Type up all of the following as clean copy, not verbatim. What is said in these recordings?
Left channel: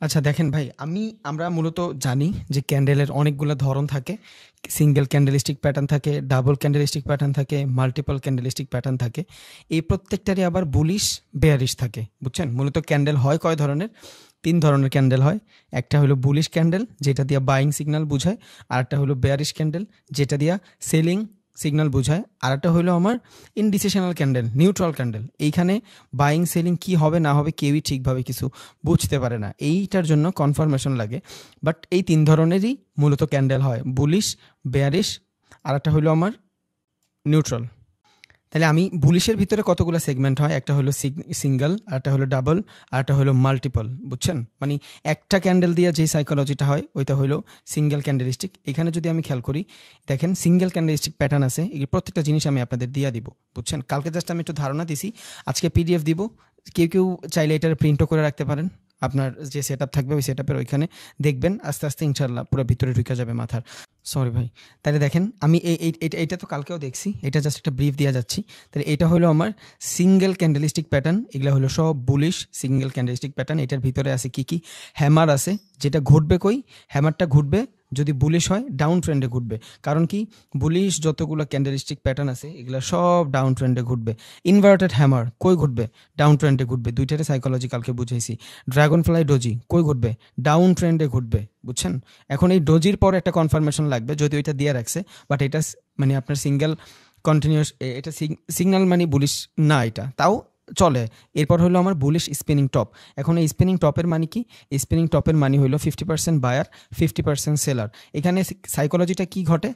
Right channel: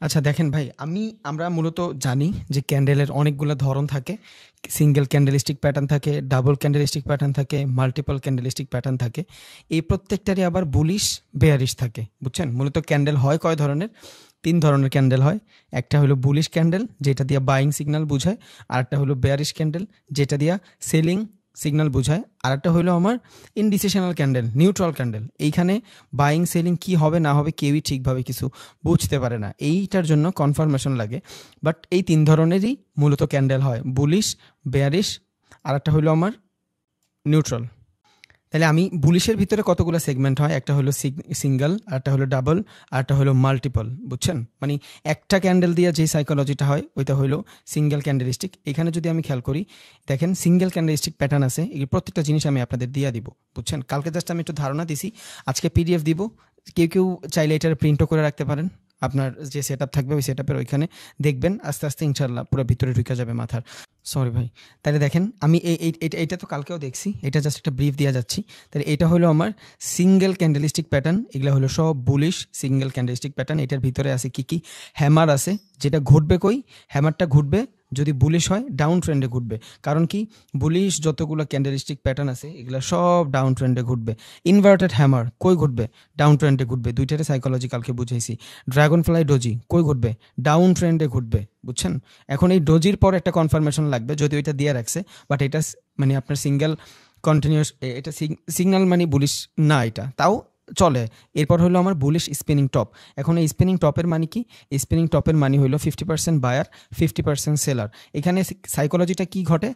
আচ্ছা দেখেন ভাই, আমরা মূলত জানি যে ক্যান্ডেলের অনেকগুলো ধরন থাকে। সিঙ্গেল ক্যান্ডেলিস্টিক প্যাটার্ন থাকে, ডাবল ক্যান্ডেলিস্টিক প্যাটার্ন থাকে, মাল্টিপল ক্যান্ডেলিস্টিক প্যাটার্ন থাকে। এই প্রত্যেকটারই আবার বুলিশ বেয়ারিশ থাকে, বুঝছেন? মূলত ক্যান্ডেল হয় কয় ধরনের? 3 ধরনের ক্যান্ডেল হয়। একটা হলো বুলিশ ক্যান্ডেল, যেটা দিয়ে বাইং সিগন্যাল বোঝায়। আর একটা হলো বেয়ারিশ ক্যান্ডেল, যেটা দিয়ে সেলিং সিগন্যাল বোঝায়। আর একটা হলো আমার ইনডিসিশনাল ক্যান্ডেল, নিউট্রাল ক্যান্ডেল। এইখানে বাইং সেলিং কি হবে না হবে কেউই ঠিকভাবে কিছু বুঝতে পারে না, এইটার জন্য কনফার্মেশন লাগে। বাট এই 3 ধরনেরই মূলত ক্যান্ডেল হয়, বুলিশ, বেয়ারিশ, আর একটা হলো আমার নিউট্রাল। তাহলে আমি বুলিশের ভিতরে কতগুলো সেগমেন্ট হয়, একটা হলো সিঙ্গেল, আরটা হলো ডাবল, আরটা হলো মাল্টিপল, বুঝছেন? মানে একটা ক্যান্ডেল দিয়ে যে সাইকোলজিটা হয় ওইটা হলো সিঙ্গেল ক্যান্ডেলিস্টিক। এখানে যদি আমি খেয়াল করি, দেখেন সিঙ্গেল ক্যান্ডেলিস্টিক প্যাটার্ন আছে, এই প্রত্যেকটা জিনিস আমি আপনাদের দিয়ে দিব, বুঝছেন? কালকে জাস্ট আমি একটু ধারণা দিছি, আজকে পিডিএফ দিব। কেউ কেউ চাইলে এটার প্রিন্টও করে রাখতে পারেন, আপনার যে সেট আপ থাকবে ওই সেট আপের ওইখানে দেখবেন, আস্তে আস্তে ইনশাল্লাহ পুরো ভিতরে ঢুকে যাবে মাথার। সরি ভাই। তাহলে দেখেন আমি এইটা তো কালকেও দেখছি, এটা জাস্ট একটা ব্রিফ দিয়ে যাচ্ছি। তাহলে এটা হলো আমার সিঙ্গেল ক্যান্ডেলিস্টিক প্যাটার্ন, এগুলো হলো সব বুলিশ সিঙ্গেল ক্যান্ডেলিস্টিক প্যাটার্ন। এটার ভিতরে আছে কি কি? হ্যামার আছে, যেটা ঘুরবে কই? হ্যামারটা ঘুরবে যদি বুলিশ হয় ডাউন ট্রেন্ডে ঘুরবে। কারণ কি, বুলিশ যতগুলো ক্যান্ডেলিস্টিক প্যাটার্ন আছে এগুলো সব ডাউন ট্রেন্ডে ঘুরবে। ইনভার্টেড হ্যামার কই ঘুরবে? ডাউন ট্রেন্ডে ঘুরবে। দুইটারে সাইকোলজি কালকে বুঝেছি। ড্রাগন ফ্লাই ডোজি কই ঘুরবে? ডাউন ট্রেন্ডে ঘুরবে, বুঝছেন? এখন এই ডোজির পর একটা কনফার্মেশন লাগবে, যদি ওইটা দিয়ে রাখছে, বাট এটা মানে আপনার সিঙ্গেল কন্টিনিউয়াস, এটা সিগন্যাল মানে বুলিশ না, এটা তাও চলে। এরপর হলো আমার বুলিশ স্পিনিং টপ। এখন এই স্পিনিং টপের মানে কি? স্পিনিং টপের মানে হলো 50% বায়ার, 50% সেলার। এখানে সাইকোলজিটা কি ঘটে?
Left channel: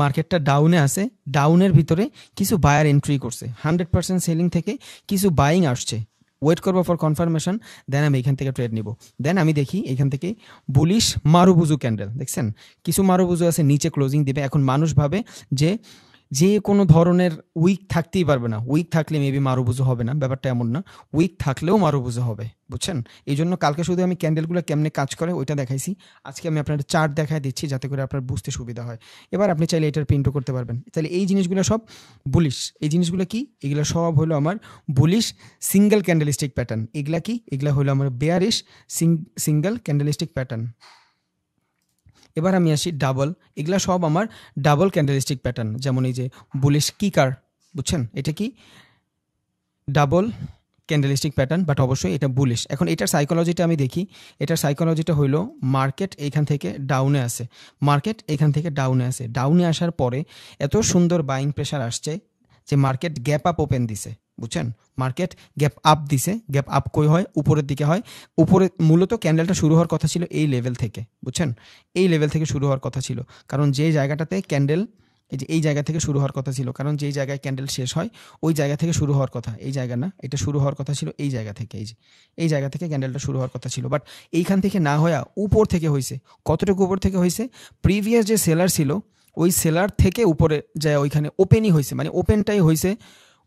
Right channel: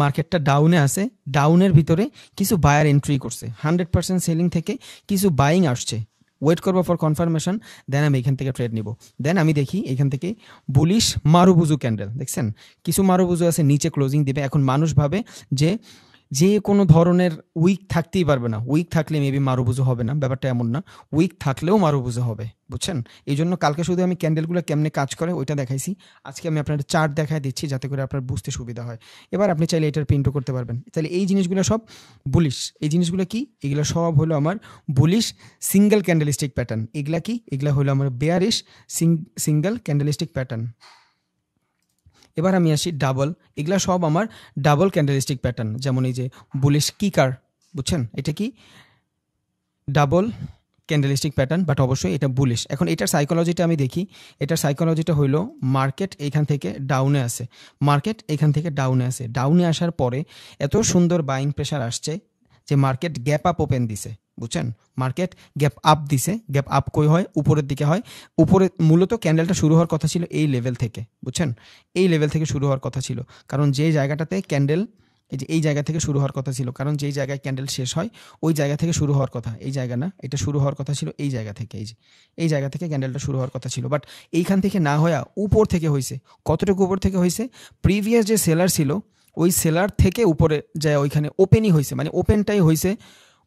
মার্কেটটা ডাউনে আছে, ডাউনের ভিতরে কিছু বায়ার এন্ট্রি করছে, 100% সেলিং থেকে কিছু বাইং আসছে। ওয়েট করবো ফর কনফার্মেশন, দেন আমি এখান থেকে ট্রেড নিব। দেন আমি দেখি এখান থেকে বুলিশ মারুবুজু ক্যান্ডেল, দেখছেন? কিছু মারুবুজু আছে নিচে ক্লোজিং দিবে। এখন মানুষ ভাবে যে যে কোনো ধরনের উইক থাকতেই পারবে না, উইক থাকলে মেবি মারুবুজু হবে না, ব্যাপারটা এমন না। উইক থাকলেও মারুবুজু হবে, বুঝছেন? এই জন্য কালকে শুধু আমি ক্যান্ডেলগুলো কেমনে কাজ করে ওইটা দেখাইছি, আজকে আমি আপনার চার্ট দেখাই দিচ্ছি যাতে করে আপনার বুঝতে সুবিধা হয়। এবার আপনি চাইলে এটার প্রিন্টও করতে পারবেন। তাহলে এই জিনিসগুলো সব বুলিশ। এই জিনিসগুলো কি? এগুলো সব হলো আমার বুলিশ সিঙ্গেল ক্যান্ডেলিস্টিক প্যাটার্ন। এগুলা কি? এগুলা হলো আমার বেয়ারিশ সিঙ্গেল ক্যান্ডেলিস্টিক প্যাটার্ন। এবার আমি আসি ডাবল। এগুলা সব আমার ডাবল ক্যান্ডেলিস্টিক প্যাটার্ন। যেমন এই যে বুলিশ কিকার, বুঝছেন? এটা কি? ডাবল ক্যান্ডেলিস্টিক প্যাটার্ন, বাট অবশ্যই এটা বুলিশ। এখন এটার সাইকোলজিটা আমি দেখি। এটার সাইকোলজিটা হলো মার্কেট এইখান থেকে ডাউনে আসে, মার্কেট এখান থেকে ডাউনে আসে, ডাউনে আসার পরে এত সুন্দর বাইং প্রেশার আসছে যে মার্কেট গ্যাপ আপ ওপেন দিছে, বুঝছেন? মার্কেট গ্যাপ আপ দিছে। গ্যাপ আপ কই হয়? উপরের দিকে হয়। উপরে মূলত ক্যান্ডেলটা শুরু হওয়ার কথা ছিল এই লেভেল থেকে, বুঝছেন? এই লেভেল থেকে শুরু হওয়ার কথা ছিল, কারণ যে জায়গাটাতে ক্যান্ডেল, এই যে এই জায়গা থেকে শুরু হওয়ার কথা ছিল, কারণ যেই জায়গায় ক্যান্ডেল শেষ হয় ওই জায়গা থেকে শুরু হওয়ার কথা। এই জায়গা না, এটা শুরু হওয়ার কথা ছিল এই জায়গা থেকে, এই যে এই জায়গা থেকে ক্যান্ডেলটা শুরু হওয়ার কথা ছিল, বাট এইখান থেকে না হয়ে উপর থেকে হয়েছে। কতটুকু উপর থেকে হয়েছে? প্রিভিয়াস যে সেলার ছিল ওই সেলার থেকে উপরে যায়, ওইখানে ওপেনই হয়েছে, মানে ওপেনটাই হয়েছে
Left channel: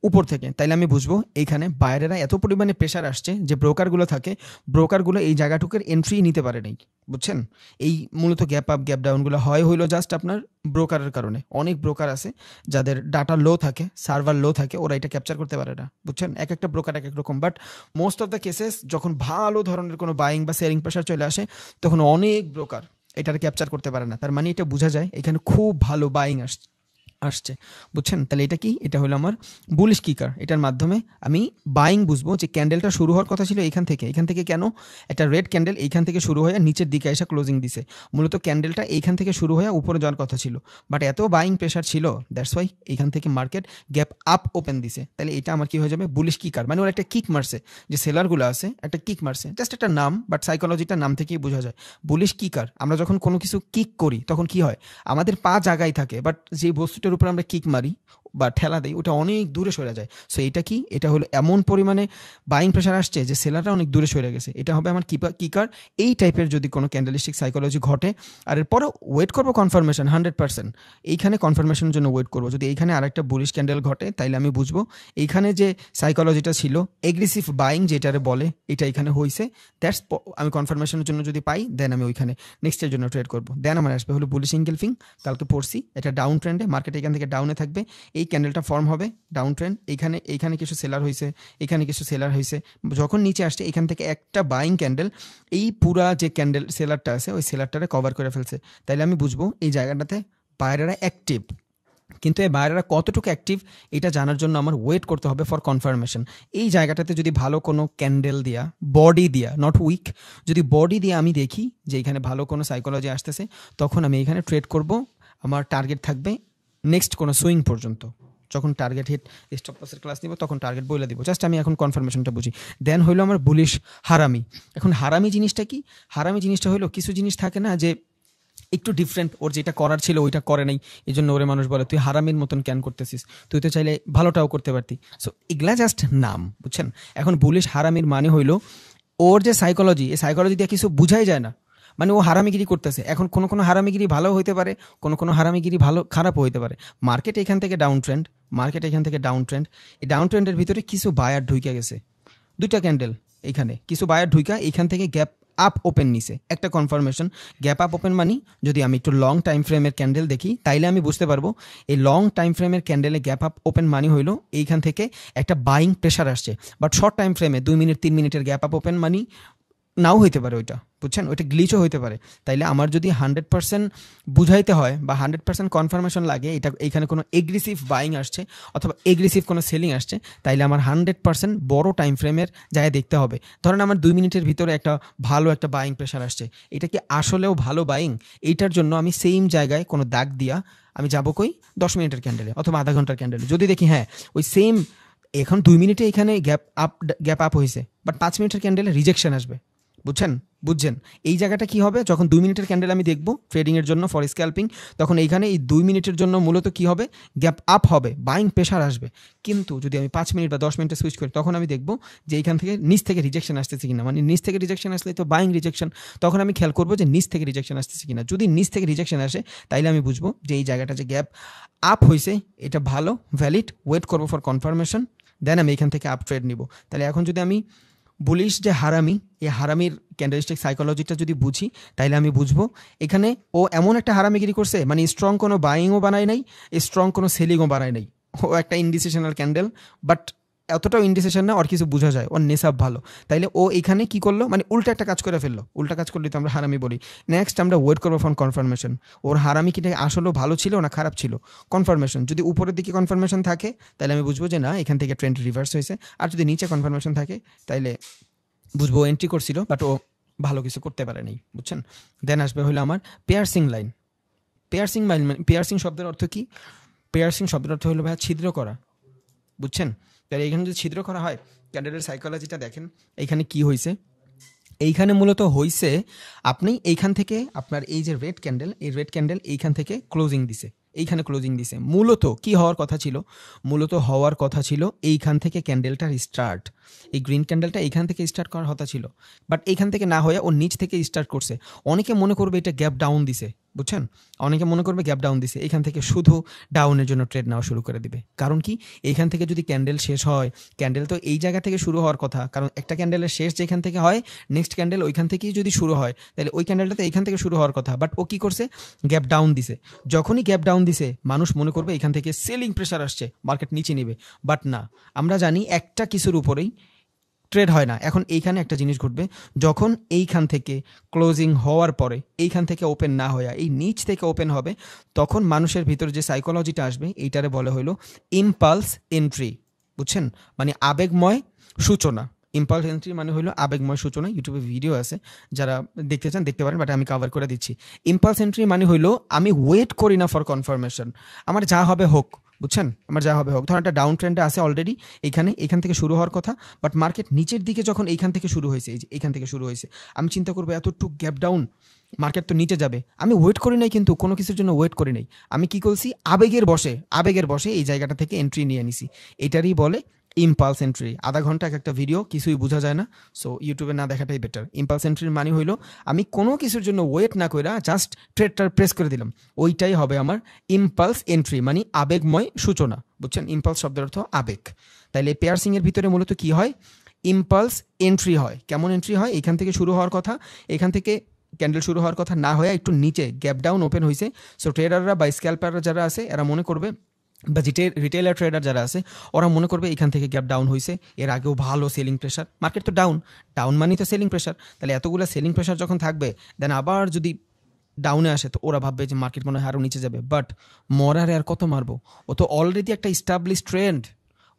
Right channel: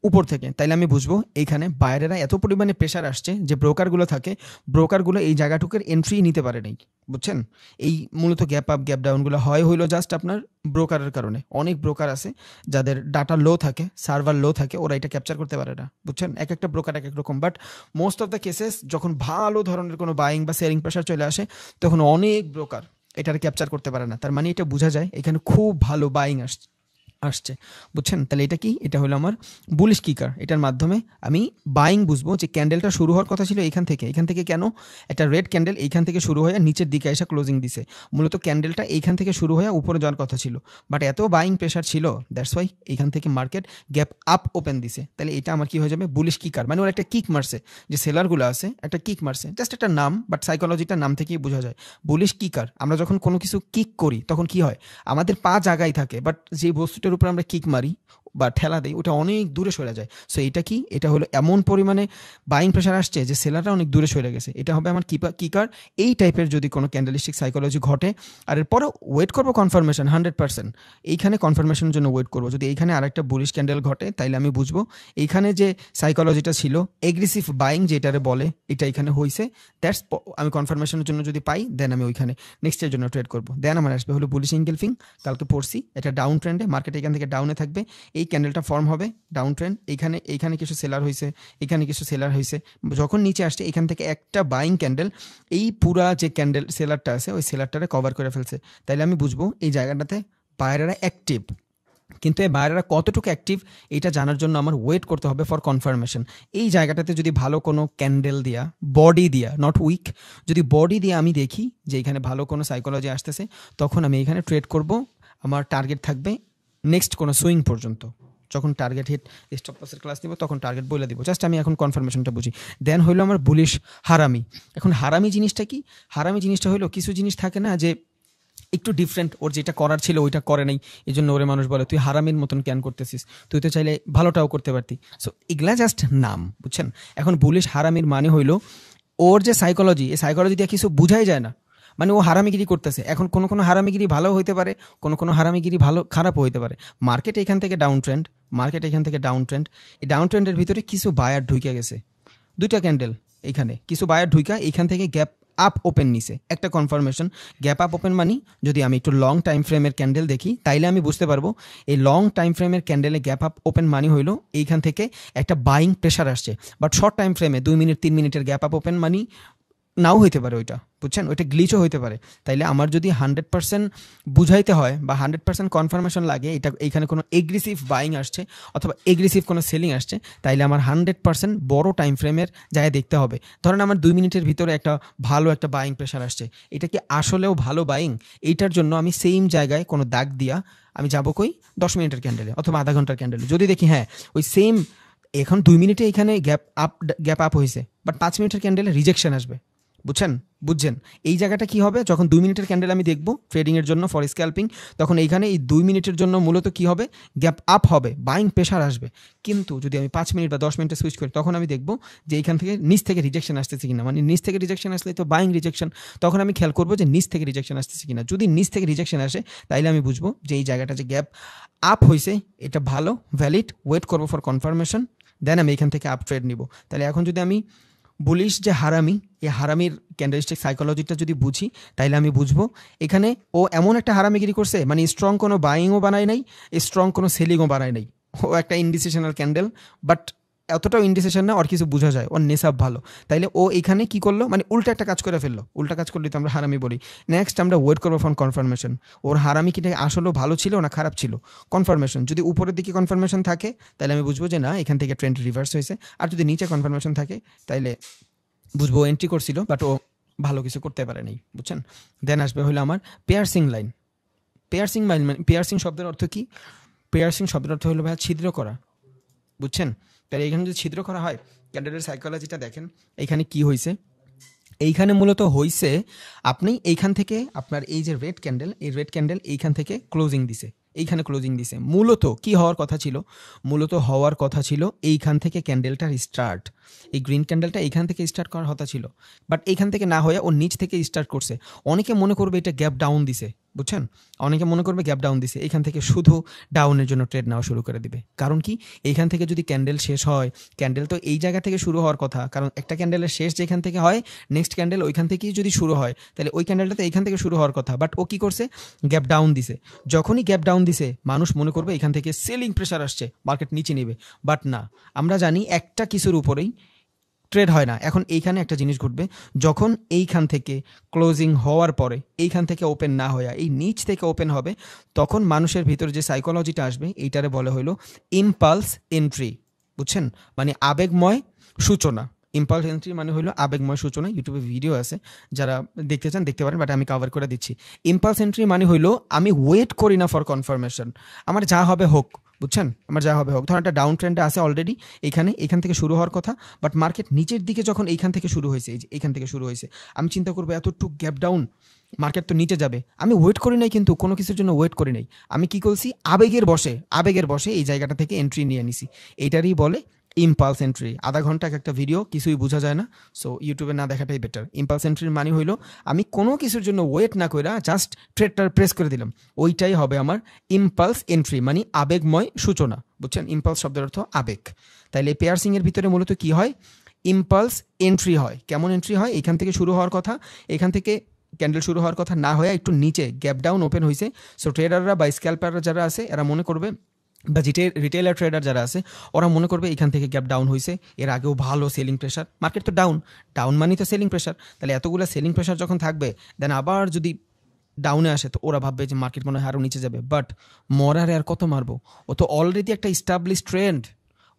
উপর থেকে। তাইলে আমি বুঝবো এইখানে বায়ারেরা এত পরিমাণে প্রেশার আসছে যে ব্রোকারগুলো থাকে, ব্রোকারগুলো এই জায়গাটুকুর এন্ট্রি নিতে পারে নাই, বুঝছেন? এই মূলত গ্যাপ আপ গ্যাপ ডাউনগুলো হইলো জাস্ট আপনার ব্রোকারের কারণে। অনেক ব্রোকার আছে যাদের ডাটা লো থাকে, সার্ভার লো থাকে, ওরা এটা ক্যাপচার করতে পারে না, বুঝছেন? এক একটা ব্রোকার এক এক রকম। But most of the cases যখন ভালো ধরনের কোনো বাইং বা সেলিং প্রেশার চলে আসে, তখন অনেক ব্রোকার এটাকে ক্যাপচার করতে পারে না। তার মানে এটা বোঝা যায় এখানে খুব ভালো বাইং আসছে, বুঝছেন? তাহলে এটা কি? এটা হলো আমার বুলিশ কিকার। এটার মাধ্যমে আমি বাইং বুঝবো যে ক্যান্ডেলটা শুরু হওয়ার কথা ছিল এখান থেকে। এখান থেকে কেন? একটা রেড ক্যান্ডেল এইখান থেকে শুরু হয়ে নিচের দিকে এসে ক্লোজিং দিছে। মূলত ক্যান্ডেলটা এইখান থেকে শুরু হয়ে উপরে যাওয়ার কথা ছিল, বাট এত বাইং প্রেশার ছিল, দ্যাটস ওয়াই এইখান থেকে মার্কেট গ্যাপ আপ ওপেন দিছে। তাহলে এটা আমার কি হয়ে যাবে? বুলিশ কিকার। মানে একটা কিক মারছে, যে সেলারগুলো আছে একটা কিক মারছে, জাস্ট একটা নাম, বাট সাইকোলজিটার নাম থেকেই বোঝা যায় বুলিশ কিকার। আমরা যখন কোনো কিছু কিক করি তখন কি হয়? আমাদের পা জায়গায় থাকে, বাট যে বস্তুটার উপর আমরা কিক মারি বা ঠেলা দিই ওটা অনেক দূরে সরে যায়। সো এটা কি? এটা হলো এমন পরিমাণে বাইং প্রেশার আসছে যে সেলারটা অনেক দূরে সরে গেছে। এটা হবে আমার কিকার। এই টাইপের যদি কোনো ক্যান্ডেলিস্টিক সাইকোলজি ঘটে, আর এরপরে ওয়েট করবো কনফার্মেশন 100%। এইখানে কনফার্মেশনের জন্য ওয়েট করবো। যদি এইখানে আরেকটা বুলিশ ক্যান্ডেল ঘটে তাইলে আমি বুঝবো এইখানে যে সাইকোলজিটা ছিল এগ্রেসিভ বাইং যেটারে বলে, এটা এখানে হয়েছে। দ্যাটস আমি কনফার্মেশনের জন্য যদি পাই, দেন আমি ওইখানে নেক্সটের জন্য ট্রেড করবো। দেন আমার আসবে হলো বুলিশ এঙ্গেলফিং। কালকে পড়ছি এটা ডাউন ট্রেন্ডে, মার্কেট এখান থেকে ডাউনে থাকবে। এই ক্যান্ডেলটা ফর্ম হবে ডাউন ট্রেন্ড, এইখানে কিছু সেলার হয়েছে, এখানে কিছু সেলার হয়েছে, যখন নিচে আসছে এখান থেকে একটা বাইং ক্যান্ডেল এই পুরা যে ক্যান্ডেল সেলারটা আছে ওই সেলারটারে কভার করে ফেলছে, তাইলে আমি বুঝবো এই জায়গাটাতে বায়াররা অ্যাক্টিভ। কিন্তু এই বায়াররা কতটুকু অ্যাক্টিভ এটা জানার জন্য আমার ওয়েট করতে হবে ফর কনফার্মেশন। এই জায়গাটাতে যদি ভালো কোনো ক্যান্ডেল দিয়া, বডি দিয়া, নট উইক, যদি বডি দিয়ে আমি দেখি যে এখানে ভালো কোনো সাইকোলজি আসতেছে, তখন আমি এখানে ট্রেড করব। আমার টার্গেট থাকবে নেক্সট কোনো সুইং পর্যন্ত। যখন টার্গেট হিট স্টপ লসের ক্লাস দিব তখন টার্গেট বলে দিব, জাস্ট আমি এখন কনফার্মেশনটা বুঝি। দেন হলো আমার বুলিশ হারামি। এখন হারামি জিনিসটা কি? হারামি জিনিসটা হলো কিছু জিনিস থাকে না যে একটু ডিফারেন্ট, ওর যেটা করার ছিল ওইটা করে নাই, এই জন্য ওরে মানুষ বলে তুই হারামির মতন ক্যান করতেছিস, তুই তো চাইলে ভালোটাও করতে পারতি। সো এগুলা জাস্ট নাম, বুঝছেন? এখন বুলিশ হারামির মানে হইলো ওর যে সাইকোলজি, এই সাইকোলজি দিয়ে কিছু বুঝাই যায় না, মানে ও হারামিগিরি করতেছে। এখন কোনো কোনো হারামিগিরি ভালো হইতে পারে, কোনো কোনো হারামিগিরি ভালো খারাপও হইতে পারে। মার্কেট এখান থেকে ডাউন ট্রেন্ড, এই ডাউন ট্রেন্ডের ভিতরে কিছু বায়ার ঢুকে গেছে, দুইটা ক্যান্ডেল এখানে কিছু বায়ার ঢুকা এখান থেকে গ্যাপ আপ ওপেন নিছে, একটা কনফার্মেশন। গ্যাপ আপ ওপেন মানি যদি আমি একটু লং টাইম ফ্রেমের ক্যান্ডেল দেখি তাইলে আমি বুঝতে পারবো এই লং টাইম ফ্রেমের ক্যান্ডেলে গ্যাপ আপ ওপেন মানি হইলো এইখান থেকে একটা বাইং প্রেশার আসছে। বাট শর্ট টাইম ফ্রেমে 2 মিনিট 3 মিনিটের গ্যাপ আপ ওপেন মানি নাও হইতে পারে, ওইটা বুঝছেন, ওইটা গ্লিচও হইতে পারে। তাইলে আমার যদি 100% বুঝাইতে হয় বা 100% কনফার্মেশন লাগে এটা এইখানে কোনো এগ্রেসিভ বাইং আসছে অথবা এগ্রেসিভ কোনো সেলিং আসছে, তাইলে আমার 100% বড় টাইম ফ্রেমের জায়গায় দেখতে হবে। ধরেন আমার 2 মিনিটের ভিতরে একটা ভালো একটা বাইং প্রেশার আসছে, এটা কি আসলেও ভালো বাইং? এইটার জন্য আমি সেম জায়গায় কোনো দাগ দিয়া আমি যাবো কই 10 মিনিটের ক্যান্ডেলে অথবা আধা ঘন্টার ক্যান্ডেলে, যদি দেখি হ্যাঁ ওই সেম এখন 2 মিনিটে এখানে গ্যাপ আপ হয়েছে, বাট 5 মিনিটের ক্যান্ডেলে রিজেকশন আসবে, বুঝছেন? এই জায়গাটা কি হবে, যখন 2 মিনিটের ক্যান্ডেল আমি দেখবো ট্রেডিং এর জন্য ফর স্ক্যাল্পিং, তখন এইখানে এই 2 মিনিটের জন্য মূলত কি হবে, গ্যাপ আপ হবে, বাইং প্রেশার আসবে। কিন্তু যদি আমি 5 মিনিট বা 10 মিনিটে সুইচ করি তখন আমি দেখবো যে এইখান থেকে নিচ থেকে রিজেকশন আসতেছে কিনা, মানে নিচ থেকে রিজেকশন আসলে তো বাইং রিজেকশন, তখন আমি খেয়াল করবো যে নিচ থেকে রিজেকশন আসতেছে কিনা। যদি নিচ থেকে রিজেকশন আসে তাইলে আমি বুঝবো যে এই জায়গাটা যে গ্যাপ আপ হয়েছে এটা ভালো ভ্যালিড, ওয়েট করবো ফর কনফার্মেশন, দেন আমি এখান থেকে আপ ট্রেড নিব। তাহলে এখন যদি আমি বলিস যে হারামি, এই হারামির ক্যান্ডেলস্টিক সাইকোলজিটা যদি বুঝি তাইলে আমি বুঝবো এখানে ও এমন একটা হারামিগিরি করছে, মানে স্ট্রং কোনো বাইংও বানায় নাই, স্ট্রং কোনো সেলিংও বানায় নাই, ও একটা ইনডিসিশনাল ক্যান্ডেল, বাট এতটাও ইনডিসিশন না, ওর কিছু বোঝা যায়, ওর নেশাব ভালো। তাইলে ও এখানে কি করলো, মানে উল্টা একটা কাজ করে ফেললো, উল্টা কাজ করলে তো আমরা হারামি বলি। নেক্সট আমরা ওয়েট করবো ফর কনফার্মেশন, ওর হারামি কিটা আসলেও ভালো ছিল না খারাপ ছিল। কনফার্মেশন যদি উপরের দিকে কনফার্মেশন থাকে তাহলে আমি বুঝবো যে না এখান থেকে ট্রেন্ড রিভার্স হয়েছে, আর যদি নিচে কনফার্মেশন থাকে তাইলে বুঝবো এন্ট্রি করছিল বাট ও ভালো কিছু করতে পারে নাই, বুঝছেন? দেন আসবে হলো আমার পেয়ারসিং লাইন। পেয়ারসিং শব্দের অর্থ কি? পেয়ারসিং শব্দের অর্থ হলো ভাই ছিদ্র করা, বুঝছেন? তাহলে এখানে যদি ছিদ্র করা হয়, ক্যান্ডেলের সাইকোলজিটা দেখেন এইখানে কি হয়েছে, এইখানে মূলত হয়েছে আপনি এইখান থেকে আপনার এই যে রেড ক্যান্ডেল, এই রেড ক্যান্ডেল এইখান থেকে ক্লোজিং দিছে, এইখানে ক্লোজিং দিছে। মূলত কি হওয়ার কথা ছিল, মূলত হওয়ার কথা ছিল এইখান থেকে ক্যান্ডেলটার স্টার্ট, এই গ্রিন ক্যান্ডেলটা এইখান থেকে স্টার্ট করার কথা ছিল, বাট এইখান থেকে না হয়ে ও নিচ থেকে স্টার্ট করছে। অনেকে মনে করবে এটা গ্যাপ ডাউন দিছে, বুঝছেন? অনেকে মনে করবে গ্যাপ ডাউন দিছে, এইখান থেকে শুধু ডাউনের জন্য ট্রেড নেওয়া শুরু করে দিবে। কারণ কি, এইখান থেকে যদি ক্যান্ডেল শেষ হয়, ক্যান্ডেল তো এই জায়গা থেকে শুরু হওয়ার কথা, কারণ একটা ক্যান্ডেলের শেষ যেখান থেকে হয় নেক্সট ক্যান্ডেল ওইখান থেকেই যদি শুরু হয় তাহলে ওই ক্যান্ডেলটা তো এইখান থেকে শুরু হওয়ার কথা, বাট ও কি করছে, গ্যাপ ডাউন দিছে। যখনই গ্যাপ ডাউন দিছে মানুষ মনে করবে এখান থেকে সেলিং প্রেসার আসছে, মার্কেট নিচে নেবে, বাট না, আমরা জানি একটা কিছুর উপরেই ট্রেড হয় না। এখন এইখানে একটা জিনিস ঘটবে, যখন এইখান থেকে ক্লোজিং হওয়ার পরে এইখান থেকে ওপেন না হয়ে এই নিচ থেকে ওপেন হবে, তখন মানুষের ভিতরে যে সাইকোলজিটা আসবে এইটারে বলা হলো ইম্পালস এন্ট্রি, বুঝছেন? মানে আবেগময় সূচনা। ইম্পালস এন্ট্রি মানে হলো আবেগময় সূচনা। ইউটিউবে ভিডিও আছে, যারা দেখতে চান দেখতে পারেন, বাট আমি কভার করে দিচ্ছি। ইম্পালস এন্ট্রি মানে হইলো আমি ওয়েট করি না ফর কনফার্মেশন, আমার যা হবে হোক, বুঝছেন? আমার যা হবে হোক। ধর একটা ডাউন ট্রেন্ডে আছে অলরেডি, এইখান থেকে শুরু হওয়ার কথা, বাট মার্কেট নিচের দিকে যখন এইখান থেকে শুরু হয়েছে, এই যে এইখান থেকে শুরু হয়েছে, আমি চিন্তা করবো এতটুকু গ্যাপ ডাউন, মার্কেট তো নিচে যাবে। আমি ওয়েট করি নাই, কিন্তু কোনো কিছুর জন্য ওয়েট করি নাই, আমি কি করছি, আবেগের বসে এই জায়গাটা থেকে এন্ট্রি নিয়ে নিছি। এটারই বলে ইম্পালস এন্ট্রি। আধা ঘন্টা একটা ভিডিও, কিছুই বোঝা যায় না, সো ইউটিউবে না দেখাটাই বেটার। ইম্পালস এন্ট্রির মানে হইলো আমি কোনো কিছুর জন্য ওয়েট না কইরা জাস্ট ট্রেডটা প্রেস করে দিলাম, ওইটাই হবে আমার ইম্পালস এন্ট্রি, মানে আবেগময় সূচনা, বুঝছেন? ইম্পালস শব্দের অর্থ আবেগ। তাহলে পেয়ারসিং এর ভিতরে মূলত কি হয়, ইম্পালস এন্ট্রি হয়। কেমন এন্ট্রি হয়, এখান থেকে শুরু হওয়ার কথা, এখান থেকে ক্যান্ডেল শুরু হওয়ার কথা না হয়ে একটু নিচে গ্যাপ ডাউন ওপেন হয়েছে, সো ট্রেডাররা বা স্ক্যাল্পাররা যারা আছে এরা মনে করবে বা রিটেলার ট্রেডার যারা আছে ওরা মনে করবে এখান থেকে গ্যাপ ডাউন হয়েছে, এর আগেও ভালো সেলিং প্রেশার, মার্কেট তো ডাউন, ডাউন মানে তো সেলিং প্রেশার, তাহলে এতগুলো সেলিং প্রেশার যখন থাকবে দেন আবার যদি ডাউনে আসে তো ওরা ভাববে যে মার্কেট মনে হয় আরও নিচে যাবে। বাট মরার আর কত মারবো, ও তো অলরেডি একটা ইস্টাবলিশ ট্রেন্ড,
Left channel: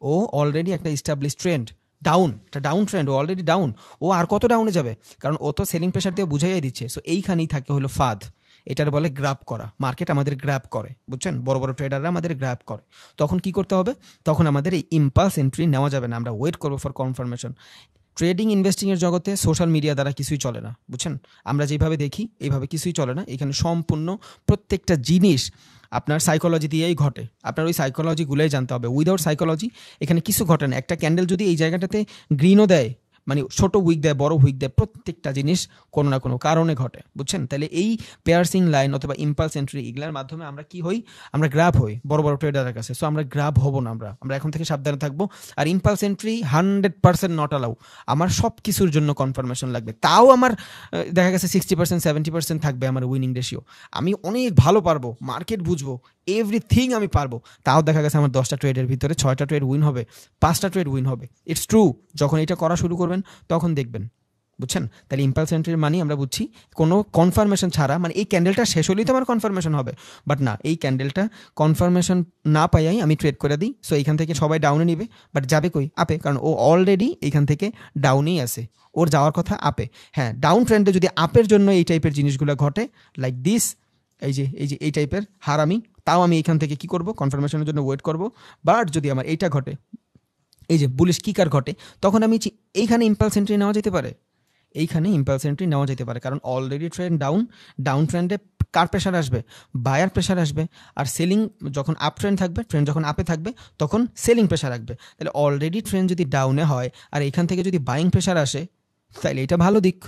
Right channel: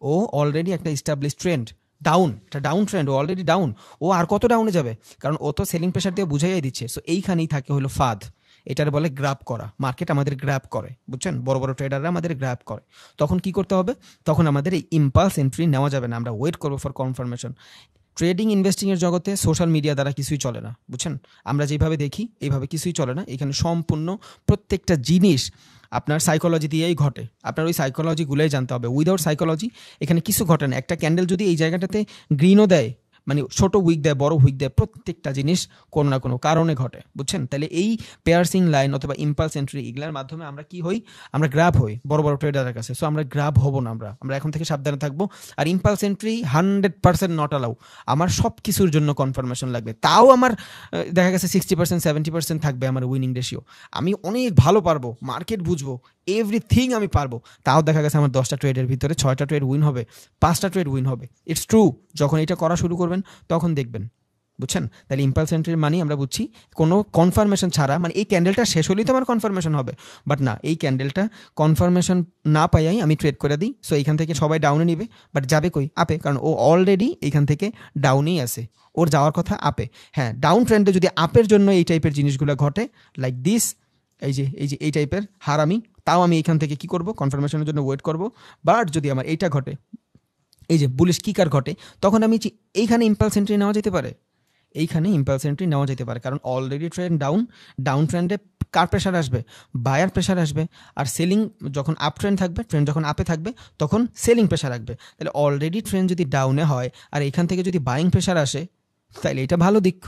ও অলরেডি একটা ইস্টাবলিশ ট্রেন্ড, ডাউন, এটা ডাউন ট্রেন্ড, ও অলরেডি ডাউন, ও আর কত ডাউনে যাবে, কারণ ও তো সেলিং প্রেশার দিয়ে বুঝাইয়াই দিচ্ছে। সো এইখানেই থাকে হলো ফাঁদ, এটার বলে গ্র্যাব করা, মার্কেট আমাদের গ্র্যাব করে, বুঝছেন, বড় বড় ট্রেডাররা আমাদের গ্র্যাব করে। তখন কি করতে হবে, তখন আমাদের এই ইম্পালস এন্ট্রি নেওয়া যাবে না, আমরা ওয়েট করবো ফর কনফার্মেশন। ট্রেডিং ইনভেস্টিং এর জগতে সোশ্যাল মিডিয়া দ্বারা কিছুই চলে না, বুঝছেন, আমরা যেভাবে দেখি এইভাবে কিছুই চলে না। এখানে সম্পূর্ণ প্রত্যেকটা জিনিস আপনার সাইকোলজি দিয়েই ঘটে, আপনার ওই সাইকোলজিগুলোই জানতে হবে। উইদাউট সাইকোলজি এখানে কিছু ঘটে না। একটা ক্যান্ডেল যদি এই জায়গাটাতে গ্রিনও দেয়, মানে ছোট উইক দেয়, বড় উইক দেয়, প্রত্যেকটা জিনিস কোনো না কোনো কারণে ঘটে, বুঝছেন। তাহলে এই পেয়ারসিং লাইন অথবা ইম্পালস এন্ট্রি এগুলোর মাধ্যমে আমরা কি হই, আমরা গ্র্যাব হই বড় বড় ট্রেডারের কাছে। সো আমরা গ্র্যাব হব না, আমরা এখন থেকে সাবধানে থাকবো। আর ইম্পালস এন্ট্রি 100% নট অ্যালাউ। আমার সব কিছুর জন্য কনফার্মেশন লাগবে, তাও আমার দেখা গেছে 60% 70% থাকবে আমার উইনিং রেশিও, আমি অনেক ভালো পারবো, মার্কেট বুঝবো, এভরিথিং আমি পারবো, তাও দেখা গেছে আমার 10টা ট্রেডের ভিতরে 6টা ট্রেড উইন হবে, 5টা ট্রেড উইন হবে। ইটস ট্রু, যখন এটা করা শুরু করবেন তখন দেখবেন, বুঝছেন। তাহলে ইম্পালস এন্ট্রির মানে আমরা বুঝছি কোনো কনফার্মেশন ছাড়া, মানে এই ক্যান্ডেলটা শেষ হলেই তো আমার কনফার্মেশন হবে, বাট না, এই ক্যান্ডেলটা কনফার্মেশন না পাইয়াই আমি ট্রেড করে দিই। সো এইখান থেকে সবাই ডাউনে নিবে, বাট যাবে কই, আপে, কারণ ও অলরেডি এইখান থেকে ডাউনেই আছে, ওর যাওয়ার কথা আপে। হ্যাঁ, ডাউন ট্রেন্ডে যদি আপের জন্য এই টাইপের জিনিসগুলো ঘটে, লাইক দিস, এই টাইপের হারামি, তাও আমি এইখান থেকে কি করব, কনফার্মেশনের জন্য ওয়েট করব। বাট যদি আমার এইটা ঘটে, এই যে বুলিশ কিকার ঘটে, তখন আমি এইখানে ইম্পালস এন্ট্রি নেওয়া যেতে পারে, এইখানে ইম্পালস এন্ট্রি নেওয়া যেতে পারে, কারণ অলরেডি ট্রেন্ড ডাউন, ডাউন ট্রেন্ডে কার প্রেশার আসবে, বায়ার প্রেশার আসবে। আর সেলিং যখন আপ ট্রেন্ড থাকবে, ট্রেন্ড যখন আপে থাকবে, তখন সেলিং প্রেশার আসবে। তাহলে অলরেডি ট্রেন্ড যদি ডাউনে হয় আর এখান থেকে যদি বাইং প্রেশার আসে, তাহলে এটা ভালো দিক।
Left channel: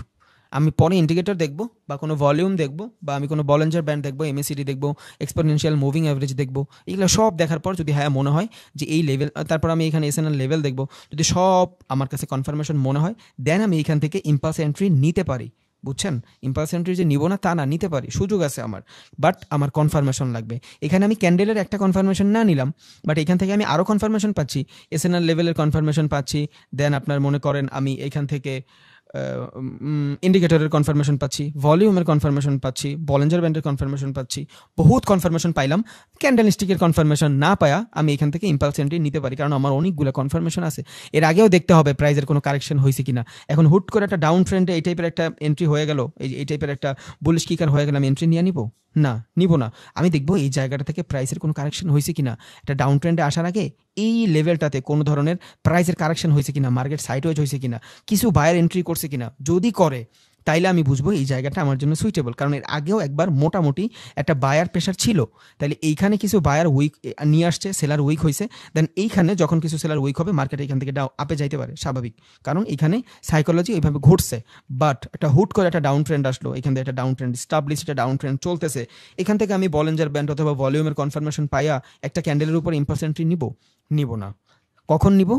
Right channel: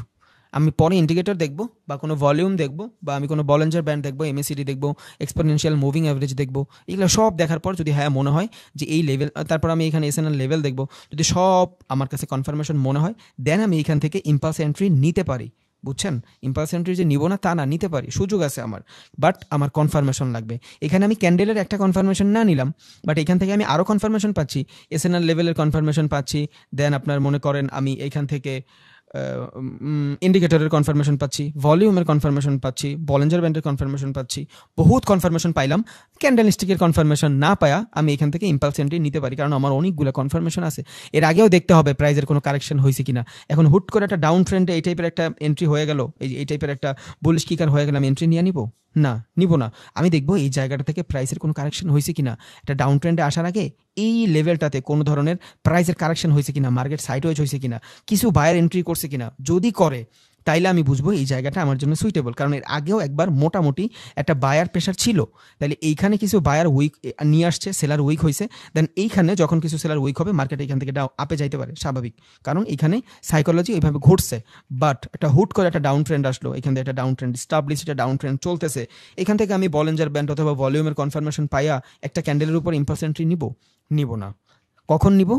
আমি পরে ইন্ডিকেটর দেখবো, বা কোনো ভলিউম দেখবো, বা আমি কোনো বলিঞ্জার ব্যান্ড দেখবো, এমএসিডি দেখবো, এক্সপোনেনশিয়াল মুভিং অ্যাভারেজ দেখবো, এগুলো সব দেখার পর যদি হ্যাঁ মনে হয় যে এই লেভেল, তারপর আমি এখানে এসএনএল লেভেল দেখবো, যদি সব আমার কাছে কনফার্মেশন মনে হয়, দেন আমি এখান থেকে ইম্পালস এন্ট্রি নিতে পারি, বুঝছেন। ইম্পালস এন্ট্রি যে নিব না তা না, নিতে পারি, সুযোগ আছে আমার, বাট আমার কনফার্মেশন লাগবে। এখানে আমি ক্যান্ডেলের একটা কনফার্মেশন না নিলাম, বাট এখান থেকে আমি আরও কনফার্মেশন পাচ্ছি, এসএনএল লেভেলের কনফার্মেশন পাচ্ছি, দেন আপনার মনে করেন আমি এইখান থেকে ইন্ডিকেটরের কনফার্মেশন পাচ্ছি, ভলিউমের কনফার্মেশন পাচ্ছি, বলিঞ্জার ব্যান্ডের কনফার্মেশন পাচ্ছি, বহুত কনফার্মেশন পাইলাম। ক্যান্ডেলস্টিকের কনফার্মেশন না পায়া আমি এখান থেকে ইম্পালস এন্ট্রি নিতে পারি, কারণ আমার অনেকগুলো কনফার্মেশন আছে। এর আগেও দেখতে হবে প্রাইসের কোনো কারেকশন হয়েছে কিনা। এখন হুট করে একটা ডাউন ট্রেন্ডে এই টাইপের একটা এন্ট্রি হয়ে গেল, এই টাইপের একটা বুলিশ কিকার হয়ে গেল, আমি এন্ট্রি নিয়ে নিব না, নিব না। আমি দেখবো এই জায়গাটা থেকে প্রাইসের কোনো কারেকশন হয়েছে কিনা, একটা ডাউন ট্রেন্ডে আসার আগে এই লেভেলটাতে কোনো ধরনের প্রাইসের কারেকশন হয়েছে কিনা, মার্কেট সাইডওয়েজ হয়েছে কিনা, কিছু বায়ার এন্ট্রি করছে কিনা, যদি করে তাইলে আমি বুঝবো এই জায়গাটা আমার জন্য সুইটেবল। কারণ এর আগেও একবার মোটামুটি একটা বায়ার প্রেশার ছিল, তাহলে এইখানে কিছু বায়ার উইক নিয়ে আসছে, সেলার উইক হয়েছে, দেন এইখানে যখন কিছু সেলার উইক হবে, মার্কেট এখান থেকে আপে যাইতে পারে, স্বাভাবিক, কারণ এখানে সাইকোলজি এইভাবে ঘটছে। বাট একটা হুট করে একটা ডাউন ট্রেন্ড আসলো, এখান থেকে একটা ডাউন ট্রেন্ড স্টাবলিশ, একটা ডাউন ট্রেন্ড চলতেছে, এখান থেকে আমি বলিঞ্জার ব্যান্ড অথবা ভলিউমের কনফার্মেশন পাইয়া একটা ক্যান্ডেলের উপর ইম্পালস এন্ট্রি নিব না। কখন নিব,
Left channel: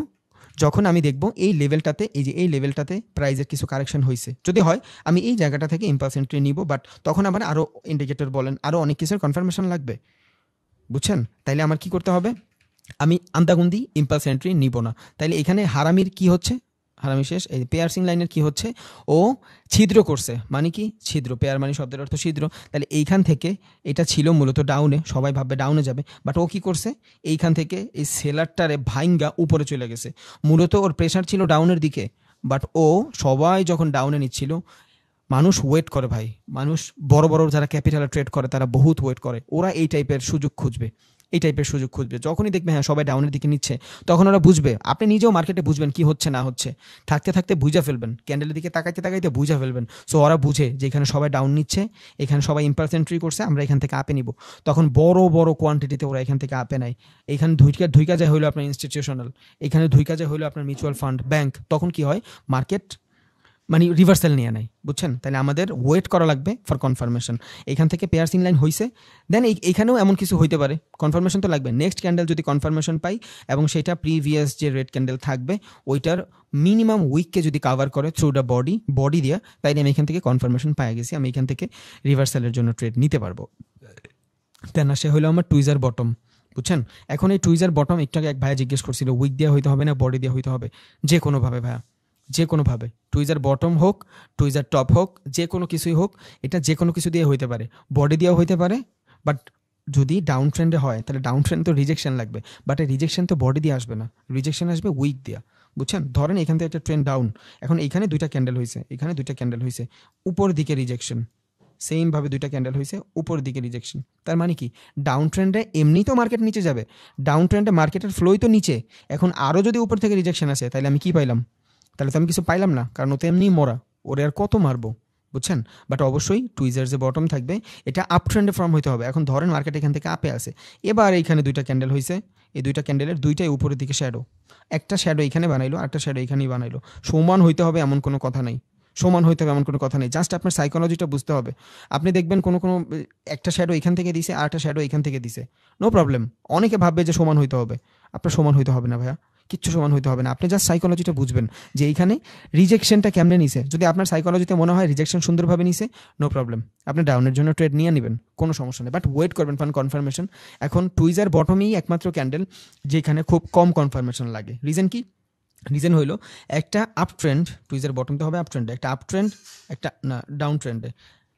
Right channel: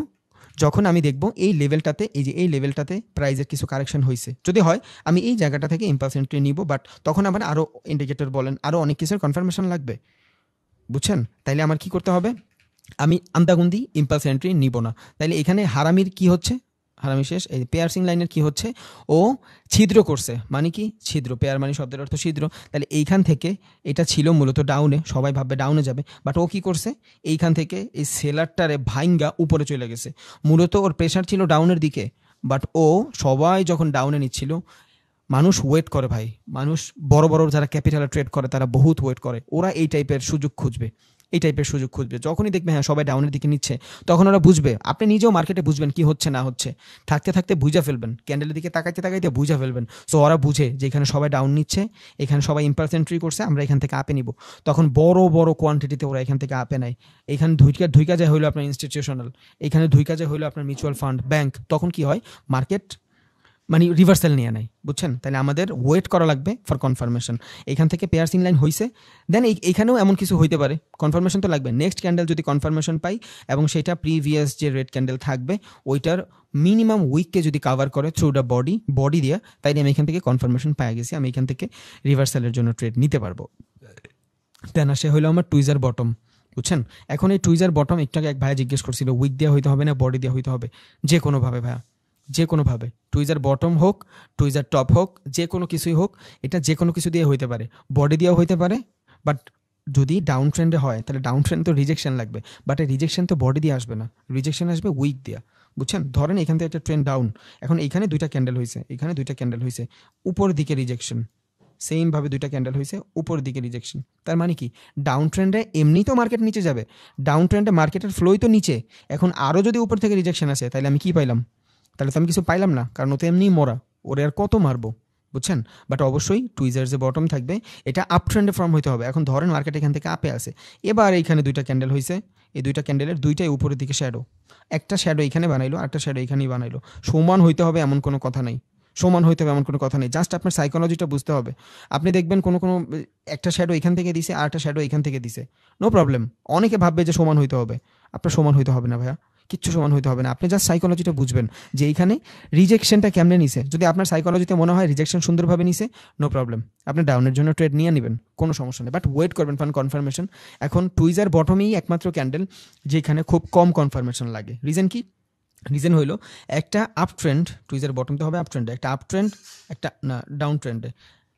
যখন আমি দেখব এই লেভেলটাতে, এই লেভেলটাতে প্রাইসের কিছু কারেকশন হয়েছে, যদি হয় আমি এই জায়গাটা থেকে ইম্পালস এন্ট্রি নিব, বাট তখন আবার আরও ইন্ডিকেটর বলেন আরও অনেক কিছুর কনফার্মেশন লাগবে, বুঝছেন। তাইলে আমার কি করতে হবে, আমি আন্তাগুন্দি ইম্পালস এন্ট্রি নিব না। তাইলে এখানে হারামির কি হচ্ছে, হারামি শেষ। এই পেয়ারসিং লাইনের কি হচ্ছে, ও ছিদ্র করছে, মানে কি ছিদ্র, পেয়ার মানে শব্দের অর্থ ছিদ্র। তাহলে এইখান থেকে এটা ছিল মূলত ডাউনে, সবাই ভাববে ডাউনে যাবে, বাট ও কি করছে, এইখান থেকে এই সেলারটারে ভাইঙ্গা উপরে চলে গেছে। মূলত ওর প্রেশার ছিল ডাউনের দিকে, বাট ও সবাই যখন ডাউনে নিচ্ছিল, মানুষ ওয়েট করে ভাই, মানুষ বড় বড় যারা ক্যাপিটালে ট্রেড করে তারা বহুত ওয়েট করে, ওরা এই টাইপের সুযোগ খুঁজবে, যখনই দেখবে হ্যাঁ সবাই ডাউনের দিকে নিচ্ছে, তখন ওরা বুঝবে, আপনি নিজেও মার্কেটে বুঝবেন কি হচ্ছে না হচ্ছে, থাকতে থাকতে বুঝা ফেলবেন, ক্যান্ডেলের দিকে তাকাইতে তাকাইতে বুঝা ফেলবেন। সো ওরা বুঝে যে এখানে সবাই ডাউন নিচ্ছে, এখানে সবাই ইম্পালস এন্ট্রি করছে, আমরা এখান থেকে আপে নিব, তখন বড় বড় কোয়ান্টিটিতে ওরা এখান থেকে আপে নেয়। এখানে ধুইকা যায় হইলো আপনার ইনস্টিটিউশনাল, এখানে ধুইকা যায় হইলো আপনার মিউচুয়াল ফান্ড, ব্যাংক, তখন কি হয়, মার্কেট মানে রিভার্সাল নিয়ে নেয়, বুঝছেন। তাহলে আমাদের ওয়েট করা লাগবে ফর কনফার্মেশন। এখান থেকে পেয়ারসিং লাইন হয়েছে, দেন এইখানেও এমন কিছু হইতে পারে, কনফার্মেশন তো লাগবে। নেক্সট ক্যান্ডেল যদি কনফার্মেশন পাই এবং সেটা প্রিভিয়াস যে রেড ক্যান্ডেল থাকবে ওইটার মিনিমাম উইককে যদি কাভার করে থ্রু দ্য বডি দিয়ে, তাইলে আমি এখান থেকে কনফার্মেশন পাই গেছি, আমি এখান থেকে রিভার্সালের জন্য ট্রেড নিতে পারবো। দেন আসে হইলো আমার টুইজার বটম। বুঝছেন? এখন এই টুইজার বটম একটু আগে এক ভাইয়া জিজ্ঞেস করছিল উইক দিয়ে হইতে হবে না বডি দিয়ে হইতে হবে? যে কোনোভাবে ভাইয়া, যে কোনোভাবে। টুইজার বটম হোক, টুইজার টপ হোক, যে কোনো কিছুই হোক, এটা যে কোনো কিছু দিয়ে হইতে পারে, বডি দিয়েও হইতে পারে। বাট যদি ডাউন ট্রেন্ডে হয় তাহলে ডাউন ট্রেন্ড তো রিজেকশন লাগবে, বাট এই রিজেকশন তো বডি দিয়ে আসবে না, রিজেকশন আসবে উইক দিয়া। বুঝছেন? ধরেন এখান থেকে একটা ট্রেন্ড ডাউন, এখন এইখানে দুইটা ক্যান্ডেল হয়েছে, এখানে দুইটা ক্যান্ডেল হয়েছে, উপর দিকে রিজেকশন, সেম ভাবে দুইটা ক্যান্ডেল হয়েছে, উপর দিকে রিজেকশন। তার মানে কি, ডাউন ট্রেন্ডে এমনি তো মার্কেট নিচে যাবে, ডাউন ট্রেন্ডে মার্কেটের ফ্লোই তো নিচে, এখন আরও যদি উপর থেকে রিজেকশন আসে তাহলে আমি কি পাইলাম? তাহলে তো আমি কিছু পাইলাম না, কারণ ও তো এমনি মরা, ওরে আর কত মারবো? বুঝছেন? বাট অবশ্যই টুইজার যে বটম থাকবে এটা আপ ট্রেন্ডে ফর্ম হইতে হবে। এখন ধরেন মার্কেট এখান থেকে আপে আসে, এবার এইখানে দুইটা ক্যান্ডেল হয়েছে, এই দুইটা ক্যান্ডেলের দুইটাই উপরের দিকে শ্যাডো, একটা শ্যাডো এখানে বানাইলো, একটা শ্যাডো এখানেই বানাইলো। সমান হইতে হবে এমন কোনো কথা নাই, সমান হইতে হবে এমন কোনো কথা নেই, জাস্ট আপনার সাইকোলজিটা বুঝতে হবে। আপনি দেখবেন কোনো কোনো একটা শ্যাডো এখান থেকে দিছে, আর একটা শ্যাডো এখান থেকে দিছে, নো প্রবলেম। অনেকে ভাববে যে সমান হইতে হবে, আপনার সমান হইতে হবে না ভাইয়া, কিচ্ছু সমান হইতে হবে না। আপনি জাস্ট সাইকোলজিটা বুঝবেন যে এইখানে রিজেকশনটা কেমনে নিছে। যদি আপনার সাইকোলজিতে মনে হয় রিজেকশন সুন্দরভাবে নিছে, নো প্রবলেম, আপনি ডাউনের জন্য ট্রেড নিয়ে নেবেন, কোনো সমস্যা নেই, বাট ওয়েট করবেন ফর কনফার্মেশন। এখন টুইজার বটমেই একমাত্র ক্যান্ডেল যেখানে খুব কম কনফার্মেশন লাগে। রিজন কি? রিজন হইলো একটা আপ ট্রেন্ড, টুইজার বটমতে হবে আপ ট্রেন্ডে, একটা আপ ট্রেন্ড, একটা না ডাউন ট্রেন্ডে,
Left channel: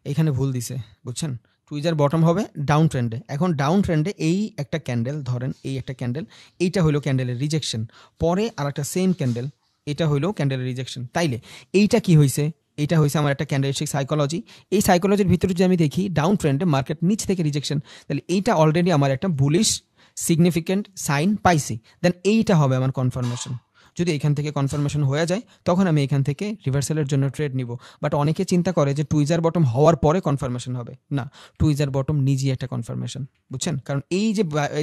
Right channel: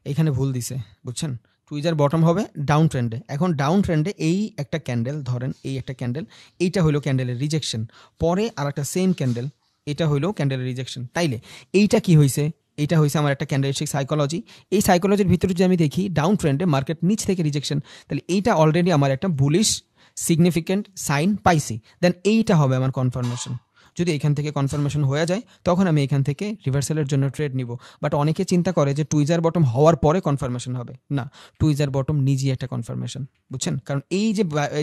এখানে ভুল দিছে, বুঝছেন? টুইজার বটম হবে ডাউন ট্রেন্ডে। এখন ডাউন ট্রেন্ডে এই একটা ক্যান্ডেল, ধরেন এই একটা ক্যান্ডেল, এইটা হইলো ক্যান্ডেলের রিজেকশন, পরে আর একটা সেম ক্যান্ডেল, এটা হইলো ক্যান্ডেলের রিজেকশন। তাইলে এইটা কি হয়েছে? এইটা হয়েছে আমার একটা ক্যান্ডেলস্টিক সাইকোলজি। এই সাইকোলজির ভিতরে যদি আমি দেখি ডাউন ট্রেন্ডে মার্কেট নিচ থেকে রিজেকশন, তাহলে এইটা অলরেডি আমার একটা বুলিশ সিগনিফিকেন্ট সাইন পাইছি, দেন এইটা হবে আমার কনফার্মেশন। যদি এখান থেকে কনফার্মেশন হয়ে যায় তখন আমি এখান থেকে রিভার্সালের জন্য ট্রেড নিব। বাট অনেকে চিন্তা করে যে টুইজার বটম হওয়ার পরে কনফার্মেশন হবে, না, টুইজার বটম নিজেই একটা কনফার্মেশন, বুঝছেন? কারণ এই যে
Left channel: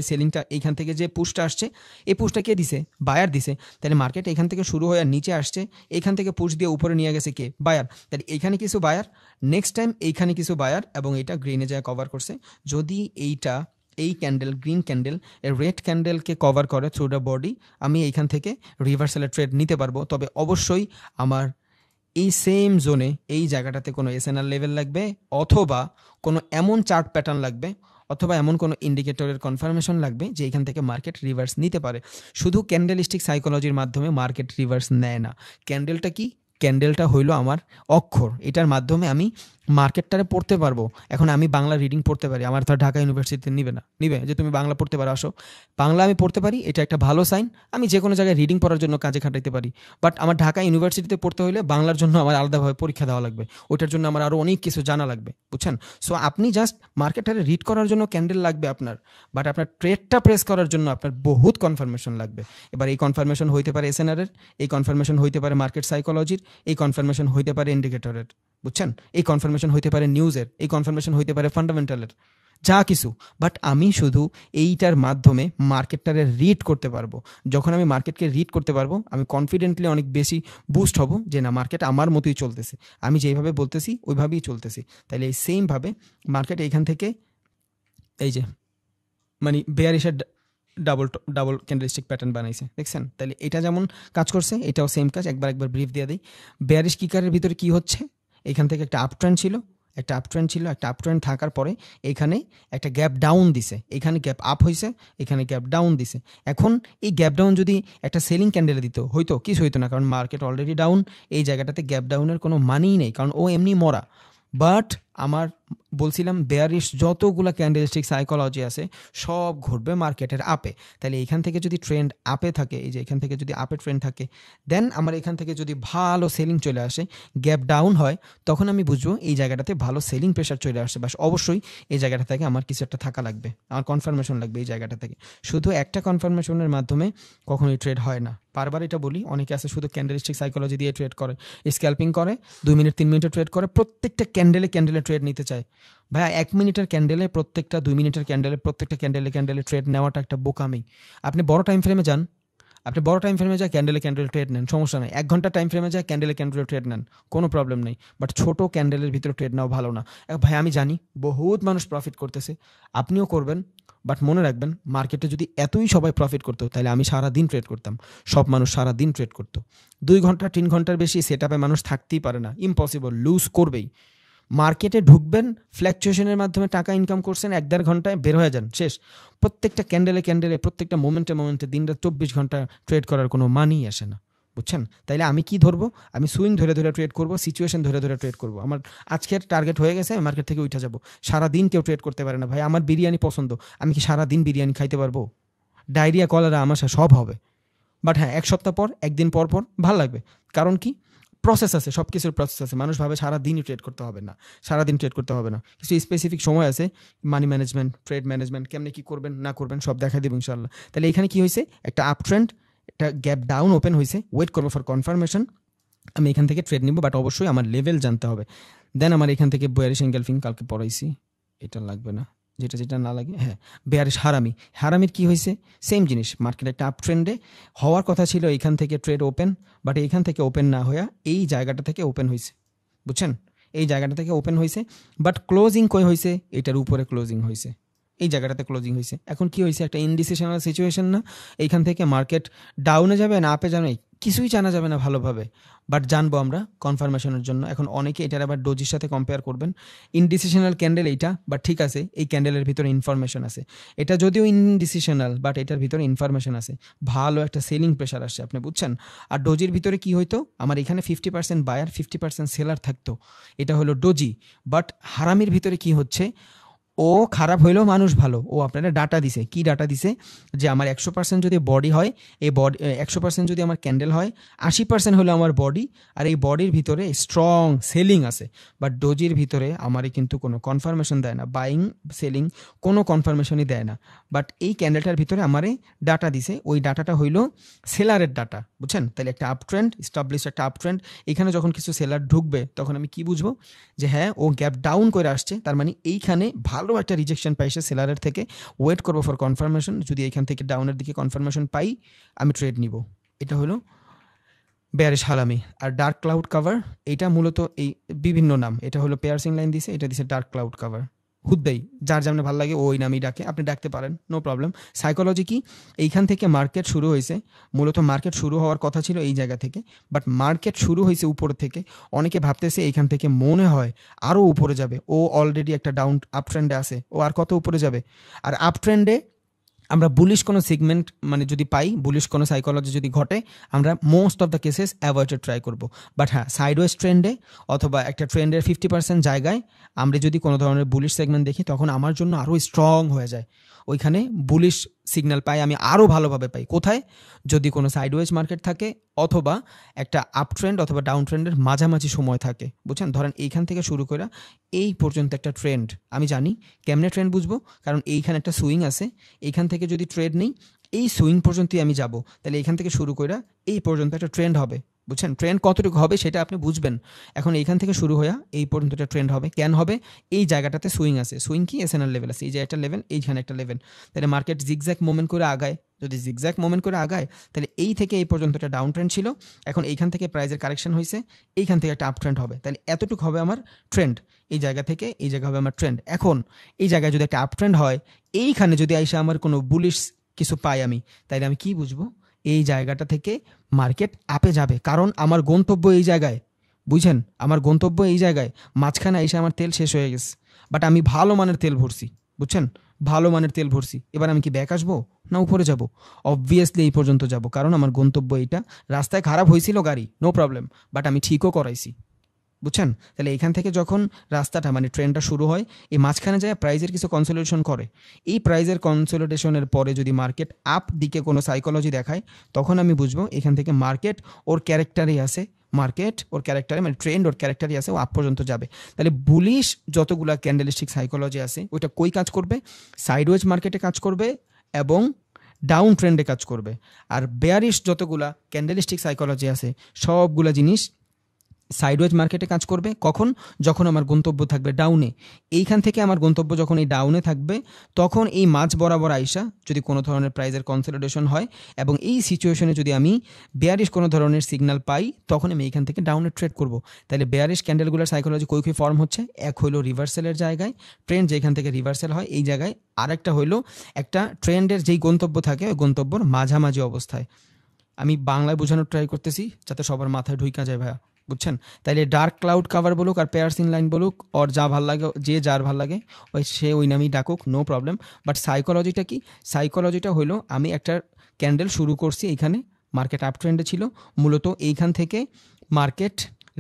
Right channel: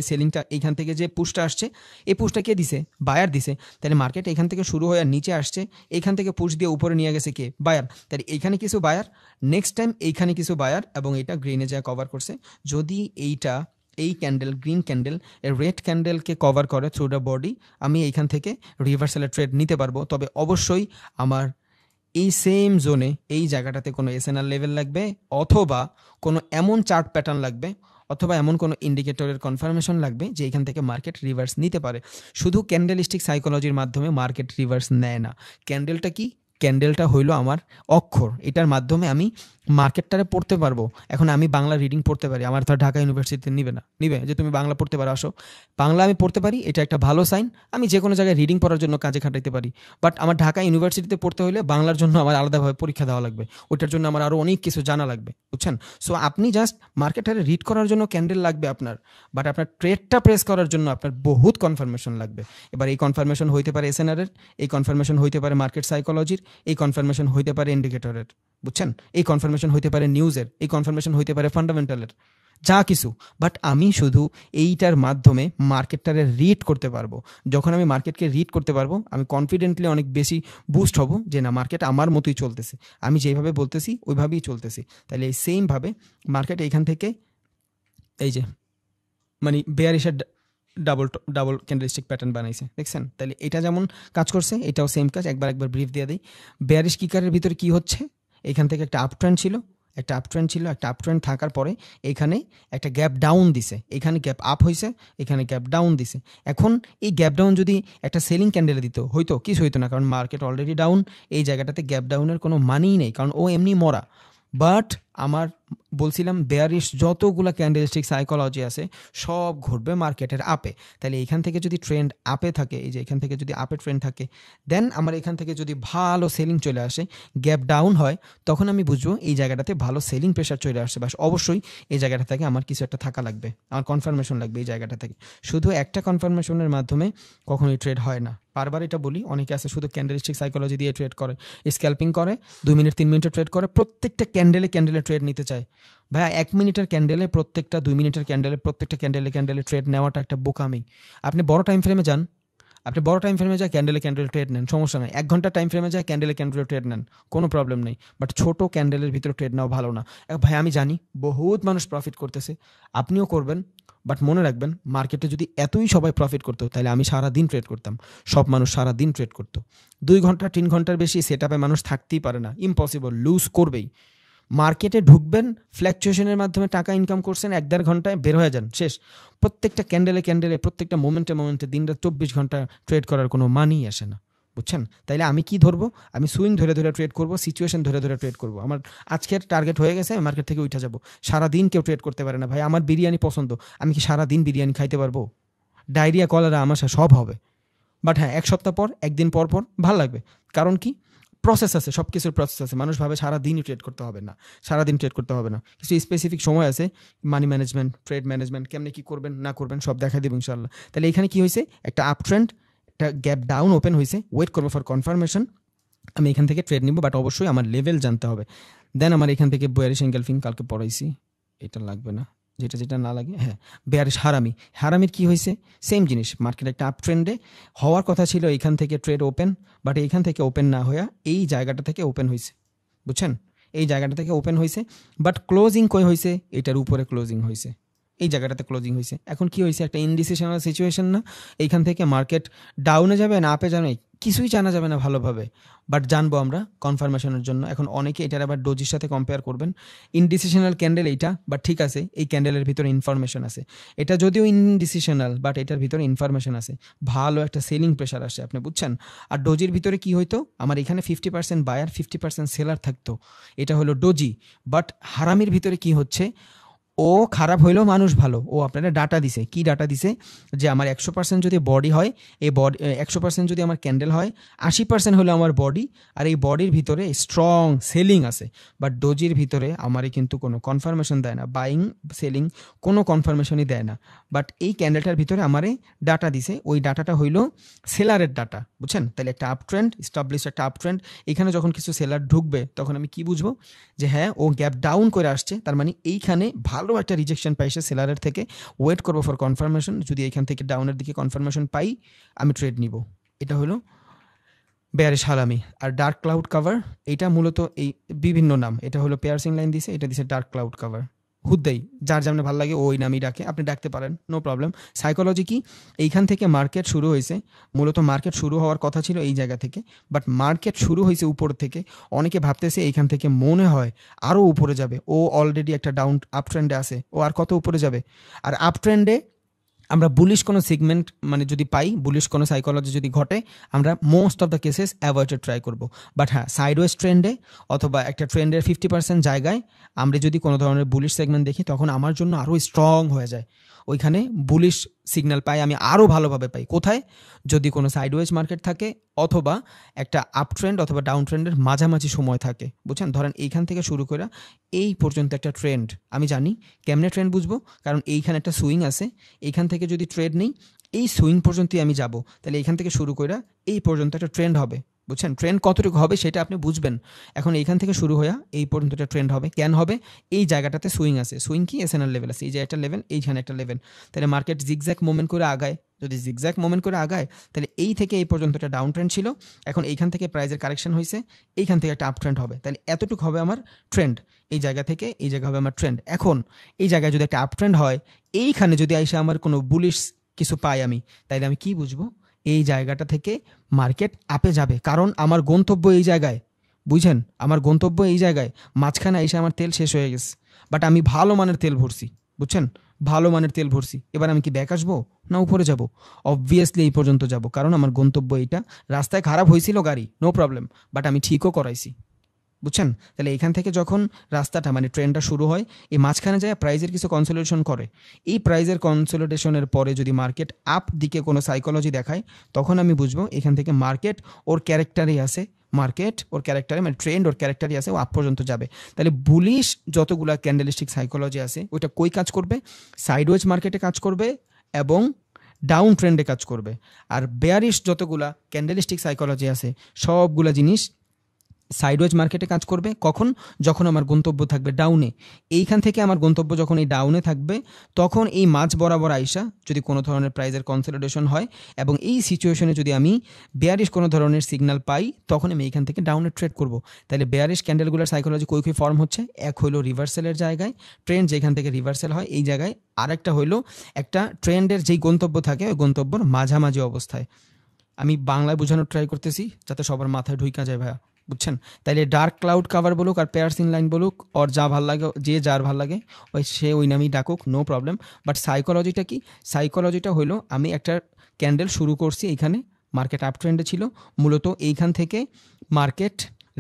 সেলিংটা এখান থেকে যে পুশটা আসছে, এই পুশটা কে দিছে? বায়ার দিছে। তাহলে মার্কেট এখান থেকে শুরু হয়ে নিচে আসছে, এখান থেকে পুশ দিয়ে উপরে নিয়ে গেছে কে? বায়ার। তাহলে এখানে কিছু বায়ার, নেক্সট টাইম এইখানে কিছু বায়ার, এবং এটা গ্রিনে যায় কভার করছে। যদি এইটা এই ক্যান্ডেল, গ্রিন ক্যান্ডেল রেড ক্যান্ডেলকে কভার করে থ্রু দ্য বডি, আমি এইখান থেকে রিভার্সালের ট্রেড নিতে পারবো। তবে অবশ্যই আমার এই সেম জোনে এই জায়গাটাতে কোনো এসএনআর লেভেল লাগবে, অথবা কোনো এমন চার্ট প্যাটার্ন লাগবে, অথবা এমন কোনো ইন্ডিকেটরের কনফার্মেশন লাগবে যে এখান থেকে মার্কেট রিভার্স নিতে পারে। শুধু ক্যান্ডেলিস্টিক সাইকোলজির মাধ্যমে মার্কেট রিভার্স নেয় না। ক্যান্ডেলটা কি? ক্যান্ডেলটা হইলো আমার অক্ষর, এটার মাধ্যমে আমি মার্কেটটারে পড়তে পারবো। এখন আমি বাংলা রিডিং পড়তে পারি, আমার তো ঢাকা ইউনিভার্সিটিতে নিবে না, নিবে যে তুমি বাংলা পড়তে পারো, আসো, বাংলা আমি পড়তে পারি, এটা একটা ভালো সাইন, আমি যে কোনো জায়গায় রিডিং পড়ার জন্য কাজে খাটাইতে পারি। বাট আমার ঢাকা ইউনিভার্সিটিতে পড়তে হলে বাংলার জন্য আমার আলাদাভাবে পরীক্ষা দেওয়া লাগবে, ওটার জন্য আমার আরও অনেক কিছু জানা লাগবে, বুঝছেন? সো আপনি জাস্ট মার্কেটটারে রিড করার জন্য ক্যান্ডেল লাগবে আপনার, বাট আপনার ট্রেডটা প্রেস করার জন্য আপনার বহুত কনফার্মেশন লাগবে। এবার এই কনফার্মেশন হইতে পারে এসএনআর এর, এই কনফার্মেশন হইতে পারে মার্কেট সাইকোলজির, এই কনফার্মেশন হইতে পারে ইন্ডিকেটরের, বুঝছেন? এই কনফার্মেশন হইতে পারে নিউজের, এই কনফার্মেশন হইতে পারে ফান্ডামেন্টালের, যা কিছু। বাট আমি শুধু এইটার মাধ্যমে মার্কেটটারে রিড করতে পারবো। যখন আমি মার্কেটকে রিড করতে পারবো, আমি কনফিডেন্টলি অনেক বেশি বুস্ট হব যে না, মার্কেট আমার মতোই চলতেছে, আমি যেভাবে বলতেছি ওইভাবেই চলতেছে। তাহলে এই সেম ভাবে মার্কেট এইখান থেকে এই যে মানে বেয়ারিশের ডাবল ডাবল ক্যান্ডেলস্টিক প্যাটার্ন বানাইছে, দেখছেন? তাহলে এটা যেমন কাজ করছে, এটাও সেম কাজ। একবার ব্রিফ দিয়ে দিই। বেয়ারিশ কিকারের ভিতরে কি হচ্ছে? এখান থেকে একটা আপ ট্রেন্ড ছিল, একটা আপ ট্রেন্ড ছিল, একটা আপ ট্রেন্ড থাকার পরে এখানে একটা গ্যাপ ডাউন দিছে, এখানে গ্যাপ আপ হয়েছে, এখানে গ্যাপ ডাউন দিছে। এখন এই গ্যাপ ডাউন যদি একটা সেলিং ক্যান্ডেলে দিত হয়তো কিছু হইতো না, কারণ মার্কেট অলরেডি ডাউন, এই জায়গাটাতে গ্যাপ ডাউনের কোনো মানেই নেই, কারণ ও এমনি মরা। বাট আমার বলছিলাম বেয়ারিশ যতগুলো ক্যান্ডেলস্টিক সাইকোলজি আছে সব ঘুরবে মার্কেটের আপে। তাহলে এখান থেকে যদি ট্রেন্ড আপে থাকে, এই যে এখান থেকে যদি আপে ট্রেন্ড থাকে, দেন আমার এখান থেকে যদি ভালো সেলিং চলে আসে, গ্যাপ ডাউন হয়, তখন আমি বুঝবো এই জায়গাটাতে ভালো সেলিং প্রেশার চলে আসে। বাস অবশ্যই এই জায়গাটা থেকে আমার কিছু একটা থাকা লাগবে, আমার কনফার্মেশন লাগবে এই জায়গাটা থেকে। শুধু একটা কনফার্মেশনের মাধ্যমে কখনোই ট্রেড হয় না। বারবার এটা বলি, অনেকে আছে শুধু ক্যান্ডেলস্টিক সাইকোলজি দিয়ে ট্রেড করে, স্ক্যাল্পিং করে, 2 মিনিট 3 মিনিটের ট্রেড করে, প্রত্যেকটা ক্যান্ডেলে ট্রেড নিতে চায়। ভাই 1 মিনিটের ক্যান্ডেলে প্রত্যেকটা, 2 মিনিটের ক্যান্ডেলে প্রত্যেকটা ক্যান্ডেলে ট্রেড নেওয়াটা একটা বোকামি। আপনি বড় টাইম ফ্রেমে যান, আপনি বড় টাইম ফ্রেমে যায় ক্যান্ডেলে ট্রেড নেন, সমস্যা নেই। 1 ঘন্টা টাইম ফ্রেমে যায় ক্যান্ডেলে ট্রেড নেন, কোনো প্রবলেম নেই। বাট ছোট ক্যান্ডেলের ভিতরে ট্রেড নেওয়া ভালো না। ভাই আমি জানি বহুত মানুষ প্রফিট করতেছে, আপনিও করবেন, বাট মনে রাখবেন মার্কেটে যদি এতই সবাই প্রফিট করতো তাহলে আমি সারা দিন ট্রেড করতাম, সব মানুষ সারা দিন ট্রেড করতো। 2 ঘন্টা 3 ঘন্টার বেশি সেট আপে মানুষ থাকতেই পারে না, ইম্পসিবল, লুজ করবেই। মার্কেটে ঢুকবেন, ফ্ল্যাকচুয়েশনের মাধ্যমে টাকা ইনকাম করছেন, 1-1.5 ঘন্টায় বের হয়ে যান, শেষ। প্রত্যেকটা ক্যান্ডেলে প্রত্যেকটা মোমেন্টে দিনরাত 24 ঘন্টা ট্রেড করার কোনো মানেই আসে না, বুঝছেন? তাইলে আমি কি ধরবো? আমি সুইং ধরে ট্রেড করব, সিচুয়েশন ধরে ট্রেড করব। আমার আজকের টার্গেট হয়ে গেছে, আমি মার্কেট থেকে উঠে যাবো। সারাদিন কেউ ট্রেড করতে পারে না ভাই। আমার বিরিয়ানি পছন্দ, আমি কি সারাদিন বিরিয়ানি খাইতে পারবো? ডায়রিয়া, কলেরা, আমাশা সব হবে। বাট হ্যাঁ, 1 সপ্তাহ পর, 1 দিন পর ভালো লাগবে। কারণ কি? প্রসেস আছে, সব কিছুর প্রসেস আছে। মানুষ ভাবে সারাদিনই ট্রেড করতে হবে না, সারাদিন ট্রেড করতে হবে না। কিছু স্পেসিফিক সময় আছে, মানি ম্যানেজমেন্ট, ট্রেড ম্যানেজমেন্ট, কেমনে কি করবেন না করবেন সব দেখা দেবো ইনশাল্লাহ। তাহলে এখানে কি হয়েছে? একটা আপ ট্রেন্ড, একটা গ্যাপ ডাউন ওপেন হয়েছে, ওয়েট করবো ফর কনফার্মেশন। আমি এখান থেকে ট্রেড নিব, বাট অবশ্যই আমার লেভেল জানতে হবে। দেন আমার এখান থেকে বেয়ারিশ এনগালফিং কালকে পড়াইছি, এটা লাগবে না, যেটা না লাগে। হ্যাঁ, বেয়ারিশ হারামির কি হয়েছে? সেম জিনিস, মার্কেট একটা আপ ট্রেন্ডে হওয়ার কথা ছিল, এখান থেকে ট্রেড ওপেন, বাট এইখান থেকে ওপেন না হইয়া এই জায়গাটা থেকে ওপেন হয়েছে, বুঝছেন? এই জায়গাটা থেকে ওপেন হয়েছে, বাট ক্লোজিং কই হয়েছে? এটার উপরে ক্লোজিং হয়েছে, এই জায়গাটাতে ক্লোজিং হয়েছে। এখন কি হয়েছে? একটা ইনডিসিশনাল সিচুয়েশন না? এখান থেকে মার্কেট ডাউনে যাবে না আপে যাবে, কিছুই জানা যাবে না ভালোভাবে, বাট জানবো আমরা কনফার্মেশনের জন্য। এখন অনেকে এটার আবার ডোজির সাথে কম্পেয়ার করবেন। ইনডিসিশনাল ক্যান্ডেল এইটা, বাট ঠিক আছে, এই ক্যান্ডেলের ভিতরে ইনফরমেশন আছে। এটা যদিও ইনডিসিশনাল, বাট এটার ভিতরে ইনফরমেশন আছে, ভালো একটা সেলিং প্রেশার আসছে, আপনি বুঝছেন? আর ডোজির ভিতরে কি হইতো? আমার এখানে 50% বায়ার, 50% সেলার থাকতো, এটা হলো ডোজি। বাট হারামির ভিতরে কি হচ্ছে? ও খারাপ হইলেও মানুষ ভালো, ও আপনারা ডাটা দিছে। কি ডাটা দিছে? যে আমার 100% যদি বডি হয়, এই বডি 100% যদি আমার ক্যান্ডেল হয়, 80% হলো আমার বডি, আর এই বডির ভিতরে স্ট্রং সেলিং আছে। বাট ডোজির ভিতরে আমারই কিন্তু কোনো কনফার্মেশন দেয় না, বাইং সেলিং কোনো কনফার্মেশনই দেয় না। বাট এই ক্যান্ডেলটার ভিতরে আমারই ডাটা দিছে, ওই ডাটাটা হইলো সেলারের ডাটা, বুঝছেন? তাহলে একটা আপ ট্রেন্ড স্টাবলিশ, একটা আপ ট্রেন্ড। এখানে যখন কিছু সেলার ঢুকবে, তখন আমি কি বুঝবো? যে হ্যাঁ, ও গ্যাপ ডাউন করে আসছে, তার মানে এইখানে ভালো একটা রিজেকশন পাইছে সেলারের থেকে, ওয়েট করবো ফর কনফার্মেশন। যদি এখান থেকে ডাউনের দিকে কনফার্মেশন পাই, আমি ট্রেড নিব। এটা হলো বেয়ারিশ হারামি। আর ডার্ক ক্লাউড কাভার, এটা মূলত এই বিভিন্ন নাম, এটা হলো পেয়ারসিং লাইন দিছে, এটা দিছে ডার্ক ক্লাউড কাভার। হুদ্দাই যার যেমন ভালো লাগে ওই নামই ডাকে, আপনি ডাকতে পারেন, নো প্রবলেম। সাইকোলজি কি? এইখান থেকে মার্কেট শুরু হয়েছে, মূলত মার্কেট শুরু হওয়ার কথা ছিল এই জায়গা থেকে, বাট মার্কেট শুরু হয়েছে উপর থেকে। অনেকে ভাবতেছে এইখান থেকে মনে হয় আরও উপরে যাবে, ও অলরেডি একটা ডাউন আপ ট্রেন্ডে আছে, ও আর কত উপরে যাবে? আর আপ ট্রেন্ডে আমরা বুলিশ কোনো সিগমেন্ট মানে যদি পাই, বুলিশ কোনো সাইকোলজি যদি ঘটে, আমরা most of the cases avoid try করবো। বাট হ্যাঁ, সাইডওয়েজ ট্রেন্ডে অথবা একটা ট্রেন্ডের 50% জায়গায় আমরা যদি কোনো ধরনের বুলিশ সেগমেন্ট দেখি, তখন আমার জন্য আরও স্ট্রং হয়ে যায়। ওইখানে বুলিশ সিগন্যাল পাই, আমি আরও ভালোভাবে পাই। কোথায়? যদি কোনো সাইডওয়েজ মার্কেট থাকে, অথবা একটা আপ ট্রেন্ড অথবা ডাউন ট্রেন্ডের মাঝামাঝি সময় থাকে, বুঝছেন? ধরেন এইখান থেকে শুরু করে এই পর্যন্ত একটা ট্রেন্ড, আমি জানি কেমনে ট্রেন্ড বুঝবো, কারণ এইখানে একটা সুইং আছে। এইখান থেকে যদি ট্রেড নেই, এই সুইং পর্যন্তই আমি যাব, তাহলে এইখান থেকে শুরু করে এই পর্যন্ত একটা ট্রেন্ড হবে, বুঝছেন? ট্রেন্ড কতটুকু হবে সেটা আপনি বুঝবেন। এখন এইখান থেকে শুরু হয়ে এই পর্যন্ত একটা ট্রেন্ড হবে, কেন হবে? এই জায়গাটাতে সুইং আছে, সুইং কি এসএনআর লেভেল আছে, এই যে একটা লেভেল, এইখানে একটা লেভেল। তাহলে মার্কেট জিগজ্যাগ মুভমেন্ট করে আগায়, যদি জিগজ্যাগ মুভমেন্ট করে আগায়, তাহলে এই থেকে এই পর্যন্ত একটা ডাউন ট্রেন্ড ছিল। এখন এইখান থেকে প্রাইজের কারেকশন হয়েছে, এইখান থেকে একটা আপ ট্রেন্ড হবে, তাহলে এতটুকু হবে আমার ট্রেন্ড। এই জায়গা থেকে এই জায়গা হবে আমার ট্রেন্ড। এখন এই জায়গায় যদি একটা আপ ট্রেন্ড হয়, এইখানে যদি এসে আমার কোনো বুলিশ কিছু পাই আমি, তাইলে আমি কি বুঝবো? এই জায়গাটা থেকে মার্কেট আপে যাবে, কারণ আমার গন্তব্য এই জায়গায়, বুঝছেন? আমার গন্তব্য এই জায়গায়, মাঝখানে এসে আমার তেল শেষ হয়ে গেছে, বাট আমি ভালো মানের তেল ভরছি, বুঝছেন? ভালো মানের তেল ভরছি। এবার আমি কি ব্যাক আসবো না উপরে যাব? অবভিয়াসলি এই পর্যন্ত যাব, কারণ আমার গন্তব্য এইটা। রাস্তায় খারাপ হয়েছিল গাড়ি, নো প্রবলেম, বাট আমি ঠিকও করাইছি, বুঝছেন? তাহলে এখান থেকে যখন রাস্তাটা মানে ট্রেনটা শুরু হয়, এই মাঝখানে যায় প্রাইজের কিছু কনসোলিডেশন করে। এই প্রাইজের কনসোলিডেশনের পরে যদি মার্কেট আপ দিকে কোনো সাইকোলজি দেখায়, তখন আমি বুঝবো এখান থেকে মার্কেট ওর ক্যারেক্টারই আছে, মার্কেট ওর ক্যারেক্টারে মানে ট্রেন্ড ওর ক্যারেক্টারই আছে, ও আপ পর্যন্ত যাবে। তাহলে বুলিশ যতগুলা ক্যান্ডেলিস্টিক সাইকোলজি আছে, ওইটা কই কাজ করবে? সাইডওয়েজ মার্কেটে কাজ করবে এবং ডাউন ট্রেন্ডে কাজ করবে। আর বেয়ারিশ যতগুলা ক্যান্ডেলিস্টিক সাইকোলজি আছে, সবগুলো জিনিস সাইডওয়েজ মার্কেটে কাজ করবে। কখন? যখন আমার গন্তব্য থাকবে ডাউনে। এইখান থেকে আমার গন্তব্য যখন এই ডাউনে থাকবে, তখন এই মাঝ বরাবর আইসা যদি কোনো ধরনের প্রাইজের কনসলিডেশন হয় এবং এই সিচুয়েশনে যদি আমি বেয়ারিশ কোনো ধরনের সিগন্যাল পাই, তখন আমি এইখান থেকে ডাউনে ট্রেড করব। তাহলে বেয়ারিশ ক্যান্ডেলগুলোর সাইকোলজি কই ফর্ম হচ্ছে? এক হইলো রিভার্সালের জায়গায়, ট্রেন্ড যেখান থেকে রিভার্সাল হয় এই জায়গায়, আরেকটা হইলো একটা ট্রেন্ডের যেই গন্তব্য থাকে গন্তব্যর মাঝামাঝি অবস্থায়। আমি বাংলায় বোঝানোর ট্রাই করতেছি যাতে সবার মাথায় ঢুইকা যায় ভাইয়া। বুঝছেন? তাইলে ডার্ক ক্লাউড কাভার বলুক আর পেয়ারসিং লাইন বলুক, ওর যা ভাল লাগে, যে যার ভাল লাগে সে ওই নামেই ডাকুক, নো প্রবলেম। বাট সাইকোলজিটা কি? সাইকোলজিটা হলো আমি একটা ক্যান্ডেল শুরু করছি, এইখানে মার্কেট আপ ট্রেন্ডে ছিল, মূলত এইখান থেকে মার্কেট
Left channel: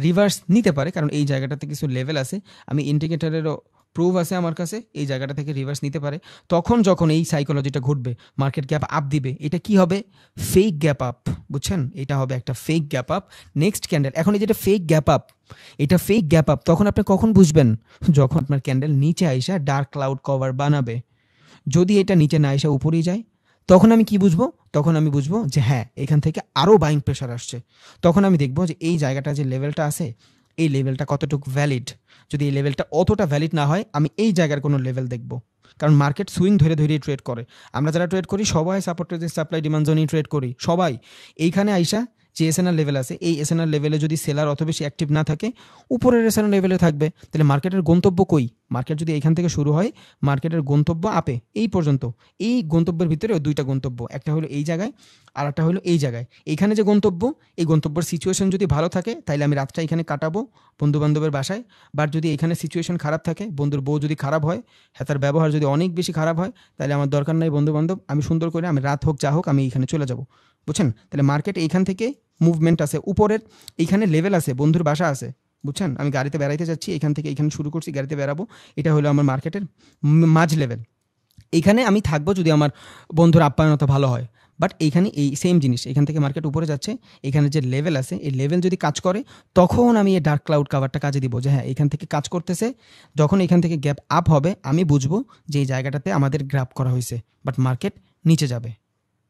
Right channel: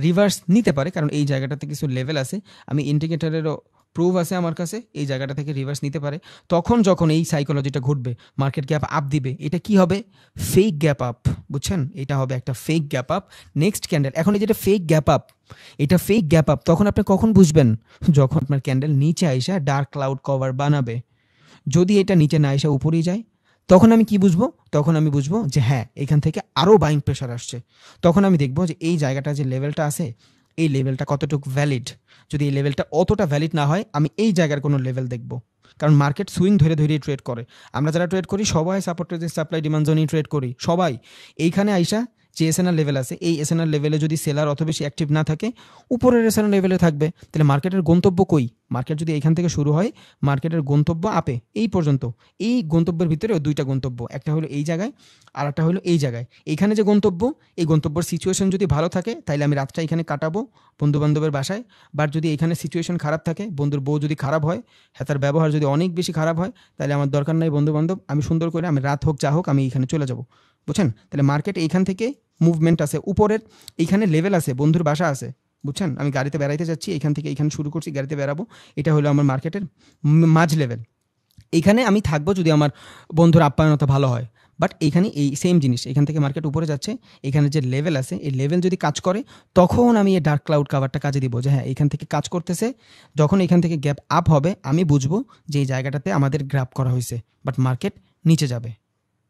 রিভার্স নিতে পারে, কারণ এই জায়গাটাতে কিছু লেভেল আছে, আমি ইন্ডিকেটরেরও প্রুফ আছে আমার কাছে, এই জায়গাটা থেকে রিভার্স নিতে পারে। তখন যখন এই সাইকোলজিটা ঘটবে, মার্কেট গ্যাপ আপ দিবে, এটা কি হবে? ফেক গ্যাপ আপ, বুঝছেন? এটা হবে একটা fake gap up. Next candle, এখন এই যেটা ফেক গ্যাপ আপ, এটা ফেক গ্যাপ আপ, তখন আপনি কখন বুঝবেন? যখন আপনার ক্যান্ডেল নিচে আইসা ডার্ক ক্লাউড কভার বানাবে। যদি এটা নিচে না এসে উপরেই যায়, তখন আমি কি বুঝবো? তখন আমি বুঝবো যে হ্যাঁ, এখান থেকে আরো বাইং প্রেশার আসছে। তখন আমি দেখবো যে এই জায়গাটা যে লেভেলটা আছে, এই লেভেলটা কতটুকু ভ্যালিড। যদি এই লেভেলটা অতটা ভ্যালিড না হয়, আমি এই জায়গার কোনো লেভেল দেখবো, কারণ মার্কেট সুইং ধরে ধরে ট্রেড করে। আমরা যারা ট্রেড করি সবাই সাপোর্ট সাপ্লাই ডিমান্ড জোনই ট্রেড করি সবাই। এইখানে আইসা যে এসএনআর লেভেল আছে, এই এসএনআর লেভেলে যদি সেলার অত বেশি অ্যাক্টিভ না থাকে, উপরের এসএনআর লেভেলে থাকবে, তাহলে মার্কেটের গন্তব্য কই? মার্কেট যদি এখান থেকে শুরু হয়, মার্কেটের গন্তব্য আপে এই পর্যন্ত। এই গন্তব্যের ভিতরে দুইটা গন্তব্য, একটা হলো এই জায়গায় আর একটা হলো এই জায়গায়। এইখানে যে গন্তব্য, এই গন্তব্যের সিচুয়েশন যদি ভালো থাকে, তাহলে আমি রাতটা এখানে কাটাবো বন্ধু বান্ধবের বাসায়। বাট যদি এখানে সিচুয়েশন খারাপ থাকে, বন্ধুর বউ যদি খারাপ হয়, হ্যাঁ তার ব্যবহার যদি অনেক বেশি খারাপ হয়, তাহলে আমার দরকার নাই বন্ধু বান্ধব, আমি সুন্দর করে আমি রাত হোক যা হোক আমি এখানে চলে যাব, বুঝছেন? তাহলে মার্কেট এইখান থেকে মুভমেন্ট আছে, উপরের এইখানে লেভেল আছে, বন্ধুর বাসা আছে, বুঝছেন? আমি গাড়িতে বেড়াইতে যাচ্ছি, এখান থেকে এইখানে শুরু করছি, গাড়িতে বেড়াবো, এটা হলো আমার মার্কেটের মাঝ লেভেল। এইখানে আমি থাকবো যদি আমার বন্ধুর আপ্যায়নতা ভালো হয়। বাট এইখানে এই সেম জিনিস, এখান থেকে মার্কেট উপরে যাচ্ছে, এখানে যে লেভেল আছে, এই লেভেল যদি কাজ করে, তখন আমি এই ডার্ক ক্লাউড কাভারটা কাজে দিব, যে হ্যাঁ এখান থেকে কাজ করতেছে। যখন এখান থেকে গ্যাপ আপ হবে, আমি বুঝবো যে এই জায়গাটাতে আমাদের গ্র্যাব করা হয়েছে, বাট মার্কেট নিচে যাবে,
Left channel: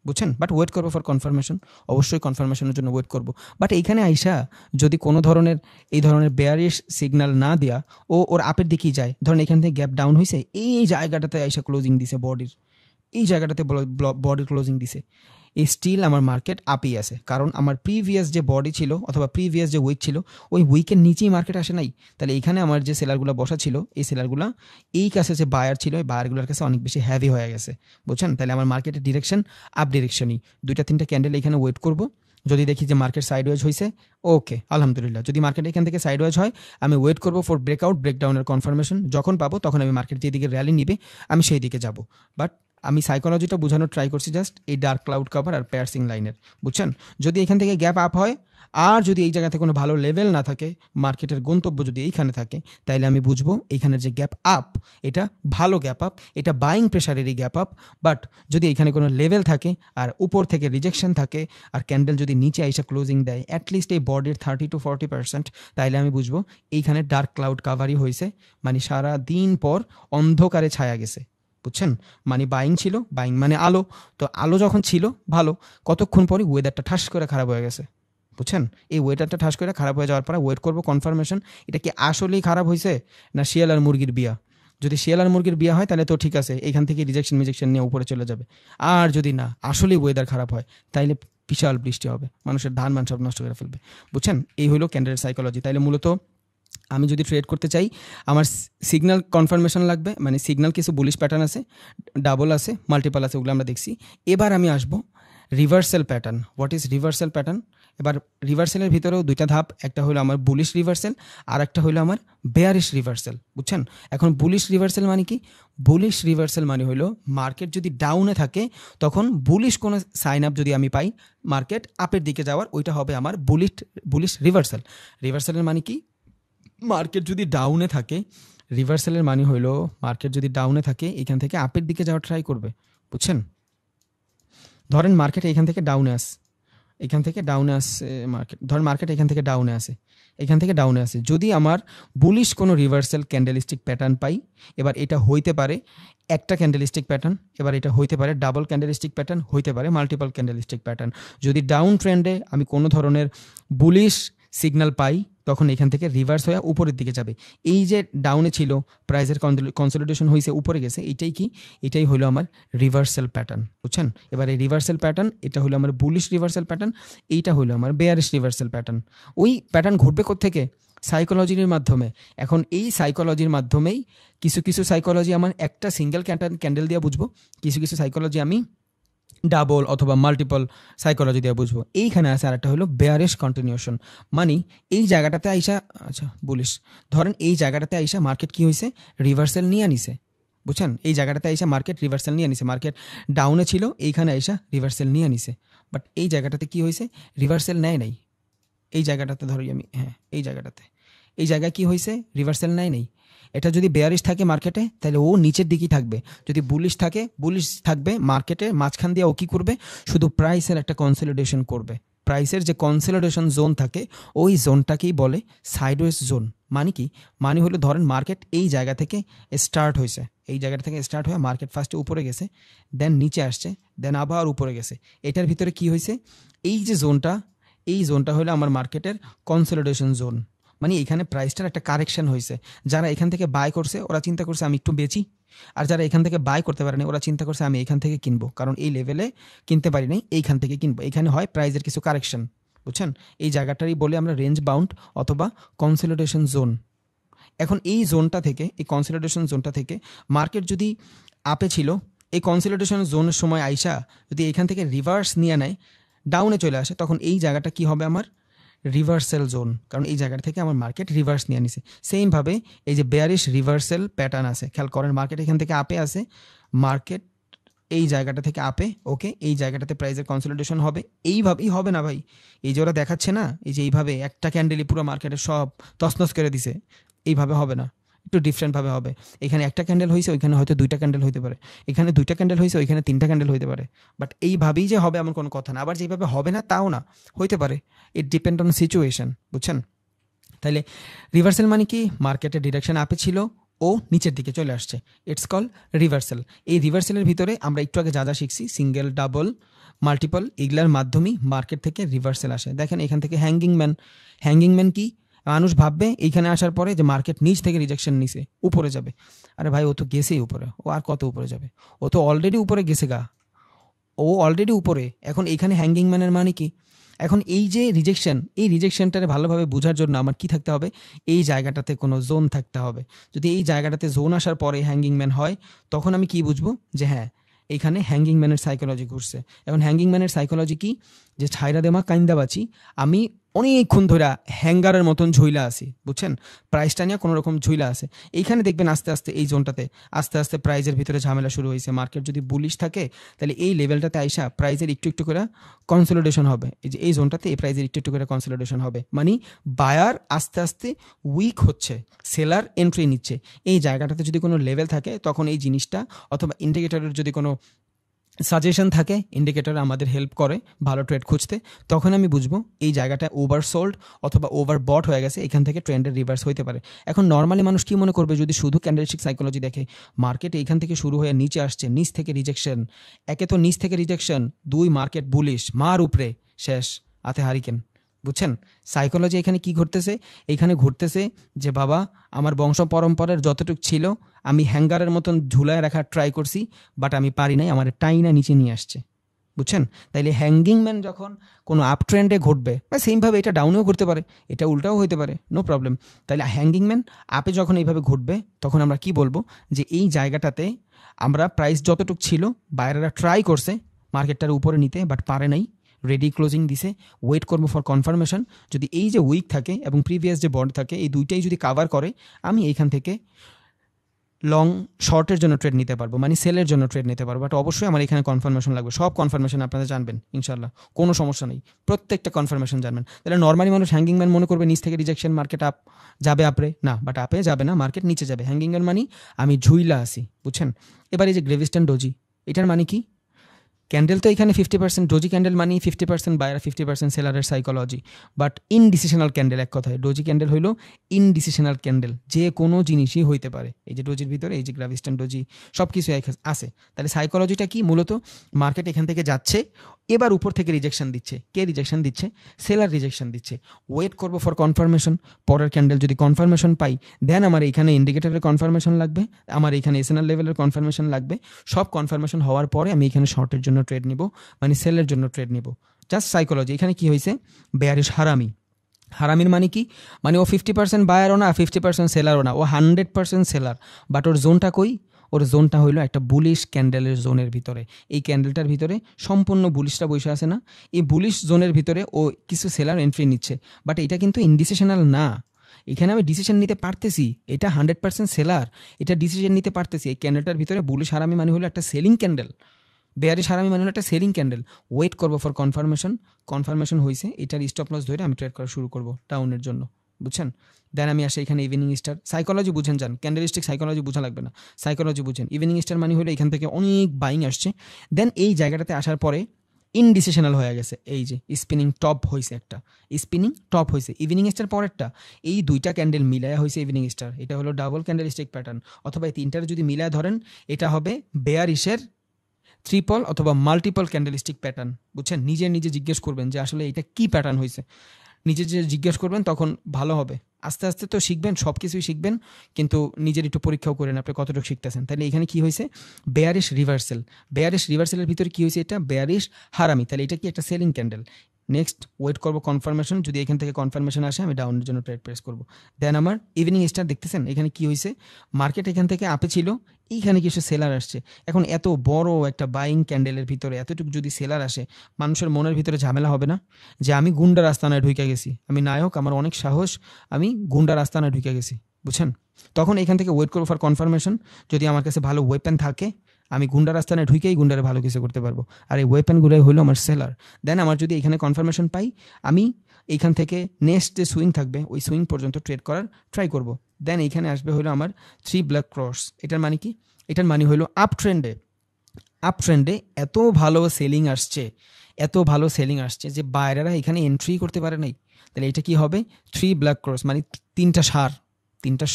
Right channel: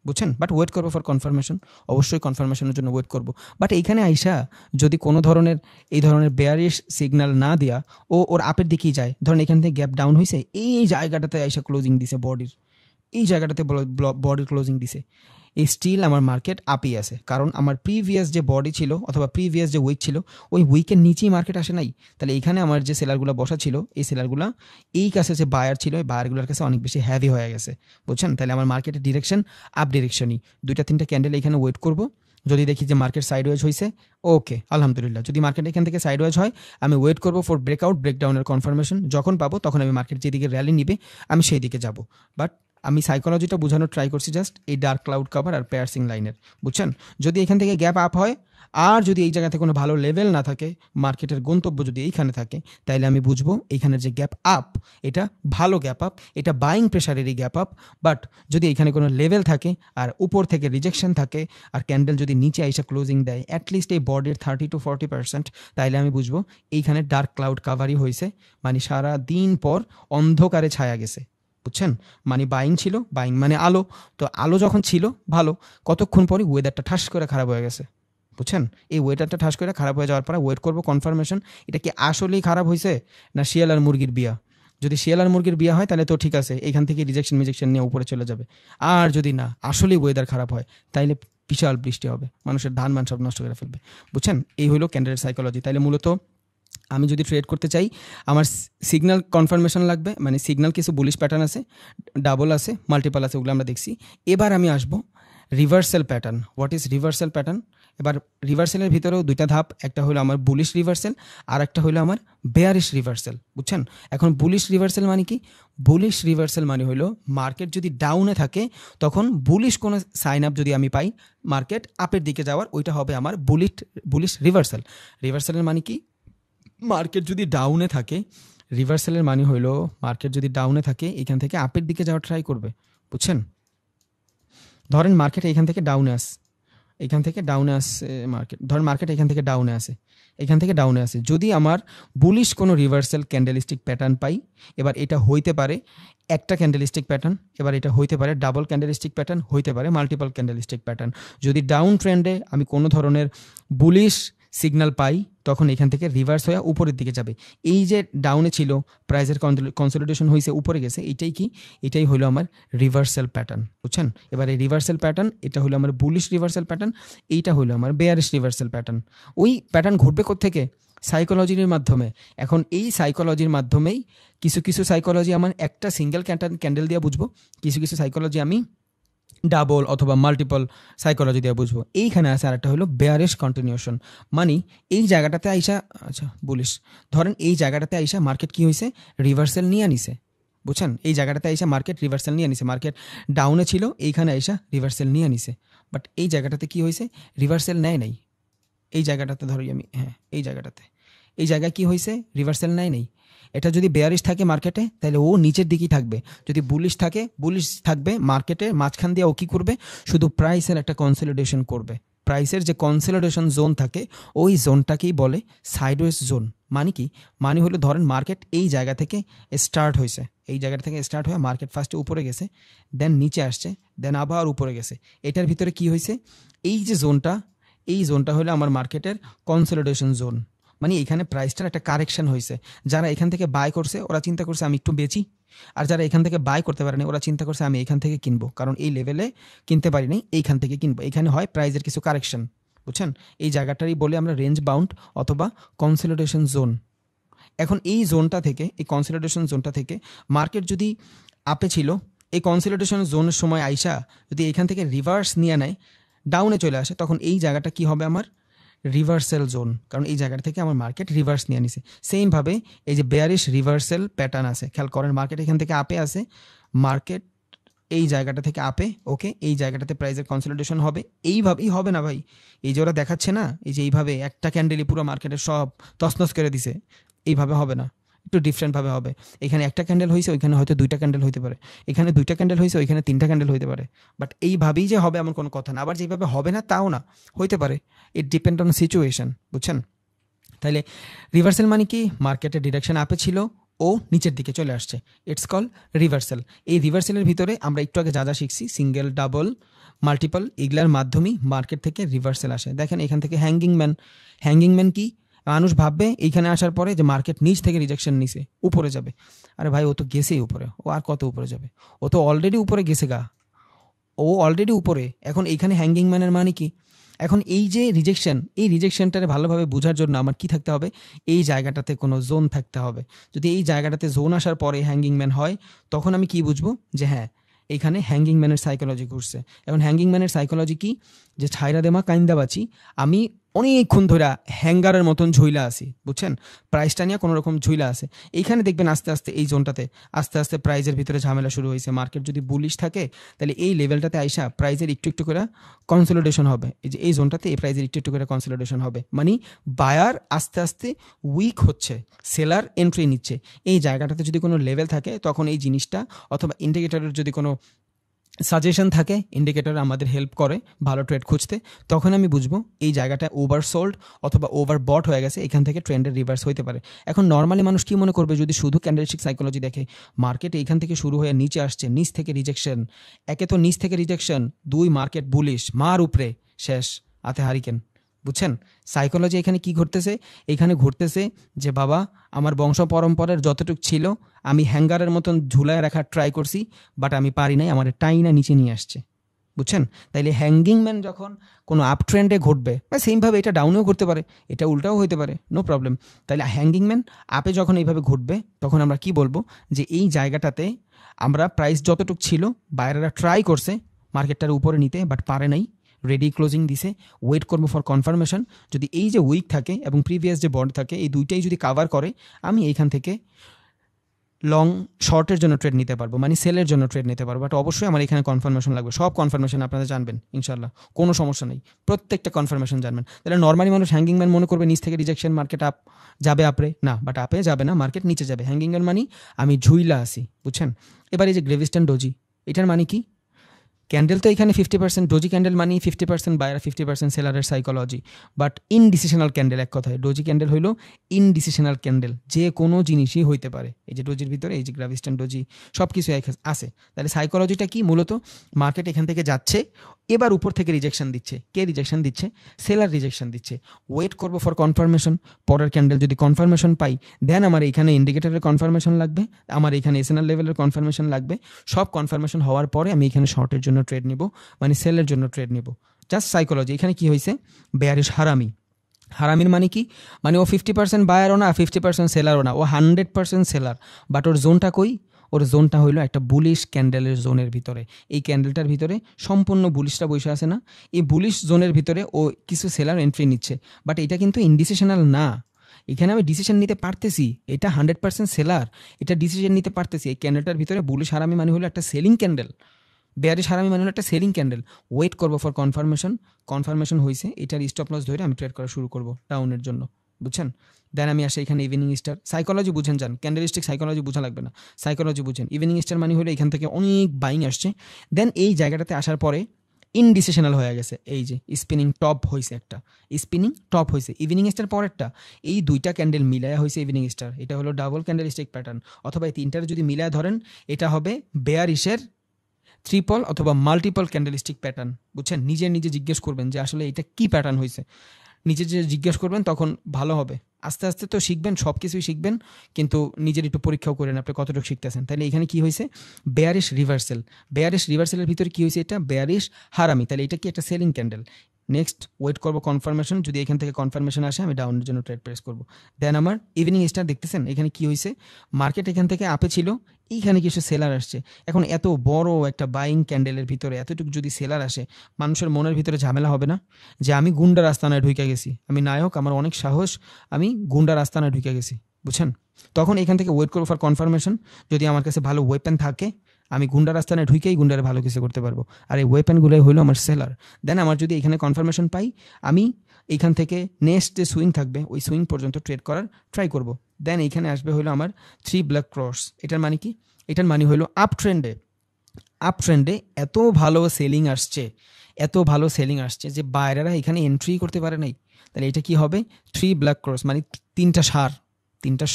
বুঝছেন? বাট ওয়েট করবো ফর কনফার্মেশন, অবশ্যই কনফার্মেশনের জন্য ওয়েট করবো। বাট এইখানে আইসা যদি কোনো ধরনের এই ধরনের বেয়ারিশ সিগন্যাল না দিয়া ওর আপের দিকেই যায়, ধরেন এখান থেকে গ্যাপ ডাউন হয়েছে, এই জায়গাটাতে আইসা ক্লোজিং দিছে বডির, এই জায়গাটাতে বডির ক্লোজিং দিছে, এই স্টিল আমার মার্কেট আপেই আছে, কারণ আমার প্রিভিয়াস যে বডি ছিল অথবা প্রিভিয়াস যে উইক ছিল, ওই উইকের নিচেই মার্কেট আসে নাই। তাহলে এখানে আমার যে সেলারগুলো বসা ছিল, এই সেলারগুলো এই কাছে যে বায়ার ছিল, এই বায়ারগুলোর কাছে অনেক বেশি হ্যাভি হয়ে গেছে, বুঝছেন? তাহলে আমার মার্কেটের ডিরেকশন আপ ডিরেকশনই, দুইটা তিনটা ক্যান্ডেল এখানে ওয়েট করব। যদি দেখি যে মার্কেট সাইডওয়েজ হয়েছে, ওকে আলহামদুলিল্লাহ। যদি মার্কেট এখান থেকে সাইডওয়েজ হয়, আমি ওয়েট করবো ফর ব্রেকআউট, ব্রেকডাউনের কনফার্মেশন। যখন পাবো তখন আমি মার্কেট যেদিকে র্যালি নিবে, আমি সেই দিকে যাব। বাট আমি সাইকোলজিটা বোঝানোর ট্রাই করছি জাস্ট এই ডার্ক ক্লাউড কাভার আর পেয়ারসিং লাইনের, বুঝছেন? যদি এখান থেকে গ্যাপ আপ হয়, আর যদি এই জায়গাতে কোনো ভালো লেভেল না থাকে, মার্কেটের গন্তব্য যদি এইখানে থাকে, তাইলে আমি বুঝবো এইখানের যে গ্যাপ আপ, এটা ভালো গ্যাপ আপ, এটা বাইং প্রেশারেরই গ্যাপ আপ। বাট যদি এখানে কোনো লেভেল থাকে আর উপর থেকে রিজেকশন থাকে, আর ক্যান্ডেল যদি নিচে এসে ক্লোজিং দেয় অ্যাটলিস্ট এই বডির 30 to 40%, তাইলে আমি বুঝবো এইখানে ডার্ক ক্লাউড কাভারই হয়েছে, মানে সারা দিন পর অন্ধকারে ছায়া গেছে, বুঝছেন? মানে বাইং ছিল, বাইং মানে আলো, তো আলো যখন ছিল ভালো, কতক্ষণ পরে ওয়েদারটা ঠাস করে খারাপ হয়ে গেছে, বুঝছেন? এই ওয়েদারটা ঠাস করে খারাপ হয়ে যাওয়ার পরে ওয়েট করবো কনফার্মেশন, এটা কি আসলেই খারাপ হয়েছে না শিয়াল আর মুরগির বিয়া। যদি শিয়াল আর মুরগির বিয়া হয়, তাহলে তো ঠিক আছে, এখান থেকে রিজেকশন নিয়ে উপরে চলে যাবে। আর যদি না আসলেই ওয়েদার খারাপ হয়, তাইলে বিশাল বৃষ্টি হবে, মানুষের ধান মান সব নষ্ট করে ফেলবে, বুঝছেন? এই হলো ক্যান্ডেল সাইকোলজি। তাইলে মূলত আমি যদি ট্রেড করতে চাই, আমার সিগন্যাল কনফার্মেশন লাগবে, মানে সিগন্যাল কিছু বুলিশ প্যাটার্ন আছে, ডাবল আছে, মাল্টিপাল আছে, ওগুলো আমরা দেখছি। এবার আমি আসবো reversal pattern. What is reversal pattern? এবার রিভার্সালের ভিতরেও দুইটা ধাপ, একটা হলো আমার বুলিশ রিভার্সাল আর একটা হলো আমার বেয়ারিশ রিভার্সাল, বুঝছেন? এখন বুলিশ রিভার্সাল মানে কি? বুলিশ রিভার্সাল মানে হলো মার্কেট যদি ডাউনে থাকে, তখন বুলিশ কোনো সাইন আপ যদি আমি পাই মার্কেট আপের দিকে যাওয়ার, ওইটা হবে আমার বুলিশ রিভার্সাল। রিভার্সালের মানে কি? মার্কেট যদি ডাউনে থাকে, রিভার্সালের মানে হইলো মার্কেট যদি ডাউনে থাকে, এখান থেকে আপের দিকে যাওয়ার ট্রাই করবে, বুঝছেন? ধরেন মার্কেট এখান থেকে ডাউনে আসে, এখান থেকে ডাউনে আসে মার্কেট, ধর মার্কেট এখান থেকে ডাউনে আসে, এখান থেকে ডাউনে আসে, যদি আমার বুলিশ কোনো রিভার্সাল ক্যান্ডেলিস্টিক প্যাটার্ন পাই, এবার এটা হইতে পারে একটা ক্যান্ডেলিস্টিক প্যাটার্ন, এবার এটা হইতে পারে ডাবল ক্যান্ডেলিস্টিক প্যাটার্ন, হইতে পারে মাল্টিপল ক্যান্ডেলিস্টিক প্যাটার্ন। যদি ডাউন ট্রেন্ডে আমি কোনো ধরনের বুলিশ সিগন্যাল পাই, তখন এখান থেকে রিভার্স হয়ে উপরের দিকে যাবে। এই যে ডাউনে ছিল, প্রাইসের কনসলিডেশন হয়েছে, উপরে গেছে, এটাই কি? এটাই হলো আমার রিভার্সাল প্যাটার্ন, বুঝছেন? এবার এই রিভার্সাল প্যাটার্ন, এটা হলো আমার বুলিশ রিভার্সাল প্যাটার্ন, এইটা হলো আমার বেয়ারিশ রিভার্সাল প্যাটার্ন। ওই প্যাটার্ন ঘটবে কোত্থেকে? সাইকোলজির মাধ্যমে। এখন এই সাইকোলজির মাধ্যমেই কিছু কিছু সাইকোলজি আমার একটা সিঙ্গেল ক্যান্ডেল দিয়ে বুঝবো, কিছু কিছু সাইকোলজি আমি ডাবল অথবা মাল্টিপল সাইকোলজি দিয়ে বুঝবো। এইখানে আছে আরেকটা হলো বেয়ারিশ কন্টিনিউশন, মানে এই জায়গাটাতে আইসা, আচ্ছা বলিস, ধরেন এই জায়গাটাতে আইসা মার্কেট কি হয়েছে, রিভার্সাল নিয়ে নিছে, বুঝছেন? এই জায়গাটাতে আইসা মার্কেট রিভার্সাল নিয়ে নিছে, মার্কেট ডাউনে ছিল, এইখানে আইসা রিভার্সাল নিয়ে নিছে, বাট এই জায়গাটাতে কি হয়েছে, রিভার্সাল নেয় নাই। এই জায়গাটাতে ধরি আমি, হ্যাঁ এই জায়গাটাতে, এই জায়গায় কি হয়েছে, রিভার্সাল নেয় নেই। এটা যদি বেয়ারিশ থাকে মার্কেটে তাহলে ও নিচের দিকেই থাকবে, যদি বুলিশ থাকে বুলিশ থাকবে মার্কেটে, মাঝখান দিয়ে ও কি করবে, শুধু প্রাইসের একটা কনসলিডেশন করবে। প্রাইসের যে কনসলিডেশন জোন থাকে ওই জোনটাকেই বলে সাইডওয়েজ জোন। মানে কি, মানে হলো ধরেন মার্কেট এই জায়গা থেকে স্টার্ট হয়েছে, এই জায়গা থেকে স্টার্ট হয়ে মার্কেট ফার্স্টে উপরে গেছে, দেন নিচে আসছে, দেন আবার উপরে গেছে। এটার ভিতরে কি হয়েছে, এই যে জোনটা, এই জোনটা হলো আমার মার্কেটের কনসলিডেশন জোন। মানে এখানে প্রাইসটার একটা কারেকশন হয়েছে। যারা এখান থেকে বাই করছে ওরা চিন্তা করছে আমি একটু বেচি, আর যারা এখান থেকে বাই করতে পারেনি ওরা চিন্তা করছে আমি এখান থেকে কিনবো, কারণ এই লেভেলে কিনতে পারি নাই, এইখান থেকে কিনবো। এখানে হয় প্রাইসের কিছু কারেকশন, বুঝছেন? এই জায়গাটারই বলে আমরা রেঞ্জ বাউন্ড অথবা কনসলিডেশন জোন। এখন এই জোনটা থেকে, এই কনসলিডেশন জোনটা থেকে মার্কেট যদি আপে ছিল, এই কনসলিডেশন জোনের সময় আইসা যদি এখান থেকে রিভার্স নিয়ে নেয়, ডাউনে চলে আসে, তখন এই জায়গাটা কি হবে, আমার রিভার্সাল জোন, কারণ এই জায়গা থেকে আমার মার্কেট রিভার্স নিয়ে নিছে। সেম ভাবে এই যে বেয়ারিশ রিভার্সাল প্যাটার্ন আছে, খেয়াল করেন মার্কেট এখান থেকে আপে আছে, মার্কেট এই জায়গাটা থেকে আপে, ওকে, এই জায়গাটাতে প্রাইসের কনসলিডেশন হবে। এইভাবেই হবে না ভাই, এই যে ওরা দেখাচ্ছে না, এই যে এইভাবে একটা ক্যান্ডেলে পুরো মার্কেটের সব তছনছ করে দিছে, এইভাবে হবে না, একটু ডিফারেন্ট ভাবে হবে। এখানে একটা ক্যান্ডেল হয়েছে, ওইখানে হয়তো দুইটা ক্যান্ডেল হইতে পারে, এখানে দুইটা ক্যান্ডেল হয়েছে, ওইখানে তিনটা ক্যান্ডেল হইতে পারে, বাট এইভাবেই যে হবে এমন কোনো কথা না। আবার যেভাবে হবে না তাও না, হইতে পারে, ইট ডিপেন্ড অন সিচুয়েশন, বুঝছেন? তাহলে রিভার্সাল মানে কি, মার্কেটের ডিরেকশন আপে ছিল, ও নিচের দিকে চলে আসছে, ইটস কল রিভার্সাল। এই রিভার্সালের ভিতরে আমরা একটু আগে যা যা শিখছি, সিঙ্গেল, ডাবল, মাল্টিপল, এগুলার মাধ্যমে মার্কেট থেকে রিভার্সাল আসে। দেখেন এখান থেকে হ্যাঙ্গিং ম্যান, হ্যাঙ্গিং ম্যান কি, মানুষ ভাববে এইখানে আসার পরে যে মার্কেট নিচ থেকে রিজেকশন নিছে, উপরে যাবে। আরে ভাই ও তো গেছেই উপরে, ও আর কত উপরে যাবে, ও তো অলরেডি উপরে গেছে গা, ও অলরেডি উপরে। এখন এইখানে হ্যাঙ্গিং ম্যানের মানে কি, এখন এই যে রিজেকশন, এই রিজেকশনটারে ভালোভাবে বোঝার জন্য আমার কি থাকতে হবে, এই জায়গাটাতে কোনো জোন থাকতে হবে। যদি এই জায়গাটাতে জোন আসার পরে হ্যাঙ্গিং ম্যান হয়, তখন আমি কি বুঝবো যে হ্যাঁ এখানে হ্যাঙ্গিং ম্যানের সাইকোলজি ঘুরছে। এখন হ্যাঙ্গিং ম্যানের সাইকোলজি কি, যে ছাইরা দেমা কাইন্দা বাঁচি, আমি অনেকক্ষণ ধরে হ্যাঙ্গারের মতন ঝুইলা আছি, বুঝছেন? প্রাইসটা নিয়ে কোনো রকম ঝুইলা আছে। এইখানে দেখবেন আস্তে আস্তে এই জোনটাতে আস্তে আস্তে প্রাইজের ভিতরে ঝামেলা শুরু হয়েছে। মার্কেট যদি বুলিশ থাকে তাহলে এই লেভেলটাতে আইসা প্রাইজের একটু একটু করে কনসলিডেশন হবে, এই যে এই জোনটাতে এই প্রাইজের একটু একটু করে কনসলিডেশন হবে, মানে বায়ার আস্তে আস্তে উইক হচ্ছে, সেলার এন্ট্রি নিচ্ছে। এই জায়গাটাতে যদি কোনো লেভেল থাকে তখন এই জিনিসটা, অথবা ইন্ডিকেটরের যদি কোনো সাজেশন থাকে, ইন্ডিকেটর আমাদের হেল্প করে ভালো ট্রেড খুঁজতে, তখন আমি বুঝবো এই জায়গাটা ওভারসোল্ড অথবা ওভার বট হয়ে গেছে, এখান থেকে ট্রেন্ডের রিভার্স হইতে পারে। এখন নর্মালি মানুষ কি মনে করবে, যদি শুধু ক্যান্ডেলস্টিক সাইকোলজি দেখে, মার্কেট এইখান থেকে শুরু হয়ে নিচে আসছে, নিচ থেকে রিজেকশন, একে তো নিচ থেকে রিজেকশন, দুই মার্কেট বুলিশ, মার উপরে শেষ, হাতে হারিকেন, বুঝছেন? সাইকোলজি এখানে কি ঘটতেছে, এখানে ঘটতেছে যে বাবা আমার বংশ পরম্পরার যতটুকু ছিল আমি হ্যাঙ্গারের মতন ঝুলায় রাখার ট্রাই করছি, বাট আমি পারি নাই, আমার টাইনা নিচে নিয়ে আসছে, বুঝছেন? তাইলে হ্যাঙ্গিং ম্যান যখন কোনো আপ ট্রেন্ডে ঘটবে, বা সেমভাবে এটা ডাউনেও ঘটতে পারে, এটা উল্টাও হইতে পারে, নো প্রবলেম। তাইলে হ্যাঙ্গিং ম্যান আপে যখন এইভাবে ঘটবে, তখন আমরা কি বলবো, যে এই জায়গাটাতে আমরা প্রাইস যতটুকু ছিল বাইরেরা ট্রাই করছে মার্কেটটার উপরে নিতে, বাট পারে নাই, রেডি ক্লোজিং দিছে, ওয়েট করবো ফর কনফার্মেশন। যদি এই যে উইক থাকে এবং প্রিভিয়াস যে বন্ড থাকে, এই দুইটাই যদি কাভার করে, আমি এইখান থেকে লং শর্টের জন্য ট্রেড নিতে পারবো, মানে সেলের জন্য ট্রেড নিতে পারবো। বাট অবশ্যই আমার এখানে কনফার্মেশন লাগবে, সব কনফার্মেশন আপনারা জানবেন ইনশাল্লাহ, কোনো সমস্যা নেই, প্রত্যেকটা কনফার্মেশন জানবেন। তাহলে নর্মালি মানুষ হ্যাঙ্গিং ম্যান মনে করবে নিচ থেকে রিজেকশন, মার্কেট আপ যাবে, আপরে না, বাট আপে যাবে না, মার্কেট নিচে যাবে। হ্যাঙ্গিং ম্যান মানে আমি ঝুইলা আছি, বুঝছেন? এবার এই যে গ্রেভিস্টন ডোজি, এটার মানে কি, ক্যান্ডেল তো এখানে 50% ডোজি ক্যান্ডেল মানে 50% বায়ার 50% সেলারের সাইকোলজি, বাট ইনডিসিশনাল ক্যান্ডেল। এক কথায় ডোজি ক্যান্ডেল হইলো ইনডিসিশনাল ক্যান্ডেল, যে কোনো জিনিসই হইতে পারে। এই যে ডোজির ভিতরে এই যে গ্রাভিস্টন ডোজি সব কিছু আছে। তাহলে সাইকোলজিটা কি, মূলত মার্কেট এখান থেকে যাচ্ছে, এবার উপর থেকে রিজেকশন দিচ্ছে। কে রিজেকশন দিচ্ছে? সেলার রিজেকশন দিচ্ছে। ওয়েট করবো ফর কনফার্মেশন, পরের ক্যান্ডেল যদি কনফার্মেশন পাই, দেন আমার এখানে ইন্ডিকেটরের কনফার্মেশন লাগবে, আমার এখানে এসএনএল লেভেলের কনফার্মেশন লাগবে। সব কনফার্মেশন হওয়ার পরে আমি এখানে শর্টের জন্য ট্রেড নিব, মানে সেলের জন্য ট্রেড নিব। Just psychology. এখানে কি হয়েছে, বেয়ারিশ হারামি। হারামির মানে কি, মানে ও 50% বায়ারও না 50% সেলারও না, ও 100% সেলার, বাট ওর জোনটা কই, ওর জোনটা হইলো একটা বুলিশ ক্যান্ডেলের জোনের ভিতরে। এই ক্যান্ডেলটার ভিতরে সম্পূর্ণ বুলিশটা বসে আছে না, এই বুলিশ জোনের ভিতরে ও কিছু সেলার এন্ট্রি নিচ্ছে, বাট এটা কিন্তু ইনডিসিশনাল না। এখানে আমি ডিসিশন নিতে পারতেছি, এটা 100% সেলার, এটা ডিসিশন নিতে পারতেছি। এই ক্যান্ডেলটার ভিতরে বুলিশ হারামি মানে হলো একটা সেলিং ক্যান্ডেল, বেয়ারিশ হারামি মানে হলো একটা সেলিং ক্যান্ডেল। ওয়েট করবো ফর কনফার্মেশন, কনফার্মেশন হয়েছে, এটার স্টপ লস ধরে আমি ট্রেড করা শুরু করবো ডাউনের জন্য, বুঝছেন। দেন আমি আসি এখানে ইভিনিং স্টার। সাইকোলজি বুঝেন যান, ক্যান্ডেলিস্টিক সাইকোলজি বোঝা লাগবে না, সাইকোলজি বুঝেন। ইভিনিং স্টার মানে হলো এখান থেকে অনেক বাইং আসছে, দেন এই জায়গাটাতে আসার পরে ইনডিসিশনাল হয়ে গেছে, এই যে স্পিনিং টপ হয়েছে, একটা স্পিনিং টপ হয়েছে ইভিনিং স্টার পর একটা, এই দুইটা ক্যান্ডেল মিলায়া হয়েছে ইভিনিং স্টার। এটা হলো ডাবল ক্যান্ডেলিস্টিক প্যাটার্ন, অথবা এই তিনটার যদি মিলায় ধরেন এটা হবে বেয়ারিশের ট্রিপল অথবা মাল্টিপল ক্যান্ডেলিস্টিক প্যাটার্ন, বুঝছেন। নিজে নিজে জিজ্ঞেস করবেন যে আসলে এটা কি প্যাটার্ন হয়েছে, নিজে যে জিজ্ঞেস করবেন তখন ভালো হবে। আস্তে আস্তে তো শিখবেন, সব কিছুই শিখবেন, কিন্তু নিজের একটু পরীক্ষাও করেন আপনি কতটুকু শিখতেছেন। তাহলে এখানে কি হয়েছে, বেয়ারিশ রিভার্সাল, বেয়ারিশ রিভার্সালের ভিতরে কি হয়েছে, এটা বেয়ারিশ হারামি, তাহলে এটা কি একটা সেলিং ক্যান্ডেল। নেক্সট ওয়েট করবো কনফার্মেশন, যদি এখান থেকে কনফার্মেশন আসে আমি ডাউনের জন্য ট্রেড প্রেস করবো। দেন আমার ইভিনিং স্টার দেখতেছেন এখানে কি হয়েছে, মার্কেট এখান থেকে আপে ছিল, এইখানে কিছু সেলার আসছে। এখন এত বড় একটা বাইং ক্যান্ডেলের ভিতরে এতটুকু যদি সেলার আসে, মানুষের মনের ভিতরে ঝামেলা হবে না যে আমি গুন্ডার আস্তানায় ঢুকে গেছি, আমি নায়ক, আমার অনেক সাহস, আমি গুন্ডার আস্তানায় ঢুকে গেছি, বুঝছেন। তখন এখান থেকে ওয়েট করবো ফর কনফার্মেশন, যদি আমার কাছে ভালো ওয়েপেন থাকে আমি গুন্ডার আস্তানায় ঢুকেই গুন্ডারে ভালো কিছু করতে পারবো, আর এই ওয়েপেনগুলো হলো আমার সেলার। দেন আমার যদি এখানে কনফার্মেশন পাই, আমি এইখান থেকে নেক্সট যে সুইং থাকবে ওই সুইং পর্যন্ত ট্রেড করার ট্রাই করব। দেন এইখানে আসবে হলো আমার 3 ব্ল্যাক ক্রস। এটার মানে কি, এটার মানে হলো আপ ট্রেন্ডে, আপ ট্রেন্ডে এত ভালো সেলিং আসছে, এত ভালো সেলিং আসছে যে বাইরেরা এখানে এন্ট্রি করতে পারে নাই। তাহলে এটা কি হবে, 3 ব্ল্যাক ক্রস মানে তিনটা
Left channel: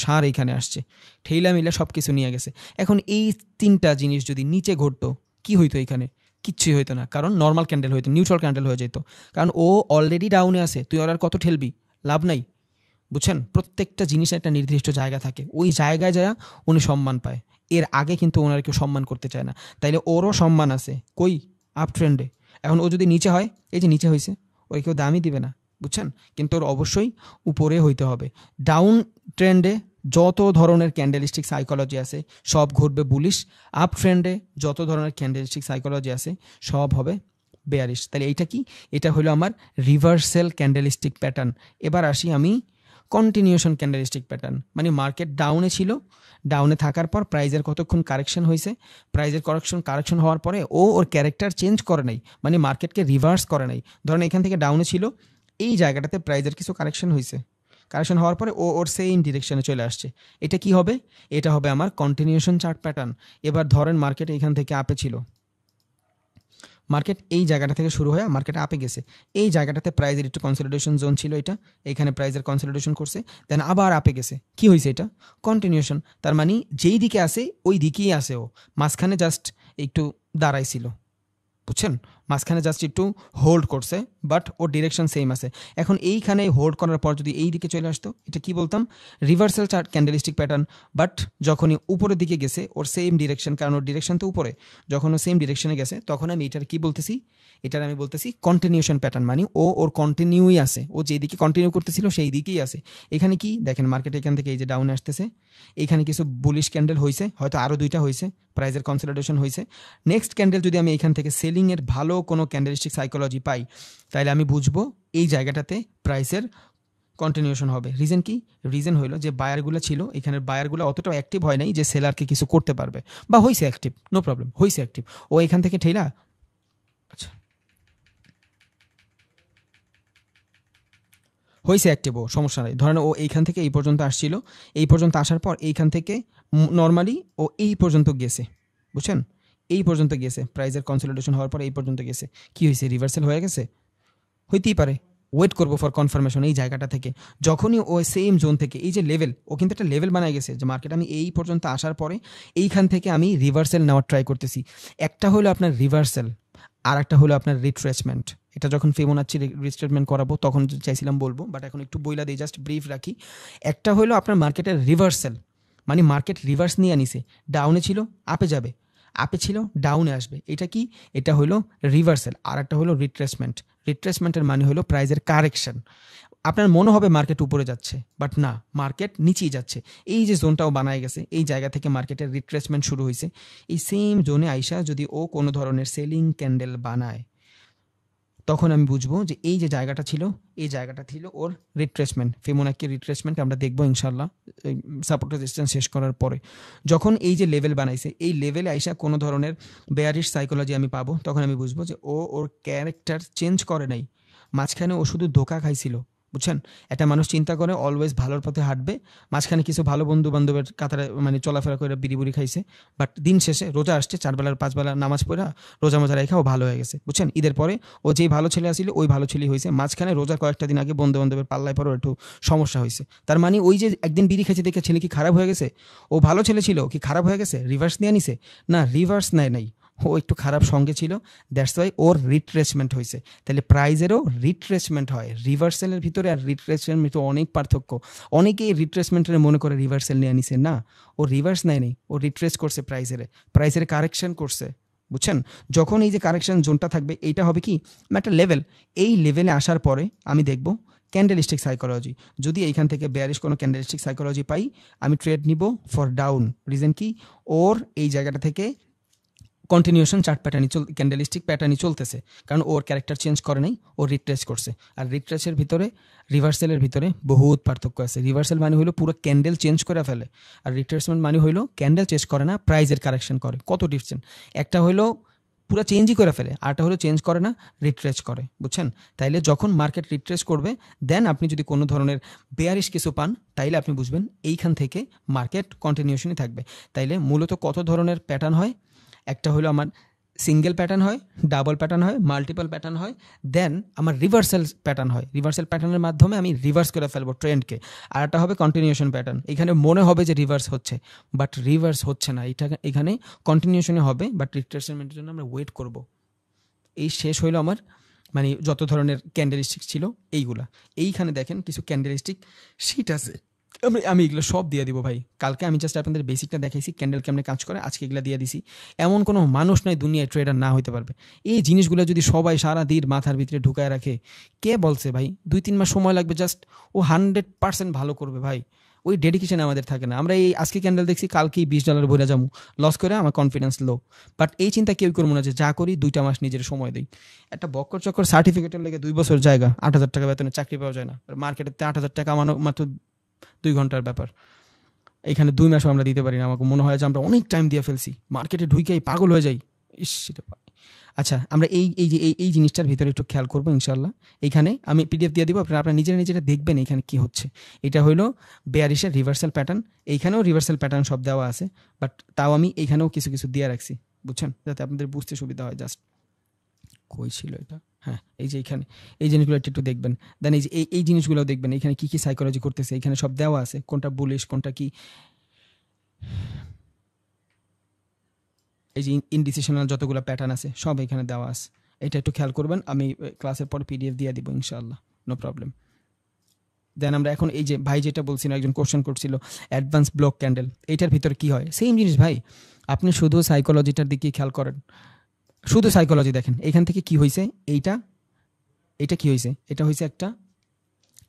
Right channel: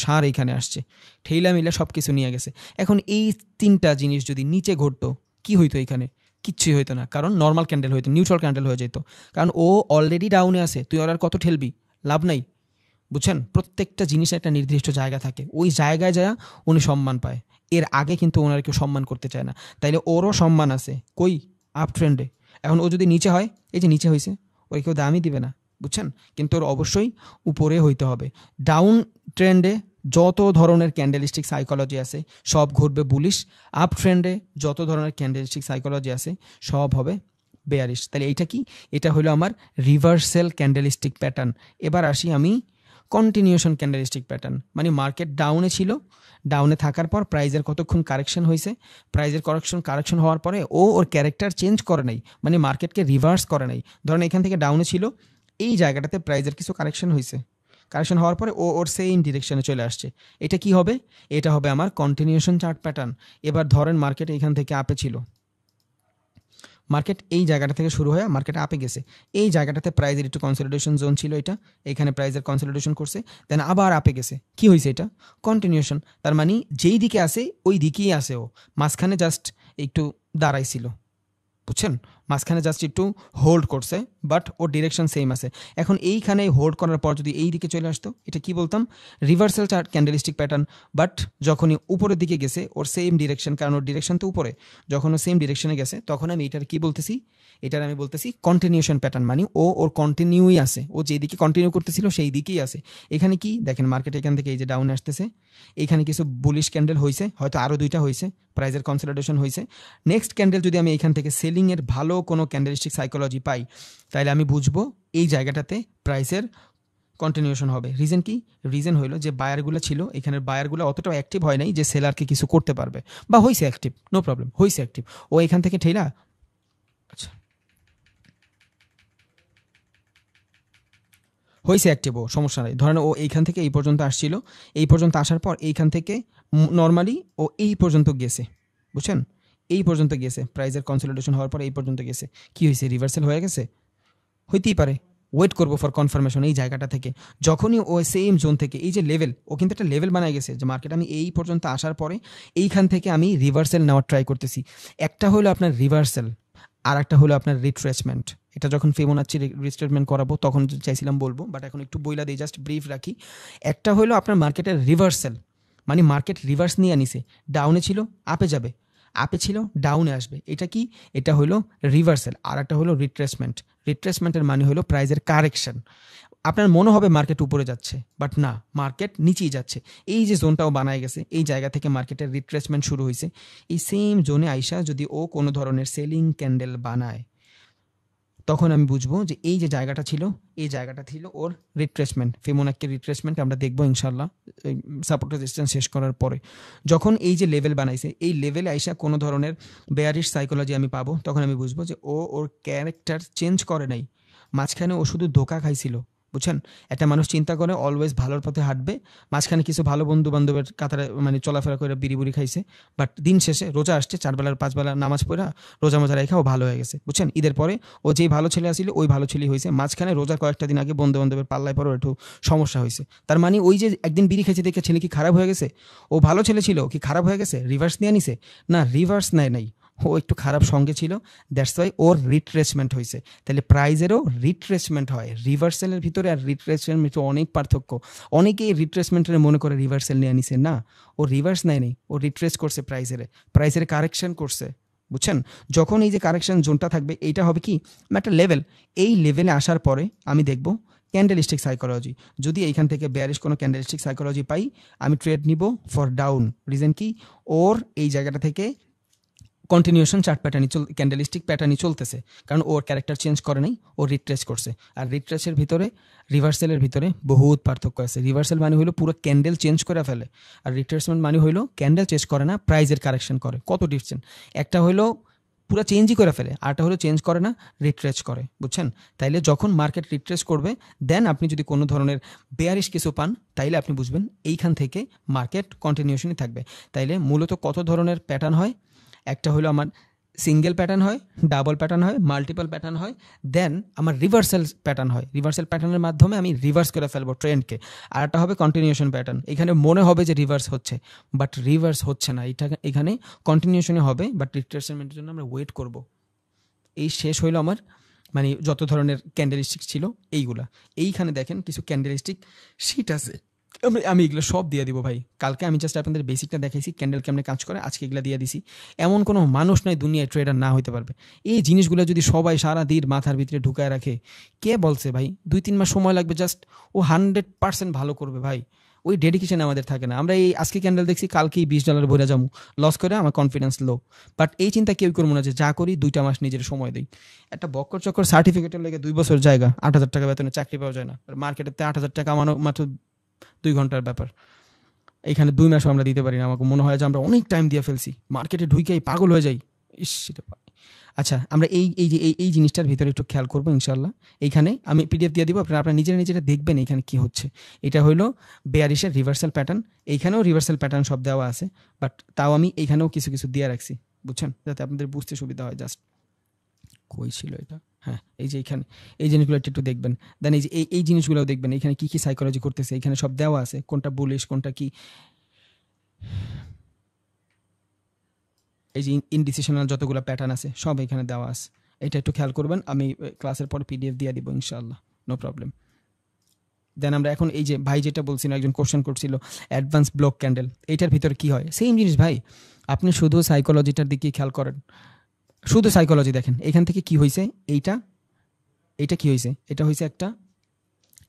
সার এখানে আসছে, ঠেলা মিলে সব কিছু নিয়ে গেছে। এখন এই তিনটা জিনিস যদি নিচে ঘটতো কি হইতো, এখানে কিচ্ছুই হইতো না, কারণ নর্মাল ক্যান্ডেল হইতো, নিউট্রাল ক্যান্ডেল হয়ে যেত, কারণ ও অলরেডি ডাউনে আছে, তুই আর কত ঠেলবি, লাভ নাই, বুঝছেন। প্রত্যেকটা জিনিসের একটা নির্দিষ্ট জায়গা থাকে, ওই জায়গায় যা উনি সম্মান পায়, এর আগে কিন্তু ওনার কেউ সম্মান করতে চায় না, তাইলে ওরও সম্মান আছে কই, আপ ট্রেন্ডে। এখন ও যদি নিচে হয়, এই যে নিচে হয়েছে, ওই কেউ দামই দিবে না, বুঝছেন, কিন্তু ওর অবশ্যই উপরে হইতে হবে। ডাউন ট্রেন্ডে যত ধরনের ক্যান্ডেলিস্টিক সাইকোলজি আছে সব ঘটবে বুলিশ, আপ ট্রেন্ডে যত ধরনের ক্যান্ডেলিস্টিক সাইকোলজি আছে সব হবে বেয়ারিশ। তাহলে এটা কি, এটা হলো আমার রিভার্সাল ক্যান্ডেলিস্টিক প্যাটার্ন। এবার আসি আমি কন্টিনিউশন ক্যান্ডেলিস্টিক প্যাটার্ন, মানে মার্কেট ডাউনে ছিল, ডাউনে থাকার পর প্রাইজের কতক্ষণ কারেকশন হয়েছে, প্রাইজের কারেকশন হওয়ার পরে ও ওর ক্যারেক্টার চেঞ্জ করে নাই, মানে মার্কেটকে রিভার্স করে নাই। ধরেন এখান থেকে ডাউনে ছিল, এই জায়গাটাতে প্রাইজের কিছু কারেকশন হয়েছে, কারেকশন হওয়ার পরে ও ওর সেম ডিরেকশনে চলে আসছে, এটা কি হবে, এটা হবে আমার কন্টিনিউশন চার্ট প্যাটার্ন। এবার ধরেন মার্কেট এখান থেকে আপে ছিল, মার্কেট এই জায়গাটা থেকে শুরু হয়ে মার্কেট আপে গেছে, এই জায়গাটাতে প্রাইজের একটু কনসলিডেশন জোন ছিল, এটা এখানে প্রাইজের কনসলিডেশন করছে, দেন আবার আপে গেছে, কি হয়েছে, এটা কন্টিনিউশন। তার মানে যেই দিকে আসে ওই দিকেই আসে, ও মাঝখানে জাস্ট একটু দাঁড়াইছিল, বুঝছেন, মাঝখানে জাস্ট একটু হোল্ড করছে, বাট ওর ডিরেকশন সেম আছে। এখন এইখানে হোল্ড করার পর যদি এই দিকে চলে আসতো, এটা কি বলতাম, reversal chart candlestick pattern. But যখনই উপরের দিকে গেছে ওর সেম ডিরেকশন, কারণ ওর ডিরেকশন তো উপরে, যখন ও সেম ডিরেকশনে গেছে তখন আমি এটার কি বলতেছি, এটার আমি বলতেছি কন্টিনিউশন প্যাটার্ন, মানে ও ওর কন্টিনিউই আছে, ও যেদিকে কন্টিনিউ করতেছিল সেই দিকেই আছে। এখানে কি দেখেন, মার্কেট এখান থেকে এই যে ডাউনে আসতেছে, এখানে কিছু বুলিশ ক্যান্ডেল হয়েছে, হয়তো আরো দুইটা হয়েছে, প্রাইজের কনসলিডেশন হয়েছে। নেক্সট ক্যান্ডেল যদি আমি এখান থেকে সেলিং এর ভালো কোনো ক্যান্ডেলিস্টিক সাইকোলজি পাই, তাহলে আমি বুঝবো এই জায়গাটাতে প্রাইসের কন্টিনিউশন হবে। রিজন কি, রিজন হলো যে বায়ারগুলো ছিল এখানে, বায়ারগুলো অতটা অ্যাক্টিভ হয় নাই যে সেলারকে কিছু করতে পারবে, বা হয়েছে অ্যাক্টিভ, নো প্রবলেম, হয়েছে অ্যাক্টিভ, ও এখান থেকে ঠেলা, আচ্ছা হয়েছে অ্যাক্টিভ, ও সমস্যা নেই। ধরেন ও এইখান থেকে এই পর্যন্ত আসছিল, এই পর্যন্ত আসার পর এইখান থেকে নর্মালি ও এই পর্যন্ত গেছে, বুঝছেন, এই পর্যন্ত গেছে, প্রাইজের কনসলিডেশন হওয়ার পর এই পর্যন্ত গেছে, কি হয়েছে, রিভার্সাল হয়ে গেছে, হইতেই পারে। ওয়েট করবো ফর কনফার্মেশন এই জায়গাটা থেকে, যখনই ও সেম জোন থেকে এই যে লেভেল, ও কিন্তু একটা লেভেল বানায় গেছে যে মার্কেট আমি এই পর্যন্ত আসার পরে এইখান থেকে আমি রিভার্সাল নেওয়ার ট্রাই করতেছি। একটা হলো আপনার রিভার্সাল, আর একটা হলো আপনার রিট্রেসমেন্ট। এটা যখন ফিবোনাচ্চি রিট্রেসমেন্ট করাবো তখন চাইছিলাম বলবো, বাট এখন একটু বইলা দিই, জাস্ট ব্রিফ রাখি। একটা হলো আপনার মার্কেটের রিভার্সাল, মানে মার্কেট রিভার্স নিয়ে আনিছে, ডাউনে ছিল আপে যাবে, আপে ছিল ডাউনে আসবে। এটা কি? এটা হলো রিভার্সাল। আর একটা হলো রিট্রেসমেন্ট। রিট্রেসমেন্টের মানে হলো প্রাইজের কারেকশন। আপনার মনে হবে মার্কেট উপরে যাচ্ছে, বাট না, মার্কেট নিচেই যাচ্ছে। এই যে জোনটাও বানায় গেছে, এই জায়গা থেকে মার্কেটের রিট্রেসমেন্ট শুরু হয়েছে। এই সেম জোনে আইসা যদি ও কোনো ধরনের সেলিং ক্যান্ডেল বানায়, তখন আমি বুঝবো যে এই যে জায়গাটা ছিল, এই জায়গাটা ছিল ওর রিট্রেসমেন্ট, ফিবোনাক্কি রিট্রেসমেন্ট আমরা দেখবো ইনশাল্লাহ সাপোর্ট রেজিস্ট্যান্স শেষ করার পরে। যখন এই যে লেভেল বানাইছে, এই লেভেলে আইসা কোনো ধরনের বেয়ারিশ সাইকোলজি আমি পাবো, তখন আমি বুঝবো যে ও ওর ক্যারেক্টার চেঞ্জ করে নাই, মাঝখানে ও শুধু ধোকা খাইছিল। বুঝছেন? একটা মানুষ চিন্তা করে অলওয়েজ ভালোর পথে হাঁটবে, মাঝখানে কিছু ভালো বন্ধু বান্ধবের কাতারে মানে চলাফেরা করে বিড়ি বুড়ি খাইছে, বাট দিন শেষে রোজা আসছে, 4 বেলার 5 বেলার নামাজ পড়া রোজা মোজা রেখা ও ভালো হয়ে গেছে। বুঝছেন? ঈদের পরে ও যেই ভালো ছেলে আসছিল ওই ভালো ছেলে হয়েছে, মাঝখানে রোজার কয়েকটা দিন আগে বন্ধু বান্ধবের পাল্লায় পরে একটু সমস্যা হয়েছে। তার মানে ওই যে একদিন বিড়ি খেয়েছে দেখে ছেলে কি খারাপ হয়ে গেছে? ও ভালো ছেলে ছিল, কি খারাপ হয়ে গেছে? রিভার্স নিয়ে নিছে? না, রিভার্স নেয় নাই, ও একটু খারাপ সঙ্গে ছিল, দ্যাটস ওয়াই ওর রিট্রেসমেন্ট হয়েছে। তাহলে প্রাইজেরও রিট্রেসমেন্ট হয়। রিভার্সালের ভিতরে আর রিট্রেসমেন্টের ভিতরে অনেক পার্থক্য। অনেকেই রিট্রেসমেন্টের মনে করে রিভার্সাল নিয়ে নিছে, না, ও রিভার্স নেয় নেই, ও রিট্রেস করছে প্রাইজের কারেকশন করছে। বুঝছেন? যখন এই যে কারেকশন জোনটা থাকবে, এইটা হবে কি একটা লেভেল। এই লেভেলে আসার পরে আমি দেখব ক্যান্ডেলিস্টিক সাইকোলজি। যদি এইখান থেকে বেয়ারিশ কোনো ক্যান্ডেলিস্টিক সাইকোলজি পাই, আমি ট্রেড নিব ফর ডাউন। রিজন কি? ওর এই জায়গাটা থেকে কন্টিনিউশন চার্ট প্যাটার্নই ক্যান্ডেলিস্টিক প্যাটার্নই চলতেছে, কারণ ওর ক্যারেক্টার চেঞ্জ করে নাই, ও রিট্রেস করছে। আর রিট্রেসের ভিতরে রিভার্সালের ভিতরে বহুত পার্থক্য আছে। রিভার্সাল মানে হলো পুরো ক্যান্ডেল চেঞ্জ করে ফেলে, আর রিট্রেসমেন্ট মানে হলো ক্যান্ডেল চেঞ্জ করে না, প্রাইজের কারেকশন করে। কত ডিফারেন্ট! একটা হলো পুরো চেঞ্জই করে ফেলে, আরটা হলো চেঞ্জ করে না, রিট্রেস করে। বুঝছেন? তাইলে যখন মার্কেট রিট্রেস করবে, দেন আপনি যদি কোনো ধরনের বেয়ারিশ কিছু পান, তাইলে আপনি বুঝবেন এইখান থেকে মার্কেট কন্টিনিউশনই থাকবে। তাইলে মূলত কত ধরনের প্যাটার্ন হয়? একটা হলো আমার সিঙ্গেল প্যাটার্ন হয়, ডাবল প্যাটার্ন হয়, মাল্টিপল প্যাটার্ন হয়, দেন আমার রিভার্সাল প্যাটার্ন হয়। রিভার্সাল প্যাটার্নের মাধ্যমে আমি রিভার্স করে ফেলবো ট্রেন্ডকে। আর একটা হবে কন্টিনিউশন প্যাটার্ন। এখানে মনে হবে যে রিভার্স হচ্ছে, বাট রিভার্স হচ্ছে না, এটা এখানে কন্টিনিউশনে হবে, বাট রিট্রেসমেন্টের জন্য আমরা ওয়েট করব। এই শেষ হইলো আমার মানে যত ধরনের ক্যান্ডেলিস্টিক ছিল এইগুলা। এইখানে দেখেন কিছু ক্যান্ডেলিস্টিক শিট আছে, আমি এগুলো সব দিয়ে দিব ভাই। কালকে আমি জাস্ট আপনাদের বেসিকটা দেখাইছি, ক্যান্ডেল কেমনে কাজ করে, আজকে এগুলো দিয়ে দিছি। এমন কোনো মানুষ নাই দুনিয়ায় ট্রেডার না হইতে পারবে। এই জিনিসগুলো যদি সবাই সারা দিন মাথার ভিতরে ঢুকায় রাখে, কে বলছে ভাই 2-3 মাস সময় লাগবে জাস্ট, ও 100% ভালো করবে ভাই। ওই ডেডিকেশন আমাদের থাকে না। আমরা এই আজকে ক্যান্ডেল দেখছি, কালকেই $20 ভরে যাবো, লস করে আমার কনফিডেন্স লো। বাট এই চিন্তা কেউ করবো না যে যা করি 2টা মাস নিজের সময় দিই। একটা বক্কর চক্কর সার্টিফিকেটের লেগে 2 বছর জায়গা, 8,000 টাকা বেতনে চাকরি পাওয়া যায় না। আর মার্কেটে 8,000 টাকা কামানো মাত্র 2 ঘন্টার ব্যাপার। এখানে 2 মাসও আমরা দিতে পারি না। আমাকে মনে হয় যে আমরা অনেক টাইম দিয়ে ফেলছি, মার্কেটে ঢুকেই পাগল হয়ে যাই। ইস, সেটা আচ্ছা, আমরা এই জিনিসটার ভিতরে একটু খেয়াল করবো ইনশাল্লাহ। এইখানে আমি পিডিএফ দিয়ে দিব, আপনারা নিজেরা দেখবেন এখানে কি হচ্ছে। এটা হলো বেয়ারিশের রিভার্সাল প্যাটার্ন। এইখানেও রিভার্সাল প্যাটার্ন সব দেওয়া আছে, বাট তাও আমি এইখানেও কিছু কিছু দিয়ে রাখছি, বুঝছেন, যাতে আপনাদের বুঝতে সুবিধা হয়। জাস্ট কই ছিল এটা? হ্যাঁ, এই যে এখানে এই জিনিসগুলো একটু দেখবেন। দেন এই যে এই জিনিসগুলো দেখবেন, এখানে কি কি সাইকোলজি করতেছে, এখানে সব দেওয়া আছে, কোনটা বুলিশ কোনটা কি। এই যে ইনডিসিশনাল যতগুলো প্যাটার্ন আছে সব এখানে দেওয়া আছে, এটা একটু খেয়াল করবেন। আমি ক্লাসের পরে পিডিএফ দিয়ে দিব ইনশাআল্লাহ, নো প্রবলেম। দেন আমরা এখন এই যে ভাই যেটা বলছিল, একজন কোশ্চেন করছিল অ্যাডভান্স ব্লক ক্যান্ডেল, এইটার ভিতরে কি হয়? সেম জিনিস ভাই, আপনি শুধু সাইকোলজিটার দিকে খেয়াল করেন, শুধু সাইকোলজি দেখেন। এখান থেকে কি হয়েছে, এইটা কি হয়েছে? এটা হয়েছে একটা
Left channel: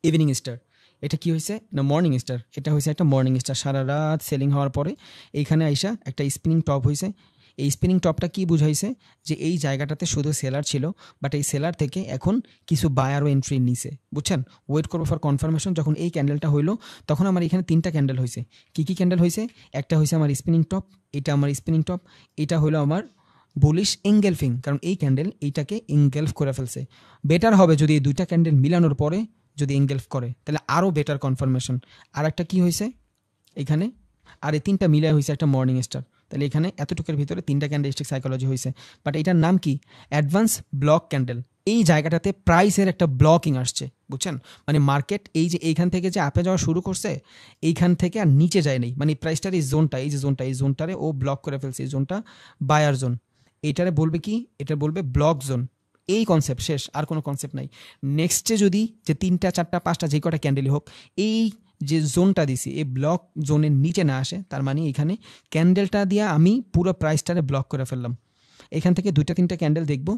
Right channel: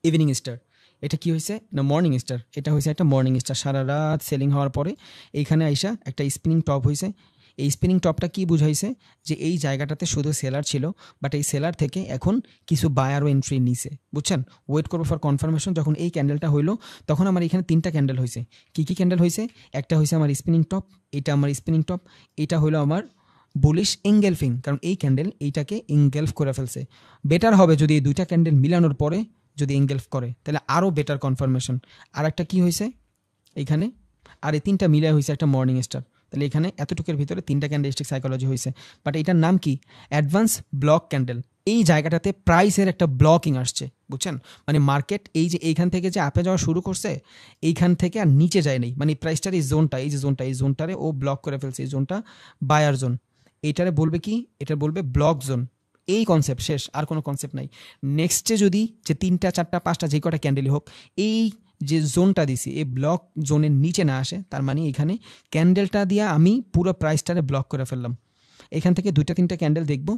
ইভিনিং স্টার। এটা কি হয়েছে না, মর্নিং স্টার। এটা হয়েছে একটা মর্নিং স্টার, সারা রাত সেলিং হওয়ার পরে এইখানে আইসা একটা স্পিনিং টপ হয়েছে। এই স্পিনিং টপটা কি বুঝাইছে? যে এই জায়গাটাতে শুধু সেলার ছিল, বাট এই সেলার থেকে এখন কিছু বায়ারও এন্ট্রি নিছে। বুঝছেন? ওয়েট করবো ফর কনফার্মেশন। যখন এই ক্যান্ডেলটা হইলো, তখন আমার এখানে 3টা ক্যান্ডেল হয়েছে। কি কি ক্যান্ডেল হয়েছে? একটা হয়েছে আমার স্পিনিং টপ, এটা আমার স্পিনিং টপ, এটা হলো আমার বুলিশ ইনগেলফিং, কারণ এই ক্যান্ডেল এইটাকে ইনগেলফ করে ফেলছে। বেটার হবে যদি এই 2টা ক্যান্ডেল মিলানোর পরে যদি ইনগেলফ করে, তাহলে আরো বেটার কনফার্মেশন। আর একটা কি হয়েছে এখানে, আর এই 3টা মিলে হয়েছে একটা মর্নিং স্টার। তাহলে এখানে এতটুকুর ভিতরে 3টা ক্যান্ডেলস্টিক সাইকোলজি হয়েছে, বাট এটার নাম কি? Advance block candle. এই জায়গাটাতে প্রাইসের একটা ব্লকিং আসছে, বুঝছেন? মানে মার্কেট এই যে এইখান থেকে যে আপে যাওয়া শুরু করছে, এইখান থেকে আর নিচে যায় নাই, মানে প্রাইসটার এই জোনটা, এই যে জোনটা, এই জোনটারে ও ব্লক করে ফেলছে। এই জোনটা বায়ার জোন, এইটারে বলবে কি? এটা বলবে ব্লক জোন। এই কনসেপ্ট শেষ, আর কোনো কনসেপ্ট নাই। নেক্সটে যদি যে 3টা 4টা 5টা যে কটা ক্যান্ডেলই হোক, এই যে জোনটা দিছি এই ব্লক জোনের নিচে না আসে, তার মানে এখানে ক্যান্ডেলটা দিয়ে আমি পুরো প্রাইসটারে ব্লক করে ফেললাম। এখান থেকে 2-3টা ক্যান্ডেল দেখবো,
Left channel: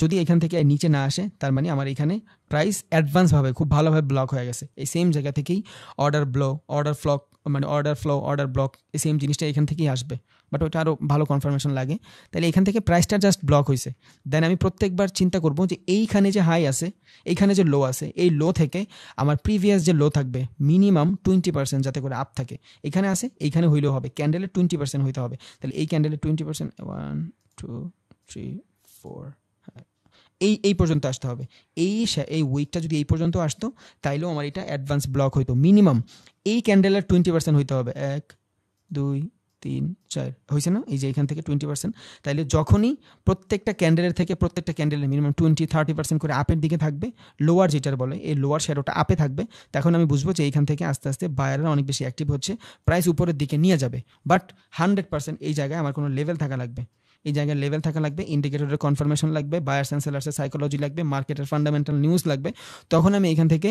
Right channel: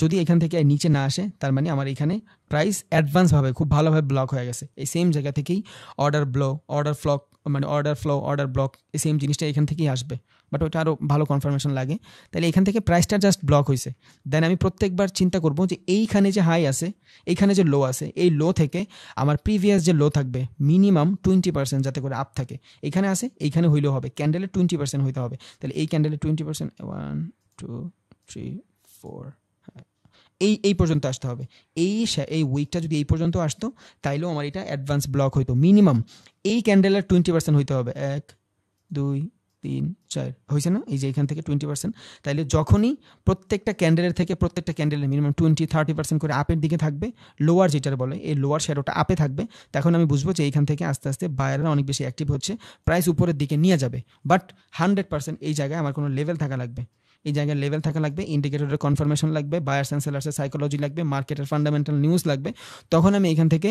যদি এখান থেকে নিচে না আসে তার মানে আমার এখানে প্রাইস অ্যাডভান্সভাবে খুব ভালোভাবে ব্লক হয়ে গেছে। এই সেম জায়গা থেকেই অর্ডার ফ্লক মানে অর্ডার ব্লক এই সেম জিনিসটা এখান থেকেই আসবে, বাট ওটা আরও ভালো কনফার্মেশন লাগে। তাহলে এখান থেকে প্রাইসটা জাস্ট ব্লক হয়েছে, দেন আমি প্রত্যেকবার চিন্তা করবো যে এইখানে যে হাই আছে, এখানে যে লো আছে, এই লো থেকে আমার প্রিভিয়াস যে লো থাকবে মিনিমাম 20% যাতে করে আপ থাকে। এখানে আছে, এইখানে হইলেও হবে, ক্যান্ডেলের 20% হইতে হবে। তাহলে এই ক্যান্ডেলের 20%, 1 2 3 4 এই পর্যন্ত আসতে হবে। এই উইকটা যদি এই পর্যন্ত আসতো তাইলেও আমার এটা অ্যাডভান্স ব্লক হইতো। মিনিমাম এই ক্যান্ডেলের 20% হইতে হবে। 1 2 3 4 হয়েছে না? এই যে এখান থেকে 20%। তাইলে যখনই প্রত্যেকটা ক্যান্ডেলের মিনিমাম 20-30% করে আপের দিকে থাকবে, লোয়ার যেটার বলে এই লোয়ার শ্যাডোটা আপে থাকবে, তখন আমি বুঝবো যে এইখান থেকে আস্তে আস্তে বায়াররা অনেক বেশি অ্যাক্টিভ হচ্ছে, প্রাইস উপরের দিকে নিয়ে যাবে। বাট 100% এই জায়গায় আমার কোনো লেভেল থাকা লাগবে, এই জায়গায় লেভেল থাকা লাগবে, ইন্ডিকেটরের কনফার্মেশন লাগবে, বায়ার্স এন্ড সেলার্সের সাইকোলজি লাগবে, মার্কেটের ফান্ডামেন্টাল নিউজ লাগবে, তখন আমি এখান থেকে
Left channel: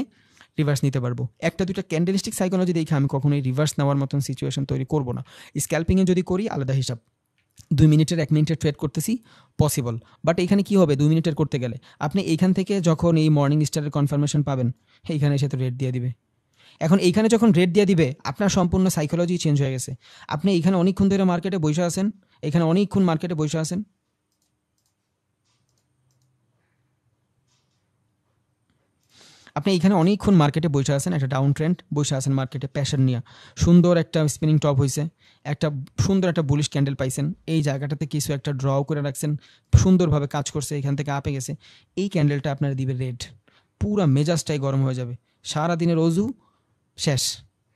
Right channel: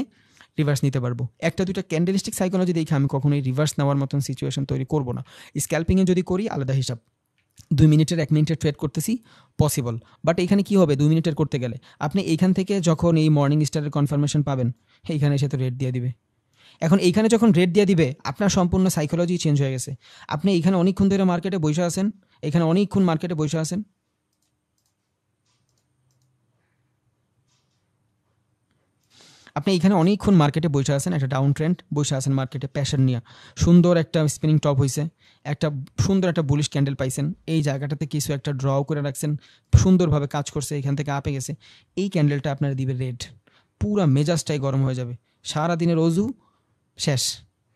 রিভার্স নিতে পারবো। একটা দুটো ক্যান্ডেলিস্টিক সাইকোলজি দেখে আমি কখনোই রিভার্স নেওয়ার মতন সিচুয়েশন তৈরি করবো না। স্ক্যাল্পিংয়ে যদি করি আলাদা হিসাব, 2 মিনিটের 1 মিনিটের ট্রেড করতেছি পসিবল, বাট এখানে কি হবে 2 মিনিটের করতে গেলে আপনি এইখান থেকে যখন এই মর্নিং স্টারের কনফার্মেশন পাবেন এইখানে এসে তো রেট দিয়ে দিবে। এখন এইখানে যখন রেট দিয়ে দিবে আপনার সম্পূর্ণ সাইকোলজি চেঞ্জ হয়ে গেছে। আপনি এইখানে অনেকক্ষণ ধরে মার্কেটে বসে আছেন, এখানে অনেকক্ষণ মার্কেটে বসে আছেন, আপনি এখানে অনেকক্ষণ মার্কেটে বসে আছেন, একটা ডাউন ট্রেন্ড বসে আছেন মার্কেটে প্যাশন নিয়ে, সুন্দর একটা স্পিনিং টপ হয়েছে, একটা সুন্দর একটা বুলিশ ক্যান্ডেল পাইছেন, এই জায়গাটাতে কিছু একটা ড্র করে রাখছেন, সুন্দরভাবে কাজ করছে, এখান থেকে আপে গেছে, এই ক্যান্ডেলটা আপনার দিবে রেড, পুরো মেজাজটাই গরম হয়ে যাবে, সারাদিনের অজু শেষ,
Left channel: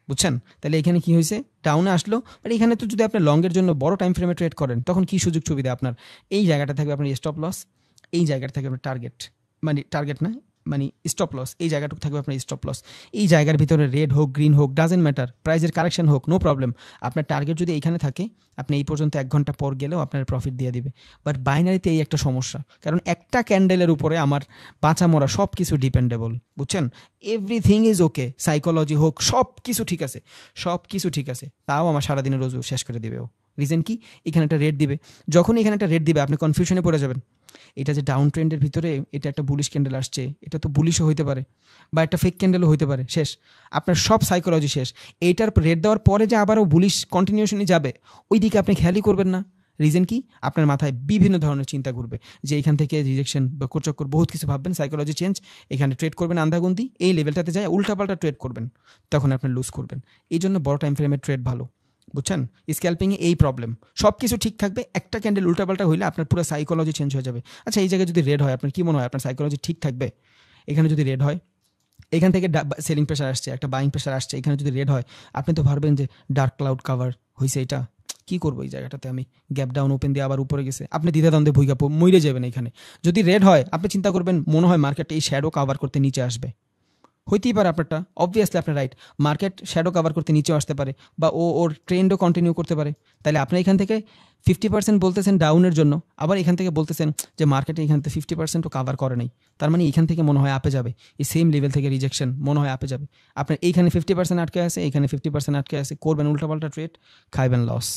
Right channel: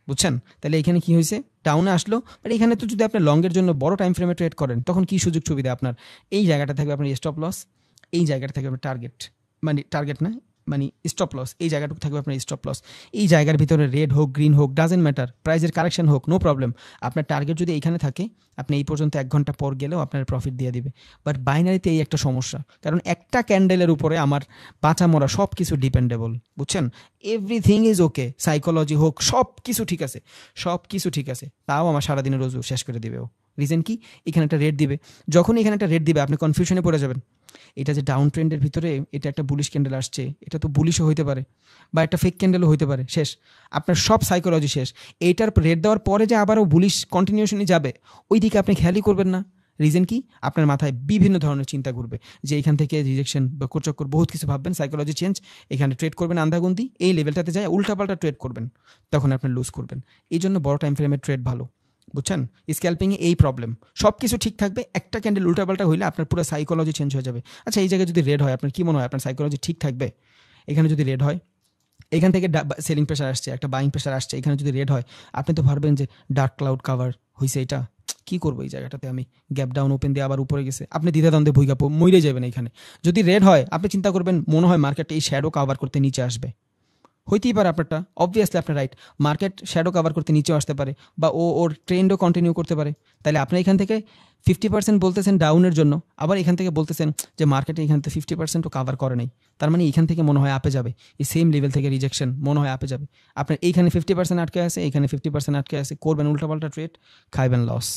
বুঝছেন? তাহলে এখানে কি হয়েছে, ডাউনে আসলো, আর এখানে তো যদি আপনি লংয়ের জন্য বড় টাইম ফ্রেমে ট্রেড করেন তখন কি সুযোগ সুবিধা আপনার, এই জায়গাটা থেকে আপনার স্টপ লস, এই জায়গাটা থেকে আপনার টার্গেট, মানে টার্গেট না মানে স্টপ লস, এই জায়গাটুকু থাকবে আপনার স্টপ লস, এই জায়গার ভিতরে রেড হোক গ্রিন হোক ডাজেন্ট ম্যাটার, প্রাইজের কারেকশন হোক নো প্রবলেম, আপনার টার্গেট যদি এইখানে থাকে আপনি এই পর্যন্ত 1 ঘন্টা পর গেলেও আপনার প্রফিট দিয়ে দিবে। বাট বাইনারিতে এই একটা সমস্যা, কারণ একটা ক্যান্ডেলের উপরে আমার বাঁচা মরা সব কিছু ডিপেন্ডেবল, বুঝছেন? এভরিথিং ইজ ওকে, সাইকোলজি হোক সব কিছু ঠিক আছে, সব কিছু ঠিক আছে, তাও আমার সারাদিনের রোজ শেষ করে দেবে। রিজন কি, এখানে একটা রেট দিবে, যখন এখানে একটা রেট দিবে আপনি কনফিউশনে পড়ে যাবেন, এটা যে ডাউন ট্রেন্ডের ভিতরে এটা একটা বুলিশ ক্যান্ডেল আসছে, এটা তো বুলিশও হইতে পারে বা একটা ফেক ক্যান্ডেলও হইতে পারে, শেষ, আপনার সব সাইকোলজি শেষ। এটার রেট দেওয়ার পরে যে আবারও বুলিশ কন্টিনিউশনই যাবে ওই দিকে আপনি খেয়ালই করবেন না। রিজন কি, আপনার মাথায় বিভিন্ন ধরনের চিন্তা ঘুরবে যে এখান থেকে রিজেকশন বা কোচক্কর বহুত কিছু ভাববেন, সাইকোলজি চেঞ্জ, এখানে ট্রেড করবেন আন্ধাগুন্দি, এই লেভেলটাতে যায় উল্টাপাল্টা ট্রেড করবেন, তখন আপনি লুজ করবেন। এই জন্য বড় টাইম ফ্রেমের ট্রেড ভালো, বুঝছেন? স্ক্যাল্পিংয়ে এই প্রবলেম, সব কিছু ঠিক থাকবে, একটা ক্যান্ডেল উল্টাপাল্টা হইলে আপনার পুরো সাইকোলজি চেঞ্জ হয়ে যাবে। আচ্ছা এই জায়গায় যদি রেড হয় আপনার কি মনে হয় আপনার সাইকোলজি ঠিক থাকবে? এখানে যদি রেড হয়, এখান থেকে সেলিং প্রেশার আসছে, একটা বাইং প্রেশার আসছে, এখানে যদি রেড হয় আপনি তো ভাববেন যে ডার্ক ক্লাউড কাভার হয়েছে, এটা কি করবো, এই জায়গাটাতে আমি গ্যাপ ডাউন ওপেন দিয়ে আবার উপরে গেছে, আপনি দ্বিধাদ্বন্দ্বে ভুইগা মরে যাবেন। এখানে যদি রেড হয় আপনি চিন্তা করবেন মনে হয় মার্কেটটা এই শ্যাডো কাভার করতে নিচে আসবে, হইতেই পারে আপনারটা, অবভিয়াসলি আপনার রাইট, মার্কেট শ্যাডো কভার করতে নিচে আসতে পারে বা ওর ট্রেন্ডও কন্টিনিউ করতে পারে। তাহলে আপনি এখান থেকে 50% বলতেছেন ডাউনের জন্য, আবার এখান থেকে বলতেছেন যে মার্কেটে এখান থেকে 50%ও কাভার করে নাই, তার মানে এখান থেকে মনে হয় আপে যাবে, এই সেম লেভেল থেকে রিজেকশন মনে হয় আপে যাবে, আপনার এইখানে 50% আটকে আছে, এখানে 50% আটকে আছে, করবেন উল্টাপাল্টা ট্রেড, খাইবেন লস।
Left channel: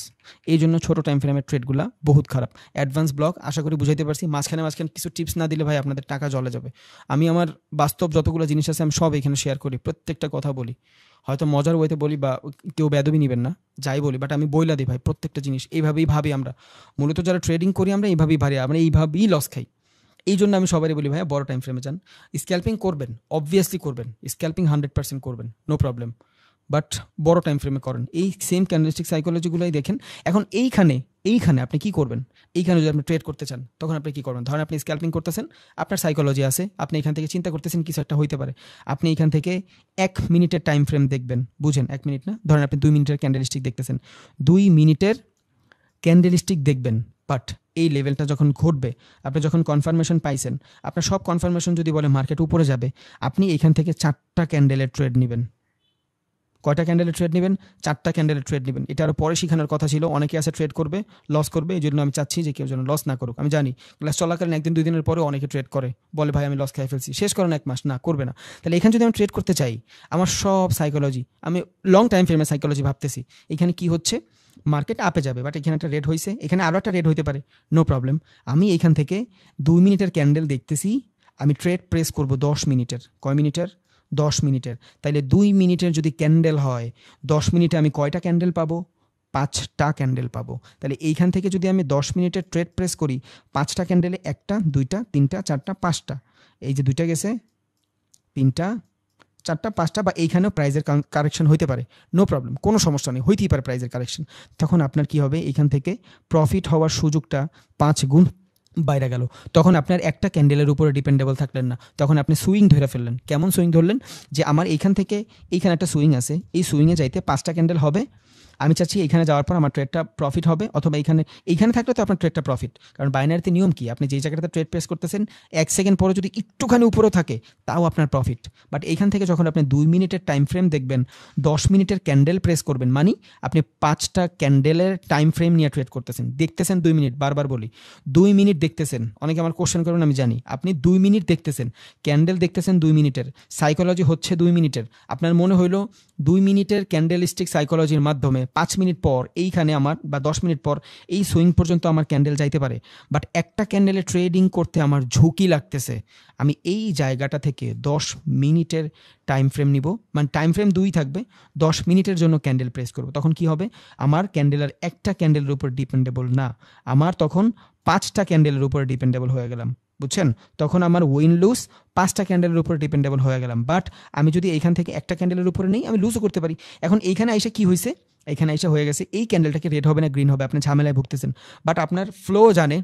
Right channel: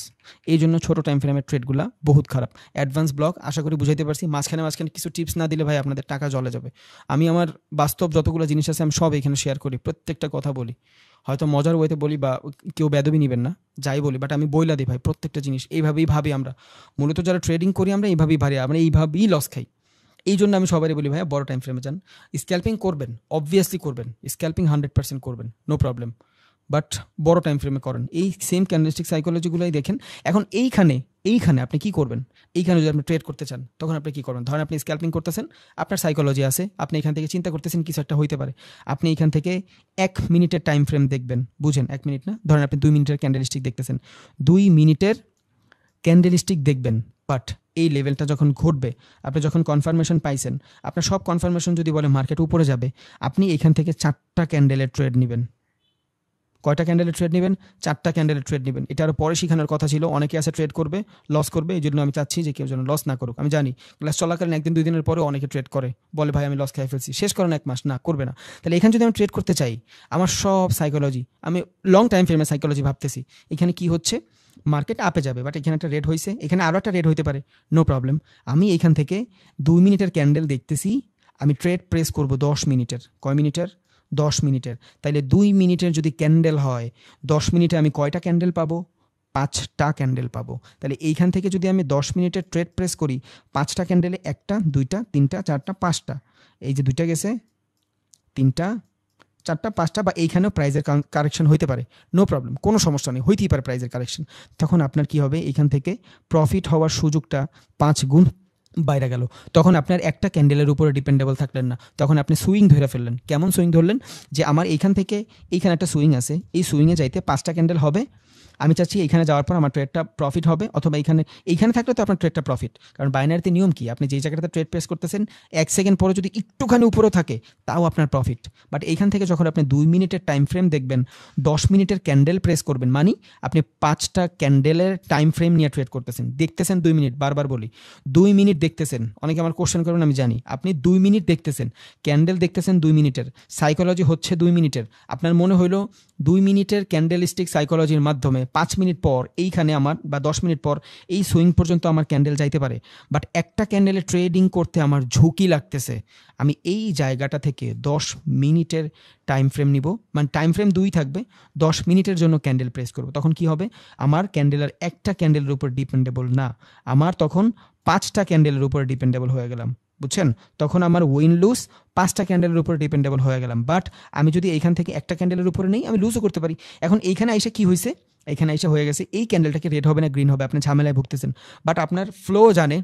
এই জন্য ছোটো টাইম ফ্রেমের ট্রেডগুলো বহুত খারাপ। অ্যাডভান্স ব্লক আশা করি বুঝাইতে পারছি, মাঝখানে কিছু টিপস না দিলে ভাই আপনাদের টাকা জলে যাবে। আমি আমার বাস্তব যতগুলো জিনিস আছে আমি সব এখানে শেয়ার করি, প্রত্যেকটা কথা বলি, হয়তো মজার ওয়েতে বলি বা কেউ বেদবি নিবেন না যাই বলি, বাট আমি বইলা দিই ভাই প্রত্যেকটা জিনিস, এইভাবেই ভাবি আমরা, মূলত যারা ট্রেডিং করি আমরা এইভাবেই ভারি, আমরা এইভাবেই লস খাই। এই জন্য আমি সবারই বলি ভাই বড় টাইম ফ্রেমে যান, স্ক্যাল্পিং করবেন অবভিয়াসলি করবেন, স্ক্যাল্পিং 100% করবেন নো প্রবলেম, বাট বড় টাইম ফ্রেমে করেন, এই সেম ক্যান্ডেলস্টিক সাইকোলজিগুলোই দেখেন। এখন এইখানে আপনি কি করবেন, এইখানে যদি আপনি ট্রেড করতে চান তখন আপনি কি করবেন, ধরেন আপনি স্ক্যাল্পিং করতেছেন, আপনার সাইকোলজি আছে, আপনি এখান থেকে চিন্তা করতেছেন কিছু একটা হইতে পারে, আপনি এখান থেকে 1 মিনিটের টাইম ফ্রেম দেখবেন, বুঝেন 1 মিনিট না, ধরেন আপনি 2 মিনিটের ক্যান্ডেলস্টিক দেখতেছেন, 2 মিনিটের ক্যান্ডেলস্টিক দেখবেন, বাট এই লেভেলটা যখন ঘটবে, আপনি যখন কনফার্মেশন পাইছেন, আপনার সব কনফার্মেশন যদি বলে মার্কেট উপরে যাবে, আপনি এখান থেকে 4টা ক্যান্ডেলের ট্রেড নেবেন, কয়টা ক্যান্ডেলের ট্রেড নেবেন? 4টা ক্যান্ডেলের ট্রেড নেবেন। এটা আরো পরে শেখানোর কথা ছিল, অনেকে আছে ট্রেড করবে লস করবে, এই জন্য আমি চাচ্ছি যে কেউ যেন লস না করুক। আমি জানি ক্লাস চলাকালীন 1 দিন 2 দিনের পরে অনেকে ট্রেড করে, বলে ভাই আমি লস খেয়ে ফেলছি, শেষ করেন 1 মাস, না করবে না। তাহলে এখানে যদি আমি ট্রেড করতে চাই, আমার সব সাইকোলজি, আমি লং টাইম ফ্রেমের সাইকোলজি ভাবতেছি, এখানে কি হচ্ছে, মার্কেট আপে যাবে, বাট এখানে একটা রেড হয়েছে, এখানে আরো একটা রেড হইতে পারে, নো প্রবলেম। আমি এখান থেকে 2 মিনিটের ক্যান্ডেল দেখতেছি, আমি ট্রেড প্রেস করব 10 মিনিটের। কয় মিনিটের? 10 মিনিটের। তাইলে 2 মিনিটের যদি ক্যান্ডেল হয়, 10 মিনিটে আমি কয়টা ক্যান্ডেল পাবো? 5টা ক্যান্ডেল পাবো। তাহলে এইখান থেকে যদি আমি 10 মিনিটের ট্রেড প্রেস করি, 5টা ক্যান্ডেলে 1টা 2টা 3টা 4টা 5টা, এই যে 2টা গেছে, 3টা 4টা 5টা, বা এইখানেও প্রাইজের কারেকশন হইতে পারে, নো প্রবলেম, কোনো সমস্যা নেই, হইতেই পারে প্রাইজের কারেকশন। তখন আপনার কি হবে, এখান থেকে প্রফিট হওয়ার সুযোগটা 5 গুণ বাইরে গেল। তখন আপনার একটা ক্যান্ডেলের উপরে ডিপেন্ডেবল থাকলেন না, তখন আপনি সুইং ধরে ফেললেন। কেমন সুইং ধরলেন? যে আমার এইখান থেকে এইখানে একটা সুইং আছে, এই সুইংয়ে যাইতে 5টা ক্যান্ডেল হবে, আমি চাচ্ছি এখানে যাওয়ার পর আমার ট্রেডটা প্রফিট হবে, অথবা এইখানে থাকলে তো আপনার ট্রেডটা প্রফিট। কারণ বাইনারিতে নিয়ম কি, আপনি যে জায়গাটাতে ট্রেড প্রেস করতেছেন 1 সেকেন্ড পরে যদি একটুখানি উপরে থাকে তাও আপনার প্রফিট। বাট এইখান থেকে যখন আপনি 2 মিনিটের টাইম ফ্রেম দেখবেন, 10 মিনিটের ক্যান্ডেল প্রেস করবেন, মানে আপনি 5টা ক্যান্ডেলের টাইম ফ্রেম নিয়ে ট্রেড করতেছেন, দেখতেছেন 2 মিনিট, বারবার বলি 2 মিনিট দেখতেছেন। অনেকে আবার কোশ্চেন করেন, আমি জানি, আপনি 2 মিনিট দেখতেছেন, ক্যান্ডেল দেখতেছেন 2 মিনিটের, সাইকোলজি হচ্ছে 2 মিনিটের। আপনার মনে হইলো 2 মিনিটের ক্যান্ডেলিস্টিক সাইকোলজির মাধ্যমে 5 মিনিট পর এইখানে আমার, বা 10 মিনিট পর এই সুইং পর্যন্ত আমার ক্যান্ডেল যাইতে পারে, বাট একটা ক্যান্ডেলে ট্রেডিং করতে আমার ঝুঁকি লাগতেছে, আমি এই জায়গাটা থেকে 10 মিনিটের টাইম ফ্রেম নিব, মানে টাইম ফ্রেম 2 থাকবে, 10 মিনিটের জন্য ক্যান্ডেল প্রেস করব। তখন কি হবে, আমার ক্যান্ডেলের একটা ক্যান্ডেলের উপর ডিপেন্ডেবল না, আমার তখন 5টা ক্যান্ডেলের উপর ডিপেন্ডেবল হয়ে গেলাম, বুঝছেন? তখন আমার উইন লুজ 5টা ক্যান্ডেলের উপর ডিপেন্ডেবল হয়ে গেলাম। বাট আমি যদি এইখান থেকে একটা ক্যান্ডেলের উপরে নেই, আমি লুজও করতে পারি। এখন এইখানে এসে কি হয়েছে, এখানে এসে হয়ে গেছে এই ক্যান্ডেলটাকে রেড হবে না গ্রিন হবে, আপনি ঝামেলায় ভুগতেছেন। বাট আপনার ফ্লো জানে,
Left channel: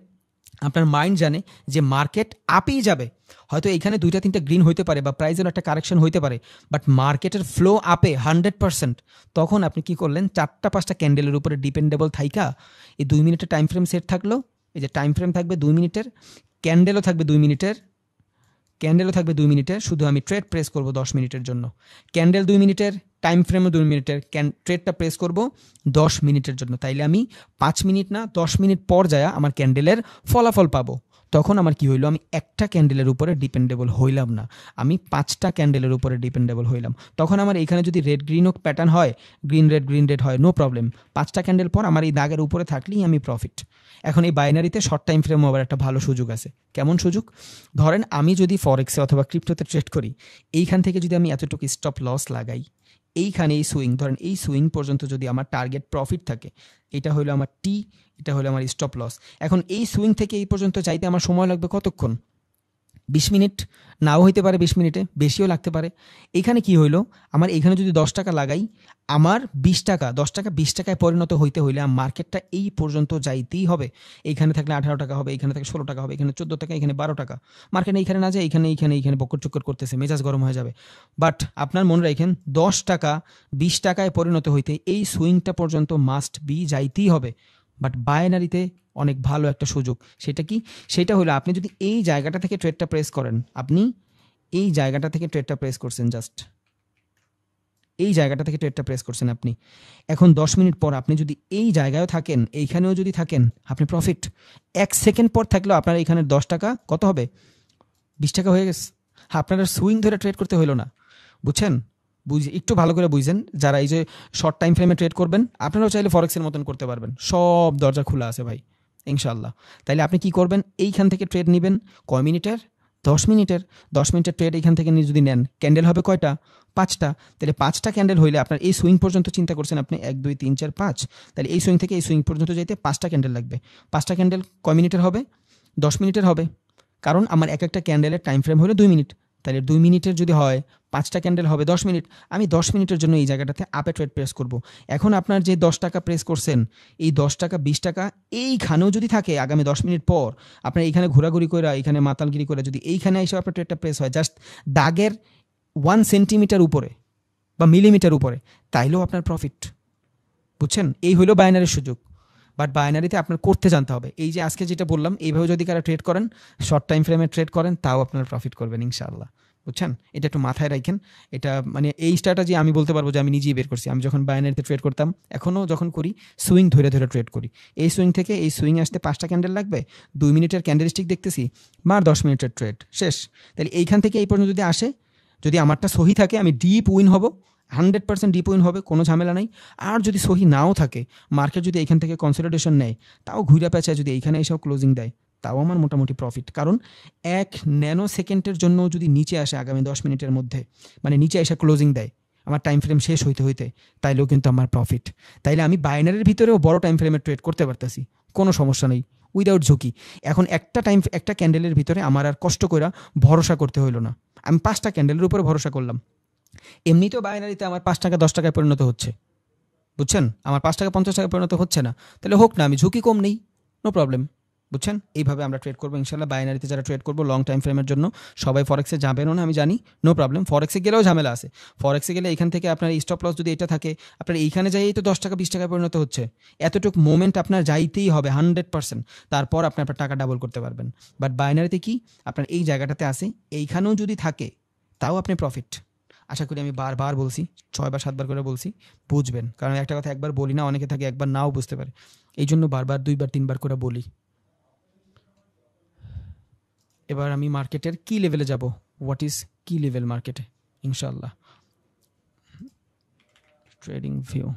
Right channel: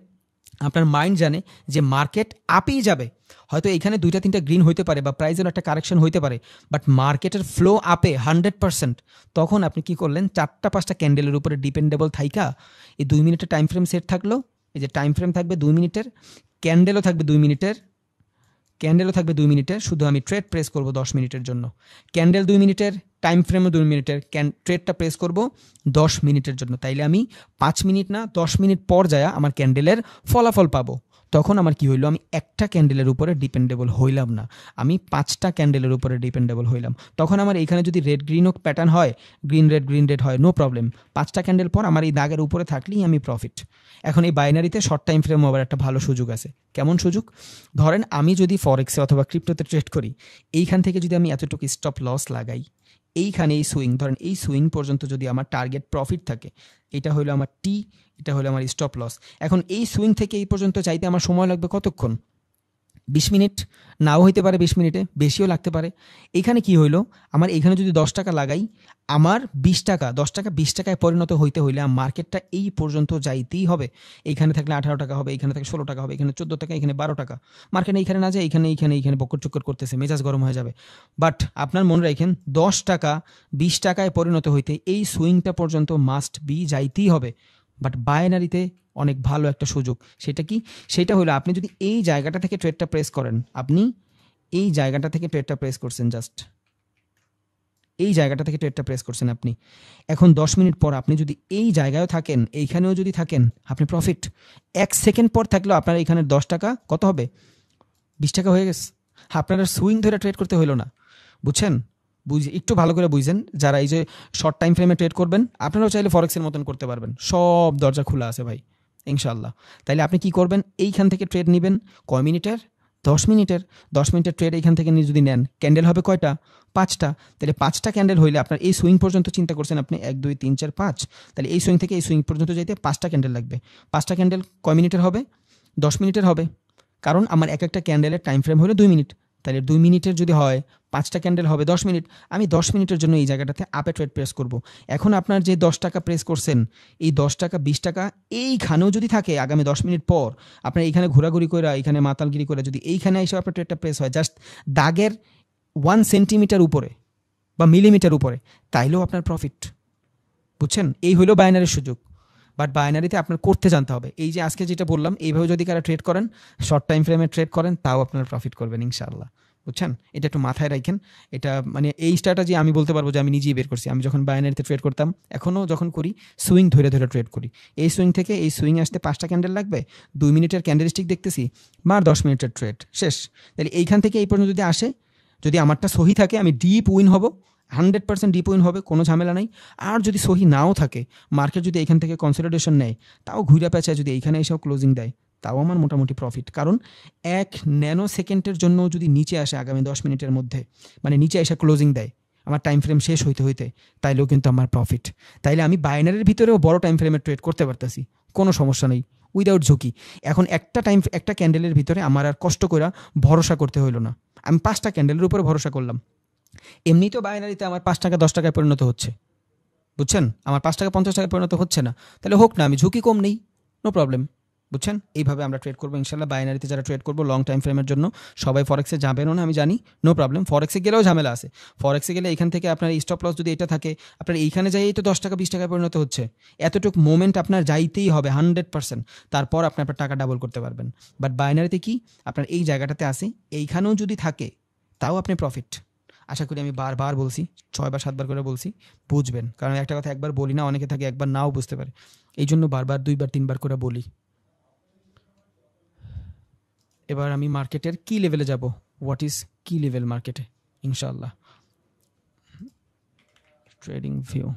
আপনার মাইন্ড জানে যে মার্কেট আপেই যাবে, হয়তো এখানে 2টা 3টা গ্রিন হইতে পারে বা প্রাইজের একটা কারেকশন হইতে পারে, বাট মার্কেটের ফ্লো আপে 100%। তখন আপনি কি করলেন, 4টা 5টা ক্যান্ডেলের উপরে ডিপেন্ডেবল থাইকা এই 2 মিনিটের টাইম ফ্রেম সেট থাকলো, এই যে টাইম ফ্রেম থাকবে 2 মিনিটের, ক্যান্ডেলও থাকবে 2 মিনিটের, ক্যান্ডেলও থাকবে 2 মিনিটের, শুধু আমি ট্রেড প্রেস করব 10 মিনিটের জন্য। ক্যান্ডেল 2 মিনিটের, টাইম ফ্রেমও 2 মিনিটের, ট্রেডটা প্রেস করব 10 মিনিটের জন্য। তাইলে আমি 5 মিনিট না 10 মিনিট পর যায় আমার ক্যান্ডেলের ফলাফল পাবো। তখন আমার কি হইলো, আমি একটা ক্যান্ডেলের উপরে ডিপেন্ডেবল হইলাম না, আমি 5টা ক্যান্ডেলের উপরে ডিপেন্ডেবল হইলাম। তখন আমার এখানে যদি রেড গ্রিনও প্যাটার্ন হয়, গ্রিন রেড হয়, নো প্রবলেম, 5টা ক্যান্ডেল পর আমার এই দাগের উপরে থাকলেই আমি প্রফিট। এখন এই বাইনারিতে শর্ট টাইম ফ্রেমও আবার একটা ভালো সুযোগ আছে। কেমন সুযোগ? ধরেন আমি যদি ফরেক্সে অথবা ক্রিপ্টোতে ট্রেড করি, এইখান থেকে যদি আমি এতটুকু স্টপ লস লাগাই, এইখানে এই সুইং, ধরেন এই সুইং পর্যন্ত যদি আমার টার্গেট প্রফিট থাকে, এটা হলো আমার টি, এটা হলো আমার স্টপ লস। এখন এই সুইং থেকে এই পর্যন্ত চাইতে আমার সময় লাগবে কতক্ষণ? 20 মিনিট, নাও হইতে পারে 20 মিনিটে, বেশিও লাগতে পারে। এখানে কি হইলো, আমার এখানে যদি 10 টাকা লাগাই, আমার 20 টাকা, 10 টাকা 20 টাকায় পরিণত হইতে হইলে মার্কেটটা এই পর্যন্ত যাইতেই হবে। এইখানে থাকলে 18 টাকা হবে, এখানে থাকলে 16 টাকা হবে, এখানে 14 টাকা, এখানে 12 টাকা। মার্কেট এইখানে না যায়, এইখানে বকর চক্কর করতেছে, মেজাজ গরম হয়ে যাবে। বাট আপনার মনে রাখেন, 10 টাকা 20 টাকায় পরিণত হইতে এই সুইংটা পর্যন্ত মাস্ট বি যাইতেই হবে। বাট বাইনারিতে অনেক ভালো একটা সুযোগ, সেটা কি? সেটা হলো আপনি যদি এই জায়গাটা থেকে ট্রেডটা প্রেস করেন, আপনি এই জায়গাটা থেকে ট্রেডটা প্রেস করছেন, জাস্ট এই জায়গাটা থেকে ট্রেডটা প্রেস করছেন আপনি। এখন 10 মিনিট পর আপনি যদি এই জায়গায় থাকেন, এইখানেও যদি থাকেন, আপনি প্রফিট। 1 সেকেন্ড পর থাকলেও আপনার এখানে 10 টাকা কত হবে? 20 টাকা হয়ে গেছে। আপনার সুইং ধরে ট্রেড করতে হলো না, বুঝছেন? একটু ভালো করে বুঝছেন, যারা এই যে শর্ট টাইম ফ্রেমে ট্রেড করবেন, আপনারাও চাইলে ফরেক্সের মতন করতে পারবেন, সব দরজা খোলা আছে ভাই, ইনশাল্লাহ। তাইলে আপনি কি করবেন, এইখান থেকে ট্রেড নেবেন কয় মিনিটের? 10 মিনিটের। 10 মিনিটের ট্রেড এইখান থেকে যদি নেন, ক্যান্ডেল হবে কয়টা? 5টা। তাহলে 5টা ক্যান্ডেল হইলে আপনার এই সুইং পর্যন্ত চিন্তা করছেন আপনি 1 2 3 4 5, তাহলে এই সুইং থেকে এই সুইং পর্যন্ত যেতে 5টা ক্যান্ডেল লাগবে। 5টা ক্যান্ডেল কয় মিনিটের হবে? 10 মিনিটের হবে, কারণ আমার একটা ক্যান্ডেলের টাইম ফ্রেম হলো 2 মিনিট। তাহলে 2 মিনিটের যদি হয়, 5টা ক্যান্ডেল হবে 10 মিনিট। আমি 10 মিনিটের জন্য এই জায়গাটাতে আপে ট্রেড প্রেস করব। এখন আপনার যে 10 টাকা প্রেস করছেন, এই 10 টাকা 20 টাকা এইখানেও যদি থাকে আগামী 10 মিনিট পর, আপনার এইখানে ঘোরাঘুরি করে, এখানে মাতালগিরি করে যদি এইখানে এসে আপনার ট্রেডটা প্রেস হয় জাস্ট দাগের 1 সেন্টিমিটার উপরে বা মিলিমিটার উপরে, তাইলেও আপনার প্রফিট, বুঝছেন? এই হলো বাইনারির সুযোগ। বাট বাইনারিতে আপনার করতে জানতে হবে। এই যে আজকে যেটা বললাম, এইভাবে যদি কারা ট্রেড করেন, শর্ট টাইম ফ্রেমে ট্রেড করেন, তাও আপনারা প্রফিট করবেন ইনশাআল্লাহ। বুঝছেন? এটা একটু মাথায় রাখেন। এটা মানে এই স্ট্র্যাটেজি আমি বলতে পারবো যে আমি নিজেই বের করছি। আমি যখন বাইনারিতে ট্রেড করতাম, এখনও যখন করি, সুইং ধরে ধরে ট্রেড করি। এই সুইং থেকে এই সুইং আসতে 5টা ক্যান্ডেল লাগবে, 2 মিনিটের ক্যান্ডেলস্টিক দেখতেছি, মার 10 মিনিটের ট্রেড শেষ। তাহলে এইখান থেকে এই পর্যন্ত যদি আসে, যদি আমারটা সহি থাকে, আমি ডিপ উইন হব, 100% ডিপ উইন হবে, কোনো ঝামেলা নাই। আর যদি সহি নাও থাকে, মার্কেট যদি এখান থেকে কনসলিডেশন নেয়, তাও ঘুরে পেঁচায় যদি এইখানে এসেও ক্লোজিং দেয়, তাও আমার মোটামুটি প্রফিট। কারণ 1 ন্যানো সেকেন্ডের জন্য যদি নিচে আসে আগামী 10 মিনিটের মধ্যে, মানে নিচে এসে ক্লোজিং দেয় আমার টাইম ফ্রেম শেষ হইতে হইতে, তাইলেও কিন্তু আমার প্রফিট। তাইলে আমি বাইনারির ভিতরেও বড় টাইম ফ্রেমে ট্রেড করতে পারতাছি, কোনো সমস্যা নেই, উইদাউট ঝুঁকি। এখন একটা ক্যান্ডেলের ভিতরে আমার আর কষ্ট করে ভরসা করতে হইল না, আমি 5টা ক্যান্ডেলের উপরে ভরসা করলাম। এমনিতেও বাইনারিতে আমার 5 টাকা 10 টাকায় পরিণত হচ্ছে, বুঝছেন? আমার 5 টাকা 50 টাকায় পরিণত হচ্ছে না, তাহলে হোক না, আমি ঝুঁকি কম নেই, নো প্রবলেম, বুঝছেন? এইভাবে আমরা ট্রেড করবো ইনশাল্লাহ। বাইনারিতে যারা ট্রেড করবো লং টাইম ফ্রেমের জন্য, সবাই ফরেক্সে যাবেনও না আমি জানি, নো প্রবলেম। ফরেক্সে গেলেও ঝামেলা আছে। ফরেক্সে গেলে এখান থেকে আপনার স্টপ লস যদি এটা থাকে, আপনার এইখানে যাই তো 10 টাকা 20 টাকায় পরিণত হচ্ছে, এতটুকু মোমেন্ট আপনার যাইতেই হবে 100%, তারপর আপনি আপনার টাকা ডাবল করতে পারবেন। বাট বাইনারিতে কি আপনার এই জায়গাটাতে আসে, এইখানেও যদি থাকে, তাও আপনি প্রফিট। আশা করি আমি বারবার বলছি, 6 বা 7 বার করে বলছি, বুঝবেন। কারণ একটা কথা একবার বলি না, অনেকে থাকে একবার নাও বুঝতে পারে, এই জন্য বারবার 2 বার 3 বার করে বলি। এবার আমি মার্কেটের কি লেভেলে যাব, হোয়াট ইজ কি লেভেল মার্কেটে, ইনশাল্লাহ। ট্রেডিং ভিউ,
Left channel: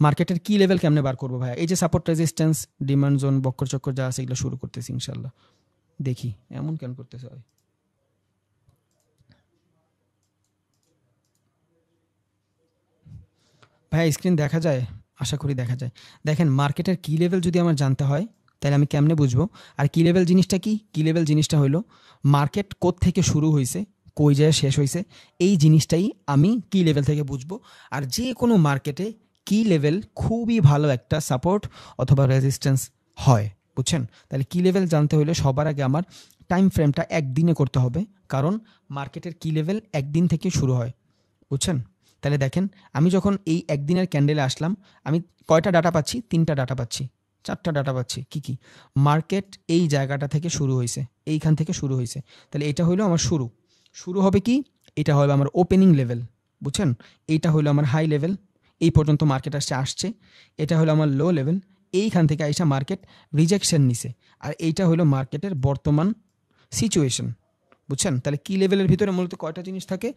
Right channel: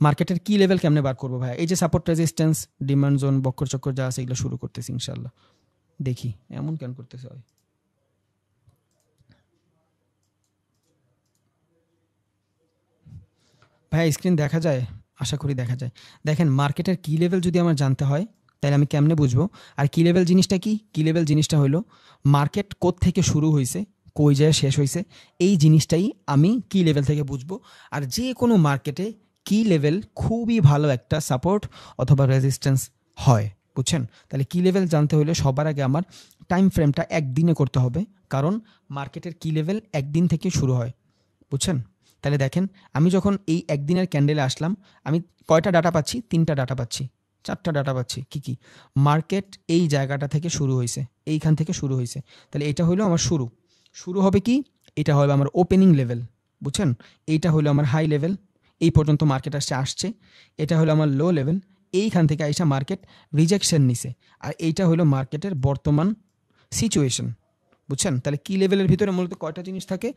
মার্কেটের কি লেভেল কেমনে বার করবো ভাই? এই যে support resistance demand zone Bakkar চক্কর যা আছে, এগুলো শুরু করতেছি ইনশাল্লাহ। দেখি এমন কেন করতেছে ভাই। ভাই স্ক্রিন দেখা যায়? আশা করি দেখা যায়। দেখেন, মার্কেটের কি লেভেল যদি আমার জানতে হয়, তাহলে আমি কেমনে বুঝবো? আর কি লেভেল জিনিসটা কি? কি লেভেল জিনিসটা হলো মার্কেট থেকে শুরু হয়েছে, কই যায় শেষ হয়েছে, এই জিনিসটাই আমি কি লেভেল থেকে বুঝবো। আর যে কোনো মার্কেটে কি লেভেল খুবই ভালো একটা সাপোর্ট অথবা রেজিস্ট্যান্স হয়, বুঝছেন? তাহলে কি লেভেল জানতে হলে সবার আগে আমার টাইম ফ্রেমটা একদিনে করতে হবে, কারণ মার্কেটের কি লেভেল একদিন থেকে শুরু হয়, বুঝছেন? তাহলে দেখেন, আমি যখন এই একদিনের ক্যান্ডেলে আসলাম, আমি কয়টা ডাটা পাচ্ছি? 3টা ডাটা পাচ্ছি, 4টা ডাটা পাচ্ছি। কি কি? মার্কেট এই জায়গাটা থেকে শুরু হয়েছে, এইখান থেকে শুরু হয়েছে, তাহলে এটা হলো আমার শুরু। শুরু হবে কি? এটা হবে আমার ওপেনিং লেভেল, বুঝছেন? এইটা হলো আমার হাই লেভেল, এই পর্যন্ত মার্কেট আসছে। এটা হলো আমার লো লেভেল, এইখান থেকে আইসা মার্কেট রিজেকশন নিছে। আর এইটা হলো মার্কেটের বর্তমান সিচুয়েশন, বুঝছেন? তাহলে কি লেভেলের ভিতরে মূলত কয়টা জিনিস থাকে?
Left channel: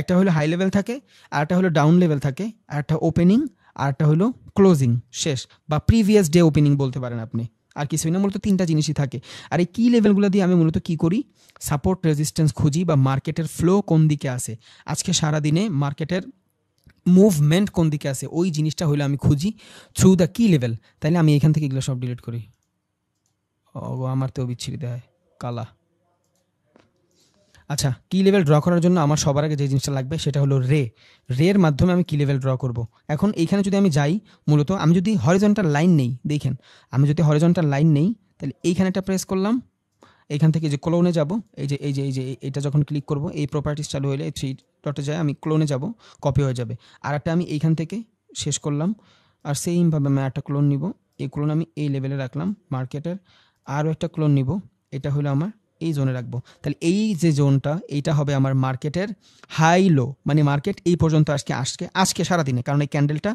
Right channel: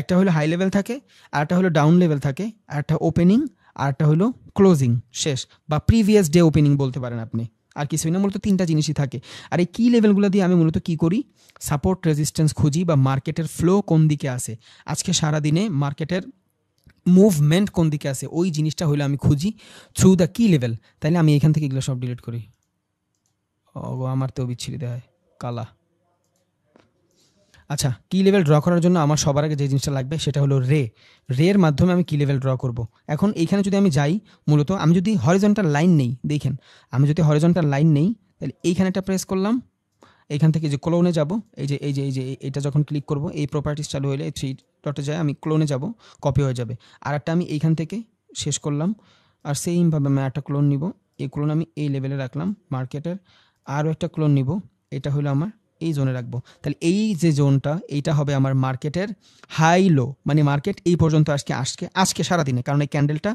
একটা হলো হাই লেভেল থাকে, আর একটা হলো ডাউন লেভেল থাকে, আর একটা ওপেনিং, আর একটা হলো ক্লোজিং শেষ, বা প্রিভিয়াস ডে ওপেনিং বলতে পারেন আপনি। আর কিছুই না, মূলত 3টা জিনিসই থাকে। আর এই কি লেভেলগুলো দিয়ে আমি মূলত কি করি? সাপোর্ট রেজিস্ট্যান্স খুঁজি, বা মার্কেটের ফ্লো কোন দিকে আছে, আজকে সারাদিনে মার্কেটের মুভমেন্ট কোন দিকে আছে, ওই জিনিসটা হলো আমি খুঁজি থ্রু দ্য কি লেভেল। তাইলে আমি এখান থেকে এগুলো সব ডিলিট করি। ও, আমার তো বিচ্ছিরি দেখায় কালা। আচ্ছা, কি লেভেল ড্র করার জন্য আমার সবার আগে যে জিনিসটা লাগবে সেটা হলো রের মাধ্যমে আমি কি লেভেল ড্র করব। এখন এইখানে যদি আমি যাই, মূলত আমি যদি হরিজন্টাল লাইন নেই, দেখেন আমি যদি হরিজন্টাল লাইন নেই, তাহলে এইখানে একটা প্রেস করলাম, এইখান থেকে যে ক্লোনে যাব, এই যে এইটা যখন ক্লিক করব, এই প্রপার্টিস চালু হলে 3 ডটে যায়, আমি ক্লোনে যাব, কপি হয়ে যাবে। আর একটা আমি এইখান থেকে শেষ করলাম, আর সেইমভাবে আমি একটা ক্লোন নিব, এই ক্লোন আমি এই লেভেলে রাখলাম মার্কেটের, আর একটা ক্লোন নিব, এটা হলো আমার এই জোনে রাখবো। তাহলে এই যে জোনটা, এইটা হবে আমার মার্কেটের হাই লো, মানে মার্কেট এই পর্যন্ত আজকে সারাদিনে, কারণ এই ক্যান্ডেলটা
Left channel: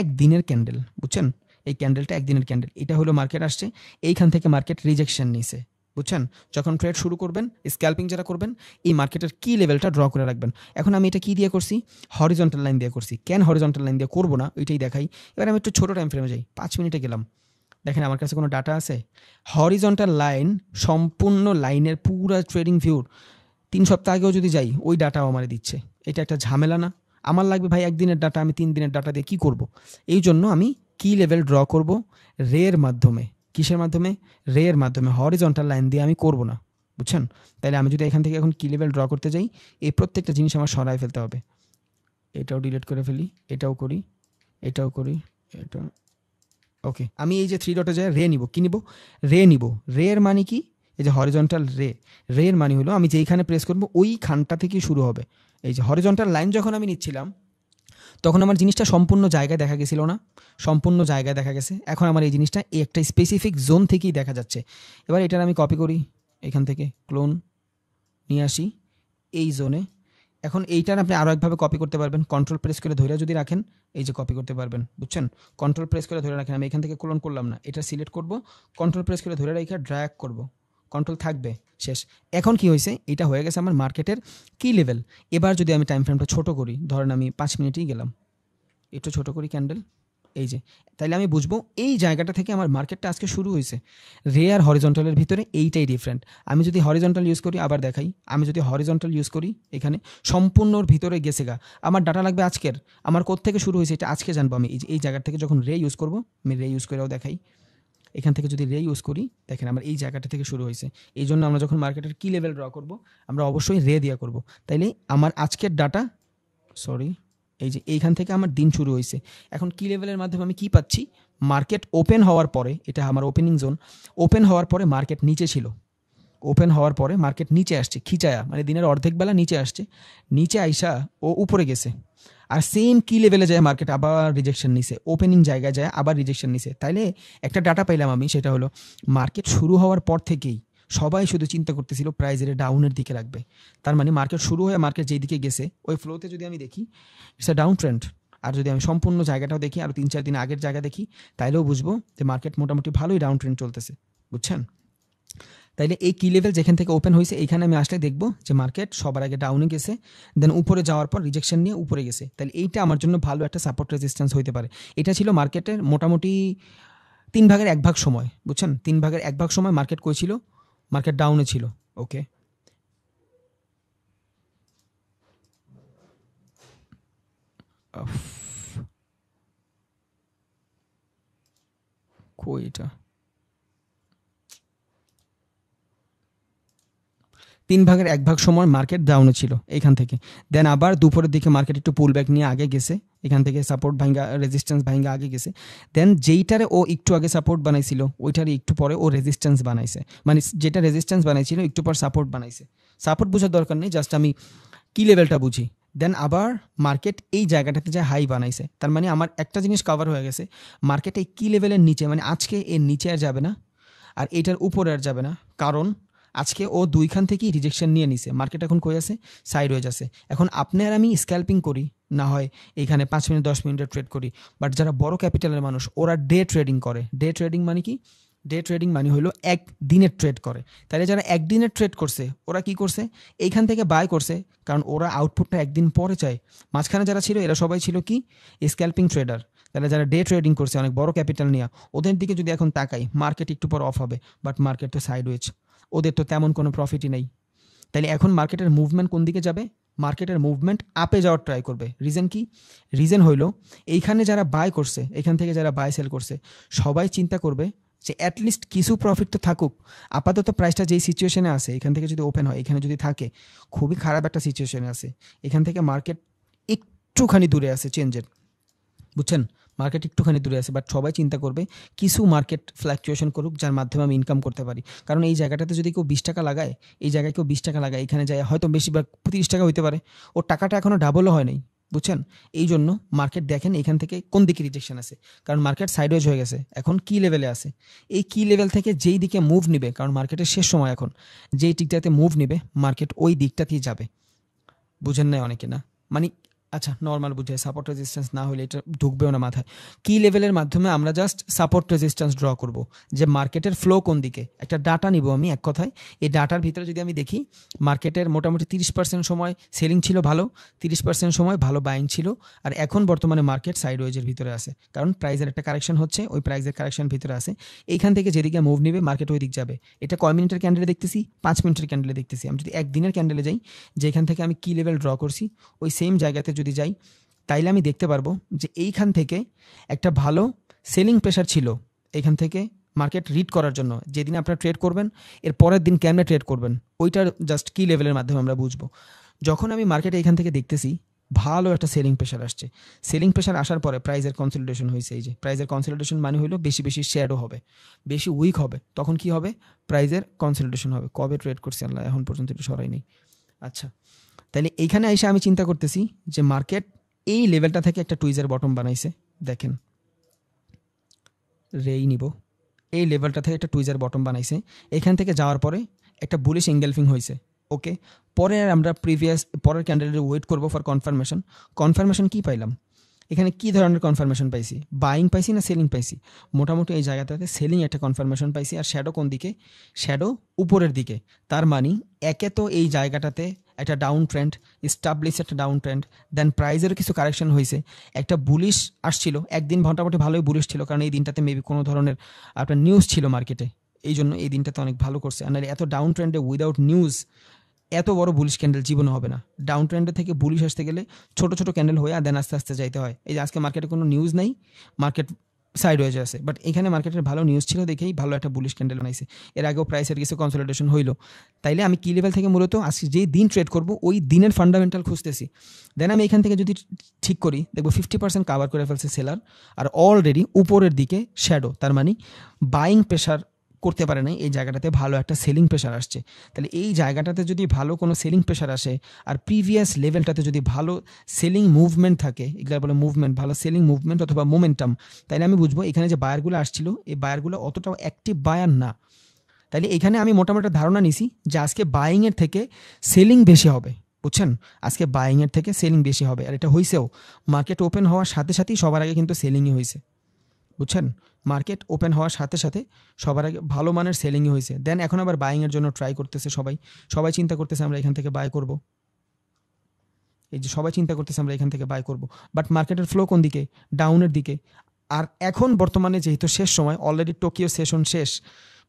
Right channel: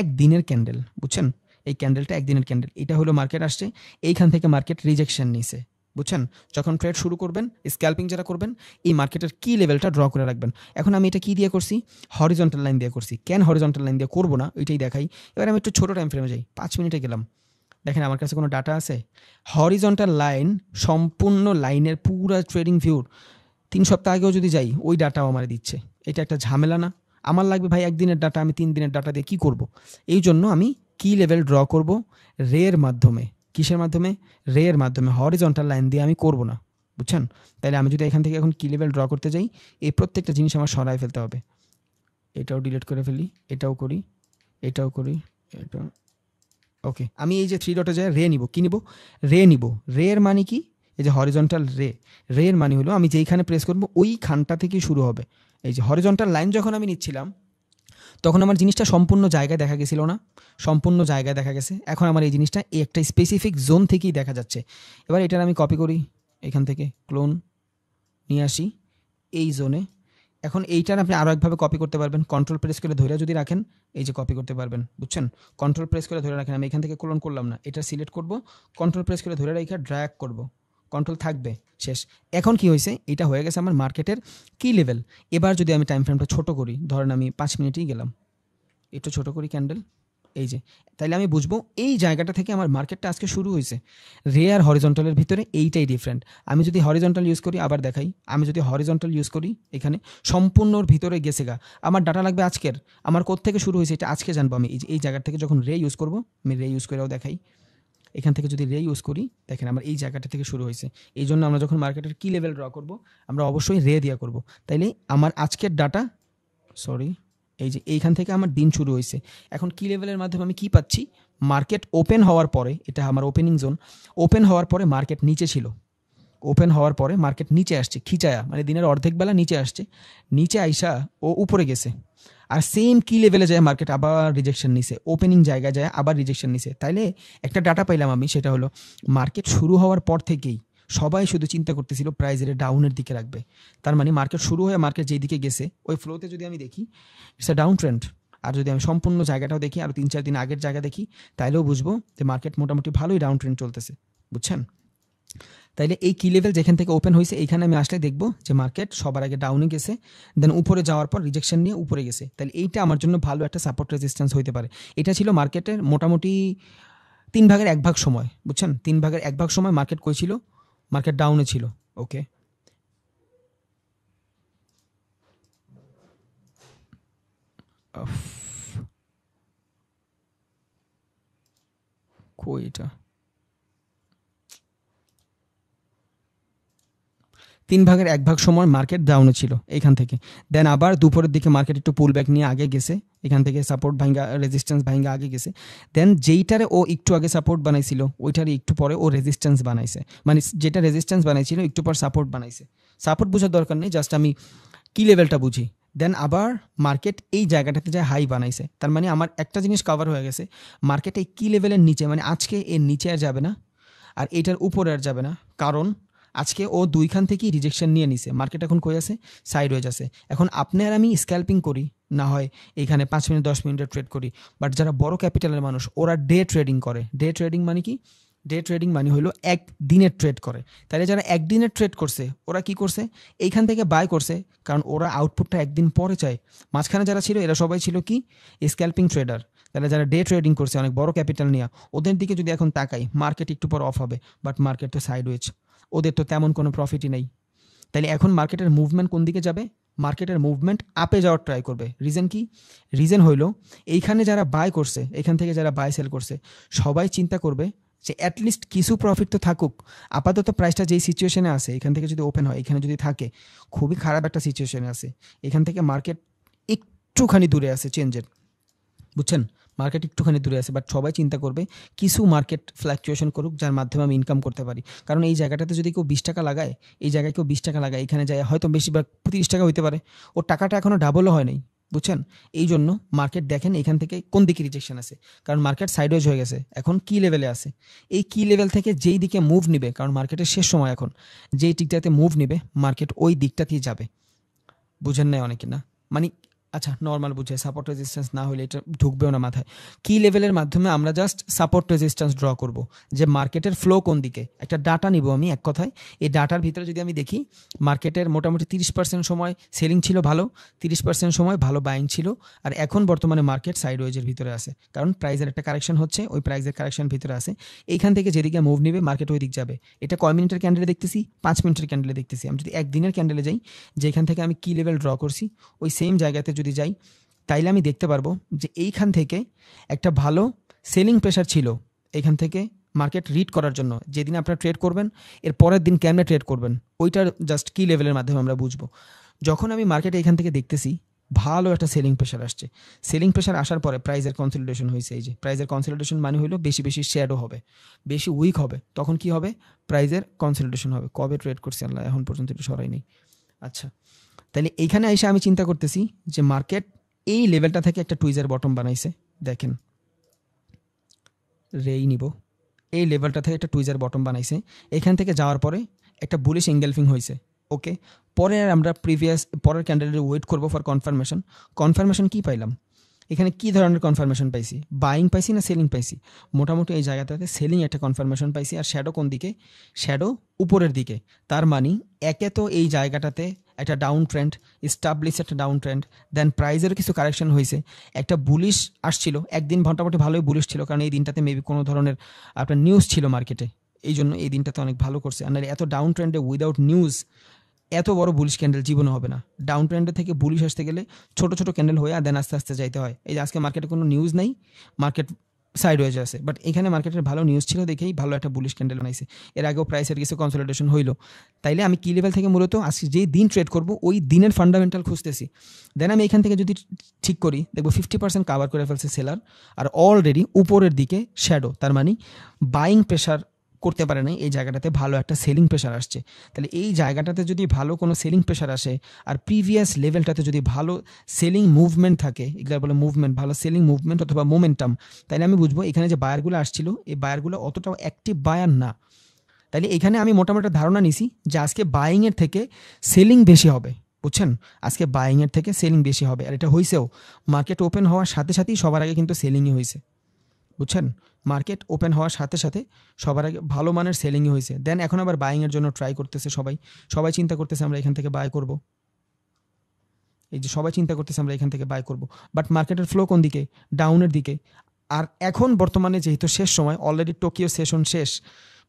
একদিনের ক্যান্ডেল, বুঝছেন? এই ক্যান্ডেলটা একদিনের ক্যান্ডেল, এটা হলো মার্কেট আসছে, এইখান থেকে মার্কেট রিজেকশন নিছে, বুঝছেন? যখন ট্রেড শুরু করবেন, স্ক্যাল্পিং যারা করবেন, এই মার্কেটের কি লেভেলটা ড্র করে রাখবেন। এখন আমি এটা কি দিয়ে করছি? হরিজন্টাল লাইন দিয়ে করছি। কেন হরিজন্টাল লাইন দিয়ে করবো না, এটাই দেখাই। এবার আমি একটু ছোট টাইম ফ্রেমে যাই, 5 মিনিটে গেলাম। দেখেন আমার কাছে কোনো ডাটা আছে? হরিজন্টাল লাইন, সম্পূর্ণ লাইনের পুরো ট্রেডিং ভিউর 3 সপ্তাহ আগেও যদি যাই, ওই ডাটাও আমার দিচ্ছে। এটা একটা ঝামেলা না? আমার লাগবে ভাই একদিনের ডাটা, আমি 3 দিনের ডাটা দিয়ে কি করব? এই জন্য আমি কি লেভেল ড্র করব রের মাধ্যমে। কিসের মাধ্যমে? রের মাধ্যমে। হরিজন্টাল লাইন দিয়ে আমি করব না, বুঝছেন? তাহলে আমি যদি এখান থেকে এখন কি লেভেল ড্র করতে যাই, এই প্রত্যেকটা জিনিস আমার সরাই ফেলতে হবে। এটাও ডিলিট করে ফেলি, এটাও করি, এটাও করি, এটা ওকে। আমি এই যে 3 ডটে যায় রে নিব, কি নিব? রে নিব। রের মানে কি? এই যে হরিজন্টাল রের মানে হলো আমি যেখানে প্রেস করব ওই খানটা থেকে শুরু হবে। এই যে হরিজন্টাল লাইন যখন আমি নিচ্ছিলাম, তখন আমার জিনিসটা সম্পূর্ণ জায়গায় দেখা গেছিল না, সম্পূর্ণ জায়গায় দেখা গেছে। এখন আমার এই জিনিসটা এই একটা স্পেসিফিক জোন থেকেই দেখা যাচ্ছে। এবার এটার আমি কপি করি, এখান থেকে ক্লোন নিয়ে আসি, এই জোনে। এখন এইটার আপনি আরো একভাবে কপি করতে পারবেন, কন্ট্রোল প্রেস করে ধরে যদি রাখেন এই যে কপি করতে পারবেন, বুঝছেন? কন্ট্রোল প্রেস করে ধরে রাখেন, আমি এখান থেকে ক্লোন করলাম না, এটা সিলেক্ট করব, কন্ট্রোল প্রেস করে ধরে রেখে ড্র্যাগ করব, কন্ট্রোল থাকবে, শেষ। এখন কি হয়েছে, এটা হয়ে গেছে আমার মার্কেটের কি লেভেল। এবার যদি আমি টাইম ফ্রেমটা ছোট করি, ধরেন আমি 5 মিনিটেই গেলাম, একটু ছোট করি ক্যান্ডেল, এই যে, তাইলে আমি বুঝবো এই জায়গাটা থেকে আমার মার্কেটটা আজকে শুরু হয়েছে। রে আর হরিজন্টালের ভিতরে এইটাই ডিফারেন্ট। আমি যদি হরিজন্টাল ইউজ করি, আবার দেখাই, আমি যদি হরিজন্টাল ইউজ করি, এখানে সম্পূর্ণর ভিতরে গেছে গা, আমার ডাটা লাগবে আজকের, আমার কোথা থেকে শুরু হয়েছে এটা আজকে জানবো আমি। এই জায়গা থেকে যখন রে ইউজ করবো, আমি রে ইউজ করেও দেখাই, এখান থেকে যদি রে ইউজ করি, দেখেন আমার এই জায়গাটা থেকে শুরু হয়েছে। এই জন্য আমরা যখন মার্কেটের কি লেভেল ড্র করবো, আমরা অবশ্যই রে দিয়ে করবো। তাইলে আমার আজকের ডাটা, সরি, এই যে এইখান থেকে আমার দিন শুরু হয়েছে। এখন কি লেভেলের মাধ্যমে আমি কি পাচ্ছি, মার্কেট ওপেন হওয়ার পরে, এটা আমার ওপেনিং জোন, ওপেন হওয়ার পরে মার্কেট নিচে ছিল, ওপেন হওয়ার পরে মার্কেট নিচে আসছে খিচায়া, মানে দিনের অর্ধেক বেলা নিচে আসছে, নিচে আইসা ও উপরে গেছে, আর সেম কি লেভেলে যায় মার্কেট আবার রিজেকশন নিছে, ওপেনিং জায়গায় যায় আবার রিজেকশন নিছে। তাইলে একটা ডাটা পাইলাম আমি, সেটা হলো মার্কেট শুরু হওয়ার পর থেকেই সবাই শুধু চিন্তা করতেছিল প্রাইস এর ডাউনের দিকে রাখবে। তার মানে মার্কেট শুরু হয়ে মার্কেট যেদিকে গেছে ওই ফ্লোতে যদি আমি দেখি ইটস আ ডাউন ট্রেন্ড। আর যদি আমি সম্পূর্ণ জায়গাটাও দেখি, আর 3-4 দিন আগের জায়গা দেখি, তাইলেও বুঝবো যে মার্কেট মোটামুটি ভালোই ডাউন ট্রেন্ড চলতেছে, বুঝছেন? তাইলে এই কি লেভেল যেখান থেকে ওপেন হয়েছে, এখানে আমি আসলে দেখবো যে মার্কেট সবার আগে ডাউনে গেছে, দেন উপরে যাওয়ার পর রিজেকশন নিয়ে উপরে গেছে। তাহলে এইটা আমার জন্য ভালো একটা সাপোর্ট রেজিস্ট্যান্স হইতে পারে। এটা ছিল মার্কেটের মোটামুটি 3/1 সময়, বুঝছেন? 3/1 সময় মার্কেট কই ছিল, মার্কেট ডাউনে ছিল। ওকে, কই এটা, 3/1 সময় মার্কেট ডাউনে ছিল এখান থেকে, দেন আবার দুপুরের দিকে মার্কেট একটু পুল ব্যাক নিয়ে আগে গেছে, এখান থেকে সাপোর্ট ভাঙ্গা রেজিস্ট্যান্স ভাঙ্গা আগে গেছে, দেন যেইটারে ও একটু আগে সাপোর্ট বানাইছিল ওইটারে একটু পরে ও রেজিস্ট্যান্স বানাইছে, মানে যেটা রেজিস্ট্যান্স বানাইছিল একটু পর সাপোর্ট বানাইছে। সাপোর্ট বোঝার দরকার নেই, জাস্ট আমি কি লেভেলটা বুঝি। দেন আবার মার্কেট এই জায়গাটাতে যায় হাই বানাইছে, তার মানে আমার একটা জিনিস কভার হয়ে গেছে, মার্কেট এই কি লেভেলের নিচে, মানে আজকে এর নিচে আর যাবে না, আর এটার উপরে আর যাবে না, কারণ আজকে ও দুইখান থেকেই রিজেকশন নিয়ে নিছে, মার্কেট এখন কই আছে, সাইড হয়ে যাচ্ছে। এখন আপনি আর আমি স্ক্যাল্পিং করি, না হয় এখানে 5 মিনিট 10 মিনিটের ট্রেড করি, বাট যারা বড় ক্যাপিটালের মানুষ ওরা ডে ট্রেডিং করে। ডে ট্রেডিং মানে কি, ডে ট্রেডিং মানে হলো একদিনের ট্রেড করে। তাহলে যারা একদিনের ট্রেড করছে ওরা কি করছে, এইখান থেকে বাই করছে, কারণ ওরা আউটপুটটা একদিন পরে চায়। মাঝখানে যারা ছিল এরা সবাই ছিল কি, স্ক্যাল্পিং ট্রেডার। তাহলে যারা ডে ট্রেডিং করছে অনেক বড় ক্যাপিটাল নিয়ে, ওদের দিকে যদি এখন তাকাই, মার্কেট একটু পর অফ হবে, বাট মার্কেট তো সাইডওয়েজ, ওদের তো তেমন কোনো প্রফিটই নেই। তাইলে এখন মার্কেটের মুভমেন্ট কোন দিকে যাবে, মার্কেটের মুভমেন্ট আপে যাওয়ার ট্রাই করবে। রিজন কি, রিজন হইলো এইখানে যারা বাই করছে, এখান থেকে যারা বাই সেল করছে, সবাই চিন্তা করবে যে অ্যাটলিস্ট কিছু প্রফিট তো থাকুক। আপাতত প্রাইসটা যেই সিচুয়েশনে আছে, এখান থেকে যদি ওপেন হয়, এখানে যদি থাকে, খুবই খারাপ একটা সিচুয়েশনে আছে, এখান থেকে মার্কেট একটুখানি দূরে আছে চেঞ্জের, বুঝছেন? মার্কেট একটুখানি দূরে আছে, বাট সবাই চিন্তা করবে কিছু মার্কেট ফ্ল্যাকচুয়েশন করুক যার মাধ্যমে আমি ইনকাম করতে পারি। কারণ এই জায়গাটাতে যদি কেউ 20 টাকা লাগায়, এই জায়গায় কেউ 20 টাকা লাগায়, এখানে যায় হয়তো বেশিরভাগ 30 টাকা হইতে পারে, ওর টাকাটা এখনো ডাবলও হয় নাই, বুঝছেন? এই জন্য মার্কেট দেখেন এখান থেকে কোন দিকে রিজেকশন আছে, কারণ মার্কেট সাইডওয়েজ হয়ে গেছে, এখন কি লেভেলে আছে, এই কি লেভেল থেকে যেই দিকে মুভ নিবে, কারণ মার্কেটের শেষ সময় এখন, যেই দিকটাতে মুভ নিবে মার্কেট ওই দিকটাতেই যাবে। বুঝেন নাই অনেকে, না মানে, আচ্ছা নর্মাল বুঝে, সাপোর্ট রেজিস্ট্যান্স না হলে এটা ঢুকবেও না মাথায়। কি লেভেলের মাধ্যমে আমরা জাস্ট সাপোর্ট রেজিস্ট্যান্স ড্র করব, যে মার্কেটের ফ্লো কোন দিকে, একটা ডাটা নিব আমি এক কথায়। এই ডাটার ভিতরে যদি আমি দেখি, মার্কেটের মোটামুটি 30% সময় সেলিং ছিল ভালো, 30% সময় ভালো বাইং ছিল, আর এখন বর্তমানে মার্কেট সাইডওয়েজের ভিতরে আছে, কারণ প্রাইসের একটা কারেকশন হচ্ছে, ওই প্রাইসের কারেকশন ভিতরে আছে। এইখান থেকে যেদিকে মুভ নিবে মার্কেট ওই দিক যাবে। এটা কয় মিনিটের ক্যান্ডেলে দেখতেছি, 5 মিনিটের ক্যান্ডেলে দেখতেছি। আমি যদি একদিনের ক্যান্ডেলে যাই, যেখান থেকে আমি কি লেভেল ড্র করছি ওই সেম জায়গাতে যদি যাই, তাইলে আমি দেখতে পারবো যে এইখান থেকে একটা ভালো সেলিং প্রেশার ছিল, এখান থেকে মার্কেট রিড করার জন্য। যেদিন আপনারা ট্রেড করবেন, এর পরের দিন কেমনে ট্রেড করবেন, ওইটার জাস্ট কি লেভেলের মাধ্যমে আমরা বুঝবো। যখন আমি মার্কেটে এখান থেকে দেখতেছি ভালো একটা সেলিং প্রেশার আসছে, সেলিং প্রেশার আসার পরে প্রাইসের কনসলিডেশন হয়েছে, এই যে প্রাইসের কনসলিডেশন মানে হলো বেশি বেশি শ্যাডো হবে, বেশি উইক হবে, তখন কি হবে, প্রাইসের কনসলিডেশন হবে। কবে ট্রেড করছি আল্লাহ এখন পর্যন্ত একটু সরাই নেই। আচ্ছা, তাহলে এইখানে এসে আমি চিন্তা করতেছি যে মার্কেট এই লেভেলটা থেকে একটা টুইজের বটম বানাইছে, দেখেন রেই নিব, এই লেভেলটা থেকে একটা টুইজের বটম বানাইছে, এখান থেকে যাওয়ার পরে একটা বুলিশ এঙ্গেলফিং হয়েছে, ওকে, পরে আমরা পরের ক্যান্ডেলের ওয়েট করবো ফর কনফার্মেশন কি পাইলাম এখানে, কি ধরনের কনফার্মেশন পাইছি, বাইং পাইছি না সেলিং পাইছি? মোটামুটি এই জায়গাটাতে সেলিং একটা কনফার্মেশন পাইছি। আর শ্যাডো কোন দিকে? শ্যাডো উপরের দিকে। তার মানে একে তো এই জায়গাটাতে একটা ডাউন ট্রেন্ড এস্টাবলিশ, একটা ডাউন ট্রেন্ড, দেন প্রাইজেরও কিছু কারেকশন হয়েছে, একটা বুলিশ আসছিল, একদিন মোটামুটি ভালোই বুলিশ ছিল, কারণ এই দিনটাতে মেবি কোনো ধরনের একটা নিউজ ছিল মার্কেটে, এই জন্য এই দিনটাতে অনেক ভালো করছে। আর এত ডাউন ট্রেন্ডে উইদাউট নিউজ এত বড় বুলিশ ক্যান্ডেল জীবনে হবে না। ডাউন ট্রেন্ডে থেকে বুলিশ আসতে গেলে ছোট ছোট ক্যান্ডেল হয়ে আর দেন আস্তে আস্তে যাইতে হয়। এই যে আজকে মার্কেটে কোনো নিউজ নেই, মার্কেট সাইড ওয়েজ আছে, বাট এখানে মার্কেটের ভালো নিউজ ছিল দেখেই ভালো একটা বুলিশ ক্যান্ডেল বানাইছে। এর আগেও প্রাইসের কিছু কনসলিডেশন হইলো। তাইলে আমি কি লেভেল থেকে মূলত আজকে যেই দিন ট্রেড করবো ওই দিনের ফান্ডামেন্টাল খুঁজতেছি। দেন আমি এখান থেকে যদি ঠিক করি দেখবো 50% কাভার করে ফেলছে সেলার, আর অলরেডি উপরের দিকে শ্যাডো, তার মানে বাইং প্রেশার করতে পারে না, এই জায়গাটাতে ভালো একটা সেলিং প্রেশার আসছে। তাহলে এই জায়গাটাতে যদি ভালো কোনো সেলিং প্রেশার আসে আর প্রিভিয়াস লেভেলটাতে যদি ভালো সেলিং মুভমেন্ট থাকে, এগুলো বলে মুভমেন্ট, ভালো সেলিং মুভমেন্ট অথবা মোমেন্টাম, তাহলে আমি বুঝবো এখানে যে বায়ারগুলো আসছিল এই বায়ারগুলো অতটাও অ্যাক্টিভ বায়ার না। তাহলে এখানে আমি মোটামুটি ধারণা নিছি যে আজকে বাইংয়ের থেকে সেলিং বেশি হবে, বুঝছেন? আজকে বাইংয়ের থেকে সেলিং বেশি হবে, আর এটা হয়েছেও। মার্কেট ওপেন হওয়ার সাথে সাথেই সবার আগে কিন্তু সেলিংই হয়েছে, বুঝছেন? মার্কেট ওপেন হওয়ার সাথে সাথে সবার আগে ভালো মানের সেলিংই হয়েছে। দেন এখন আবার বাইংয়ের জন্য ট্রাই করতেছে সবাই চিন্তা করতেছে আমরা এখান থেকে বাই করব, এই যে সবাই চিন্তা করতেছে আমরা এখান থেকে বাই করব, বাট মার্কেটের ফ্লো কোন দিকে? ডাউনের দিকে। আর এখন বর্তমানে যেহেতু শেষ সময়, অলরেডি টোকিও সেশন শেষ,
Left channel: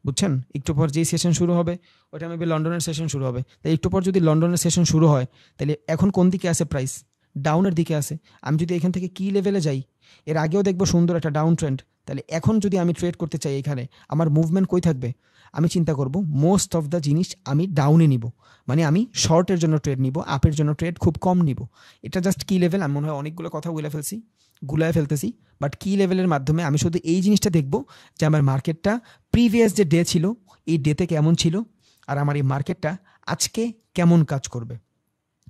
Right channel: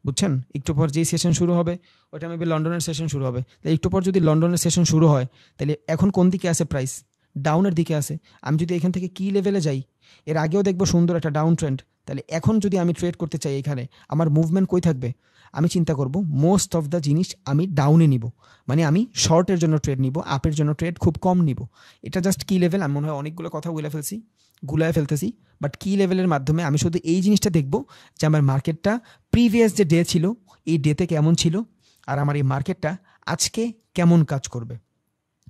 বুঝছেন? একটু পর যেই সেশন শুরু হবে ওটা মেবি লন্ডনের সেশন শুরু হবে, তাই একটু পর যদি লন্ডনের সেশন শুরু হয় তাহলে এখন কোন দিকে আছে প্রাইস? ডাউনের দিকে আছে। আমি যদি এখান থেকে কি লেভেলে যাই, এর আগেও দেখবো সুন্দর একটা ডাউন ট্রেন্ড, তাহলে এখন যদি আমি ট্রেড করতে চাই এখানে আমার মুভমেন্ট কই থাকবে? আমি চিন্তা করব মোস্ট অফ দ্য জিনিস আমি ডাউনে নিব, মানে আমি শর্টের জন্য ট্রেড নিব, আপের জন্য ট্রেড খুব কম নিব। এটা জাস্ট কি লেভেল, আমি মনে হয় অনেকগুলো কথা গুলায় ফেলতেছি, বাট কি লেভেলের মাধ্যমে আমি শুধু এই জিনিসটা দেখব যে আমার মার্কেটটা প্রিভিয়াস যে ডে ছিল এই ডেতে কেমন ছিল, আর আমার এই মার্কেটটা আজকে কেমন কাজ করবে।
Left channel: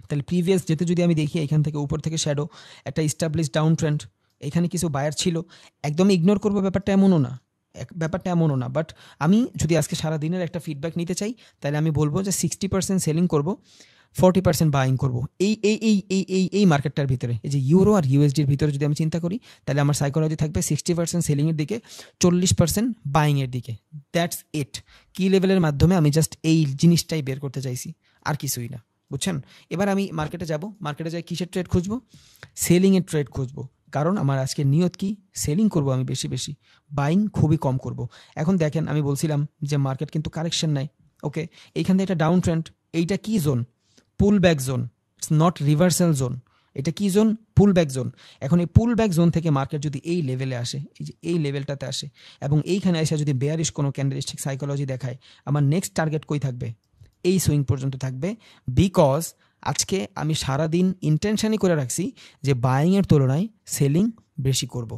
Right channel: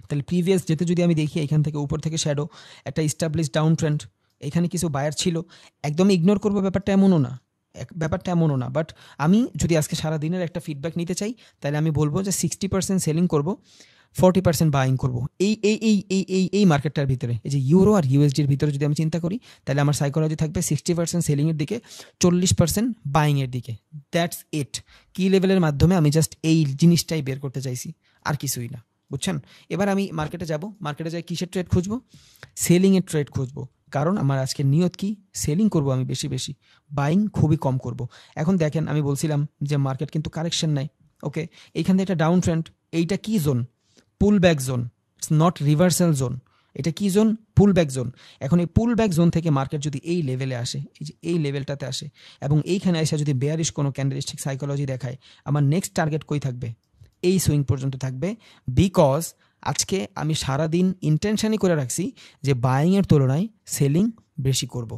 তাহলে প্রিভিয়াস ডেতে যদি আমি দেখি এখান থেকে উপর থেকে শ্যাডো একটা ইস্টাবলিশ ডাউন ট্রেন্ড, এখানে কিছু বায়ার ছিল, একদম ইগনোর করবো ব্যাপারটা এমনও না, বাট আমি যদি আজকে সারাদিনের একটা ফিডব্যাক নিতে চাই তাহলে আমি বলবো যে 60% সেলিং করবো, 40% বাইং করবো এই এই এই এই এই এই মার্কেটটার ভিতরে। এই যে ইউরো আর ইউএসডির ভিতরে যদি আমি চিন্তা করি তাহলে আমার সাইকোলজি থাকবে 60% সেলিংয়ের দিকে, 40% বাইংয়ের দিকে। That's it. কি লেভেলের মাধ্যমে আমি জাস্ট এই জিনিসটাই বের করতে চাইছি, আর কিছুই না, বুঝছেন? এবার আমি মার্কেটে যাব, মার্কেটে যাই কিসের ট্রেড খুঁজবো? সেলিংয়ের ট্রেড খুঁজবো, কারণ আমার আজকে নিয়ত কি? সেলিং করব আমি বেশি, বাইং খুবই কম করব। এখন দেখেন আমি বলছিলাম যে মার্কেট কিন্তু কারেকশন নেয়, ওকে? এইখান থেকে একটা ডাউন ট্রেন্ড, এইটা কি zone? Pool back zone, not reversal zone. এটা কি জোন? পুল ব্যাক জোন। এখন এই পুল ব্যাক জোন থেকে মার্কেট যদি এই লেভেলে আসে, এই যে এই লেভেলটাতে আসে, এবং এইখানে এসে যদি বেয়ারিশ কোনো ক্যান্ডেলস্টিক সাইকোলজি দেখায়, আমার নেক্সট টার্গেট কই থাকবে? এই সুইং পর্যন্ত থাকবে। বিকজ আজকে আমি সারাদিন ইন্টেনশনই করে রাখছি যে বাইংয়ের তুলনায় সেলিং বেশি করব।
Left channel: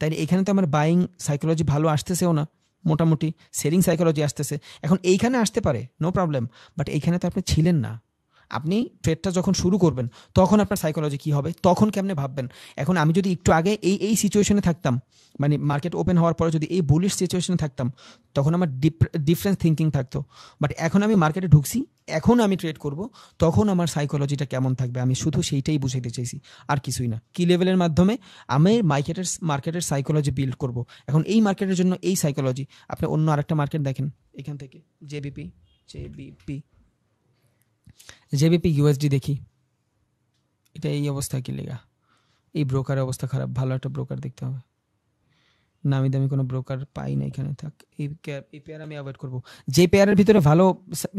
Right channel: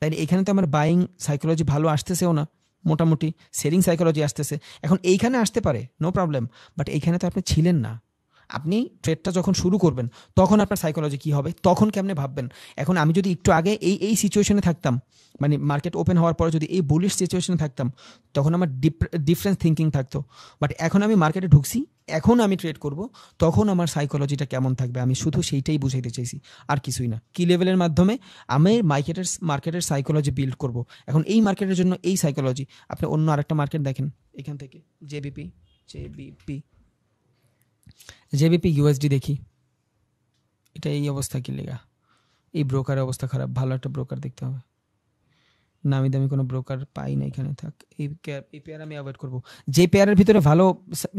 তাই এখানে তো আমার বাইং সাইকোলজি ভালো আসতেছেও না, মোটামুটি সেলিং সাইকোলজি আসতেছে। এখন এইখানে আসতে পারে, নো প্রবলেম, বাট এইখানে তো আপনি ছিলেন না। আপনি ট্রেডটা যখন শুরু করবেন তখন আপনার সাইকোলজি কি হবে, তখন কেমনে ভাববেন? এখন আমি যদি একটু আগে এই সিচুয়েশনে থাকতাম, মানে মার্কেট ওপেন হওয়ার পরে যদি এই বুলিশ সিচুয়েশনে থাকতাম, তখন আমার ডিফারেন্ট থিঙ্কিং থাকতো। বাট এখন আমি মার্কেটে ঢুকছি, এখন আমি ট্রেড করব, তখন আমার সাইকোলজিটা কেমন থাকবে আমি শুধু সেইটাই বুঝাইতে চাইছি, আর কিছুই না। কি লেভেলের মাধ্যমে আমি মার্কেটের সাইকোলজি বিল্ড করব। এখন এই মার্কেটের জন্য এই সাইকোলজি, আপনি অন্য আরেকটা মার্কেট দেখেন, এখান থেকে জেবিপি ইউএসডি দেখি, এটা এই অবস্থা কি লিগা? এই ব্রোকারের অবস্থা খারাপ, ভালো একটা ব্রোকার দেখতে হবে। নামি দামি কোনো ব্রোকার পাই না এখানে, থাক এই পেয়ার আমি অ্যাভয়েড করবো। যে পেয়ারের ভিতরে ভালো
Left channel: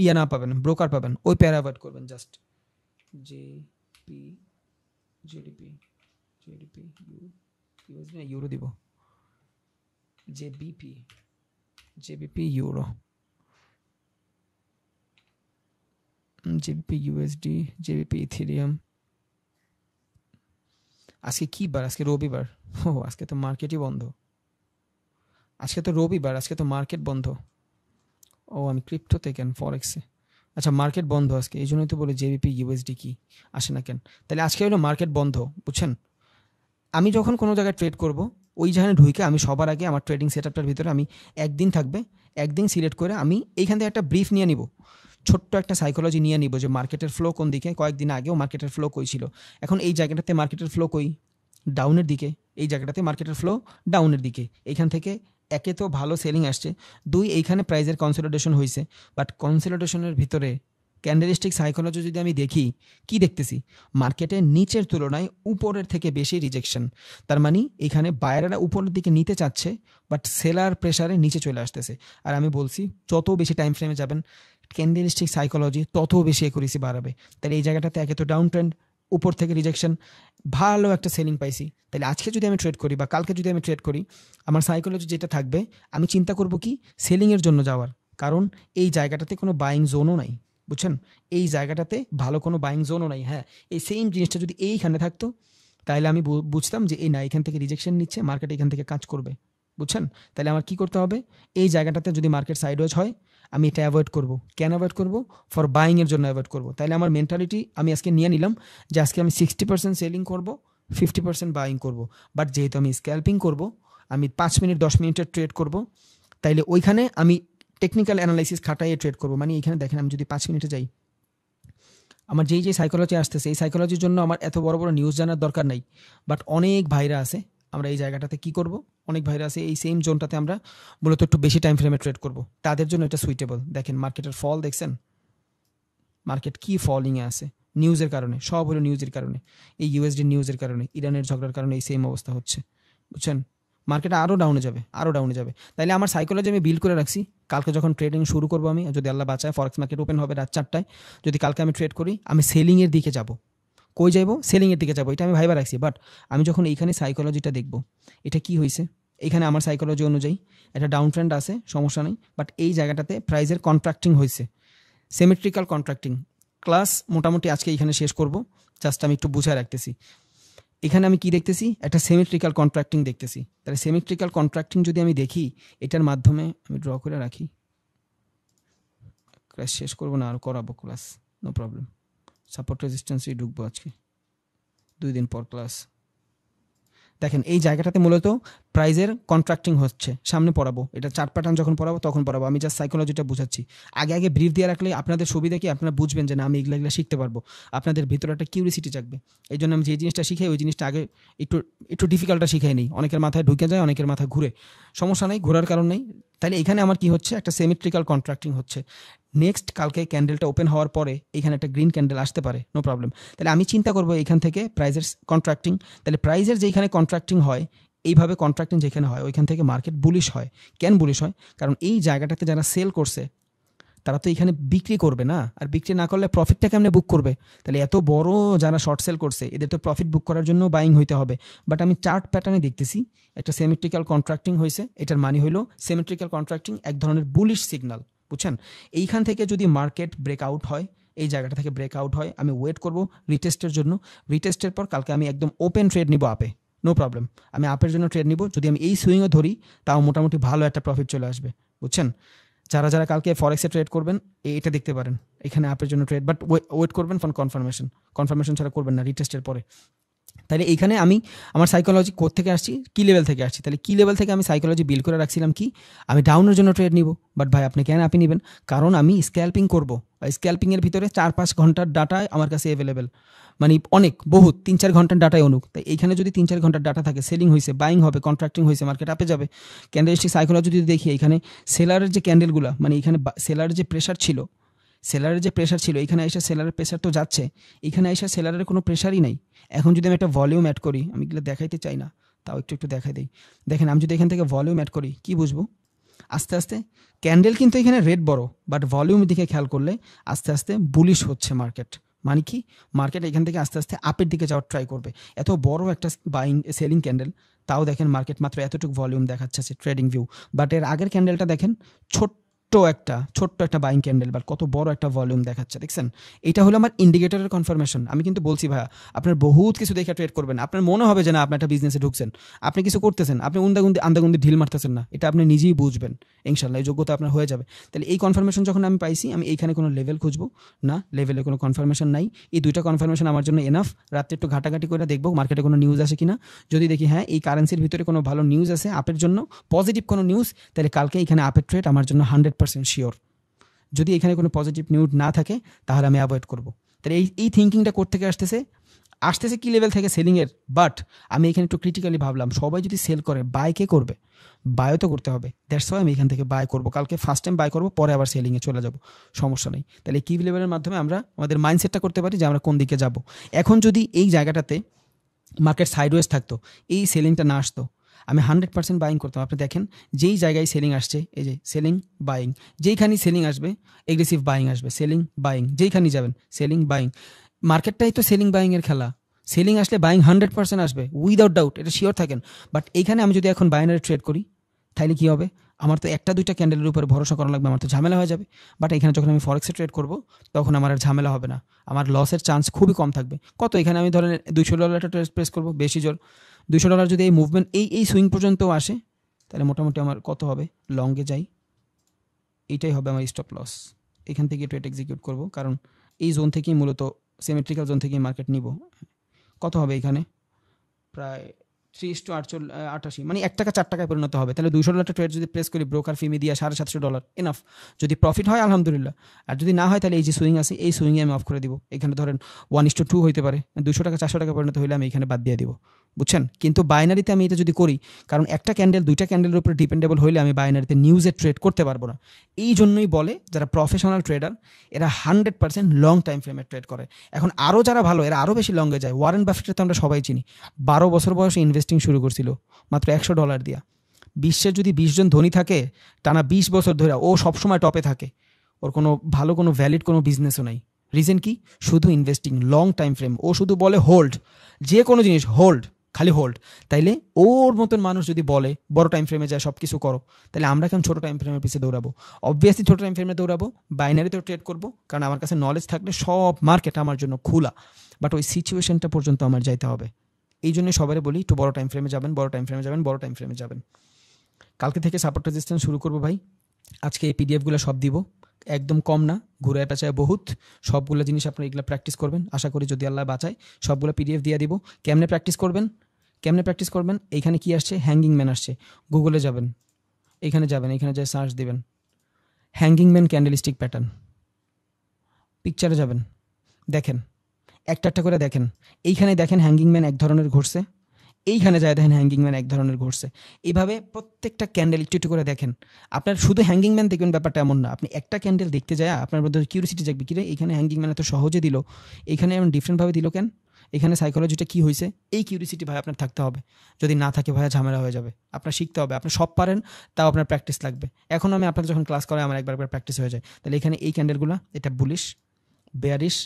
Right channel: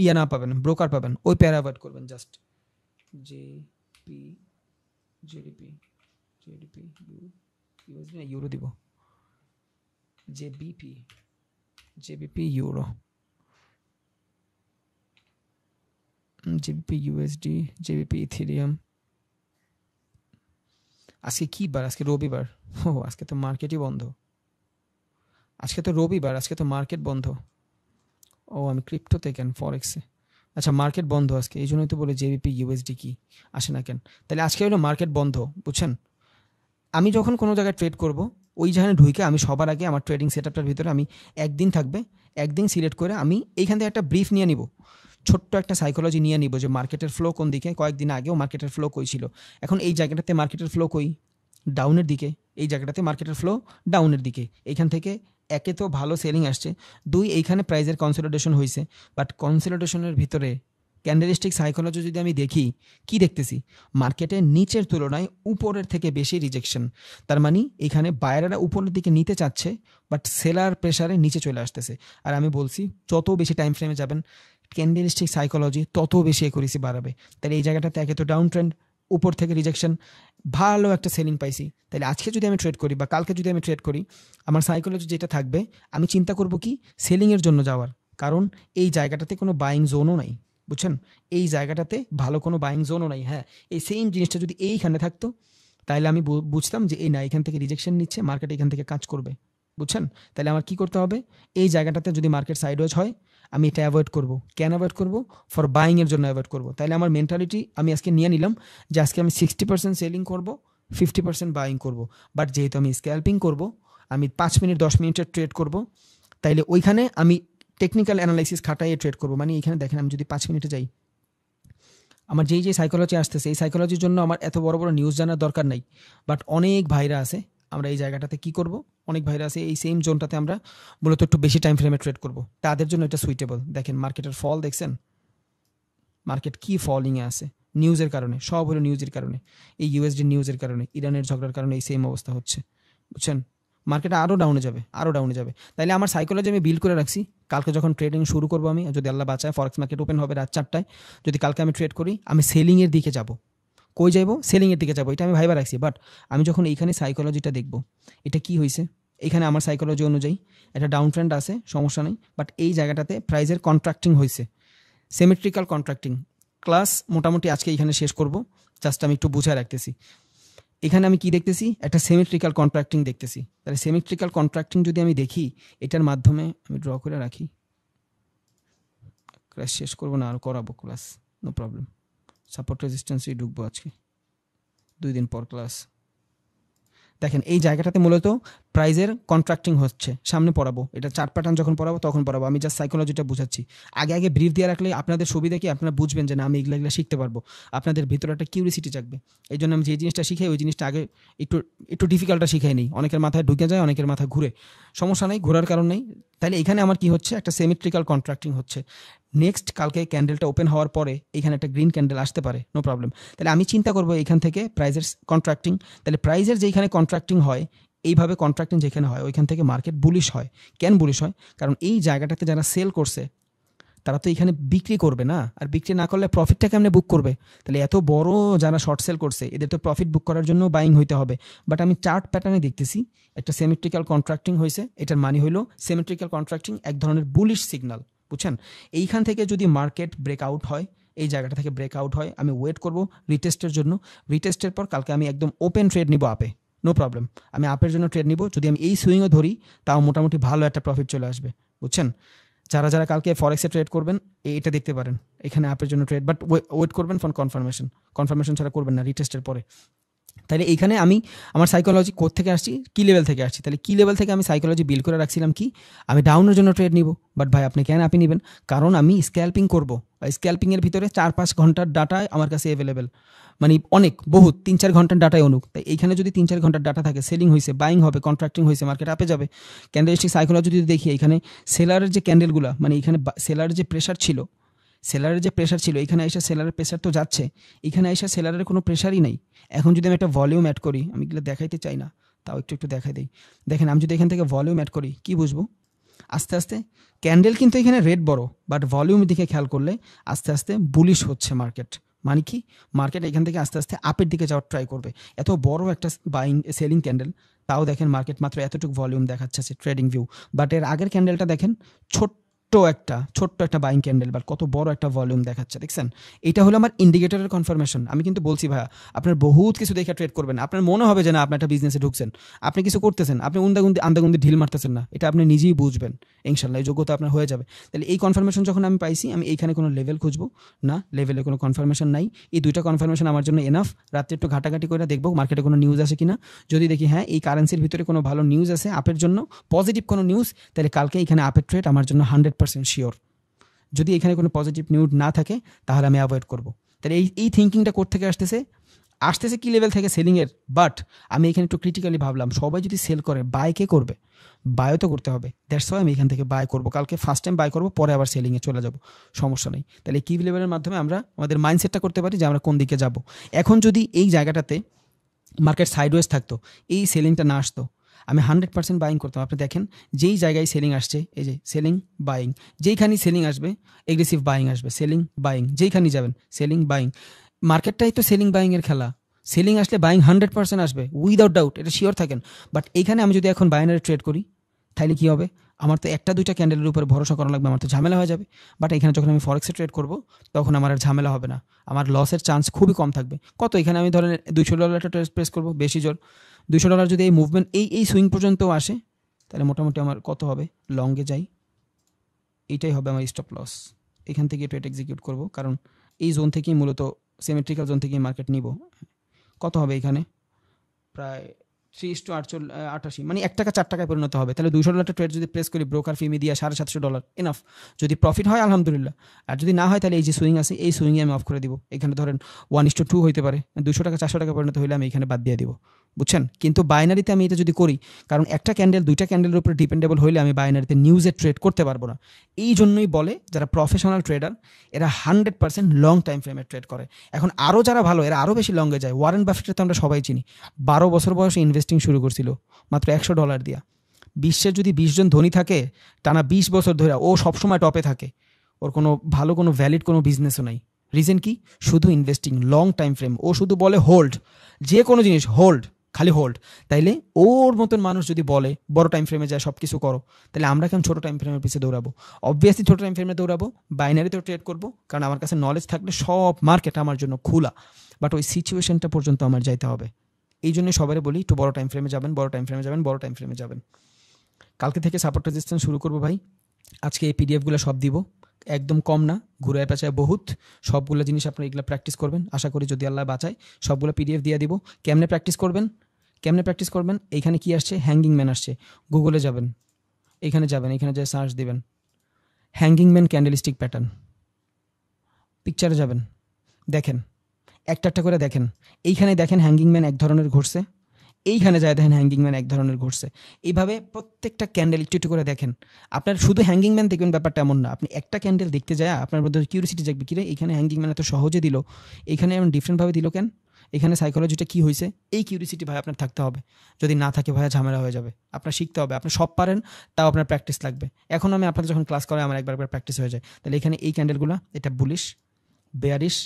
ইয়া না পাবেন, ব্রোকার পাবেন, ওই পেয়ার অ্যাভয়েড করবেন। জাস্ট জিডিপি ইউরো দিব, JBP euro, JBP USD, JBP Ethereum. আজকে কি বার? আজকে রবিবার। ও আজকে তো মার্কেটই বন্ধ, আজকে তো রবিবার, আজকে তো মার্কেট বন্ধ। ও আমি ক্রিপ্টোতে কেন, ফরেক্সে? আচ্ছা মার্কেট বন্ধ আজকে, এই জন্যই তো বলে জেবিপি ইউএসডি কি আসে না কেন। তাহলে আজকে হলো মার্কেট বন্ধ, বুঝছেন? আমি যখন কোনো জায়গায় ট্রেড করব, ওই জায়গায় ঢুকে আমি সবার আগে আমার ট্রেডিং সেটআপটার ভিতরে আমি একদিন সিলেক্ট করে আমি এইখান থেকে একটা ব্রিফ নিয়ে নিব, ছোট্ট একটা সাইকোলজি নিয়ে নিব যে মার্কেটের ফ্লো কোন দিকে, কয়েকদিন আগেও মার্কেটের ফ্লো কই ছিল, এখন এই জায়গাটাতে মার্কেটের ফ্লো কই, ডাউনের দিকে, এই জায়গাটাতে মার্কেটের ফ্লো ডাউনের দিকে। এইখান থেকে একে তো ভালো সেলিং আসছে, দুই এইখানে প্রাইজের কনসলিডেশন হয়েছে, বাট কনসলিডেশনের ভিতরে ক্যান্ডেলস্টিক সাইকোলজি যদি আমি দেখি, কি দেখতেছি, মার্কেটে নিচের তুলনায় উপরের থেকে বেশি রিজেকশন। তার মানে এখানে বায়ারেরা উপরের দিকে নিতে চাচ্ছে, বাট সেলার প্রেসারে নিচে চলে আসতেছে। আর আমি বলছি যত বেশি টাইম ফ্রেমে যাবেন ক্যান্ডেলস্টিক সাইকোলজি তত বেশি একুরেসি বাড়াবে। তাহলে এই জায়গাটাতে একে তো ডাউন ট্রেন্ড, উপর থেকে রিজেকশন, ভালো একটা সেলিং পাইছি। তাহলে আজকে যদি আমি ট্রেড করি বা কালকে যদি আমি ট্রেড করি, আমার সাইকোলজি যেটা থাকবে, আমি চিন্তা করব কি সেলিংয়ের জন্য যাওয়ার, কারণ এই জায়গাটাতে কোনো বাইং জোনও নাই, বুঝছেন, এই জায়গাটাতে ভালো কোনো বাইং জোনও নাই। হ্যাঁ, এই সেম জিনিসটা যদি এইখানে থাকতো তাহলে আমি বুঝতাম যে এই না, এখান থেকে রিজেকশন নিচ্ছে, মার্কেট এখান থেকে কাজ করবে, বুঝছেন। তাহলে আমার কি করতে হবে, এই জায়গাটাতে যদি মার্কেট সাইডওয়েজ হয় আমি এটা অ্যাভয়েড করব। কেন অ্যাভয়েড করব? ফর বাইংয়ের জন্য অ্যাভয়েড করব। তাহলে আমার মেন্টালিটি আমি আজকে নিয়ে নিলাম যে আজকে আমি 60% সেলিং করব, 50% বাইং করব। বাট যেহেতু আমি স্ক্যাল্পিং করব, আমি 5 মিনিট 10 মিনিটের ট্রেড করব, তাইলে ওইখানে আমি টেকনিক্যাল অ্যানালাইসিস খাটাইয়ে ট্রেড করব। মানে এখানে দেখেন আমি যদি 5 মিনিটে যাই, আমার যেই যে সাইকোলজি আসতেছে এই সাইকোলজির জন্য আমার এত বড় বড় নিউজ জানার দরকার নাই। বাট অনেক ভাইরা আছে, আমরা এই জায়গাটাতে কি করব, অনেক ভাইরা আছে এই সেম জোনটাতে আমরা মূলত একটু বেশি টাইম ফ্রেমে ট্রেড করব, তাদের জন্য এটা সুইটেবল। দেখেন মার্কেটের ফল দেখছেন, মার্কেট কি ফলিংয়ে আছে, নিউজের কারণে, সব হলো নিউজের কারণে, এই ইউএসডি নিউজের কারণে, ইরানের ঝগড়ার কারণে এই সেম অবস্থা হচ্ছে, বুঝছেন। মার্কেট আরও ডাউনে যাবে, আরও ডাউনে যাবে। তাইলে আমার সাইকোলজি আমি বিল্ড করে রাখছি, কালকে যখন ট্রেডিং শুরু করবো আমি, যদি আল্লাহ বাঁচায় ফরেক্স মার্কেট ওপেন হবে রাত 4টায়, যদি কালকে আমি ট্রেড করি, আমি সেলিংয়ের দিকে যাব। কই যাইবো? সেলিংয়ের দিকে যাবো, এটা আমি ভাইবা রাখছি। বাট আমি যখন এইখানে সাইকোলজিটা দেখবো, এটা কি হয়েছে, এখানে আমার সাইকোলজি অনুযায়ী এটা ডাউন ট্রেন্ড আছে, সমস্যা নেই, বাট এই জায়গাটাতে প্রাইজের কন্ট্রাক্টিং হয়েছে, সিমেট্রিক্যাল কন্ট্রাক্টিং। ক্লাস মোটামুটি আজকে এখানে শেষ করব, জাস্ট আমি একটু বুঝায় রাখতেছি। এখানে আমি কি দেখতেছি, একটা সিমেট্রিক্যাল কন্ট্রাক্টিং দেখতেছি। তাহলে সিমেট্রিক্যাল কন্ট্রাক্টিং যদি আমি দেখি, এটার মাধ্যমে আমি ড্র করে রাখি, ক্লাস শেষ করবো না, আর করাবো ক্লাস, নো প্রবলেম। সাপোর্ট রেজিস্ট্যান্সে ঢুকবো আজকে, 2 দিন পর ক্লাস। দেখেন এই জায়গাটাতে মূলত প্রাইজের কন্ট্রাক্টিং হচ্ছে, সামনে পড়াবো, এটা চার্ট প্যাটার্ন যখন পড়াবো তখন পড়াবো, আমি জাস্ট সাইকোলজিটা বুঝাচ্ছি। আগে আগে ব্রিফ দিয়ে রাখলে আপনাদের সুবিধা কি, আপনারা বুঝবেন যে না আমি এগুলো এগুলো শিখতে পারবো, আপনাদের ভিতরে একটা কিউরিসিটি জাগবে। এই জন্য আমি যে জিনিসটা শিখাই ওই জিনিসটা আগে একটু একটু ডিফিকাল্টটা শিখাই নিই, অনেকের মাথায় ঢুকে যায়, অনেকের মাথায় ঘুরে, সমস্যা নেই, ঘোরার কারণ নেই। তাহলে এখানে আমার কি হচ্ছে, একটা সিমেট্রিক্যাল কন্ট্রাক্টিং হচ্ছে। নেক্সট কালকে ক্যান্ডেলটা ওপেন হওয়ার পরে এখানে একটা গ্রিন ক্যান্ডেল আসতে পারে, নো প্রবলেম। তাহলে আমি চিন্তা করবো এখান থেকে প্রাইজের কন্ট্রাক্টিং, তাহলে প্রাইজের যেখানে কন্ট্রাক্টিং হয়, এইভাবে কন্ট্রাক্টিং যেখানে হয় ওইখান থেকে মার্কেট বুলিশ হয়। কেন বুলিশ হয়? কারণ এই জায়গাটাতে যারা সেল করছে তারা তো এখানে বিক্রি করবে না, আর বিক্রি না করলে প্রফিটটা কেমনে বুক করবে? তাহলে এত বড় যারা শর্ট সেল করছে এদের তো প্রফিট বুক করার জন্য বাইং হইতে হবে। বাট আমি চার্ট প্যাটার্নে দেখতেছি একটা সিমেট্রিক্যাল কন্ট্রাক্টিং হয়েছে, এটার মানে হলো সিমেট্রিক্যাল কন্ট্রাক্টিং এক ধরনের বুলিশ সিগন্যাল, বুঝছেন। এইখান থেকে যদি মার্কেট ব্রেকআউট হয়, এই জায়গাটা থেকে ব্রেকআউট হয়, আমি ওয়েট করব রিটেস্টের জন্য। রিটেস্টের পর কালকে আমি একদম ওপেন ট্রেড নিব আপে, নো প্রবলেম, আমি আপের জন্য ট্রেড নিব। যদি আমি এই সুইংও ধরি তাও মোটামুটি ভালো একটা প্রফিট চলে আসবে, বুঝছেন। যারা যারা কালকে ফরেক্সে ট্রেড করবেন এটা দেখতে পারেন, এখানে আপের জন্য ট্রেড, বাট ওয়েট করবেন ফর কনফার্মেশন, কনফার্মেশন ছাড়া করবেন না রিটেস্টের পরে। তাহলে এইখানে আমি আমার সাইকোলজি কোথা থেকে আসছি, কি লেভেল থেকে আসছি, তাহলে কি লেভেল থেকে আমি সাইকোলজি বিল্ড করে রাখছিলাম কি, আমি ডাউনের জন্য ট্রেড নিব। বাট ভাই আপনি কেন আপনি নেবেন? কারণ আমি স্ক্যাল্পিং করবো, স্ক্যাল্পিংয়ের ভিতরে 4-5 ঘন্টার ডাটা আমার কাছে অ্যাভেলেবেল, মানে অনেক বহুত 3-4 ঘন্টার ডাটায় অনুক। তাই এইখানে যদি 3-4 ঘন্টার ডাটা থাকে, সেলিং হয়েছে, বাইং হবে, কন্ট্রাক্টিং হয়েছে, মার্কেট আপে যাবে। ক্যান্ডেলস্টিক সাইকোলজি যদি দেখি, এখানে সেলারের যে ক্যান্ডেলগুলো, মানে এখানে সেলারের যে প্রেশার ছিল, এখানে এসে সেলারের প্রেশার তো যাচ্ছে, এখানে এসে সেলারের কোনো প্রেশারই নেই। এখন যদি আমি একটা ভলিউম অ্যাড করি, আমি এগুলো দেখাইতে চাই না, তাও একটু একটু দেখাই দিই। দেখেন আমি যদি এখান থেকে ভলিউম অ্যাড করি, কি বুঝবো? আস্তে আস্তে ক্যান্ডেল কিন্তু এখানে রেড বড়, বাট ভলিউম দিকে খেয়াল করলে আস্তে আস্তে বুলিশ হচ্ছে মার্কেট। মানে কি, মার্কেট এখান থেকে আস্তে আস্তে আপের দিকে যাওয়ার ট্রাই করবে। এত বড় একটা বাইং সেলিং ক্যান্ডেল, তাও দেখেন মার্কেট মাত্র এতটুকু ভলিউম দেখাচ্ছে ট্রেডিং ভিউ। বাট এর আগের ক্যান্ডেলটা দেখেন, ছোট্ট একটা বাইং ক্যান্ডেল, বাট কত বড় একটা ভলিউম দেখাচ্ছে, দেখছেন। এটা হলো আমার ইন্ডিকেটরের কনফার্মেশন। আমি কিন্তু বলছি ভাইয়া, আপনার বহুত কিছু দেখে ট্রেড করবেন, আপনার মনে হবে যে না আপনি একটা বিজনেসে ঢুকছেন, আপনি কিছু করতেছেন, আপনি আন্দাগুন্দি ঢিল মারতেছেন না, এটা আপনি নিজেই বুঝবেন, ইনশাল্লাহ এই যোগ্যতা আপনার হয়ে যাবে। তাহলে এই কনফার্মেশন যখন আমি পাইছি, আমি এইখানে কোনো লেভেল খুঁজবো না, লেভেলে কোনো কনফার্মেশন নাই। এই দুইটা কনফার্মেশন আমার জন্য এনাফ। রাত্রে একটু ঘাটাঘাটি করে দেখবো মার্কেটে কোনো নিউজ আছে কিনা, যদি দেখি হ্যাঁ এই কারেন্সির ভিতরে কোনো ভালো নিউজ আছে আপের জন্য, পজিটিভ কোনো নিউজ, তাহলে কালকে এখানে আপের ট্রেড আমার জন্য 100% শিওর। যদি এখানে কোনো পজিটিভ নিউজ না থাকে তাহলে আমি অ্যাভয়েড করবো। তাহলে এই থিঙ্কিংটা কোত্থেকে আসতেছে কি লেভেল থেকে সেলিংয়ের। বাট আমি এখানে একটু ক্রিটিক্যালি ভাবলাম, সবাই যদি সেল করে বাই কে করবে? বায়ও তো করতে হবে। দ্যাটস ওয়াই আমি এখান থেকে বাই করবো, কালকে ফার্স্ট টাইম বাই করবো, পরে আবার সেলিংয়ে চলে যাব, সমস্যা নেই। তাহলে কি লেভেলের মাধ্যমে আমরা আমাদের মাইন্ডসেটটা করতে পারি যে আমরা কোন দিকে যাব। এখন যদি এই জায়গাটাতে মার্কেট সাইডওয়েজ থাকতো, এই সেলিংটা না আসতো, আমি 100% বাইং করতাম। আপনি দেখেন যেই জায়গায় সেলিং আসছে, এই যে সেলিং বাইং, যেইখানেই সেলিং আসবে এগ্রেসিভ বাইং আসবে, সেলিং বাইং, যেইখানেই যাবেন সেলিং বাইং। মার্কেটটাই তো সেলিং বাইং এর খেলা। সেলিং আসলে বাইং 100% আসবে, উইদাউট ডাউট, এটা শিওর থাকেন। বাট এইখানে আমি যদি এখন বাইনারি ট্রেড করি তাহলে কি হবে? আমার তো একটা দুইটা ক্যান্ডেলের উপরে ভরসা করা লাগবে, আমার তো ঝামেলা হয়ে যাবে। বাট এখানে যখন আমি ফরেক্সে ট্রেড করব তখন আমার আর ঝামেলা হবে না, আমার লসের চান্স খুবই কম থাকবে। কত এখানে আমি ধরেন $200 একটা ট্রেড প্রেস করবো, বেশি জোর $200 যদি এই মুভমেন্ট এই সুইং পর্যন্ত আসে তাহলে মোটামুটি আমার কত হবে? লংয়ে যাই, এইটাই হবে আমার স্টপ লস। এখান থেকে ট্রেড এক্সিকিউট করব, কারণ এই জোন থেকেই মূলত সিমেট্রিক্যাল জোন থেকেই মার্কেট নিব। কত হবে এখানে? প্রায় 3:88, মানে $1 4 পরিণত হবে। তাহলে $200 ট্রেড যদি প্লেস করি ব্রোকার ফি দিয়ে $750, এনাফ। যদি প্রফিট হয় আলহামদুলিল্লাহ, আর যদি না হয় তাহলে এই যে সুইং আছে এই সুইংয়ে আমি অফ করে দিব। এখানে ধরেন 1:2 হইতে পারে, $200 400 পরিণত হইলে আমি এখানে বাদ দিয়ে দিব, বুঝছেন? কিন্তু বাইনারিতে আমি এটা যদি করি, কারণ একটা ক্যান্ডেল দুইটা ক্যান্ডেলের উপরে ডিপেন্ডেবল হইলে আমি বাইনারিতে নিউজে ট্রেড করতে পারবো না। এই জন্যই বলে যারা প্রফেশনাল ট্রেডার এরা 100% লং টাইম ফ্রেমে ট্রেড করে। এখন আরও যারা ভালো এরা আরও বেশি লংয়ে যায়। ওয়ারেন বাফেটকে তো আমরা সবাই চিনি, 12 বছর বয়সে ইনভেস্টিং শুরু করছিল মাত্র $100 দিয়া। বিশ্বের যদি 20 জন ধনী থাকে টানা 20 বছর ধরে, ও সবসময় টপে থাকে, ওর কোনো ভালো কোনো ভ্যালিড কোনো বিজনেসও নাই। রিজন কি? শুধু ইনভেস্টিং লং টাইম ফ্রেম। ও শুধু বলে হোল্ড, যে কোনো জিনিস হোল্ড, খালি হোল্ড। তাইলে ওর মতন মানুষ যদি বলে বড় টাইম ফ্রেমে যায় সব কিছু করো, তাহলে আমরা কেন ছোট টাইম ফ্রেমের পিছিয়ে দৌড়াবো? অবভিয়াসলি ছোট টাইম ফ্রেমে দৌড়াবো, বাইনারিতেও ট্রেড করবো, কারণ আমার কাছে নলেজ থাকলে সব মার্কেট আমার জন্য খোলা। বাট ওই সিচুয়েশনটা পর্যন্ত আমার যাইতে হবে। এই জন্য সবাই বলি একটু বড় টাইম ফ্রেমে যাবেন, বড় টাইম ফ্রেমে যাবেন, বড় টাইম ফ্রেমে যাবেন। কালকে থেকে সাপোর্ট রেজিস্ট্যান্স শুরু করবো ভাই। আজকে এই পিডিএফগুলো সব দিব, একদম কম না, ঘুরে পেঁচায় বহুত। সবগুলো জিনিস আপনারা এগুলো প্র্যাকটিস করবেন, আশা করি যদি আল্লাহ বাঁচায় সবগুলো পিডিএফ দিয়ে দিব। কেমনে প্র্যাকটিস করবেন? এইখানে কি আসছে? হ্যাঙ্গিং ম্যান আসছে। গুগলে যাবেন, এখানে যা সার্চ দেবেন হ্যাঙ্গিং ম্যান ক্যান্ডেলস্টিক প্যাটার্ন, পিকচারে যাবেন, দেখেন একটা একটা করে দেখেন। এইখানে দেখেন হ্যাঙ্গিং ম্যান এক ধরনের ঘুরছে, এইখানে যায় দেখেন হ্যাঙ্গিং ম্যান এক ধরনের ঘুরছে। এইভাবে প্রত্যেকটা ক্যান্ডেল একটু একটু করে দেখেন। আপনার শুধু হ্যাঙ্গিং ম্যান দেখবেন ব্যাপারটা এমন না, আপনি একটা ক্যান্ডেল দেখতে যায় আপনার মধ্যে কিউরিসিটি জাগবে, কিরে এখানে হ্যাঙ্গিং ম্যান এত সহজে দিল, এখানে এমন ডিফারেন্টভাবে দিল কেন, এখানে সাইকোলজিটা কি হয়েছে? এই কিউরিসিটি ভাই আপনার থাকতে হবে। যদি না থাকে ভাইয়া ঝামেলা হয়ে যাবে। আপনার শিখতে হবে, আপনি সব পারেন, তাও আপনার প্র্যাকটিস লাগবে। এখন আমি আপনাদের যখন ক্লাস করাই আমার একবার প্র্যাকটিস হয়ে যায়। তাহলে এখানে এই ক্যান্ডেলগুলো, এটা বুলিশ, বেয়ারিশ,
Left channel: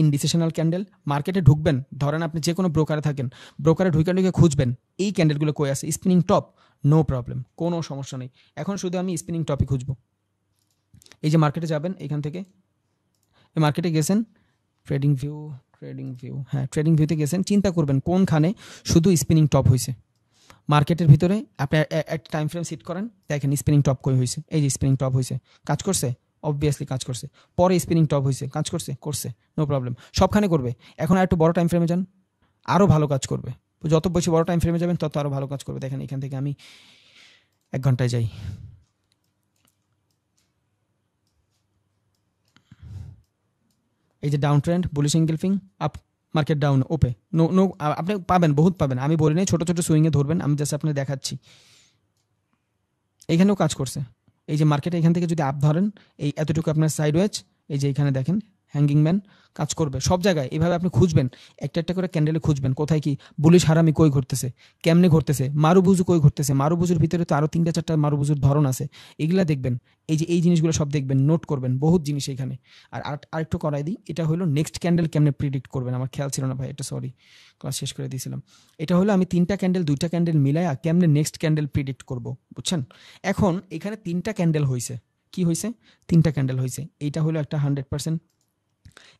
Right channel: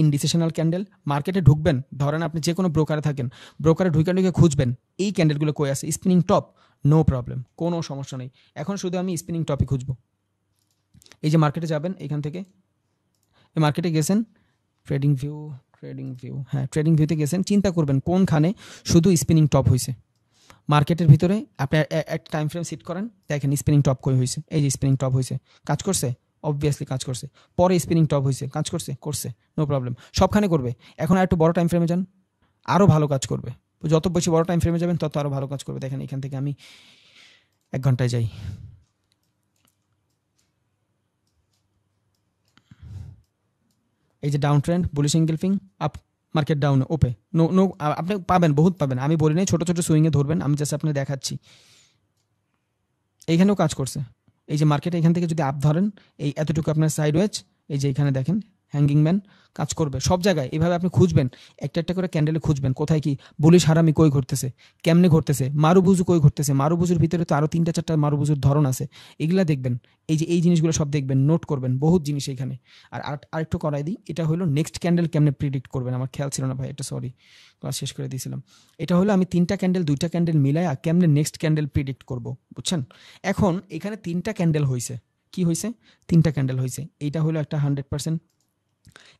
ইনডিসিশনাল ক্যান্ডেল। মার্কেটে ঢুকবেন, ধরেন আপনি যে কোনো ব্রোকারে থাকেন, ব্রোকারে ঢুকে খুঁজবেন এই ক্যান্ডেলগুলো কই আছে, স্পিনিং টপ, নো প্রবলেম, কোনো সমস্যা নেই। এখন শুধু আমি স্পিনিং টপই খুঁজবো। এই যে মার্কেটে যাবেন, এখান থেকে এই মার্কেটে গেছেন, ট্রেডিং ভিউ, হ্যাঁ ট্রেডিং ভিউতে গেছেন, চিন্তা করবেন কোনখানে শুধু স্পিনিং টপ হয়েছে। মার্কেটের ভিতরে আপনি একটা টাইম ফ্রেম সেট করেন, দেখেন স্পিনিং টপ কই হয়েছে, এই যে স্পিনিং টপ হয়েছে, কাজ করছে, অবভিয়াসলি কাজ করছে। পরে স্পিনিং টপ হয়েছে, কাজ করছে, নো প্রবলেম, সবখানে করবে। এখন আর একটু বড় টাইম ফ্রেমে যান, আরও ভালো কাজ করবে। যত বেশি বড় টাইম ফ্রেমে যাবেন তত আরও ভালো কাজ করবে। দেখেন এখান থেকে আমি 1 ঘন্টায় যাই, এই যে down trend, bullish engulfing, up, market down, ওপে, নো আপনি পাবেন, বহুত পাবেন। আমি বলি নাই ছোট ছোট সুইংয়ে ধরবেন, আমি জাস্ট আপনাকে দেখাচ্ছি। এইখানেও কাজ করছে। এই যে মার্কেটে এখান থেকে যদি আপ ধরেন, এই এতটুকু আপনার সাইড ওয়েজ, এই যে এখানে দেখেন হ্যাঙ্গিং ম্যান কাজ করবে সব জায়গায়। এইভাবে আপনি খুঁজবেন, একটা একটা করে ক্যান্ডেলে খুঁজবেন কোথায় কি বুলিশ হারামি কই ঘুরতেছে, কেমনে ঘুরতেছে, মারুবুজু কই ঘুরতেছে। মারুবুজুর ভিতরে তো আরো 3-4টা মারুবুজুর ধরন আছে, এগুলা দেখবেন। এই যে এই জিনিসগুলো সব দেখবেন, নোট করবেন, বহুত জিনিস এখানে। আর আরেকটু করাই দিই, এটা হলো নেক্সট ক্যান্ডেল কেমনে প্রিডিক্ট করবেন, আমার খেয়াল ছিল না ভাই, একটু সরি, ক্লাস শেষ করে দিয়েছিলাম। এটা হলো আমি 3টা ক্যান্ডেল 2টা ক্যান্ডেল মিলাই কেমনে নেক্সট ক্যান্ডেল প্রিডিক্ট করব, বুঝছেন? এখন এখানে 3টা ক্যান্ডেল হয়েছে, কি হয়েছে? 3টা ক্যান্ডেল হয়েছে। এইটা হলো একটা 100%,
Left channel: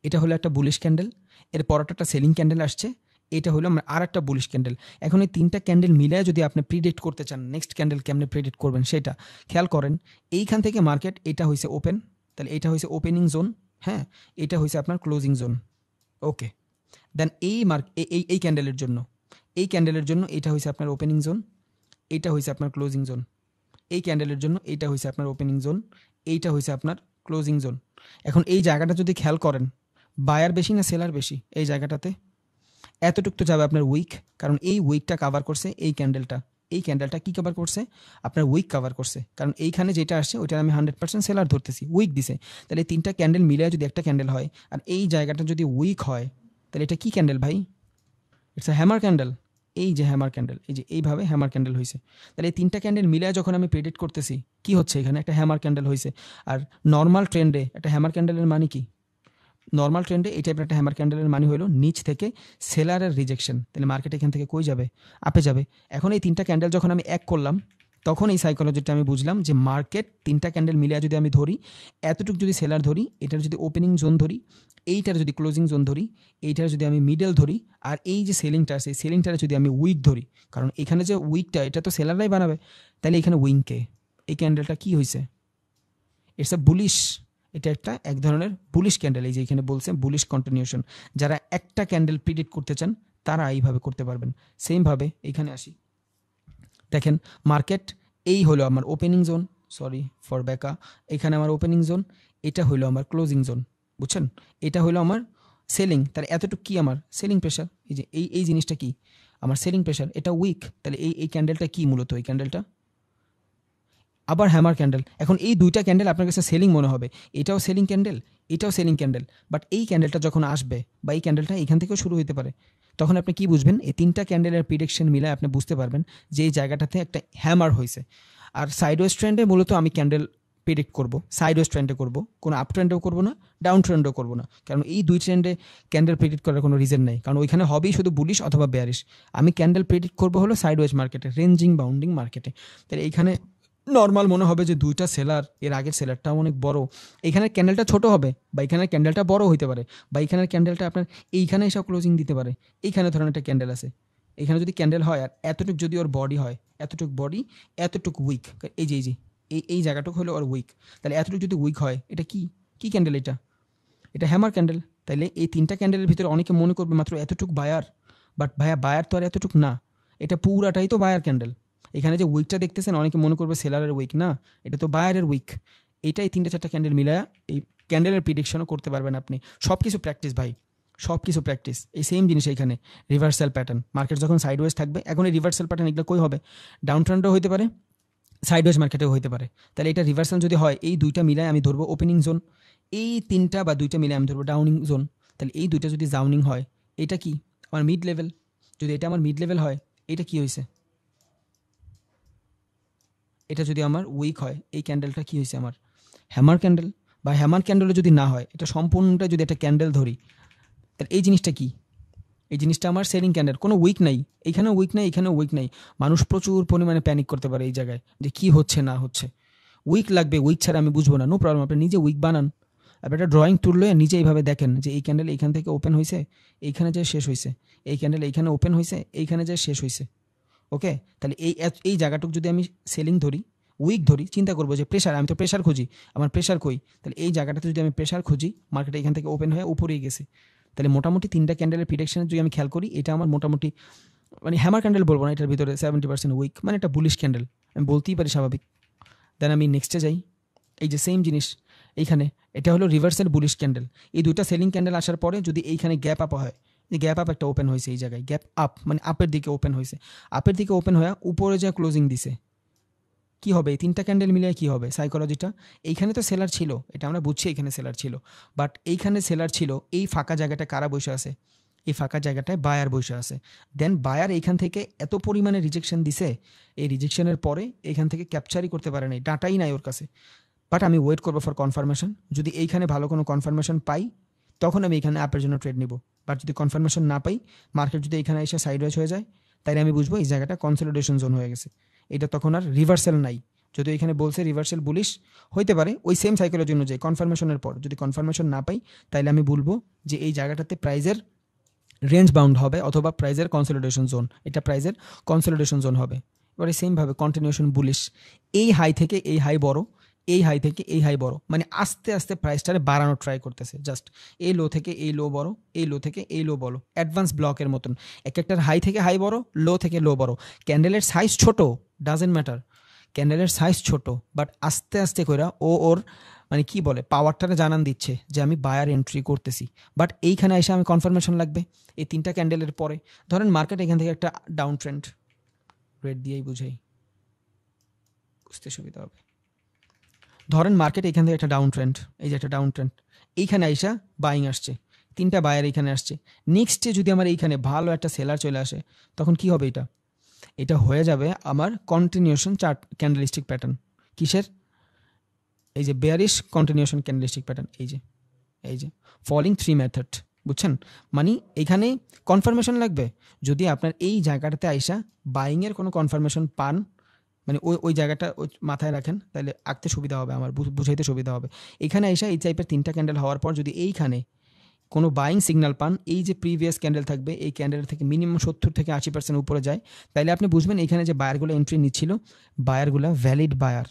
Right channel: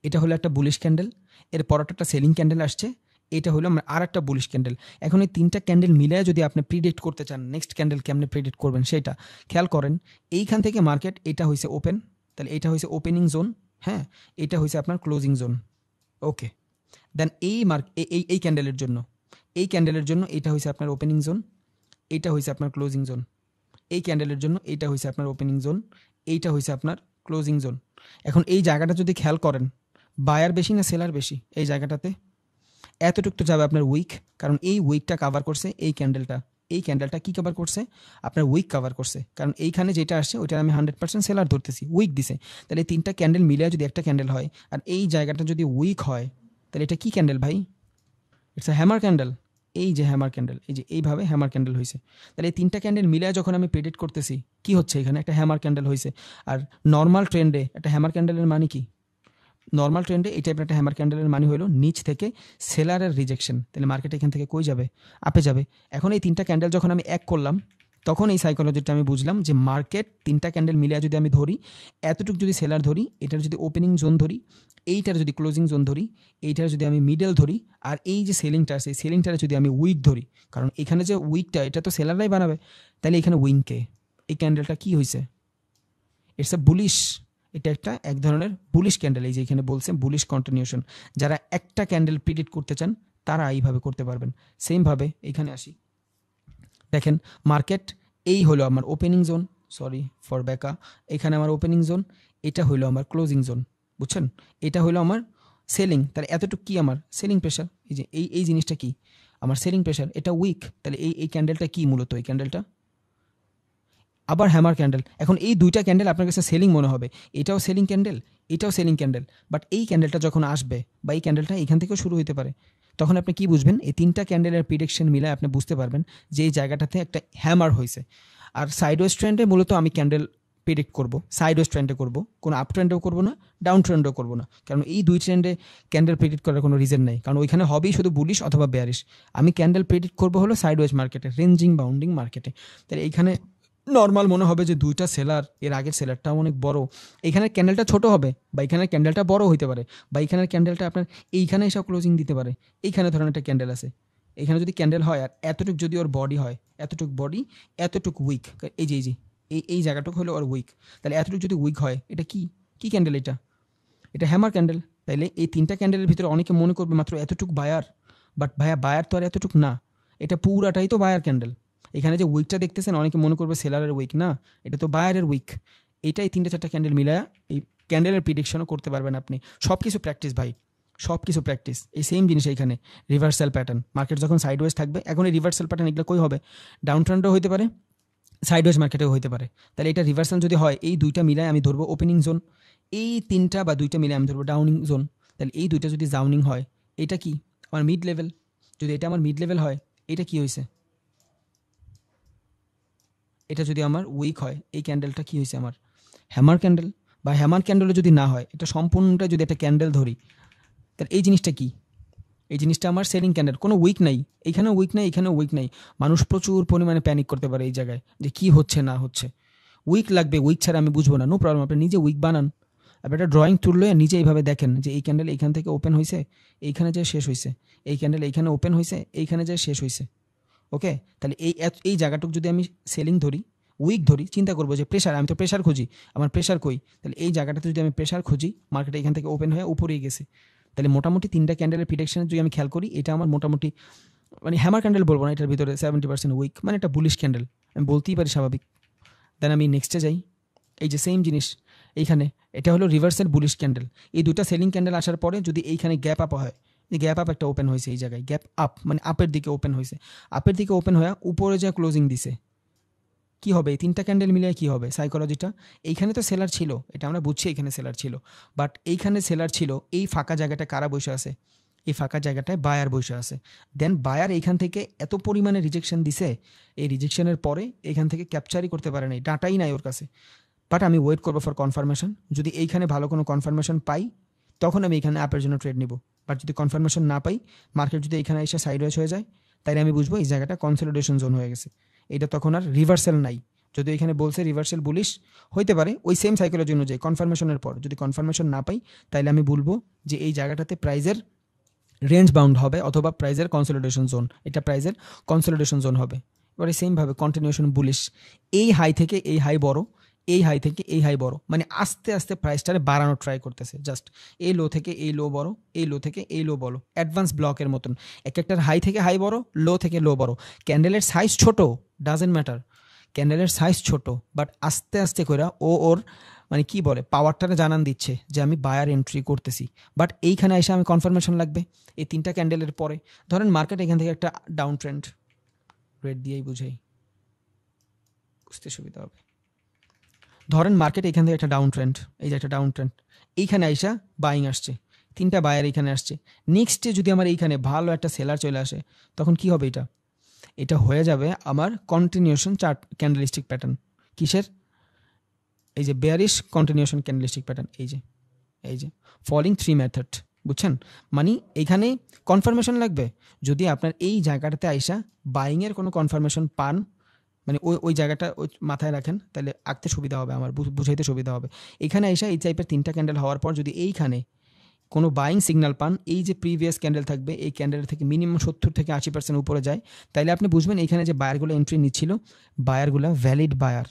এটা হলো একটা বুলিশ ক্যান্ডেল, এর পরটা একটা সেলিং ক্যান্ডেল আসছে, এটা হলো আমরা আর একটা বুলিশ ক্যান্ডেল। এখন এই 3টা ক্যান্ডেল মিলে যদি আপনি প্রিডিক্ট করতে চান নেক্সট ক্যান্ডেল কেমনে প্রিডিক্ট করবেন সেটা খেয়াল করেন। এইখান থেকে মার্কেট, এটা হয়েছে ওপেন, তাহলে এটা হয়েছে ওপেনিং জোন, হ্যাঁ, এটা হয়েছে আপনার ক্লোজিং জোন, ওকে। দেন এই ক্যান্ডেলের জন্য, এটা হয়েছে আপনার ওপেনিং জোন, এটা হয়েছে আপনার ক্লোজিং জোন। এই ক্যান্ডেলের জন্য এটা হয়েছে আপনার ওপেনিং জোন, এইটা হয়েছে আপনার ক্লোজিং জোন। এখন এই জায়গাটা যদি খেয়াল করেন, বায়ার বেশি না সেলার বেশি এই জায়গাটাতে? এতটুকু তো যাবে আপনার উইক, কারণ এই উইকটা কভার করছে এই ক্যান্ডেলটা। এই ক্যান্ডেলটা কি কভার করছে? আপনার উইক কভার করছে, কারণ এইখানে যেটা আসছে ওইটা আমি 100% সেলার ধরতেছি, উইক দিছে। তাহলে এই তিনটা ক্যান্ডেল মিলে যদি একটা ক্যান্ডেল হয়, আর এই জায়গাটা যদি উইক হয়, তাহলে এটা কি ক্যান্ডেল ভাই? It's a hammer candle. এই যে হ্যামার ক্যান্ডেল, এই যে এইভাবে হ্যামার ক্যান্ডেল হয়েছে। তাহলে এই তিনটা ক্যান্ডেল মিলে যখন আমি প্রেডিক্ট করতেছি, কি হচ্ছে এখানে? একটা হ্যামার ক্যান্ডেল হয়েছে। আর নর্মাল ট্রেন্ডে একটা হ্যামার ক্যান্ডেলের মানে কি? নর্মাল ট্রেন্ডে এই টাইপের একটা হ্যামার ক্যান্ডেলের মানে হলো নিচ থেকে সেলারের রিজেকশন। তাহলে মার্কেট এখান থেকে কই যাবে? আপে যাবে। এখন এই তিনটা ক্যান্ডেল যখন আমি এক করলাম, তখন এই সাইকোলজিটা আমি বুঝলাম যে মার্কেট তিনটা ক্যান্ডেল মিলিয়ে যদি আমি ধরি, এতটুকু যদি সেলার ধরি, এটার যদি ওপেনিং জোন ধরি, এইটার যদি ক্লোজিং জোন ধরি, এইটার যদি আমি মিডল ধরি, আর এই যে সেলিংটা আছে সেলিংটার যদি আমি উইক ধরি, কারণ এখানে যে উইকটা এটা তো সেলাররাই বানাবে, তাহলে এখানে উইংকে এই ক্যান্ডেলটা কি হয়েছে? It's a bullish. এটা একটা এক ধরনের বুলিশ ক্যান্ডেল। এই যে এখানে বলছে বুলিশ কন্টিনিউশন। যারা একটা ক্যান্ডেল প্রেডিক্ট করতে চান তারা এইভাবে করতে পারবেন। সেম ভাবে এইখানে আসি, দেখেন মার্কেট এই হলো আমার ওপেনিং জোন, সরি ফর ব্যাকা, এখানে আমার ওপেনিং জোন, এটা হলো আমার ক্লোজিং জোন, বুঝছেন? এটা হলো আমার সেলিং। তাহলে এতটুকু কি আমার সেলিং প্রেশার? এই যে এই জিনিসটা কি আমার সেলিং প্রেশার, এটা উইক। তাহলে এই ক্যান্ডেলটা কি মূলত? এই ক্যান্ডেলটা আবার হ্যামার ক্যান্ডেল। এখন এই দুইটা ক্যান্ডেল আপনার কাছে সেলিং মনে হবে, এটাও সেলিং ক্যান্ডেল, এটাও সেলিং ক্যান্ডেল। বাট এই ক্যান্ডেলটা যখন আসবে, বা এই ক্যান্ডেলটা এখান থেকে শুরু হতে পারে, তখন আপনি কি বুঝবেন? এই তিনটা ক্যান্ডেলের প্রিডিকশন মিলে আপনি বুঝতে পারবেন যে এই জায়গাটাতে একটা হ্যামার হয়েছে। আর সাইডওয়েজ ট্রেন্ডে মূলত আমি ক্যান্ডেল প্রেডিক্ট করব, সাইডওয়েজ ট্রেন্ডে করব, কোনো আপ ট্রেন্ডেও করব না, ডাউন ট্রেন্ডও করব না। কারণ এই দুই ট্রেন্ডে ক্যান্ডেল প্রেডিক্ট করার কোনো রিজন নেই, কারণ ওইখানে হবেই শুধু বুলিশ অথবা বেয়ারিশ। আমি ক্যান্ডেল প্রেডিক্ট করবো হলো সাইডওয়েজ মার্কেটে, রেঞ্জিং বাউন্ডিং মার্কেটে। তাহলে এইখানে নর্মাল মনে হবে যে দুইটা সেলার, এর আগের সেলারটাও অনেক বড়, এইখানের ক্যান্ডেলটা ছোট হবে, বা এখানের ক্যান্ডেলটা বড় হইতে পারে, বা এইখানের ক্যান্ডেলটা আপনার এইখানে এসব ক্লোজিং দিতে পারে। এইখানে ধরেন একটা ক্যান্ডেল আছে, এখানে যদি ক্যান্ডেল হয় আর এতটুকু যদি ওর বডি হয়, এতটুকু বডি, এতটুকু উইক, এই যে এই জায়গাটুকু হলো ওর উইক। তাহলে এতটুকু যদি উইক হয়, এটা কি কি ক্যান্ডেল? এটা হ্যামার ক্যান্ডেল। তাইলে এই তিনটা ক্যান্ডেলের ভিতরে অনেকে মনে করবে মাত্র এতটুকু বায়ার, বাট ভাইয়া বায়ার তো আর এতটুকু না, এটা পুরাটাই তো বায়ার ক্যান্ডেল। এখানে যে উইকটা দেখতেছেন অনেকে মনে করবে সেলারের উইক, না, এটা তো বায়ারের উইক। এটাই তিনটা চারটা ক্যান্ডেল মিলায়া এই ক্যান্ডেলের প্রিডিকশনও করতে পারবেন আপনি। সব কিছু প্র্যাকটিস ভাই, সব কিছু প্র্যাকটিস। এই সেম জিনিস এইখানে রিভার্সাল প্যাটার্ন, মার্কেট যখন সাইডওয়েজ থাকবে, এখন এই রিভার্সাল প্যাটার্ন এগুলো কই হবে? ডাউন ট্রেন্ডও হইতে পারে, সাইডওয়েজ মার্কেটেও হইতে পারে। তাহলে এটা রিভার্সাল যদি হয়, এই দুইটা মিলায় আমি ধরবো ওপেনিং জোন, এই তিনটা বা দুইটা মিলে আমি ধরবো ডাউনিং জোন। তাহলে এই দুইটা যদি ডাউনিং হয়, এটা কি আমার মিড লেভেল। যদি এটা আমার মিড লেভেল হয়, এটা কি হয়েছে? এটা যদি আমার উইক হয়, এই ক্যান্ডেলটা কি হয়েছে আমার? Hammer candle. বা হ্যামার ক্যান্ডেলে যদি না হয়, এটা সম্পূর্ণটা যদি একটা ক্যান্ডেল ধরি, তাহলে এই জিনিসটা কি? এই জিনিসটা আমার সেলিং ক্যান্ডেল, কোনো উইক নাই, এইখানেও উইক নাই, এখানেও উইক নাই। মানুষ প্রচুর পরিমাণে প্যানিক করতে পারে এই জায়গায় যে কি হচ্ছে না হচ্ছে। উইক লাগবে, উইক ছাড়া আমি বুঝবো না, নো প্রবলেম, আপনি নিজে উইক বানান। আপনি একটা ড্রয়িং তুললে নিজে এইভাবে দেখেন যে এই ক্যান্ডেল এইখান থেকে ওপেন হয়েছে, এইখানে যে শেষ হয়েছে, এই ক্যান্ডেল এইখানে ওপেন হয়েছে, এইখানে যে শেষ হয়েছে। ওকে, তাহলে এই জায়গাটুকু যদি আমি সেলিং ধরি, উইক ধরি, চিন্তা করবো যে প্রেশার, আমি তো প্রেশার খুঁজি, আমার প্রেশার কই? তাহলে এই জায়গাটাতে যদি আমি প্রেশার খুঁজি, মার্কেট এখান থেকে ওপেন হয়ে উপরেই গেছে। তাহলে মোটামুটি তিনটা ক্যান্ডেলের প্রিডিকশনে যদি আমি খেয়াল করি, এটা আমার মোটামুটি মানে হ্যামার ক্যান্ডেল বলবো না, এটার ভিতরে 70% উইক, মানে একটা বুলিশ ক্যান্ডেল আমি বলতেই পারি, স্বাভাবিক। দেন আমি নেক্সটে যাই, এই যে সেম জিনিস এইখানে, এটা হলো রিভার্সাল বুলিশ ক্যান্ডেল। এই দুটো সেলিং ক্যান্ডেল আসার পরে যদি এইখানে গ্যাপ আপ হয়, এই গ্যাপ আপ একটা ওপেন হয়েছে, এই জায়গায় গ্যাপ আপ মানে আপের দিকে ওপেন হয়েছে, আপের দিকে ওপেন হয়ে উপরে যা ক্লোজিং দিছে, কি হবে? এই তিনটা ক্যান্ডেল মিলিয়ে কি হবে সাইকোলজিটা? এইখানে তো সেলার ছিল, এটা আমরা বুঝছি এখানে সেলার ছিল, বাট এইখানে সেলার ছিল, এই ফাঁকা জায়গাটা কারা বসে আছে? এই ফাঁকা জায়গাটায় বায়ার বসে আছে। দেন বায়ার এইখান থেকে এত পরিমাণে রিজেকশন দিছে, এই রিজেকশনের পরে এইখান থেকে ক্যাপচারই করতে পারে নাই, ডাটাই নাই ওর কাছে। বাট আমি ওয়েট করবো ফর কনফার্মেশন। যদি এইখানে ভালো কোনো কনফার্মেশন পাই, তখন আমি এখানে অ্যাপের জন্য ট্রেড নিব। বাট যদি কনফার্মেশন না পাই, মার্কেট যদি এখানে এসে সাইডওয়েজ হয়ে যায়, তাইলে আমি বুঝবো এই জায়গাটা কনসলিডেশন জোন হয়ে গেছে, এটা তখন আর রিভার্সাল নাই। যদি এখানে বলছে রিভার্সাল বুলিশ হইতে পারে, ওই সেম সাইকেলের জন্য যে কনফার্মেশনের পর যদি কনফার্মেশন না পাই, তাইলে আমি বলবো যে এই জায়গাটাতে প্রাইজের রেঞ্জ বাউন্ড হবে, অথবা প্রাইজের কনসলিডেশন জোন, এটা প্রাইজের কনসলিডেশন জোন হবে। এবারে সেম ভাবে কন্টিনিউশন বুলিশ, এই হাই থেকে এই হাই বড়, এই হাই থেকে এই হাই বড়, মানে আস্তে আস্তে প্রাইসটারে বাড়ানোর ট্রাই করতেছে, জাস্ট এই লো থেকে এই লো বড়, এই লো থেকে এই লো বড়, অ্যাডভান্স ব্লকের মতন, এক একটার হাই থেকে হাই বড়, লো থেকে লো বড়। ক্যান্ডেলের সাইজ ছোট, ডাজেন্ট ম্যাটার, ক্যান্ডেলের সাইজ ছোট, বাট আস্তে আস্তে করে ওর মানে কি বলে পাওয়ারটারে জানান দিচ্ছে যে আমি বায়ার এন্ট্রি করতেছি। বাট এইখানে এসে আমি কনফার্মেশন লাগবে এই 3টা ক্যান্ডেলের পরে। ধরেন মার্কেট এখান থেকে একটা ডাউন ট্রেন্ড, রেড দিয়েই বুঝাই বুঝতে সুবিধা হবে। ধরেন মার্কেট এখান থেকে একটা ডাউন ট্রেন্ড, এই যে একটা ডাউন ট্রেন্ড, এইখানে আইসা বাইং আসছে, 3টা বায়ার এখানে আসছে। নেক্সটে যদি আমার এইখানে ভালো একটা সেলার চলে আসে, তখন কি হবে? এটা হয়ে যাবে আমার কন্টিনিউশন চার্ট ক্যান্ডেলস্টিক প্যাটার্ন। কিসের? এই যে বেয়ারিশ কন্টিনিউশন ক্যান্ডেলস্টিক প্যাটার্ন, এই যে ফলিং 3 মেথড, বুঝছেন? মানে এখানে কনফার্মেশন লাগবে। যদি আপনার এই জায়গাটাতে আইসা বাইং এর কোনো কনফার্মেশন পান, মানে ওই জায়গাটা মাথায় রাখেন, তাহলে আঁকতে সুবিধা হবে, আমার বুঝাইতে সুবিধা হবে। এখানে আইসা এই টাইপের 3টা ক্যান্ডেল হওয়ার পর যদি এইখানে কোনো বাইং সিগন্যাল পান, এই যে প্রিভিয়াস ক্যান্ডেল থাকবে, এই ক্যান্ডেল থেকে মিনিমাম 70 থেকে 80% উপরে যায়, তাইলে আপনি বুঝবেন এখানে যে বায়ারগুলো এন্ট্রি নিচ্ছিল, বায়ারগুলো ভ্যালিড বায়ার,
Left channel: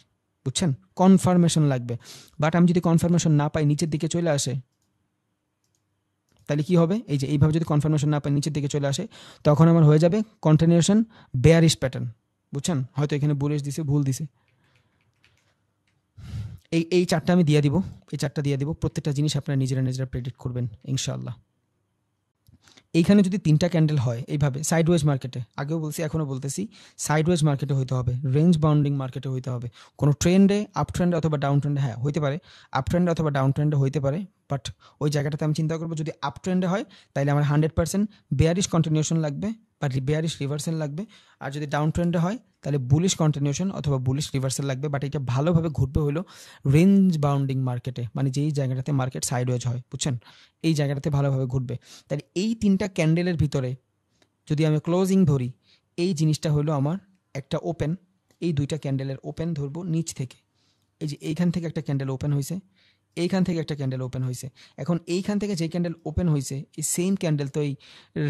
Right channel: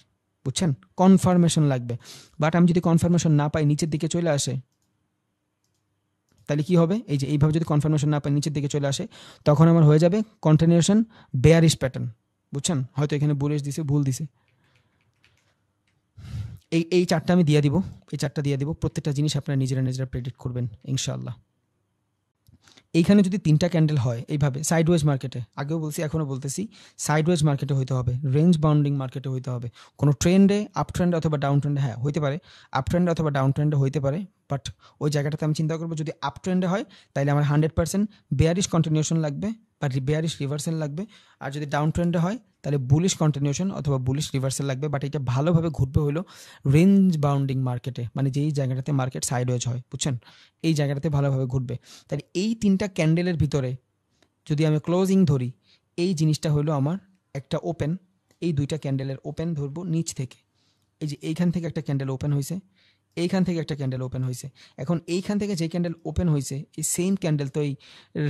বুঝছেন? কনফার্মেশন লাগবে। বাট আমি যদি কনফার্মেশন না পাই, নিচের দিকে চলে আসে, তাহলে কি হবে? এই যে এইভাবে যদি কনফার্মেশন না পাই, নিচের দিকে চলে আসে, তখন আমার হয়ে যাবে কন্টিনিউশন বেয়ারিশ প্যাটার্ন, বুঝছেন? হয়তো এখানে বুলিশ দিছে, ভুল দিছে। এই চারটা আমি দিয়ে দিব, এই চারটা দিয়ে দিব। প্রত্যেকটা জিনিস আপনারা নিজেরা প্রেডিক্ট করবেন ইনশাআল্লাহ। এইখানে যদি 3টা ক্যান্ডেল হয় এইভাবে সাইডওয়েজ মার্কেটে, আগেও বলছি এখনো বলতেছি, সাইডওয়েজ মার্কেটে হইতে হবে, রেঞ্জ বাউন্ডিং মার্কেটে হইতে হবে। কোনো ট্রেন্ডে, আপ ট্রেন্ডে অথবা ডাউন ট্রেন্ডে, হ্যাঁ হইতে পারে আপ ট্রেন্ডে অথবা ডাউন ট্রেন্ডে হইতে পারে, বাট ওই জায়গাটাতে আমি চিন্তা করবো যদি আপ ট্রেন্ডে হয় তাহলে আমার 100% বেয়ারিশ কন্টিনিউশন লাগবে বা বেয়ারিশ রিভার্সাল লাগবে। আর যদি ডাউন ট্রেন্ডে হয় তাহলে বুলিশ কন্টিনিউশন অথবা বুলিশ রিভার্সাল লাগবে। বাট এটা ভালোভাবে ঘুরবে হলো রেঞ্জ বাউন্ডিং মার্কেটে, মানে যেই জায়গাটাতে মার্কেট সাইডওয়েজ হয়, বুঝছেন? এই জায়গাটাতে ভালোভাবে ঘুরবে। তাহলে এই 3টা ক্যান্ডেলের ভিতরে যদি আমি ক্লোজিং ধরি, এই জিনিসটা হলো আমার একটা ওপেন, এই 2টা ক্যান্ডেলের ওপেন ধরবো নিচ থেকে। এই যে এইখান থেকে একটা ক্যান্ডেল ওপেন হয়েছে, এইখান থেকে একটা ক্যান্ডেল ওপেন হয়েছে। এখন এইখান থেকে যে ক্যান্ডেল ওপেন হয়েছে, এই সেম ক্যান্ডেল তো এই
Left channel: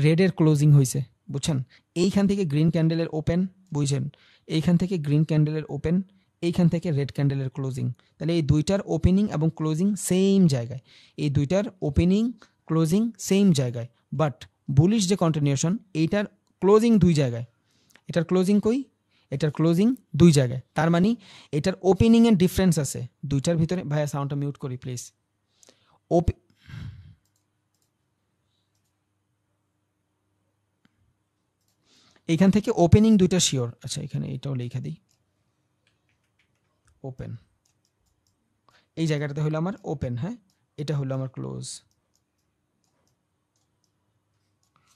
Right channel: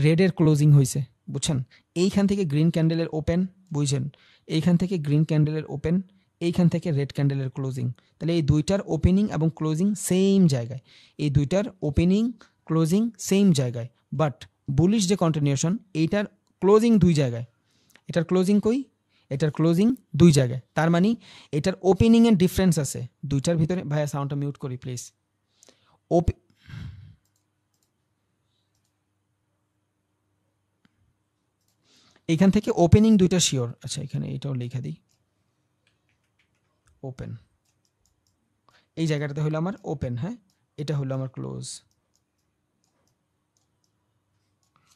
রেডের ক্লোজিং হয়েছে, বুঝছেন? এইখান থেকে গ্রিন ক্যান্ডেলের ওপেন, বুঝছেন? এইখান থেকে গ্রিন ক্যান্ডেলের ওপেন, এইখান থেকে রেড ক্যান্ডেলের ক্লোজিং। তাহলে এই 2টার ওপেনিং এবং ক্লোজিং সেম জায়গায়, এই 2টার ওপেনিং ক্লোজিং সেম জায়গায়। বাট বুলিশ যে কন্টিনিউশন, এইটার ক্লোজিং 2 জায়গায়, এটার ক্লোজিং কই? এটার ক্লোজিং 2 জায়গায়। তার মানে এটার ওপেনিং এর ডিফারেন্স আছে 2টার ভিতরে। ভাইয়া সাউন্ডটা মিউট করি প্লিজ। এখান থেকে ওপেনিং 2টা শিওর। আচ্ছা এখানে এটাও লিখে দিই, ওপেন, এই জায়গাটাতে হলো আমার ওপেন, হ্যাঁ এটা হলো আমার ক্লোজ,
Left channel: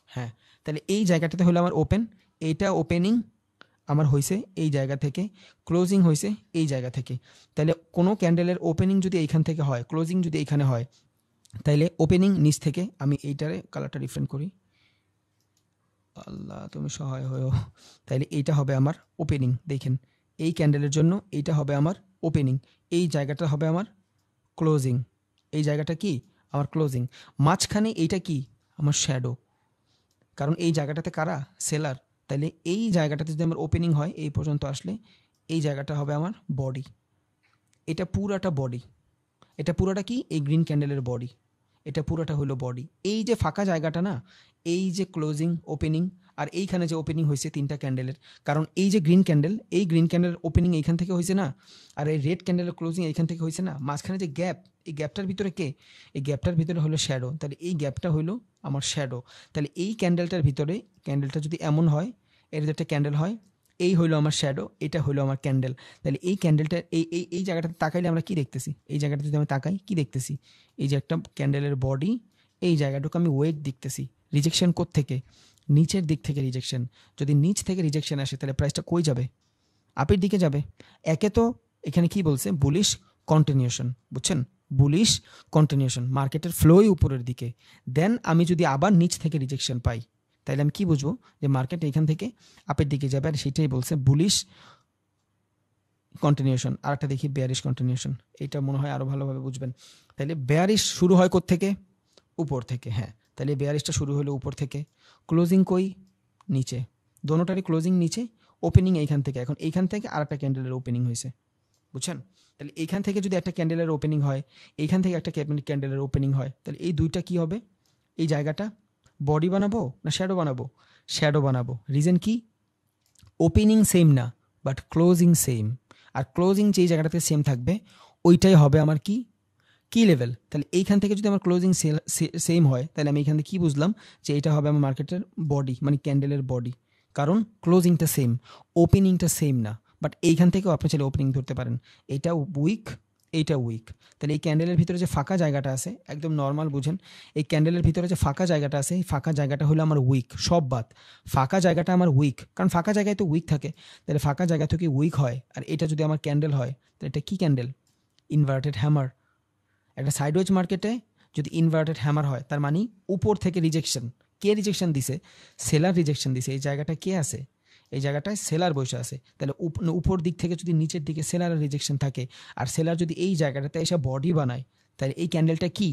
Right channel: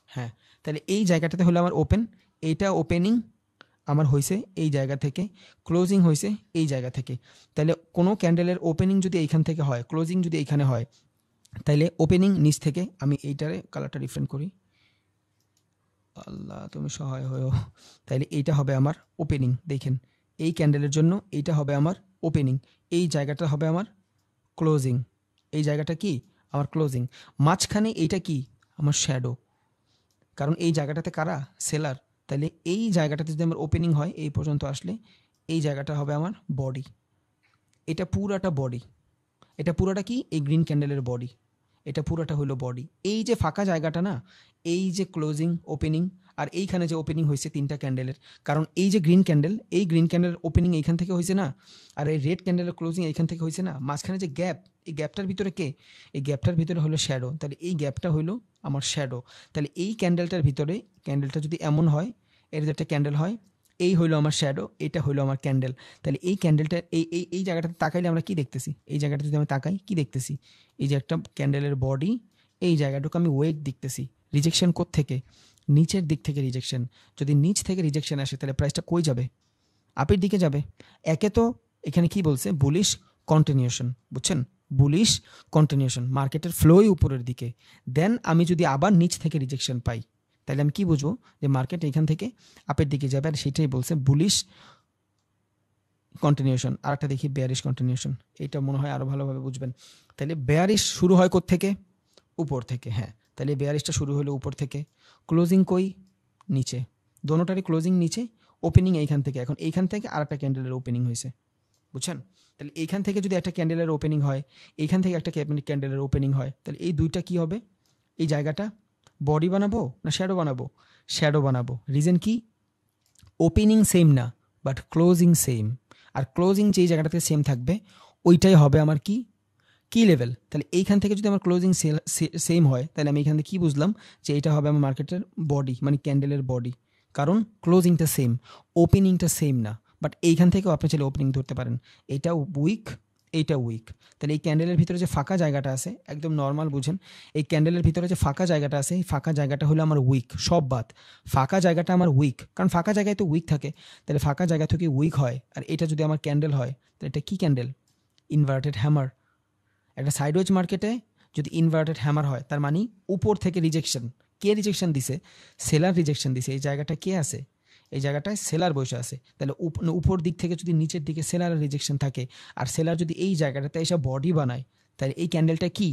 হ্যাঁ। তাহলে এই জায়গাটাতে হলো আমার ওপেন, এইটা ওপেনিং আমার হয়েছে এই জায়গা থেকে, ক্লোজিং হয়েছে এই জায়গা থেকে। তাহলে কোনো ক্যান্ডেলের ওপেনিং যদি এইখান থেকে হয়, ক্লোজিং যদি এখানে হয়, তাহলে ওপেনিং নিচ থেকে, আমি এইটারে কালারটা ডিফারেন্ট করি, আল্লাহ তুমি সহায় হয়েও। তাইলে এইটা হবে আমার ওপেনিং, দেখেন এই ক্যান্ডেলের জন্য এইটা হবে আমার ওপেনিং, এই জায়গাটা হবে আমার ক্লোজিং, এই জায়গাটা কি আমার ক্লোজিং, মাঝখানে এইটা কি আমার শ্যাডো, কারণ এই জায়গাটাতে কারা? সেলার। তাহলে এই জায়গাটাতে যদি আমার ওপেনিং হয় এই পর্যন্ত আসলে, এই জায়গাটা হবে আমার বডি, এটা পুরাটা বডি, এটা পুরোটা কি? এই গ্রিন ক্যান্ডেলের বডি, এটা পুরোটা হলো বডি। এই যে ফাঁকা জায়গাটা না, এই যে ক্লোজিং ওপেনিং, আর এইখানে যে ওপেনিং হয়েছে 3টা ক্যান্ডেলের, কারণ এই যে গ্রিন ক্যান্ডেল, এই গ্রিন ক্যান্ডেলের ওপেনিং এইখান থেকে হয়েছে না, আর এই রেড ক্যান্ডেলের ক্লোজিং এইখান থেকে হয়েছে না, মাঝখানে যে গ্যাপ, এই গ্যাপটার ভিতরে কে? এই গ্যাপটার ভিতরে হলো শ্যাডো। তাহলে এই গ্যাপটা হলো আমার শ্যাডো। তাহলে এই ক্যান্ডেলটার ভিতরে, ক্যান্ডেলটা যদি এমন হয়, এর একটা ক্যান্ডেল হয়, এই হলো আমার শ্যাডো, এটা হলো আমার ক্যান্ডেল। তাহলে এই ক্যান্ডেলটা এই জায়গাটাতে তাকাইলে আমরা কি দেখতেছি? এই জায়গাটা যদি আমি তাকাই কি দেখতেছি? এই যে একটা ক্যান্ডেলের বডি, এই জায়গাটুকু আমি ওয়েট দেখতেছি। রিজেকশন থেকে নিচের দিক থেকে রিজেকশন, যদি নিচ থেকে রিজেকশন আসে তাহলে প্রাইসটা কই যাবে? আপের দিকে যাবে। একে তো এখানে কি বলছে? বুলিশ কন্টিনিউশন, বুঝছেন? বুলিশ কন্টিনিউশন, মার্কেটের ফ্লোই উপরের দিকে। দেন আমি যদি আবার নিচ থেকে রিজেকশন পাই, তাহলে আমি কি বুঝবো? যে মার্কেট এখান থেকে আপের দিকে যাবে, আর সেটাই বলছে বুলিশ কন্টিনিউশন। আর একটা দেখি বেয়ারিশ কন্টিনিউশন, এটা মনে হয় আরো ভালোভাবে বুঝবেন। তাহলে বেয়ারিশ শুরু হয় কোত্থেকে? উপর থেকে, হ্যাঁ। তাহলে বেয়ারিশটা শুরু হলো উপর থেকে, ক্লোজিং কই? নিচে, দোনোটারই ক্লোজিং নিচে, ওপেনিং এইখান থেকে। এখন এইখান থেকে আর একটা ক্যান্ডেলের ওপেনিং হয়েছে, বুঝছেন? তাহলে এইখান থেকে যদি একটা ক্যান্ডেলের ওপেনিং হয়, এইখান থেকে একটা ক্যান্ডেলের ওপেনিং হয়, তাহলে এই দুইটা কি হবে? এই জায়গাটা বডি বানাবো না শ্যাডো বানাবো? শ্যাডো বানাবো। রিজন কি? ওপেনিং সেম না, বাট ক্লোজিং সেম। আর ক্লোজিং যেই জায়গাটাতে সেম থাকবে ওইটাই হবে আমার কি কি লেভেল। তাহলে এইখান থেকে যদি আমার ক্লোজিং সেম হয় তাহলে আমি এখান থেকে কি বুঝলাম যে এটা হবে আমার মার্কেটের বডি, মানে ক্যান্ডেলের বডি, কারণ ক্লোজিংটা সেম, ওপেনিংটা সেম না। বাট এইখান থেকেও আপনি চাইলে ওপেনিং ধরতে পারেন, এইটা উইক, এইটা উইক। তাহলে এই ক্যান্ডেলের ভিতরে যে ফাঁকা জায়গাটা আছে, একদম নর্মাল বুঝেন, এই ক্যান্ডেলের ভিতরে যে ফাঁকা জায়গাটা আছে, এই ফাঁকা জায়গাটা হলো আমার উইক, সব বাদ, ফাঁকা জায়গাটা আমার উইক, কারণ ফাঁকা জায়গায় তো উইক থাকে। তাহলে ফাঁকা জায়গা থেকে উইক হয়, আর এটা যদি আমার ক্যান্ডেল হয় তাহলে এটা কি ক্যান্ডেল? Inverted hammer. একটা সাইডওয়েজ মার্কেটে যদি ইনভার্টেড হ্যামার হয় তার মানে উপর থেকে রিজেকশন। কে রিজেকশন দিছে? সেলার রিজেকশন দিছে। এই জায়গাটা কে আছে? এই জায়গাটায় সেলার বসে আছে। তাহলে উপর দিক থেকে যদি নিচের দিকে সেলারের রিজেকশন থাকে, আর সেলার যদি এই জায়গাটাতে এসে বডি বানায়, তাহলে এই ক্যান্ডেলটা কি?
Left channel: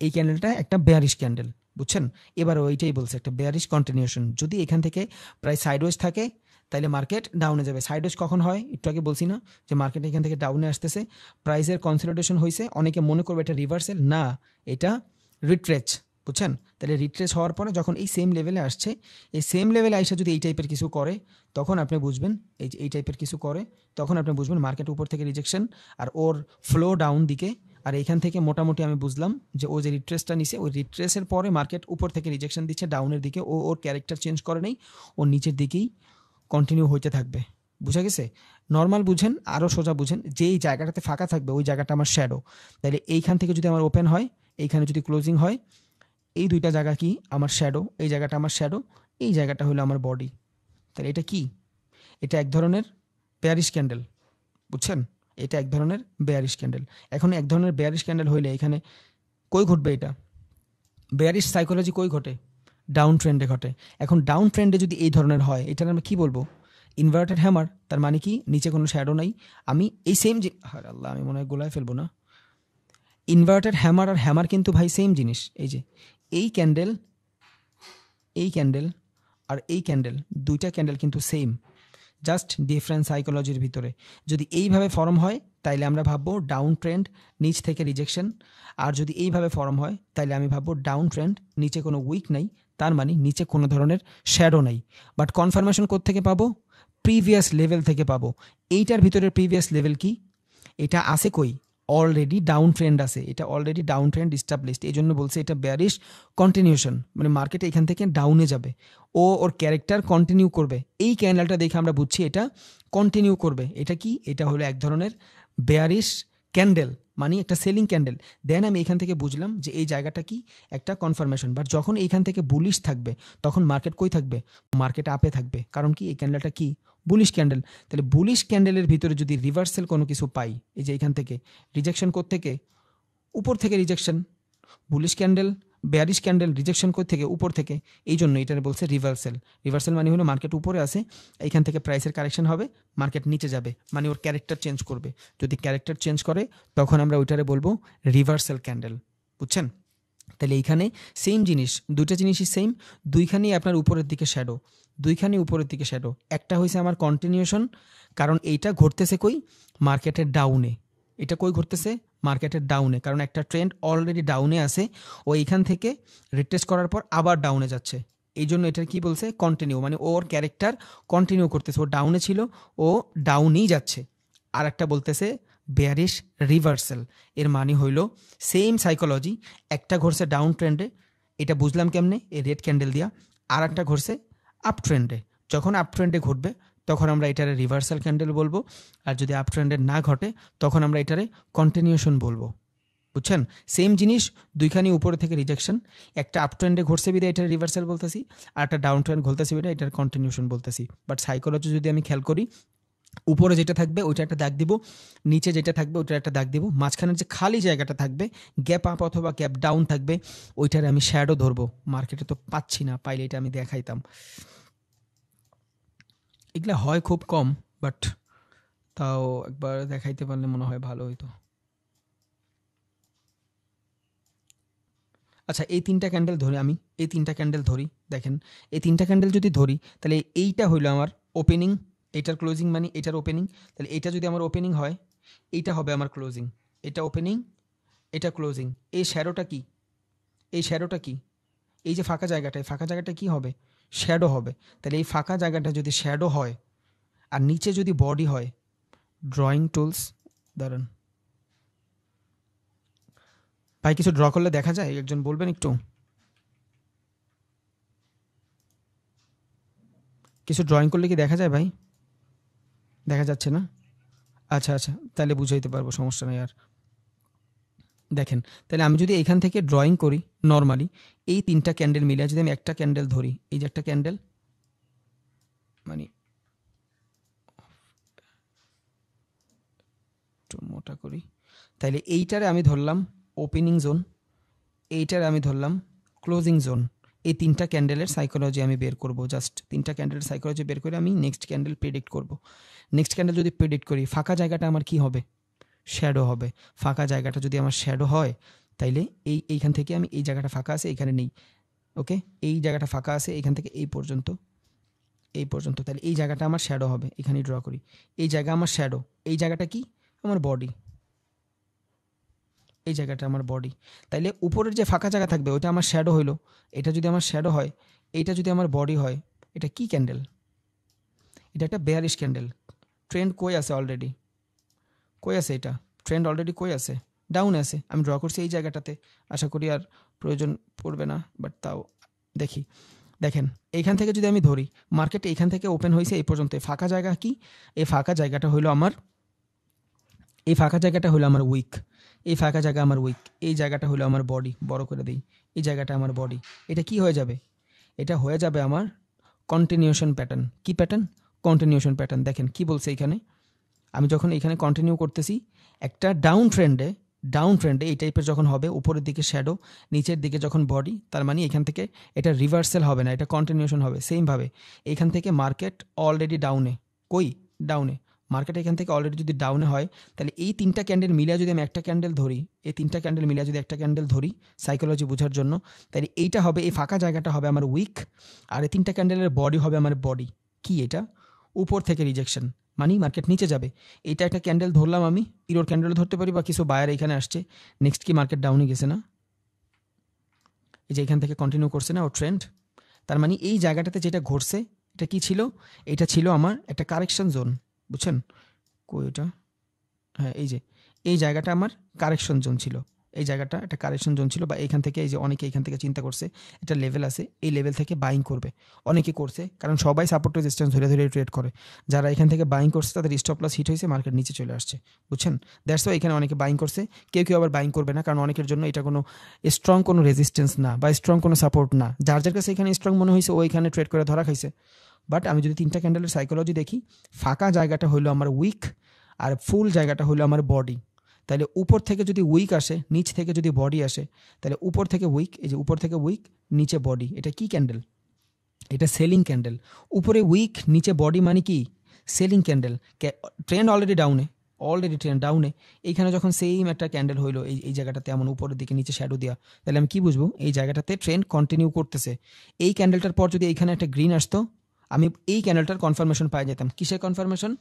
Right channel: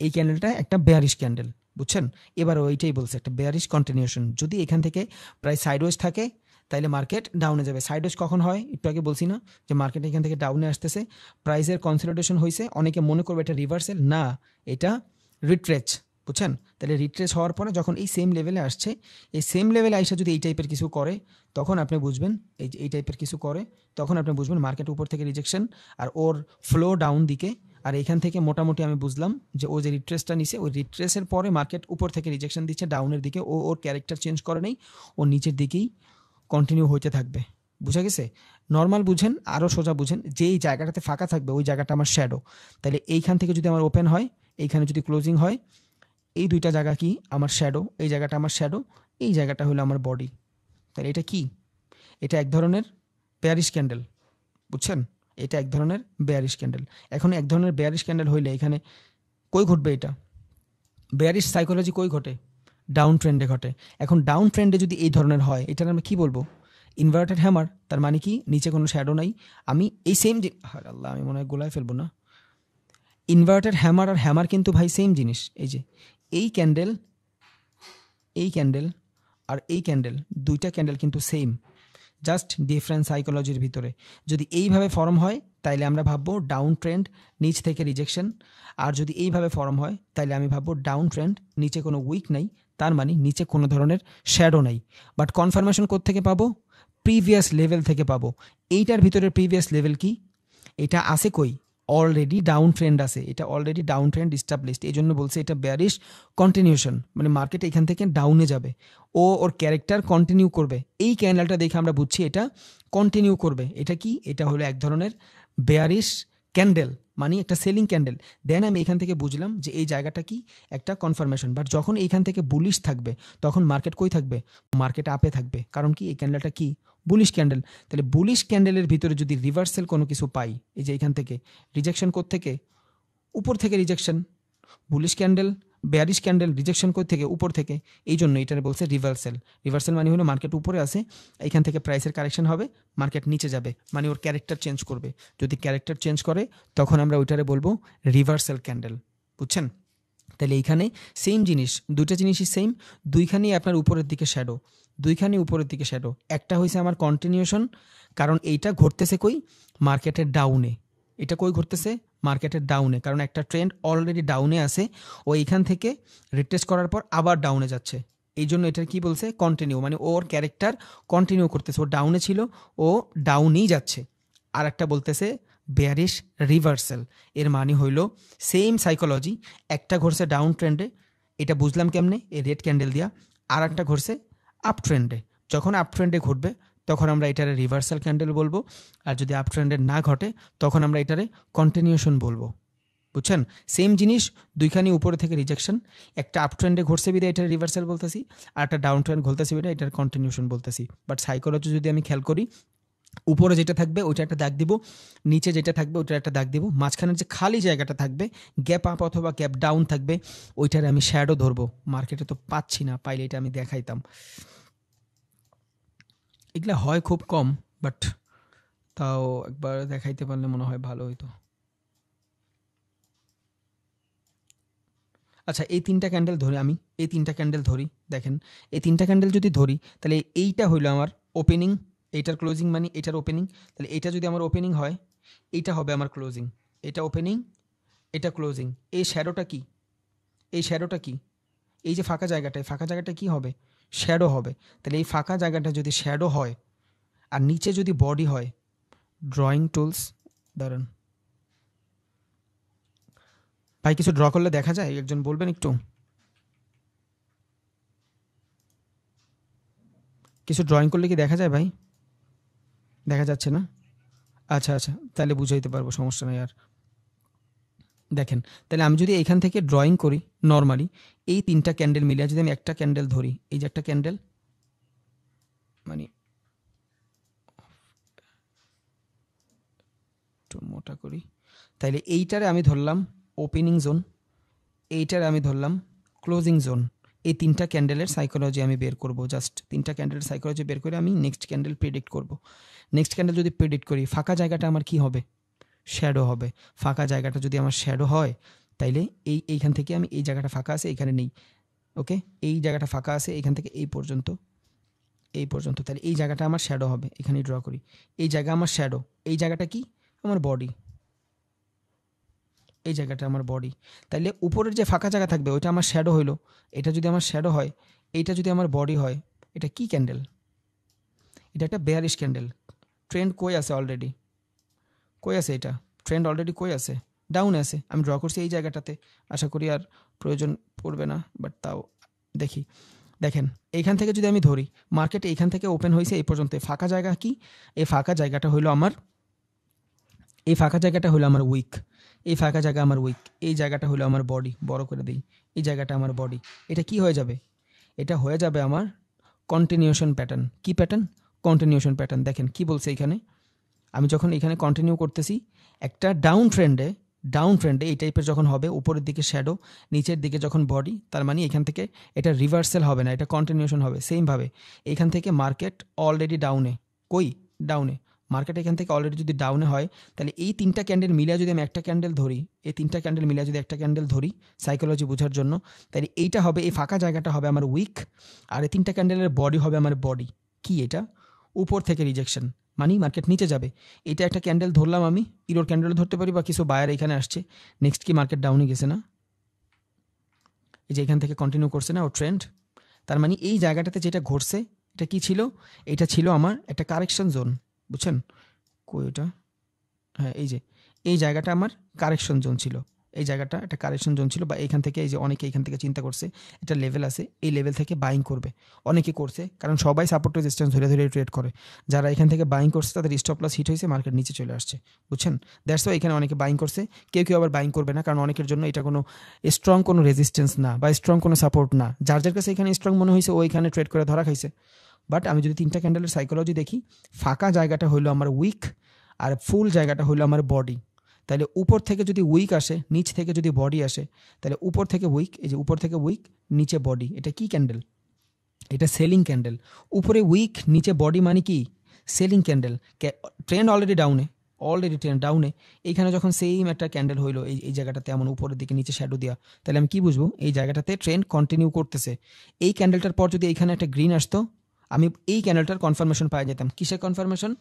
এই ক্যান্ডেলটা একটা বেয়ারিশ ক্যান্ডেল, বুঝছেন? এবার ওইটাই বলছে একটা বেয়ারিশ কন্টিনিউশন। যদি এখান থেকে প্রায় সাইডওয়েজ থাকে তাহলে মার্কেট ডাউনে যাবে। সাইডওয়েজ কখন হয়? একটু আগে বলছি না যে মার্কেট এখান থেকে ডাউনে আসতেছে, প্রাইসের কনসলিডেশন হয়েছে, অনেকে মনে করবে এটা রিভার্সাল, না এটা রিট্রেচ, বুঝছেন? তাহলে রিট্রেচ হওয়ার পরে যখন এই সেম লেভেলে আসছে, এই সেম লেভেলে এসে যদি এই টাইপের কিছু করে তখন আপনি বুঝবেন, এই যে এই টাইপের কিছু করে তখন আপনি বুঝবেন মার্কেট উপর থেকে রিজেকশন আর ওর ফ্লো ডাউন দিকে। আর এখান থেকে মোটামুটি আমি বুঝলাম যে ও যে রিট্রেসটা নিছে, ওই রিট্রেসের পরে মার্কেট উপর থেকে রিজেকশন দিচ্ছে ডাউনের দিকে, ওর ক্যারেক্টার চেঞ্জ করে নেই, ও নিচের দিকেই কন্টিনিউ হইতে থাকবে। বুঝা গেছে? নর্মাল বুঝেন, আরও সোজা বুঝেন, যেই জায়গাটাতে ফাঁকা থাকবে ওই জায়গাটা আমার শ্যাডো। তাহলে এইখান থেকে যদি আমার ওপেন হয়, এইখানে যদি ক্লোজিং হয়, এই দুইটা জায়গা কি আমার শ্যাডো, এই জায়গাটা আমার শ্যাডো, এই জায়গাটা হলো আমার বডি। তাহলে এটা কি? এটা এক ধরনের বেয়ারিশ ক্যান্ডেল, বুঝছেন? এটা এক ধরনের বেয়ারিশ ক্যান্ডেল। এখন এক ধরনের বেয়ারিশ ক্যান্ডেল হইলে এখানে কই ঘটবে? এটা বেয়ারিশ সাইকোলজি কই ঘটে? ডাউন ট্রেন্ডে ঘটে। এখন ডাউন ট্রেন্ডে যদি এই ধরনের হয়, এটার আমরা কি বলবো? Inverted hammer. তার মানে কি? নিচে কোনো শ্যাডো নাই। আমি এই সেম যে আল্লাহ, আমি মনে হয় গোলায় ফেলবো না। ইনভার্টেড হ্যামার আর হ্যামার কিন্তু ভাই সেম জিনিস। এই যে এই ক্যান্ডেল, এই ক্যান্ডেল আর এই ক্যান্ডেল, দুইটা ক্যান্ডেল কিন্তু সেম, জাস্ট ডিফারেন্ট সাইকোলজির ভিতরে। যদি এইভাবে ফর্ম হয় তাইলে আমরা ভাববো ডাউন ট্রেন্ড, নিচ থেকে রিজেকশন। আর যদি এইভাবে ফর্ম হয় তাইলে আমি ভাববো ডাউন ট্রেন্ড, নিচে কোনো উইক নাই, তার মানে নিচে কোনো ধরনের শ্যাডো নাই। বাট কনফার্মেশন কোত্থেকে পাবো? প্রিভিয়াস লেভেল থেকে পাবো। এইটার ভিতরের প্রিভিয়াস লেভেল কি? এটা আছে কই? অলরেডি ডাউন ট্রেন্ড আছে, এটা অলরেডি ডাউন ট্রেন্ড এস্টাবলিশড। এই জন্য বলছে এটা বেয়ারিশ কন্টিনিউশন, মানে মার্কেট এখান থেকে ডাউনে যাবে, ওর ক্যারেক্টার কন্টিনিউ করবে। এই ক্যান্ডেলটা দেখে আমরা বুঝছি এটা কন্টিনিউ করবে। এটা কি? এটা হলো এক ধরনের বেয়ারিশ ক্যান্ডেল, মানে একটা সেলিং ক্যান্ডেল। দেন আমি এখান থেকে বুঝলাম যে এই জায়গাটা কি? একটা কনফার্মেশন। বাট যখন এইখান থেকে বুলিশ থাকবে তখন মার্কেট কই থাকবে? মার্কেট আপে থাকবে। কারণ কি? এই ক্যান্ডেলটা কি? Bullish candle. তাহলে বুলিশ ক্যান্ডেলের ভিতরে যদি রিভার্সাল কোনো কিছু পাই, এই যে এখান থেকে রিজেকশন থেকে উপর থেকে rejection, bullish candle, bearish candle, rejection থেকে উপর থেকে, এই জন্য এটারে বলছে রিভার্সাল। রিভার্সাল মানে হলো মার্কেট উপরে আছে, এখান থেকে প্রাইসের কারেকশন হবে, মার্কেট নিচে যাবে, মানে ওর ক্যারেক্টার চেঞ্জ করবে। যদি ক্যারেক্টার চেঞ্জ করে তখন আমরা ওইটারে বলবো রিভার্সাল ক্যান্ডেল, বুঝছেন? তাহলে এইখানে সেম জিনিস, দুইটা জিনিসই সেম, দুইখানেই আপনার উপরের দিকে শ্যাডো, দুইখানে উপরের দিকে শ্যাডো। একটা হয়েছে আমার কন্টিনিউশন, কারণ এইটা ঘটতেছে কই? মার্কেটের ডাউনে। এটা কই ঘটতেছে? মার্কেটের ডাউনে, কারণ একটা ট্রেন্ড অলরেডি ডাউনে আছে, ও এইখান থেকে রিটেস্ট করার পর আবার ডাউনে যাচ্ছে। এই জন্য এটার কি বলছে? কন্টিনিউ, মানে ওর ক্যারেক্টার কন্টিনিউ করতেছে, ও ডাউনে ছিল, ও ডাউনেই যাচ্ছে। আর একটা বলতেছে বেয়ারিশ রিভার্সাল। এর মানে হইল সেম সাইকোলজি, একটা ঘটছে ডাউন ট্রেন্ডে, এটা বুঝলাম কেমনে? এই রেড ক্যান্ডেল দিয়া। আর একটা ঘটছে আপ ট্রেন্ডে। যখন আপ ট্রেন্ডে ঘটবে তখন আমরা এটারে রিভার্সাল ক্যান্ডেল বলবো, আর যদি আপ ট্রেন্ডে না ঘটে তখন আমরা এটারে কন্টিনিউশন বলবো, বুঝছেন? সেম জিনিস, দুইখানি উপরে থেকে রিজেকশন, একটা আপ ট্রেন্ডে ঘটছে বিদে এটা রিভার্সাল বলতেছি, আর একটা ডাউন ট্রেন্ড ঘটতেছে বিদে এটার কন্টিনিউশন বলতেছি। বাট সাইকোলজি যদি আমি খেয়াল করি, উপরে যেটা থাকবে ওইটা একটা দাগ দিব, নিচে যেটা থাকবে ওইটা একটা দাগ দিব, মাঝখানের যে খালি জায়গাটা থাকবে, গ্যাপ আপ অথবা গ্যাপ ডাউন থাকবে, ওইটারে আমি শ্যাডো ধরবো। মার্কেটে তো পাচ্ছি না, পাইলে এটা আমি দেখাইতাম। এগুলো হয় খুব কম, বাট তাও একবার দেখাইতে পারলে মনে হয় ভালো হইতো। আচ্ছা, এই তিনটা ক্যান্ডেল ধরে আমি, এই তিনটা ক্যান্ডেল ধরি, দেখেন এই তিনটা ক্যান্ডেল যদি ধরি তাহলে এইটা হইলো আমার ওপেনিং, এইটার ক্লোজিং মানে এটার ওপেনিং। তাহলে এটা যদি আমার ওপেনিং হয়, এইটা হবে আমার ক্লোজিং। এটা ওপেনিং, এটা ক্লোজিং। এই শ্যাডোটা কি? এই শ্যাডোটা কি? এই যে ফাঁকা জায়গাটা, এই ফাঁকা জায়গাটা কি হবে? শ্যাডো হবে। তাহলে এই ফাঁকা জায়গাটা যদি শ্যাডো হয় আর নিচে যদি বডি হয়, ড্রয়িং টুলস, দাঁড়ান ভাই, কিছু ড্র করলে দেখা যায়? একজন বলবেন একটু, কিছু ড্রয়িং করলে কি দেখা যায় ভাই? দেখা যাচ্ছে না? আচ্ছা আচ্ছা, তাহলে বুঝাইতে পারবো, সমস্যা নাই আর। দেখেন, তাহলে আমি যদি এখান থেকে ড্রয়িং করি নর্মালি, এই তিনটা ক্যান্ডেল মিলে যদি আমি একটা ক্যান্ডেল ধরি, এই যে একটা ক্যান্ডেল, মানে একটু মোটা করি, তাহলে এইটারে আমি ধরলাম ওপেনিং জোন, এইটারে আমি ধরলাম ক্লোজিং জোন। এই তিনটা ক্যান্ডেলের সাইকোলজি আমি বের করব, জাস্ট তিনটা ক্যান্ডেলের সাইকোলজি বের করে আমি নেক্সট ক্যান্ডেল প্রেডিক্ট করব। নেক্সট ক্যান্ডেল যদি প্রেডিক্ট করি, ফাঁকা জায়গাটা আমার কি হবে? শ্যাডো হবে। ফাঁকা জায়গাটা যদি আমার শ্যাডো হয়, তাইলে এইখান থেকে আমি, এই জায়গাটা ফাঁকা আছে এখানে নেই, ওকে, এই জায়গাটা ফাঁকা আছে এখান থেকে এই পর্যন্ত, এই পর্যন্ত, তাহলে এই জায়গাটা আমার শ্যাডো হবে। এখানে ড্র করি, এই জায়গা আমার শ্যাডো, এই জায়গাটা কি? আমার বডি, এই জায়গাটা আমার বডি। তাইলে উপরের যে ফাঁকা জায়গা থাকবে ওইটা আমার শ্যাডো হইলো, এটা যদি আমার শ্যাডো হয়, এইটা যদি আমার বডি হয়, এটা কি ক্যান্ডেল? এটা একটা বেয়ারিশ ক্যান্ডেল। ট্রেন্ড কই আছে অলরেডি? কই আছে এটা? ট্রেন্ড অলরেডি কই আছে? ডাউনে আছে। আমি ড্র করছি এই জায়গাটাতে, আশা করি আর প্রয়োজন পড়বে না, বাট তাও দেখি। দেখেন, এইখান থেকে যদি আমি ধরি, মার্কেটে এইখান থেকে ওপেন হয়েছে এই পর্যন্ত, ফাঁকা জায়গা কি? এই ফাঁকা জায়গাটা হইলো আমার, এই ফাঁকা জায়গাটা হলো আমার উইক, এই ফাঁকা জায়গা আমার উইক, এই জায়গাটা হলো আমার বডি, বড় করে দিই, এই জায়গাটা আমার বডি। এটা কি হয়ে যাবে? এটা হয়ে যাবে আমার কন্টিনিউশন প্যাটার্ন। কি প্যাটার্ন? Continuation pattern. দেখেন কি বলছে এখানে, আমি যখন এখানে কন্টিনিউ করতেছি, একটা ডাউন ট্রেন্ডে, ডাউন ট্রেন্ডে এই টাইপের যখন হবে, উপরের দিকে শ্যাডো, নিচের দিকে যখন বডি, তার মানে এখান থেকে এটা রিভার্সাল হবে না, এটা কন্টিনিউশন হবে। সেমভাবে এখান থেকে মার্কেট অলরেডি ডাউনে, কই? ডাউনে। মার্কেট এখান থেকে অলরেডি যদি ডাউনে হয়, তাহলে এই তিনটা ক্যান্ডেল মিলিয়ে যদি আমি একটা ক্যান্ডেল ধরি, এই তিনটা ক্যান্ডেল মিলিয়ে যদি একটা ক্যান্ডেল ধরি সাইকোলজি বোঝার জন্য, তাহলে এইটা হবে, এই ফাঁকা জায়গাটা হবে আমার উইক, আর এই তিনটা ক্যান্ডেলের বডি হবে আমার বডি। কি এটা? উপর থেকে রিজেকশন, মানে মার্কেট নিচে যাবে। এটা একটা ক্যান্ডেল ধরলাম আমি, ইরোর ক্যান্ডেল ধরতে পারি, বা কিছু বায়ার এখানে আসছে, নেক্সট কি মার্কেট ডাউনে গেছে না? এই যে এখান থেকে কন্টিনিউ করছে না ও ট্রেন্ড, তার মানে এই জায়গাটাতে যেটা ঘটছে, এটা কি ছিল? এটা ছিল আমার একটা কারেকশন জোন, বুঝছেন? কয়টা, হ্যাঁ, এই যে এই জায়গাটা আমার কারেকশন জোন ছিল, এই জায়গাটা একটা কারেকশন জোন ছিল, বা এখান থেকে, এই যে অনেকে এখান থেকে চিন্তা করছে এটা লেভেল আছে, এই লেভেল থেকে বাইং করবে, অনেকে করছে, কারণ সবাই সাপোর্ট রেজিস্ট্যান্স ধরে ধরে ট্রেড করে। যারা এখান থেকে বাইং করছে তাদের স্টপ লস হিট হয়েছে, মার্কেট নিচে চলে আসছে, বুঝছেন? দ্যাটস ওয়াই এখানে অনেকে বাইং করছে, কেউ কেউ আবার বাইং করবে না, কারণ অনেকের জন্য এটা কোনো স্ট্রং কোনো রেজিস্ট্যান্স না, বা স্ট্রং কোনো সাপোর্ট না। যার যার কাছে এখানে স্ট্রং মনে হয়েছে ওইখানে ট্রেড করে ধরা খাইছে। বাট আমি যদি তিনটা ক্যান্ডেলের সাইকোলজি দেখি, ফাঁকা জায়গাটা হলো আমার উইক, আর ফুল জায়গাটা হলো আমার বডি। তাহলে উপর থেকে যদি উইক আসে, নিচ থেকে যদি বডি আসে, তাহলে উপর থেকে উইক, এই যে উপর থেকে উইক, নিচে বডি, এটা কি ক্যান্ডেল? এটা সেলিং ক্যান্ডেল। উপরে উইক, নিচে বডি, মানে কি? Selling candle. ট্রেন্ড অলরেডি ডাউনে, অলরেডি ট্রেন্ড ডাউনে, এখানে যখন সেম একটা ক্যান্ডেল হইলো এই জায়গাটাতে এমন উপরের দিকে নিচে শ্যাডো দেওয়া, তাহলে আমি কি বুঝবো? এই জায়গাটাতে ট্রেন্ড কন্টিনিউ করতেছে। এই ক্যান্ডেলটার পর যদি এখানে একটা গ্রিন আসতো, আমি এই ক্যান্ডেলটার কনফার্মেশন পাই যেতাম। কিসের কনফার্মেশন?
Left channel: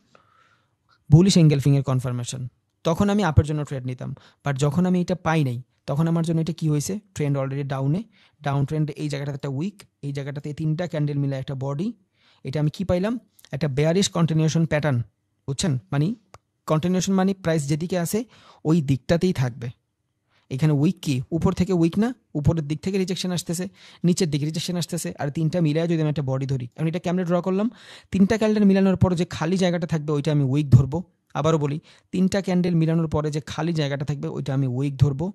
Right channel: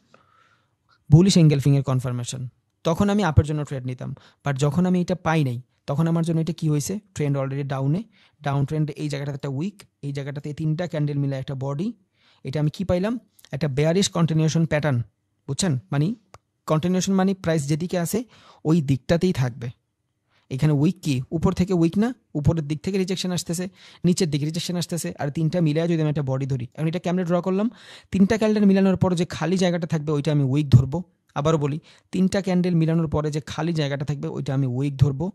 বুলিশ এঙ্গেলফিং এর কনফার্মেশন। তখন আমি আপের জন্য ট্রেড নিতাম। বাট যখন আমি এটা পাই নাই, তখন আমার জন্য এটা কি হয়েছে? ট্রেন্ড অলরেডি ডাউনে, ডাউন ট্রেন্ডে এই জায়গাটাতে একটা উইক, এই জায়গাটাতে এই তিনটা ক্যান্ডেল মিলে একটা বডি। এটা আমি কি পাইলাম? একটা বেয়ারিশ কন্টিনিউশন প্যাটার্ন, বুঝছেন? মানে কন্টিনিউশন মানে প্রাইস যেদিকে আছে ওই দিকটাতেই থাকবে। এখানে উইক কি? উপর থেকে উইক না, উপরের দিক থেকে রিজেকশন আসতেছে, নিচের দিকে রিজেকশন আসতেছে, আর তিনটা মিলায় যদি আমি একটা বডি ধরি, আমি এটা কেমনে ড্র করলাম? তিনটা ক্যান্ডেল মিলানোর পরে যে খালি জায়গাটা থাকবে ওইটা আমি উইক ধরবো। আবারও বলি, তিনটা ক্যান্ডেল মিলানোর পরে যে খালি জায়গাটা থাকবে ওইটা আমি উইক ধরবো,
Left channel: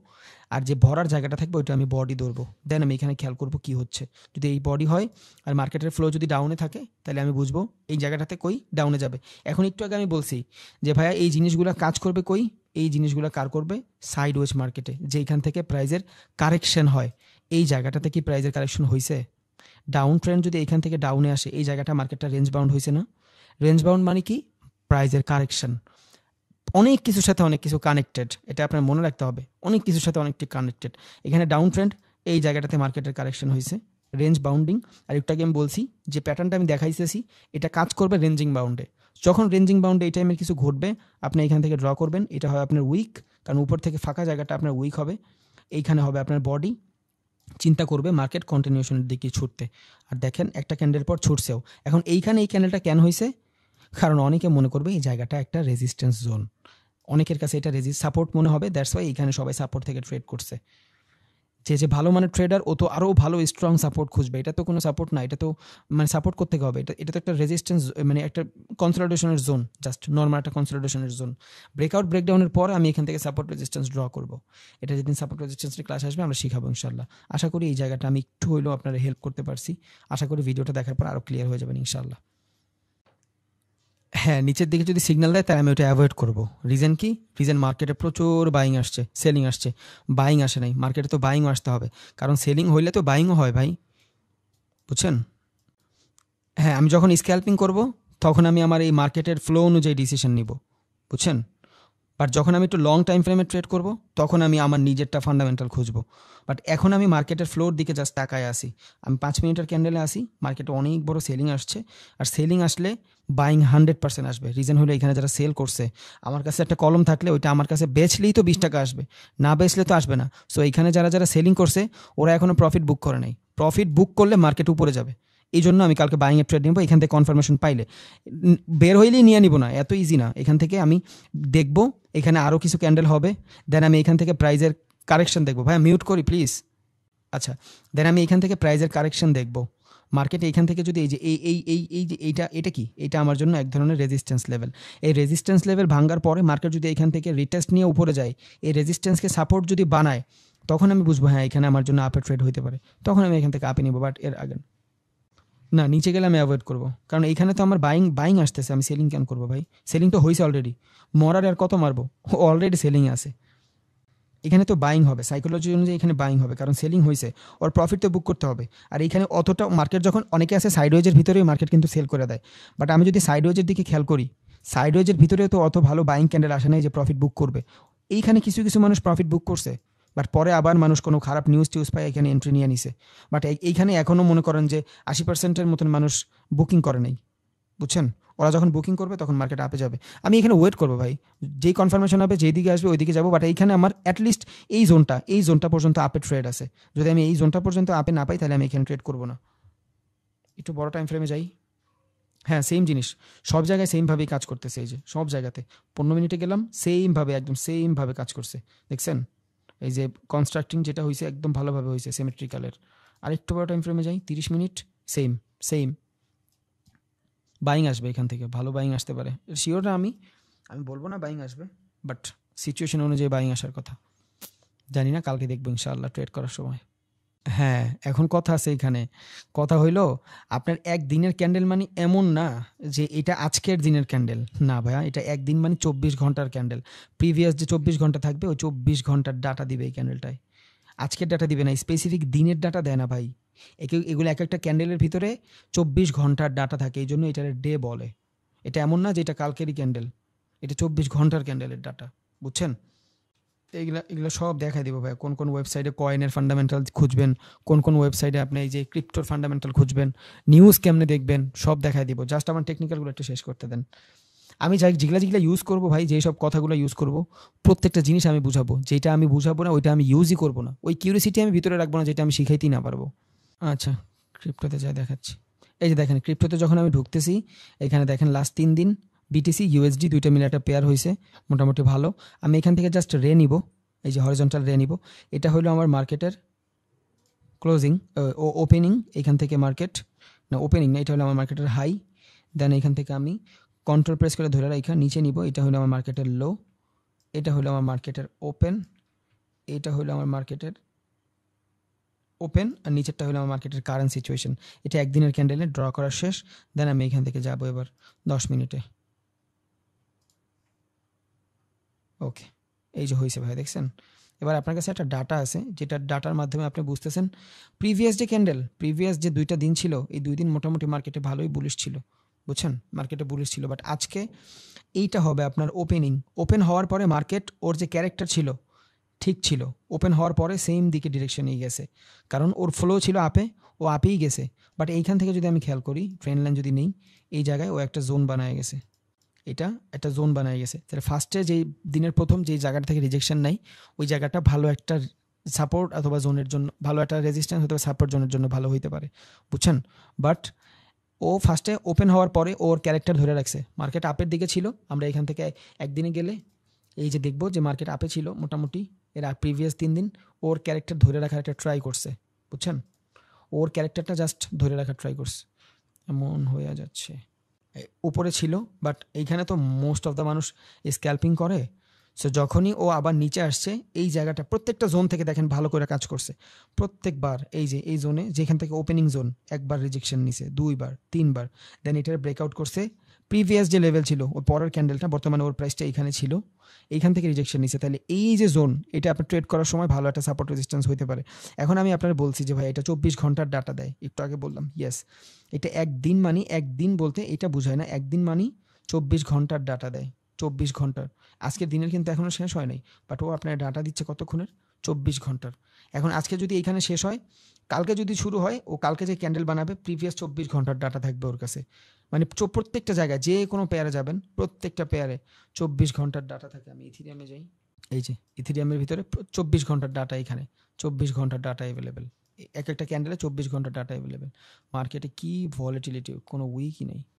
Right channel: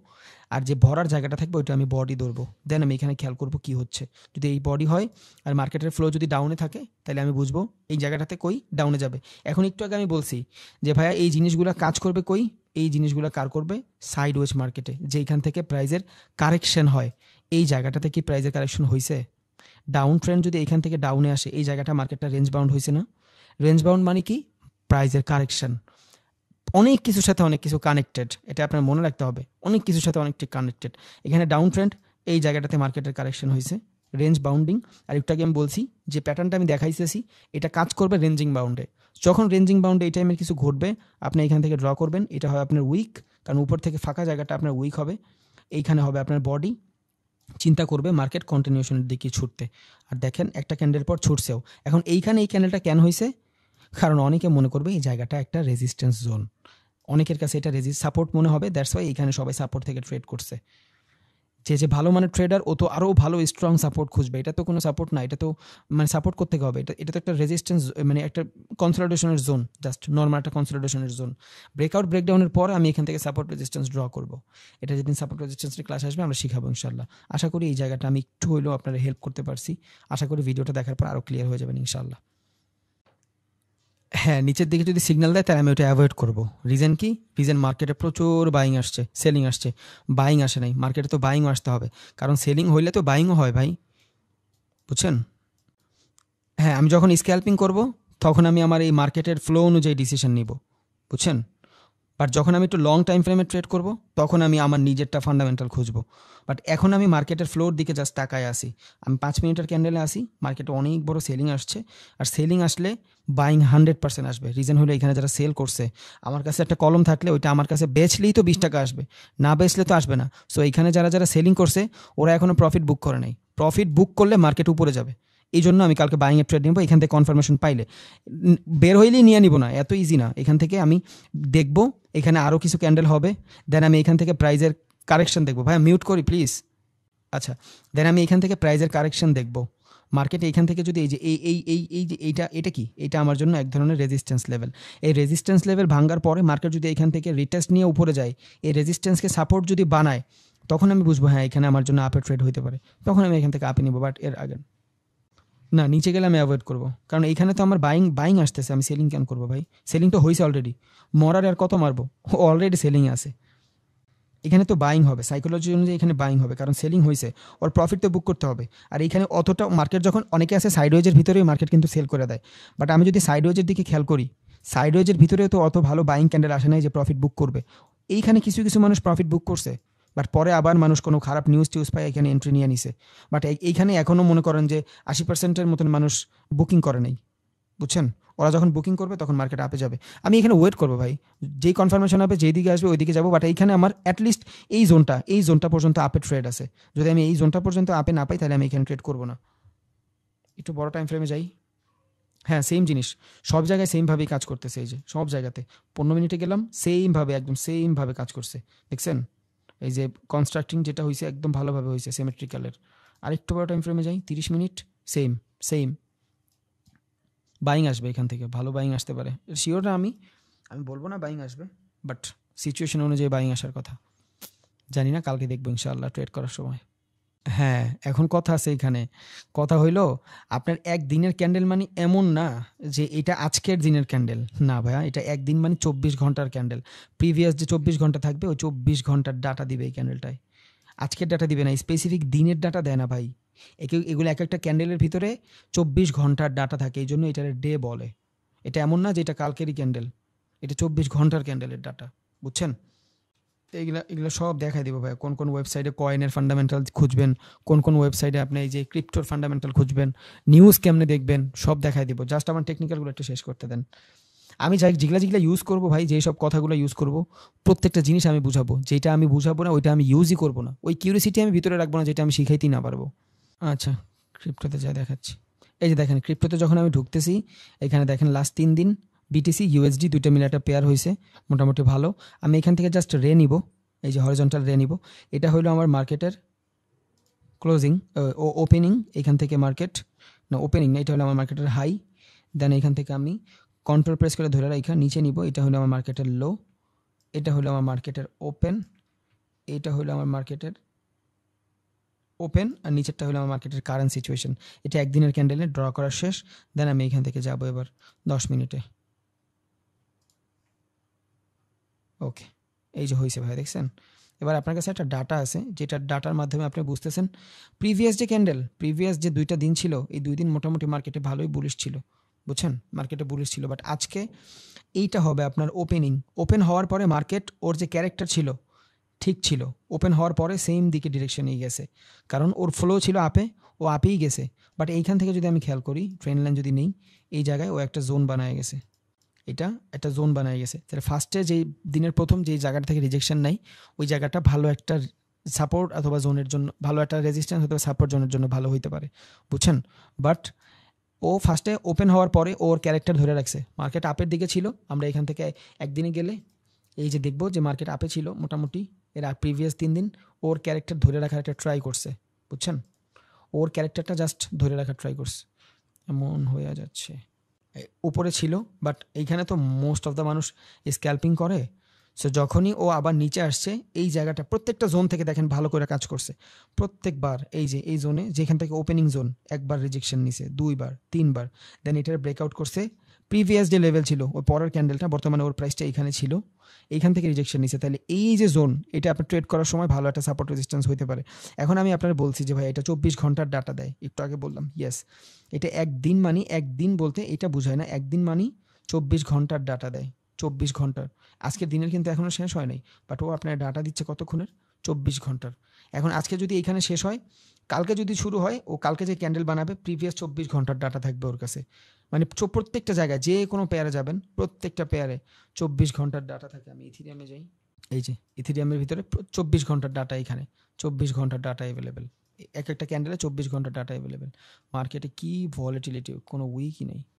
আর যে ভরার জায়গাটা থাকবে ওইটা আমি বডি ধরবো। দেন আমি এখানে খেয়াল করবো কি হচ্ছে। যদি এই বডি হয় আর মার্কেটের ফ্লো যদি ডাউনে থাকে, তাহলে আমি বুঝবো এই জায়গাটাতে কই ডাউনে যাবে। এখন একটু আগে আমি বলছি যে ভাইয়া এই জিনিসগুলো কাজ করবে কই? এই জিনিসগুলো কার করবে? সাইড ওয়েজ মার্কেটে, যেখান থেকে প্রাইজের কারেকশন হয়। এই জায়গাটা থেকে প্রাইজের কারেকশন হয়েছে, ডাউন ট্রেন্ড যদি এখান থেকে ডাউনে আসে, এই জায়গাটা মার্কেটটা রেঞ্জ বাউন্ড হয়েছে না? রেঞ্জ বাউন্ড মানে কি? প্রাইজের কারেকশন। অনেক কিছুর সাথে অনেক কিছু কানেক্টেড, এটা আপনার মনে রাখতে হবে, অনেক কিছুর সাথে অনেকটি কানেক্টেড। এখানে ডাউন ট্রেন্ড, এই জায়গাটাতে মার্কেটের কারেকশন হয়েছে, রেঞ্জ বাউন্ডিং। আর একটু আগে আমি বলছি যে প্যাটার্নটা আমি দেখাইতেছি এটা কাজ করবে রেঞ্জিং বাউন্ডে। যখন রেঞ্জিং বাউন্ডে এই টাইমের কিছু ঘটবে, আপনি এখান থেকে ড্র করবেন, এটা হয় আপনার উইক, কারণ উপর থেকে ফাঁকা জায়গাটা আপনার উইক হবে, এইখানে হবে আপনার বডি। চিন্তা করবে মার্কেট কন্টিনিউশনের দিকে ছুটতে, আর দেখেন একটা ক্যান্ডেল পর ছুটছেও। এখন এইখানে এই ক্যান্ডেলটা কেন হয়েছে? কারণ অনেকে মনে করবে এই জায়গাটা একটা রেজিস্ট্যান্স জোন, অনেকের কাছে এটা সাপোর্ট মনে হবে, দ্যাটস ওয়াই এখানে সবাই সাপোর্ট থেকে ট্রেড করছে। যে ভালো মানের ট্রেডার ও তো আরও ভালো স্ট্রং সাপোর্ট খুঁজবে, এটা তো কোনো সাপোর্ট না, এটা তো মানে সাপোর্ট করতে হবে, এটা তো একটা রেজিস্ট্যান্স, মানে একটা কনসলিডেশনের জোন, জাস্ট নর্মাল একটা কনসলিডেশনের জোন। ব্রেকআউট ব্রেকডাউনের পরে আমি এখান থেকে সাপোর্ট রেজিস্ট্যান্স ড্র করব। এটা যেদিন সাপোর্ট রেজিস্ট্যান্সের ক্লাস আসবে আমরা শিখাবো ইনশাল্লাহ। আশা করি এই জায়গাটা আমি একটু হলেও আপনারা হেল্প করতে পারছি, আশা করি ভিডিওটা দেখার পর আরও ক্লিয়ার হয়ে যাবেন ইনশাল্লাহ। হ্যাঁ, নিচের দিকে যদি সিগন্যাল দেয় তাহলে আমি ওটা অ্যাভয়েড করবো। রিজন কি? রিজন মার্কেটে প্রচুর বাইং আসছে, সেলিং আসছে। বাইং আসে নাই, মার্কেটে তো বাইংও আসতে হবে, কারণ সেলিং হইলে তো বাইংও হয় ভাই, বুঝছেন? হ্যাঁ, আমি যখন স্ক্যাল্পিং করব তখন আমি আমার এই মার্কেটের ফ্লো অনুযায়ী ডিসিশন নিব, বুঝছেন? বাট যখন আমি একটু লং টাইম ফ্রেমে ট্রেড করব তখন আমি আমার নিজেরটা ফান্ডামেন্টাল খুঁজবো। বাট এখন আমি মার্কেটের ফ্লোর দিকে জাস্ট তাকায় আসি, আমি 5 মিনিটের ক্যান্ডেলে আসি, মার্কেটে অনেক বড় সেলিং আসছে, আর সেলিং আসলে বাইং 100% আসবে। রিজন হলো এখানে যারা সেল করছে, আমার কাছে একটা কলম থাকলে ওইটা আমার কাছে বেচলেই তো 20 টাকা আসবে, না বেচলে তো আসবে না। সো এখানে যারা যারা সেলিং করছে ওরা এখনও প্রফিট বুক করে নাই, প্রফিট বুক করলে মার্কেট উপরে যাবে। এই জন্য আমি কালকে বাইং এর ট্রেড নিব, এখান থেকে কনফার্মেশন পাইলে বের হইলেই নিয়ে নিব না, এত ইজি না। এখান থেকে আমি দেখবো এখানে আরও কিছু ক্যান্ডেল হবে, দেন আমি এখান থেকে প্রাইজের কারেকশন দেখবো। ভাই মিউট করি প্লিজ। আচ্ছা, দেন আমি এখান থেকে প্রাইজের কারেকশন দেখবো মার্কেটে। এইখান থেকে যদি এই যে এই যে এটা কি, এটা আমার জন্য এক ধরনের রেজিস্ট্যান্স লেভেল। এই রেজিস্ট্যান্স লেভেল ভাঙার পরে মার্কেট যদি এখান থেকে রিটেস্ট নিয়ে উপরে যায়, এই রেজিস্ট্যান্সকে সাপোর্ট যদি বানায়, তখন আমি বুঝবো হ্যাঁ এখানে আমার জন্য আপে ট্রেড হতে পারে, তখন আমি এখান থেকে আপে নিবো। বাট এর আগে না, নিচে গেলে আমি অ্যাভয়েড করবো, কারণ এইখানে তো আমার বাইং আসতেছে, আমি সেলিং কেন করবো ভাই? সেলিং তো হয়েছে অলরেডি, মরার আর কত মারবো, অলরেডি সেলিং আছে। এখানে তো বাইং হবে, সাইকোলজি অনুযায়ী এখানে বাইং হবে, কারণ সেলিং হয়েছে, ওর প্রফিট তো বুক করতে হবে। আর এইখানে অতটা মার্কেট যখন অনেকে আছে সাইডওয়েজের ভিতরেই মার্কেট কিন্তু সেল করে দেয়, বাট আমি যদি সাইডওয়েজের দিকে খেয়াল করি, সাইডওয়েজের ভিতরে তো অত ভালো বাইং ক্যান্ডেল আসে নাই যে প্রফিট বুক করবে। এইখানে কিছু কিছু মানুষ প্রফিট বুক করছে, বাট পরে আবার মানুষ কোনো খারাপ নিউজ টিউজ পায় এখানে এন্ট্রি নিয়ে নিছে। বাট এইখানে এখনও মনে করেন যে 80%-এর মতন মানুষ বুকিং করে নেই, বুঝছেন? ওরা যখন বুকিং করবে তখন মার্কেট আপে যাবে। আমি এখানে ওয়েট করবো ভাই, যেই কনফার্মেশন হবে যেই দিকে আসবে ওই দিকে যাবো। বাট এইখানে আমার অ্যাটলিস্ট এই জোনটা পর্যন্ত আপে ট্রেড আছে, যদি আমি এই জোনটা পর্যন্ত আপে না পাই তাহলে আমি এখানে ট্রেড করবো না। একটু বড় টাইম ফ্রেমে যাই। হ্যাঁ, সেম জিনিস, সব জায়গায় সেমভাবেই কাজ করতেছে। এই যে সব জায়গাতে 15 মিনিটে গেলাম, সেমভাবে একদম সেমভাবে কাজ করছে, দেখছেন? এই যে কনস্ট্রাক্টিং যেটা হয়েছে একদম ভালোভাবে হয়েছে, সিমেট্রিক্যালের। আরেকটু বড় টাইম ফ্রেমে যাই, 30 মিনিট, সেম সেম বাইং আসবে এখান থেকে, ভালো বাইং আসতে পারে, শিওর না আমি বলবো না বাইং আসবে, বাট সিচুয়েশন অনুযায়ী বাইং আসার কথা। জানি না, কালকে দেখবো ইনশাআল্লাহ ট্রেড করার সময়। হ্যাঁ, এখন কথা আছে এখানে, কথা হইলো আপনার একদিনের ক্যান্ডেল মানে এমন না যে এটা আজকের দিনের ক্যান্ডেল, না ভাইয়া, এটা একদিন মানে 24 ঘন্টার ক্যান্ডেল। প্রিভিয়াস যে 24 ঘন্টা থাকবে ওই 24 ঘন্টার ডাটা দিবে এই ক্যান্ডেলটায়, আজকের ডাটা দিবে না, স্পেসিফিক দিনের ডাটা দেয় না ভাই। এগুলো এক একটা ক্যান্ডেলের ভিতরে 24 ঘন্টার ডাটা থাকে, এই জন্য এটা ডে বলে। এটা এমন না যে এটা কালকেরই ক্যান্ডেল, এটা 24 ঘন্টার ক্যান্ডেলের ডাটা, বুঝছেন? এগুলা এগুলো সব দেখা দিব ভাই, কোন কোন ওয়েবসাইটে কয়েনের ফান্ডামেন্টাল খুঁজবেন, কোন কোন ওয়েবসাইটে আপনি এই যে ক্রিপ্টোর ফান্ডামেন্টাল খুঁজবেন, নিউজ কেমনে দেখবেন, সব দেখাই দিব। জাস্ট আমার টেকনিক্যালগুলো একটু শেষ করতে দেন। আমি চাই যেগুলা যেগুলা ইউজ করবো ভাই, যেই সব কথাগুলো ইউজ করবো প্রত্যেকটা জিনিস আমি বুঝাবো, যেটা আমি বুঝাবো না ওইটা আমি ইউজই করবো না, ওই কিউরিসিটি আমি ভিতরে রাখবো না যেটা আমি শিখাইতেই না পারবো। আচ্ছা, ক্রিপ্টোতে যা দেখাচ্ছি, এই যে দেখেন ক্রিপ্টোতে যখন আমি ঢুকতেছি, এখানে দেখেন লাস্ট 3 দিন বিটিসি ইউএসডি দুইটা মিলে একটা পেয়ার হয়েছে, মোটামুটি ভালো। আমি এখান থেকে জাস্ট রে নিব, এই যে হরিজন্টাল রে নিব। এটা হলো আমার মার্কেটের ক্লোজিং ও ওপেনিং, এখান থেকে মার্কেট না ওপেনিং না, এটা হলো আমার মার্কেটের হাই। দেন এখান থেকে আমি কন্ট্রোল প্রেস করে ধরে রেখে নিচে নিব, এটা হলো আমার মার্কেটের লো, এটা হলো আমার মার্কেটের ওপেন, এটা হলো আমার মার্কেটের ওপেন, আর নিচেরটা হলো আমার মার্কেটের কারেন্ট সিচুয়েশন। এটা একদিনের ক্যান্ডেলে ড্র করা শেষ। দেন আমি এখান থেকে যাবো এবার 10 মিনিটে। ওকে, এই যে হয়েছে ভাই, দেখছেন? এবার আপনার কাছে একটা ডাটা আছে, যেটা ডাটার মাধ্যমে আপনি বুঝতেছেন প্রিভিয়াস যে ক্যান্ডেল, প্রিভিয়াস যে 2টা দিন ছিল, এই 2 দিন মোটামুটি মার্কেটে ভালোই বুলিশ ছিল, বুঝছেন? মার্কেটে বুলিশ ছিল। বাট আজকে এইটা হবে আপনার ওপেনিং, ওপেন হওয়ার পরে মার্কেট ওর যে ক্যারেক্টার ছিল ঠিক ছিল, ওপেন হওয়ার পরে সেম দিকে ডিরেকশনেই গেছে, কারণ ওর ফ্লো ছিল আপে, ও আপেই গেছে। বাট এইখান থেকে যদি আমি খেয়াল করি, ট্রেন লাইন যদি নেই, এই জায়গায় ও একটা জোন বানায় গেছে, এটা একটা জোন বানায় গেছে। তাহলে ফার্স্টে যেই দিনের প্রথম যেই জায়গাটা থেকে রিজেকশন নাই, ওই জায়গাটা ভালো একটা সাপোর্ট অথবা জোনের জন্য, ভালো একটা রেজিস্ট্যান্স অথবা সাপোর্ট জোনের জন্য ভালো হইতে পারে, বুঝছেন? বাট ও ফার্স্টে ওপেন হওয়ার পরে ওর ক্যারেক্টার ধরে রাখছে, মার্কেট আপের দিকে ছিল। আমরা এখান থেকে একদিনে গেলে এই যে দেখবো যে মার্কেট আপে ছিল মোটামুটি, এর প্রিভিয়াস 3 দিন ওর ক্যারেক্টার ধরে রাখার একটা ট্রাই করছে, বুঝছেন? ওর ক্যারেক্টারটা জাস্ট ধরে রাখার ট্রাই করছে, এমন হয়ে যাচ্ছে উপরে ছিল। বাট এইখানে তো মোস্ট অফ দ্য মানুষ স্ক্যাল্পিং করে। সো যখনই ও আবার নিচে আসছে, এই জায়গাটা প্রত্যেকটা জোন থেকে দেখেন ভালো করে কাজ করছে প্রত্যেকবার। এই যে এই জোনে যেখান থেকে ওপেনিং জোন, একবার রিজেকশন নিছে, 2বার 3বার, দেন এটার ব্রেকআউট করছে। প্রিভিয়াস যে লেভেল ছিল ওর পরের ক্যান্ডেলটা, বর্তমানে ওর প্রাইসটা এখানে ছিল, এইখান থেকে রিজেকশন নিচ্ছে। তাহলে এই যে জোন, এটা আপনার ট্রেড করার সময় ভালো একটা সাপোর্ট রেজিস্ট্যান্স হতে পারে। এখন আমি আপনার বলছি যে ভাই এটা 24 ঘন্টার ডাটা দেয়, একটু আগে বললাম ইয়েস। এটা একদিন মানি, একদিন বলতে এটা বোঝায় না, একদিন মানি 24 ঘন্টার ডাটা দেয়, 24 ঘন্টার। আজকের দিনের কিন্তু এখনো শেষ হয় নাই, বাট ও আপনার ডাটা দিচ্ছে কতক্ষণের, 24 ঘন্টার। এখন আজকে যদি এখানে শেষ হয়, কালকে যদি শুরু হয়, ও কালকে যে ক্যান্ডেল বানাবে প্রিভিয়াস 24 ঘন্টার ডাটা থাকবে ওর কাছে। মানে প্রত্যেকটা জায়গায় যে কোনো পেয়ারে যাবেন, প্রত্যেকটা পেয়ারে 24 ঘন্টার ডাটা থাকে। আমি ইথিরিয়ামে যাই, এই যে ইথিরিয়ামের ভিতরে 24 ঘন্টার ডাটা, এখানে 24 ঘন্টার ডাটা অ্যাভেলেবেল, এক একটা ক্যান্ডেলে 24 ঘন্টার ডাটা অ্যাভেলেবেল। মার্কেটে কি ভলিটিলিটি, কোনো উইকই নেই।